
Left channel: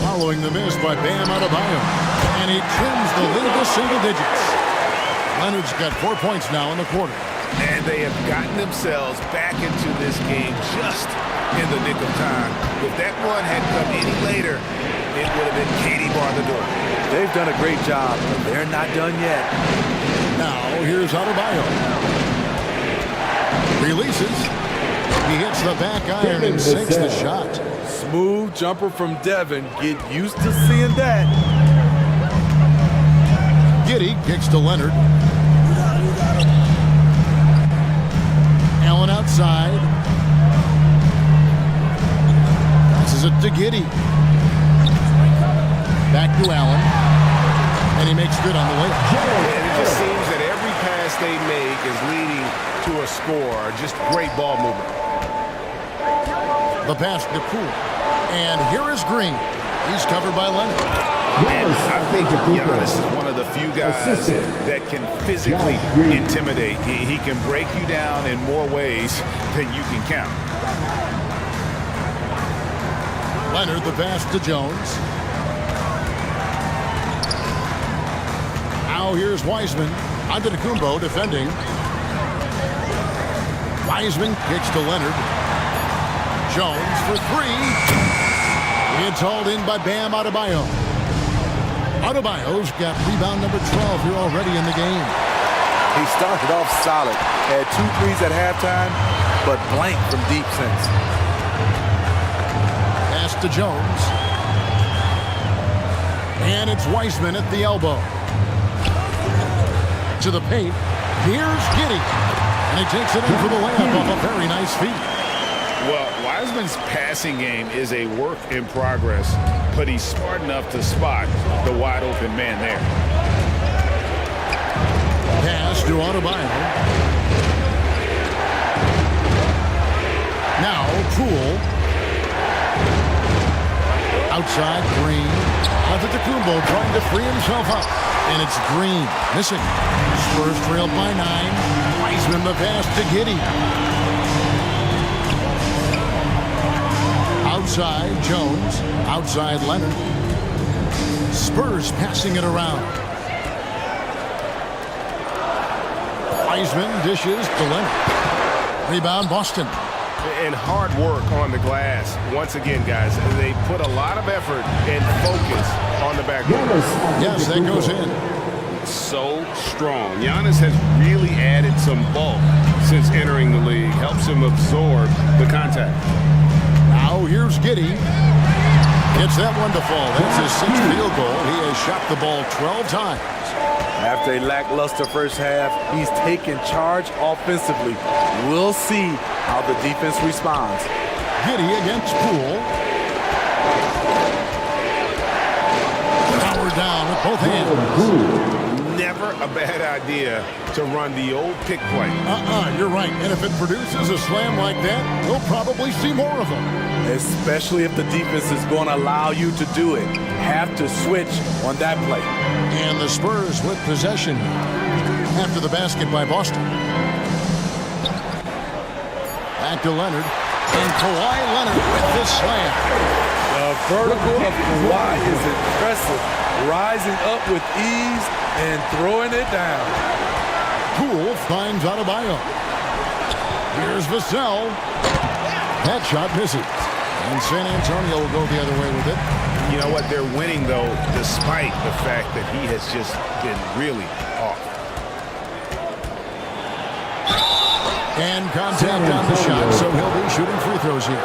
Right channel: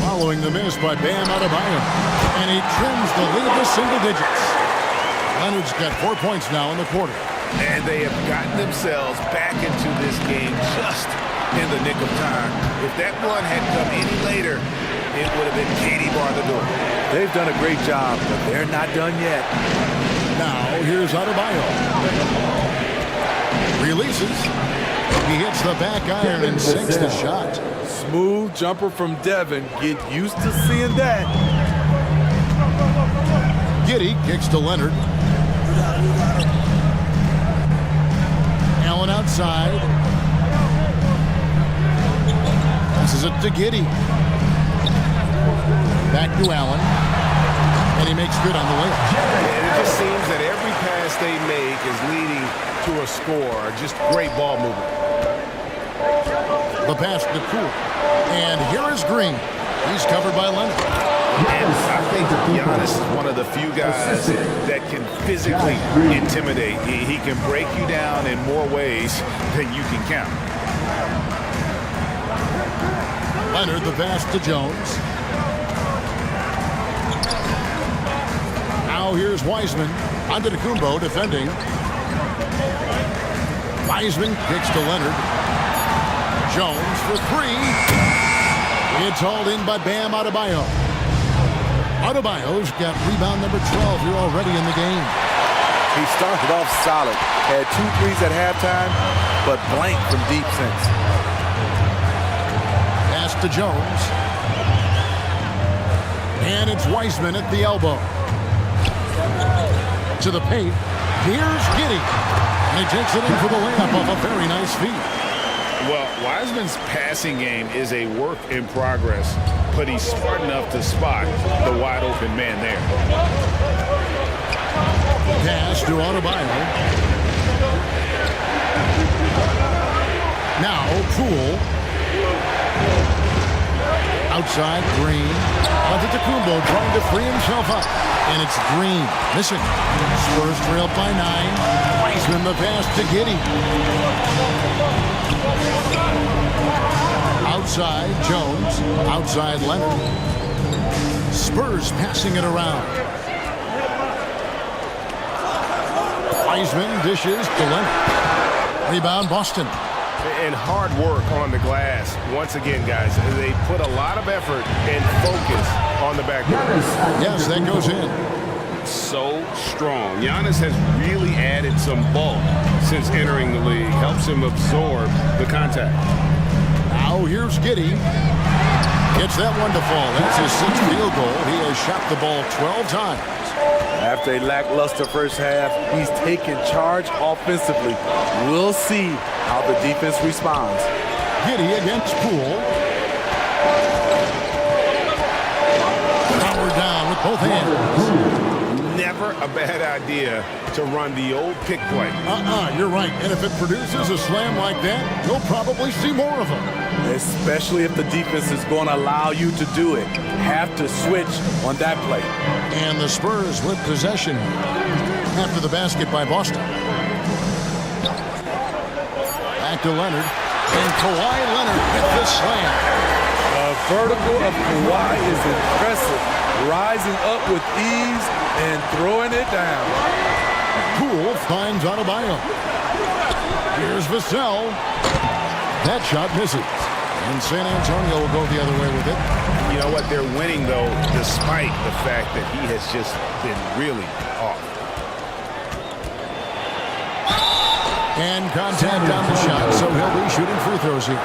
following the miss by Bam Adebayo, and he trims the lead to single digits. Leonard's got 4 points now in the quarter. And they have gotten themselves back into this game just in the nick of time. If that one had come any later, it would have been Katie bar the door. They've done a great job, but they're not done yet. Now here's Adebayo. Releases. He hits the back iron and sinks the shot. Smooth jumper from Devin. Get used to seeing that. Giddey kicks to Leonard. Allen outside. Passes it to Giddey. Back to Allen. And he makes good on the layup. And it just seems that every pass they make is leading to a score. Just great ball movement. The pass to Poole. And here is Green. He's covered by Leonard. And I think Giannis is one of the few guys that can physically intimidate. He can break you down in more ways than you can count. Leonard, the pass to Jones. Now here's Wiseman. Antetokounmpo defending. Wiseman kicks to Leonard. Jones for three. It's hauled in by Bam Adebayo. Adebayo's got rebound number 12 here already in the game. He started off solid. Had 2 threes at halftime, but blank from deep since. Pass to Jones. And it's Wiseman at the elbow. To the paint. Here's Giddey. And he takes it in for the layup off a very nice feed. Well, Wiseman's passing game is a work in progress, but he's smart enough to spot the wide open man there. Pass to Adebayo. Now Poole. Outside Green. Antetokounmpo trying to free himself up. And it's Green missing. Spurs trailed by 9. Wiseman the pass to Giddey. Outside Jones. Outside Leonard. Spurs passing it around. Wiseman dishes to Leonard. Rebound Boston. And hard work on the glass. Once again, guys, they put a lot of effort and focus on the backboard. Yes, that goes in. So strong. Giannis has really added some bulk since entering the league. Helps him absorb the contact. Now here's Giddey. Gets that one to fall. That's his 6th field goal. He has shot the ball 12 times. After a lackluster first half, he's taken charge offensively. We'll see how the defense responds. Giddey against Poole. Power down with both hands. Never a bad idea to run the old pick play. You're right. And if it produces a slam like that, you'll probably see more of them. Especially if the defense is going to allow you to do it. Have to switch on that play. And the Spurs with possession after the basket by Boston. Back to Leonard. And Kawhi Leonard with the slam. The vertical of Kawhi is impressive. Rising up with ease and throwing it down. Poole finds Adebayo. Here's Vassell. That shot misses. And San Antonio will go the other way with it. You know what? They're winning, though, despite the fact that he has just been really off. And contact on the shot, so he'll be shooting free throws here.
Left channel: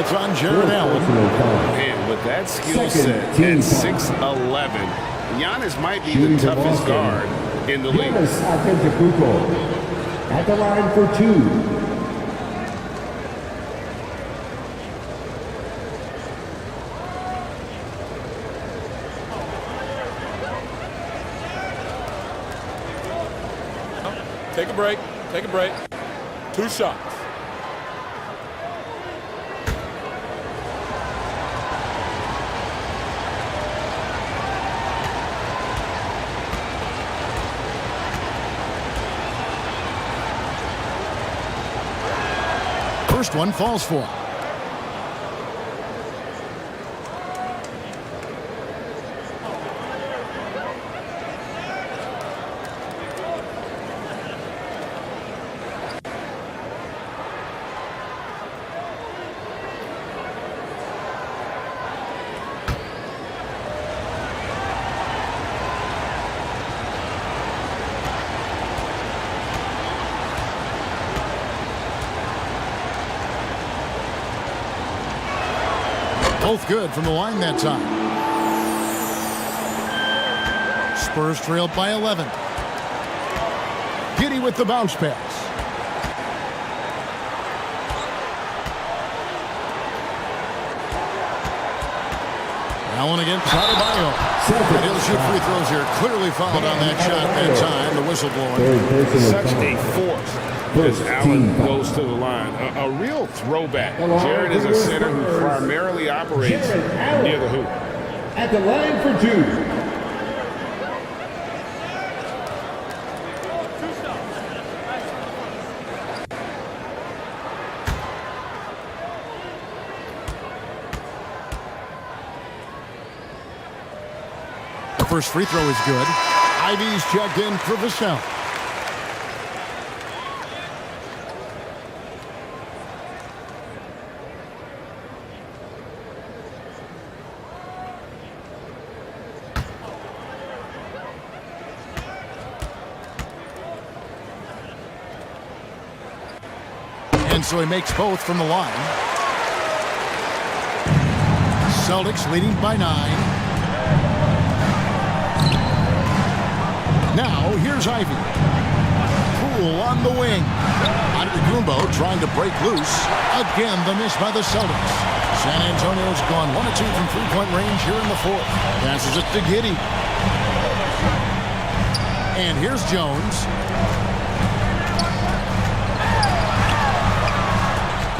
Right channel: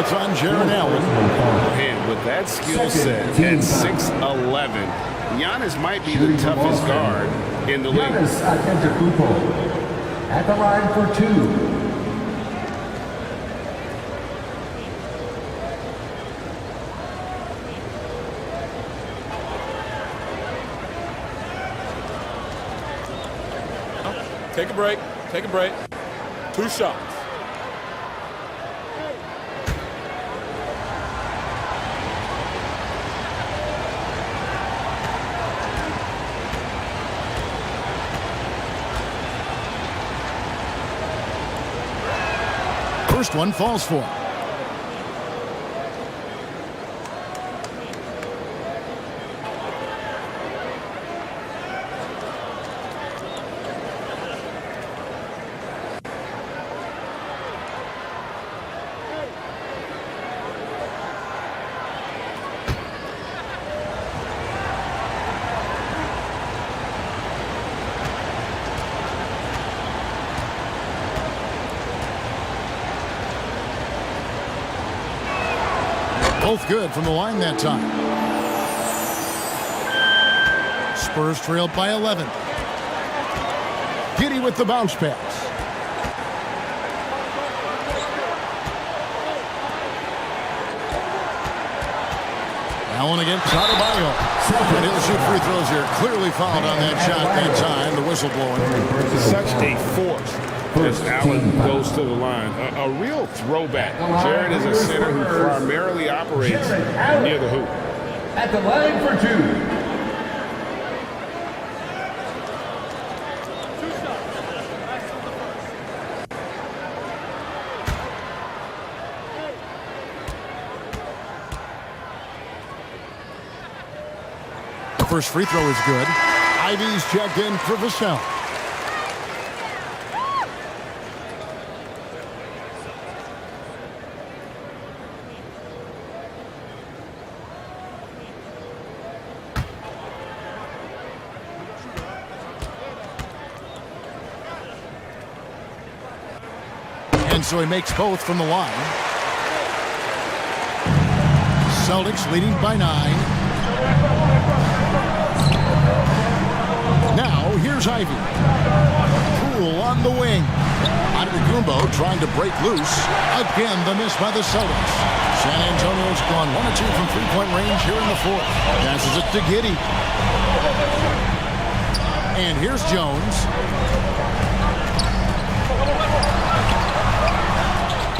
It's on Jared Allen. Man, with that skill set at 6'11", Giannis might be the toughest guard in the league. Antetokounmpo at the line for 2. Take a break. Take a break. 2 shots. first one falls for him. Both good from the line that time. Spurs trailed by 11. Giddey with the bounce pass. Allen against Adebayo. And he'll shoot free throws here. Clearly fouled on that shot that time. The whistle blowing. Such a force as Allen goes to the line. A real throwback. Jared is a center who primarily operates near the hoop. At the line for two. The first free throw is good. Ivy's checked in for Vassell. And so he makes both from the line. Celtics leading by 9. Now, here's Ivy. Poole on the wing. Antetokounmpo trying to break loose. Again, the miss by the Celtics. San Antonio's gone 1 of 2 from three-point range here in the fourth. Passes it to Giddey. And here's Jones.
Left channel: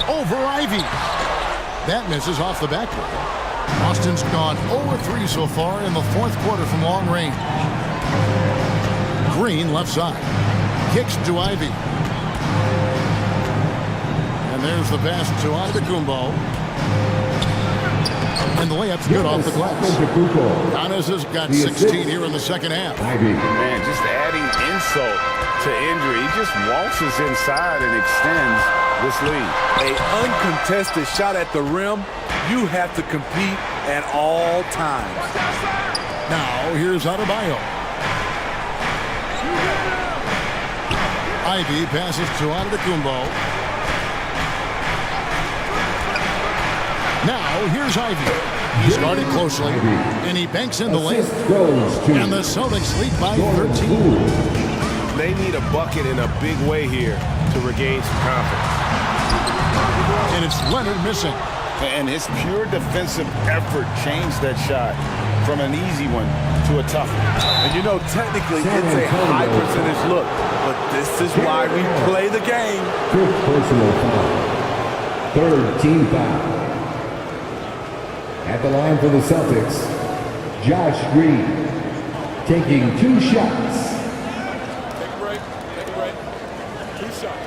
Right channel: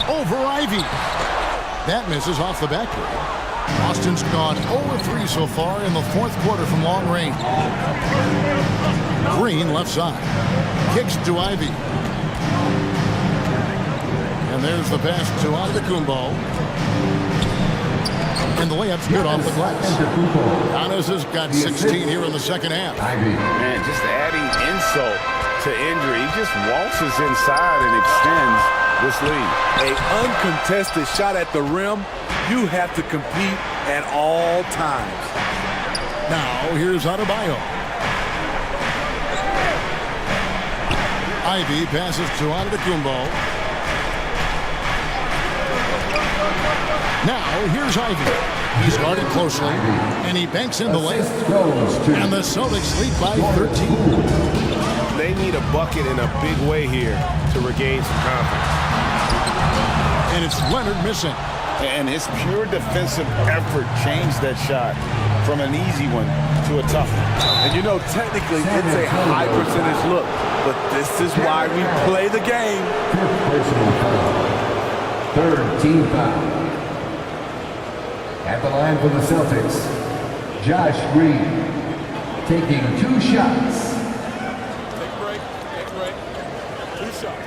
Over Ivy. That misses off the backboard. Boston's gone 0-3 so far in the fourth quarter from long range. Green left side. Kicks to Ivy. And there's the pass to Antetokounmpo. And the layup's good off the glass. Giannis has got 16 here in the second half. Man, just adding insult to injury. He just waltzes inside and extends this lead. An uncontested shot at the rim. You have to compete at all times. Now, here's Adebayo. Ivy passes to Antetokounmpo. Now, here's Ivy. He's guarded closely, and he banks in the lane. And the Celtics lead by 13. They need a bucket in a big way here to regain some confidence. And it's Leonard missing. And his pure defensive effort changed that shot from an easy one to a tough one. And you know, technically, it's a high percentage look, but this is why we play the game. 5th personal foul. 3rd team foul. At the line for the Celtics, Josh Green taking 2 shots. Take a break. Take a break. 2 shots.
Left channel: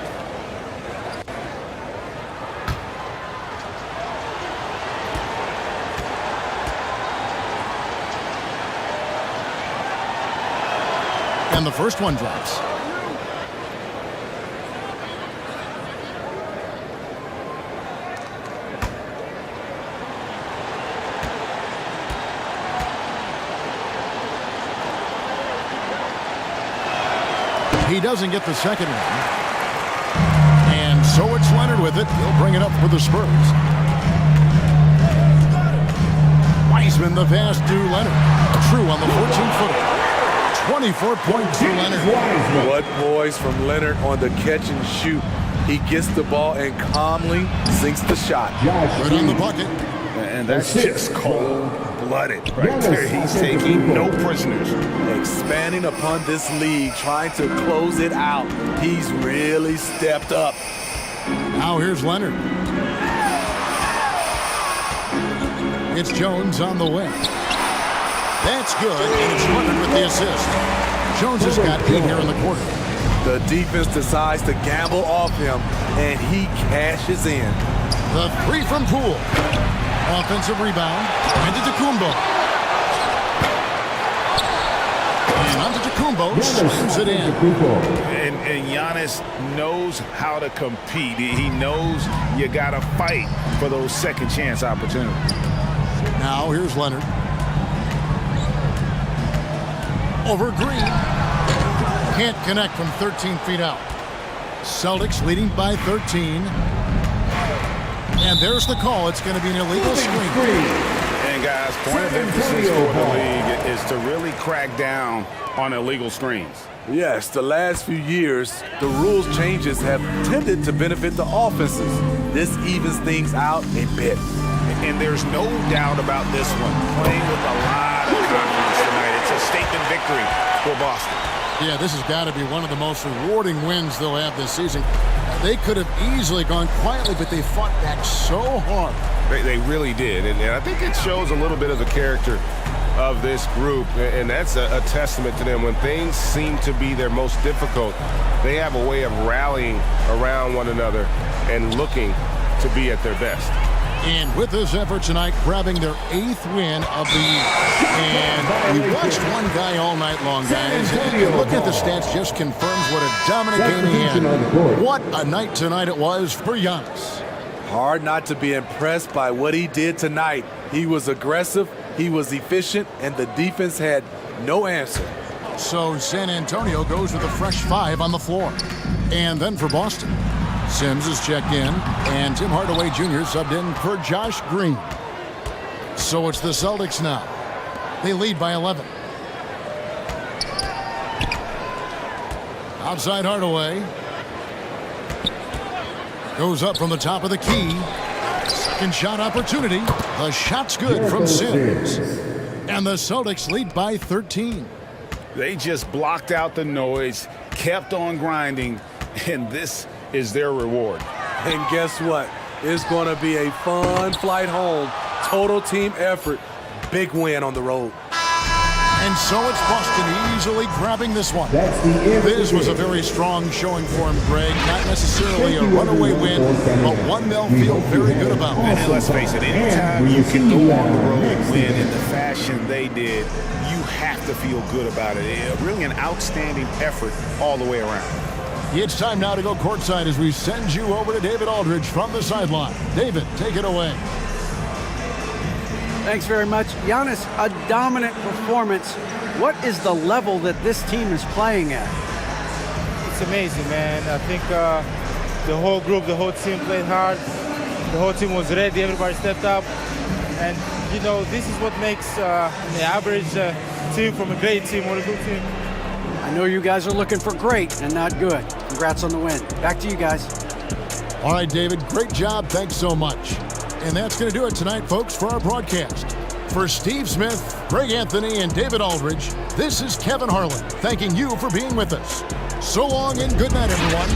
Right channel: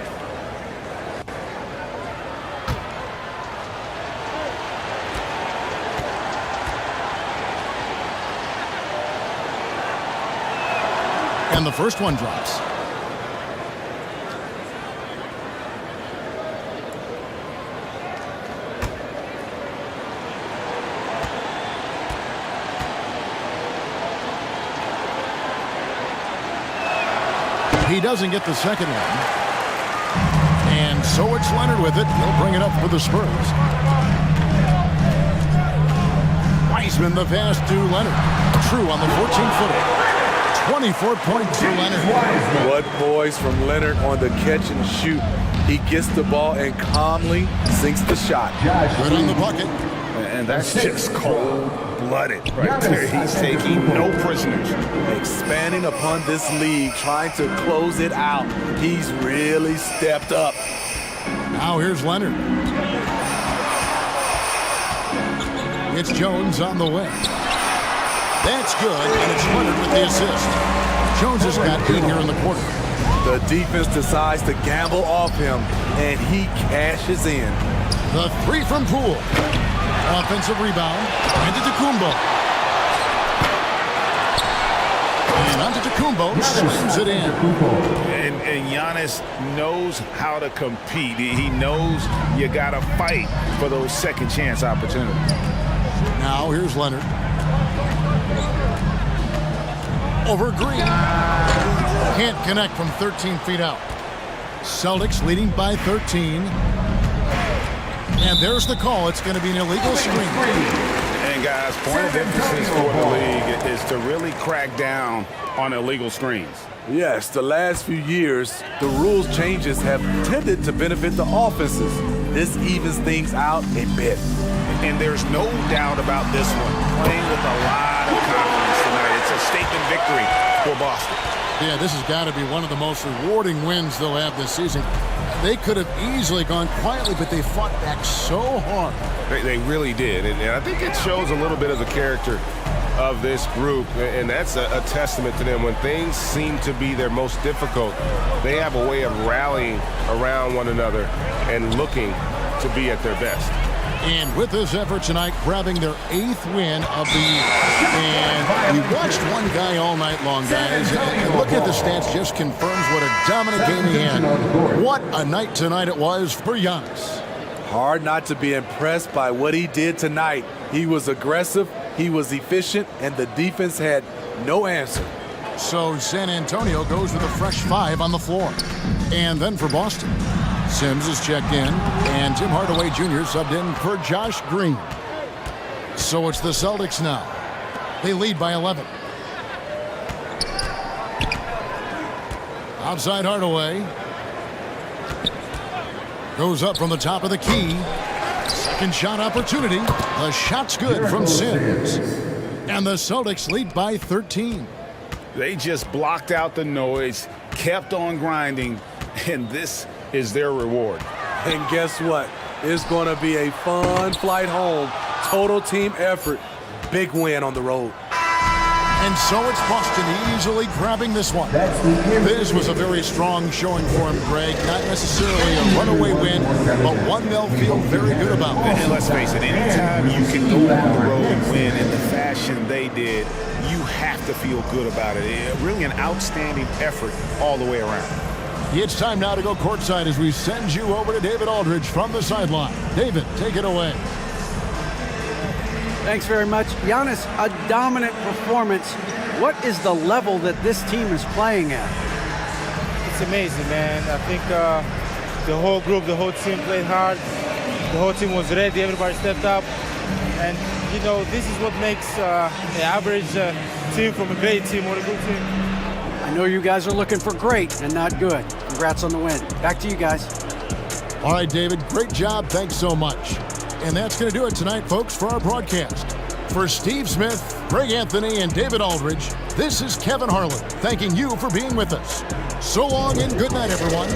And the first one drops. He doesn't get the second one. And so it's Leonard with it. He'll bring it up for the Spurs. Wiseman the pass to Leonard. True on the 14-footer. 24 points for Leonard. What poise from Leonard on the catch and shoot. He gets the ball and calmly sinks the shot. Good on the bucket. And that's just cold-blooded right there. He's taking no prisoners. Expanding upon this league, trying to close it out. He's really stepped up. Now here's Leonard. It's Jones on the wing. That's good, and it's Leonard with the assist. Jones has got 8 here in the quarter. The defense decides to gamble off him, and he cashes in. The three from Poole. Offensive rebound. Antetokounmpo. And Antetokounmpo slams it in. And Giannis knows how to compete. He knows you got to fight for those second chance opportunities. Now here's Leonard. Over Green. Can't connect from 13 feet out. Celtics leading by 13. And there's the call. It's going to be an illegal screen. And guys, point of emphasis for the league is to really crack down on illegal screens. Yes, the last few years, the rules changes have tended to benefit the offenses. This evens things out a bit. And there's no doubt about this one. Playing with a lot of confidence tonight. It's a statement victory for Boston. Yeah, this has got to be one of the most rewarding wins they'll have this season. They could have easily gone quietly, but they fought back so hard. They really did. And I think it shows a little bit of the character of this group. And that's a testament to them. When things seem to be their most difficult, they have a way of rallying around one another and looking to be at their best. And with this effort tonight, grabbing their 8th win of the year. And we watched one guy all night long, guys. And looking at the stats just confirms what a dominant game he had. What a night tonight it was for Giannis. Hard not to be impressed by what he did tonight. He was aggressive, he was efficient, and the defense had no answer. So San Antonio goes with a fresh 5 on the floor. And then for Boston, Sims is checked in, and Tim Hardaway Jr. subbed in for Josh Green. So it's the Celtics now. They lead by 11. Outside Hardaway. Goes up from the top of the key. Second shot opportunity. The shot's good from Sims. And the Celtics lead by 13. They just blocked out the noise, kept on grinding, and this is their reward. And guess what? It's going to be a fun flight home. Total team effort. Big win on the road. And so it's Boston easily grabbing this one. This was a very strong showing for him, Greg. Not necessarily a runaway win, but one they'll feel very good about. And let's face it, anytime you can go on the road and win in the fashion they did, you have to feel good about it. Really an outstanding effort all the way around. It's time now to go courtside as we send you over to David Aldridge from the sideline. David, take it away. Thanks very much. Giannis, a dominant performance. What is the level that this team is playing at? It's amazing, man. I think the whole group, the whole team played hard. The whole team was ready. Everybody stepped up. And, you know, this is what makes the average team from a great team or a good team. I know you guys are looking for great and not good. Congrats on the win. Back to you guys. All right, David, great job. Thanks so much. And that's going to do it tonight, folks, for our broadcast. For Steve Smith, Greg Anthony, and David Aldridge, this is Kevin Harlan thanking you for being with us. So long and good night, everyone.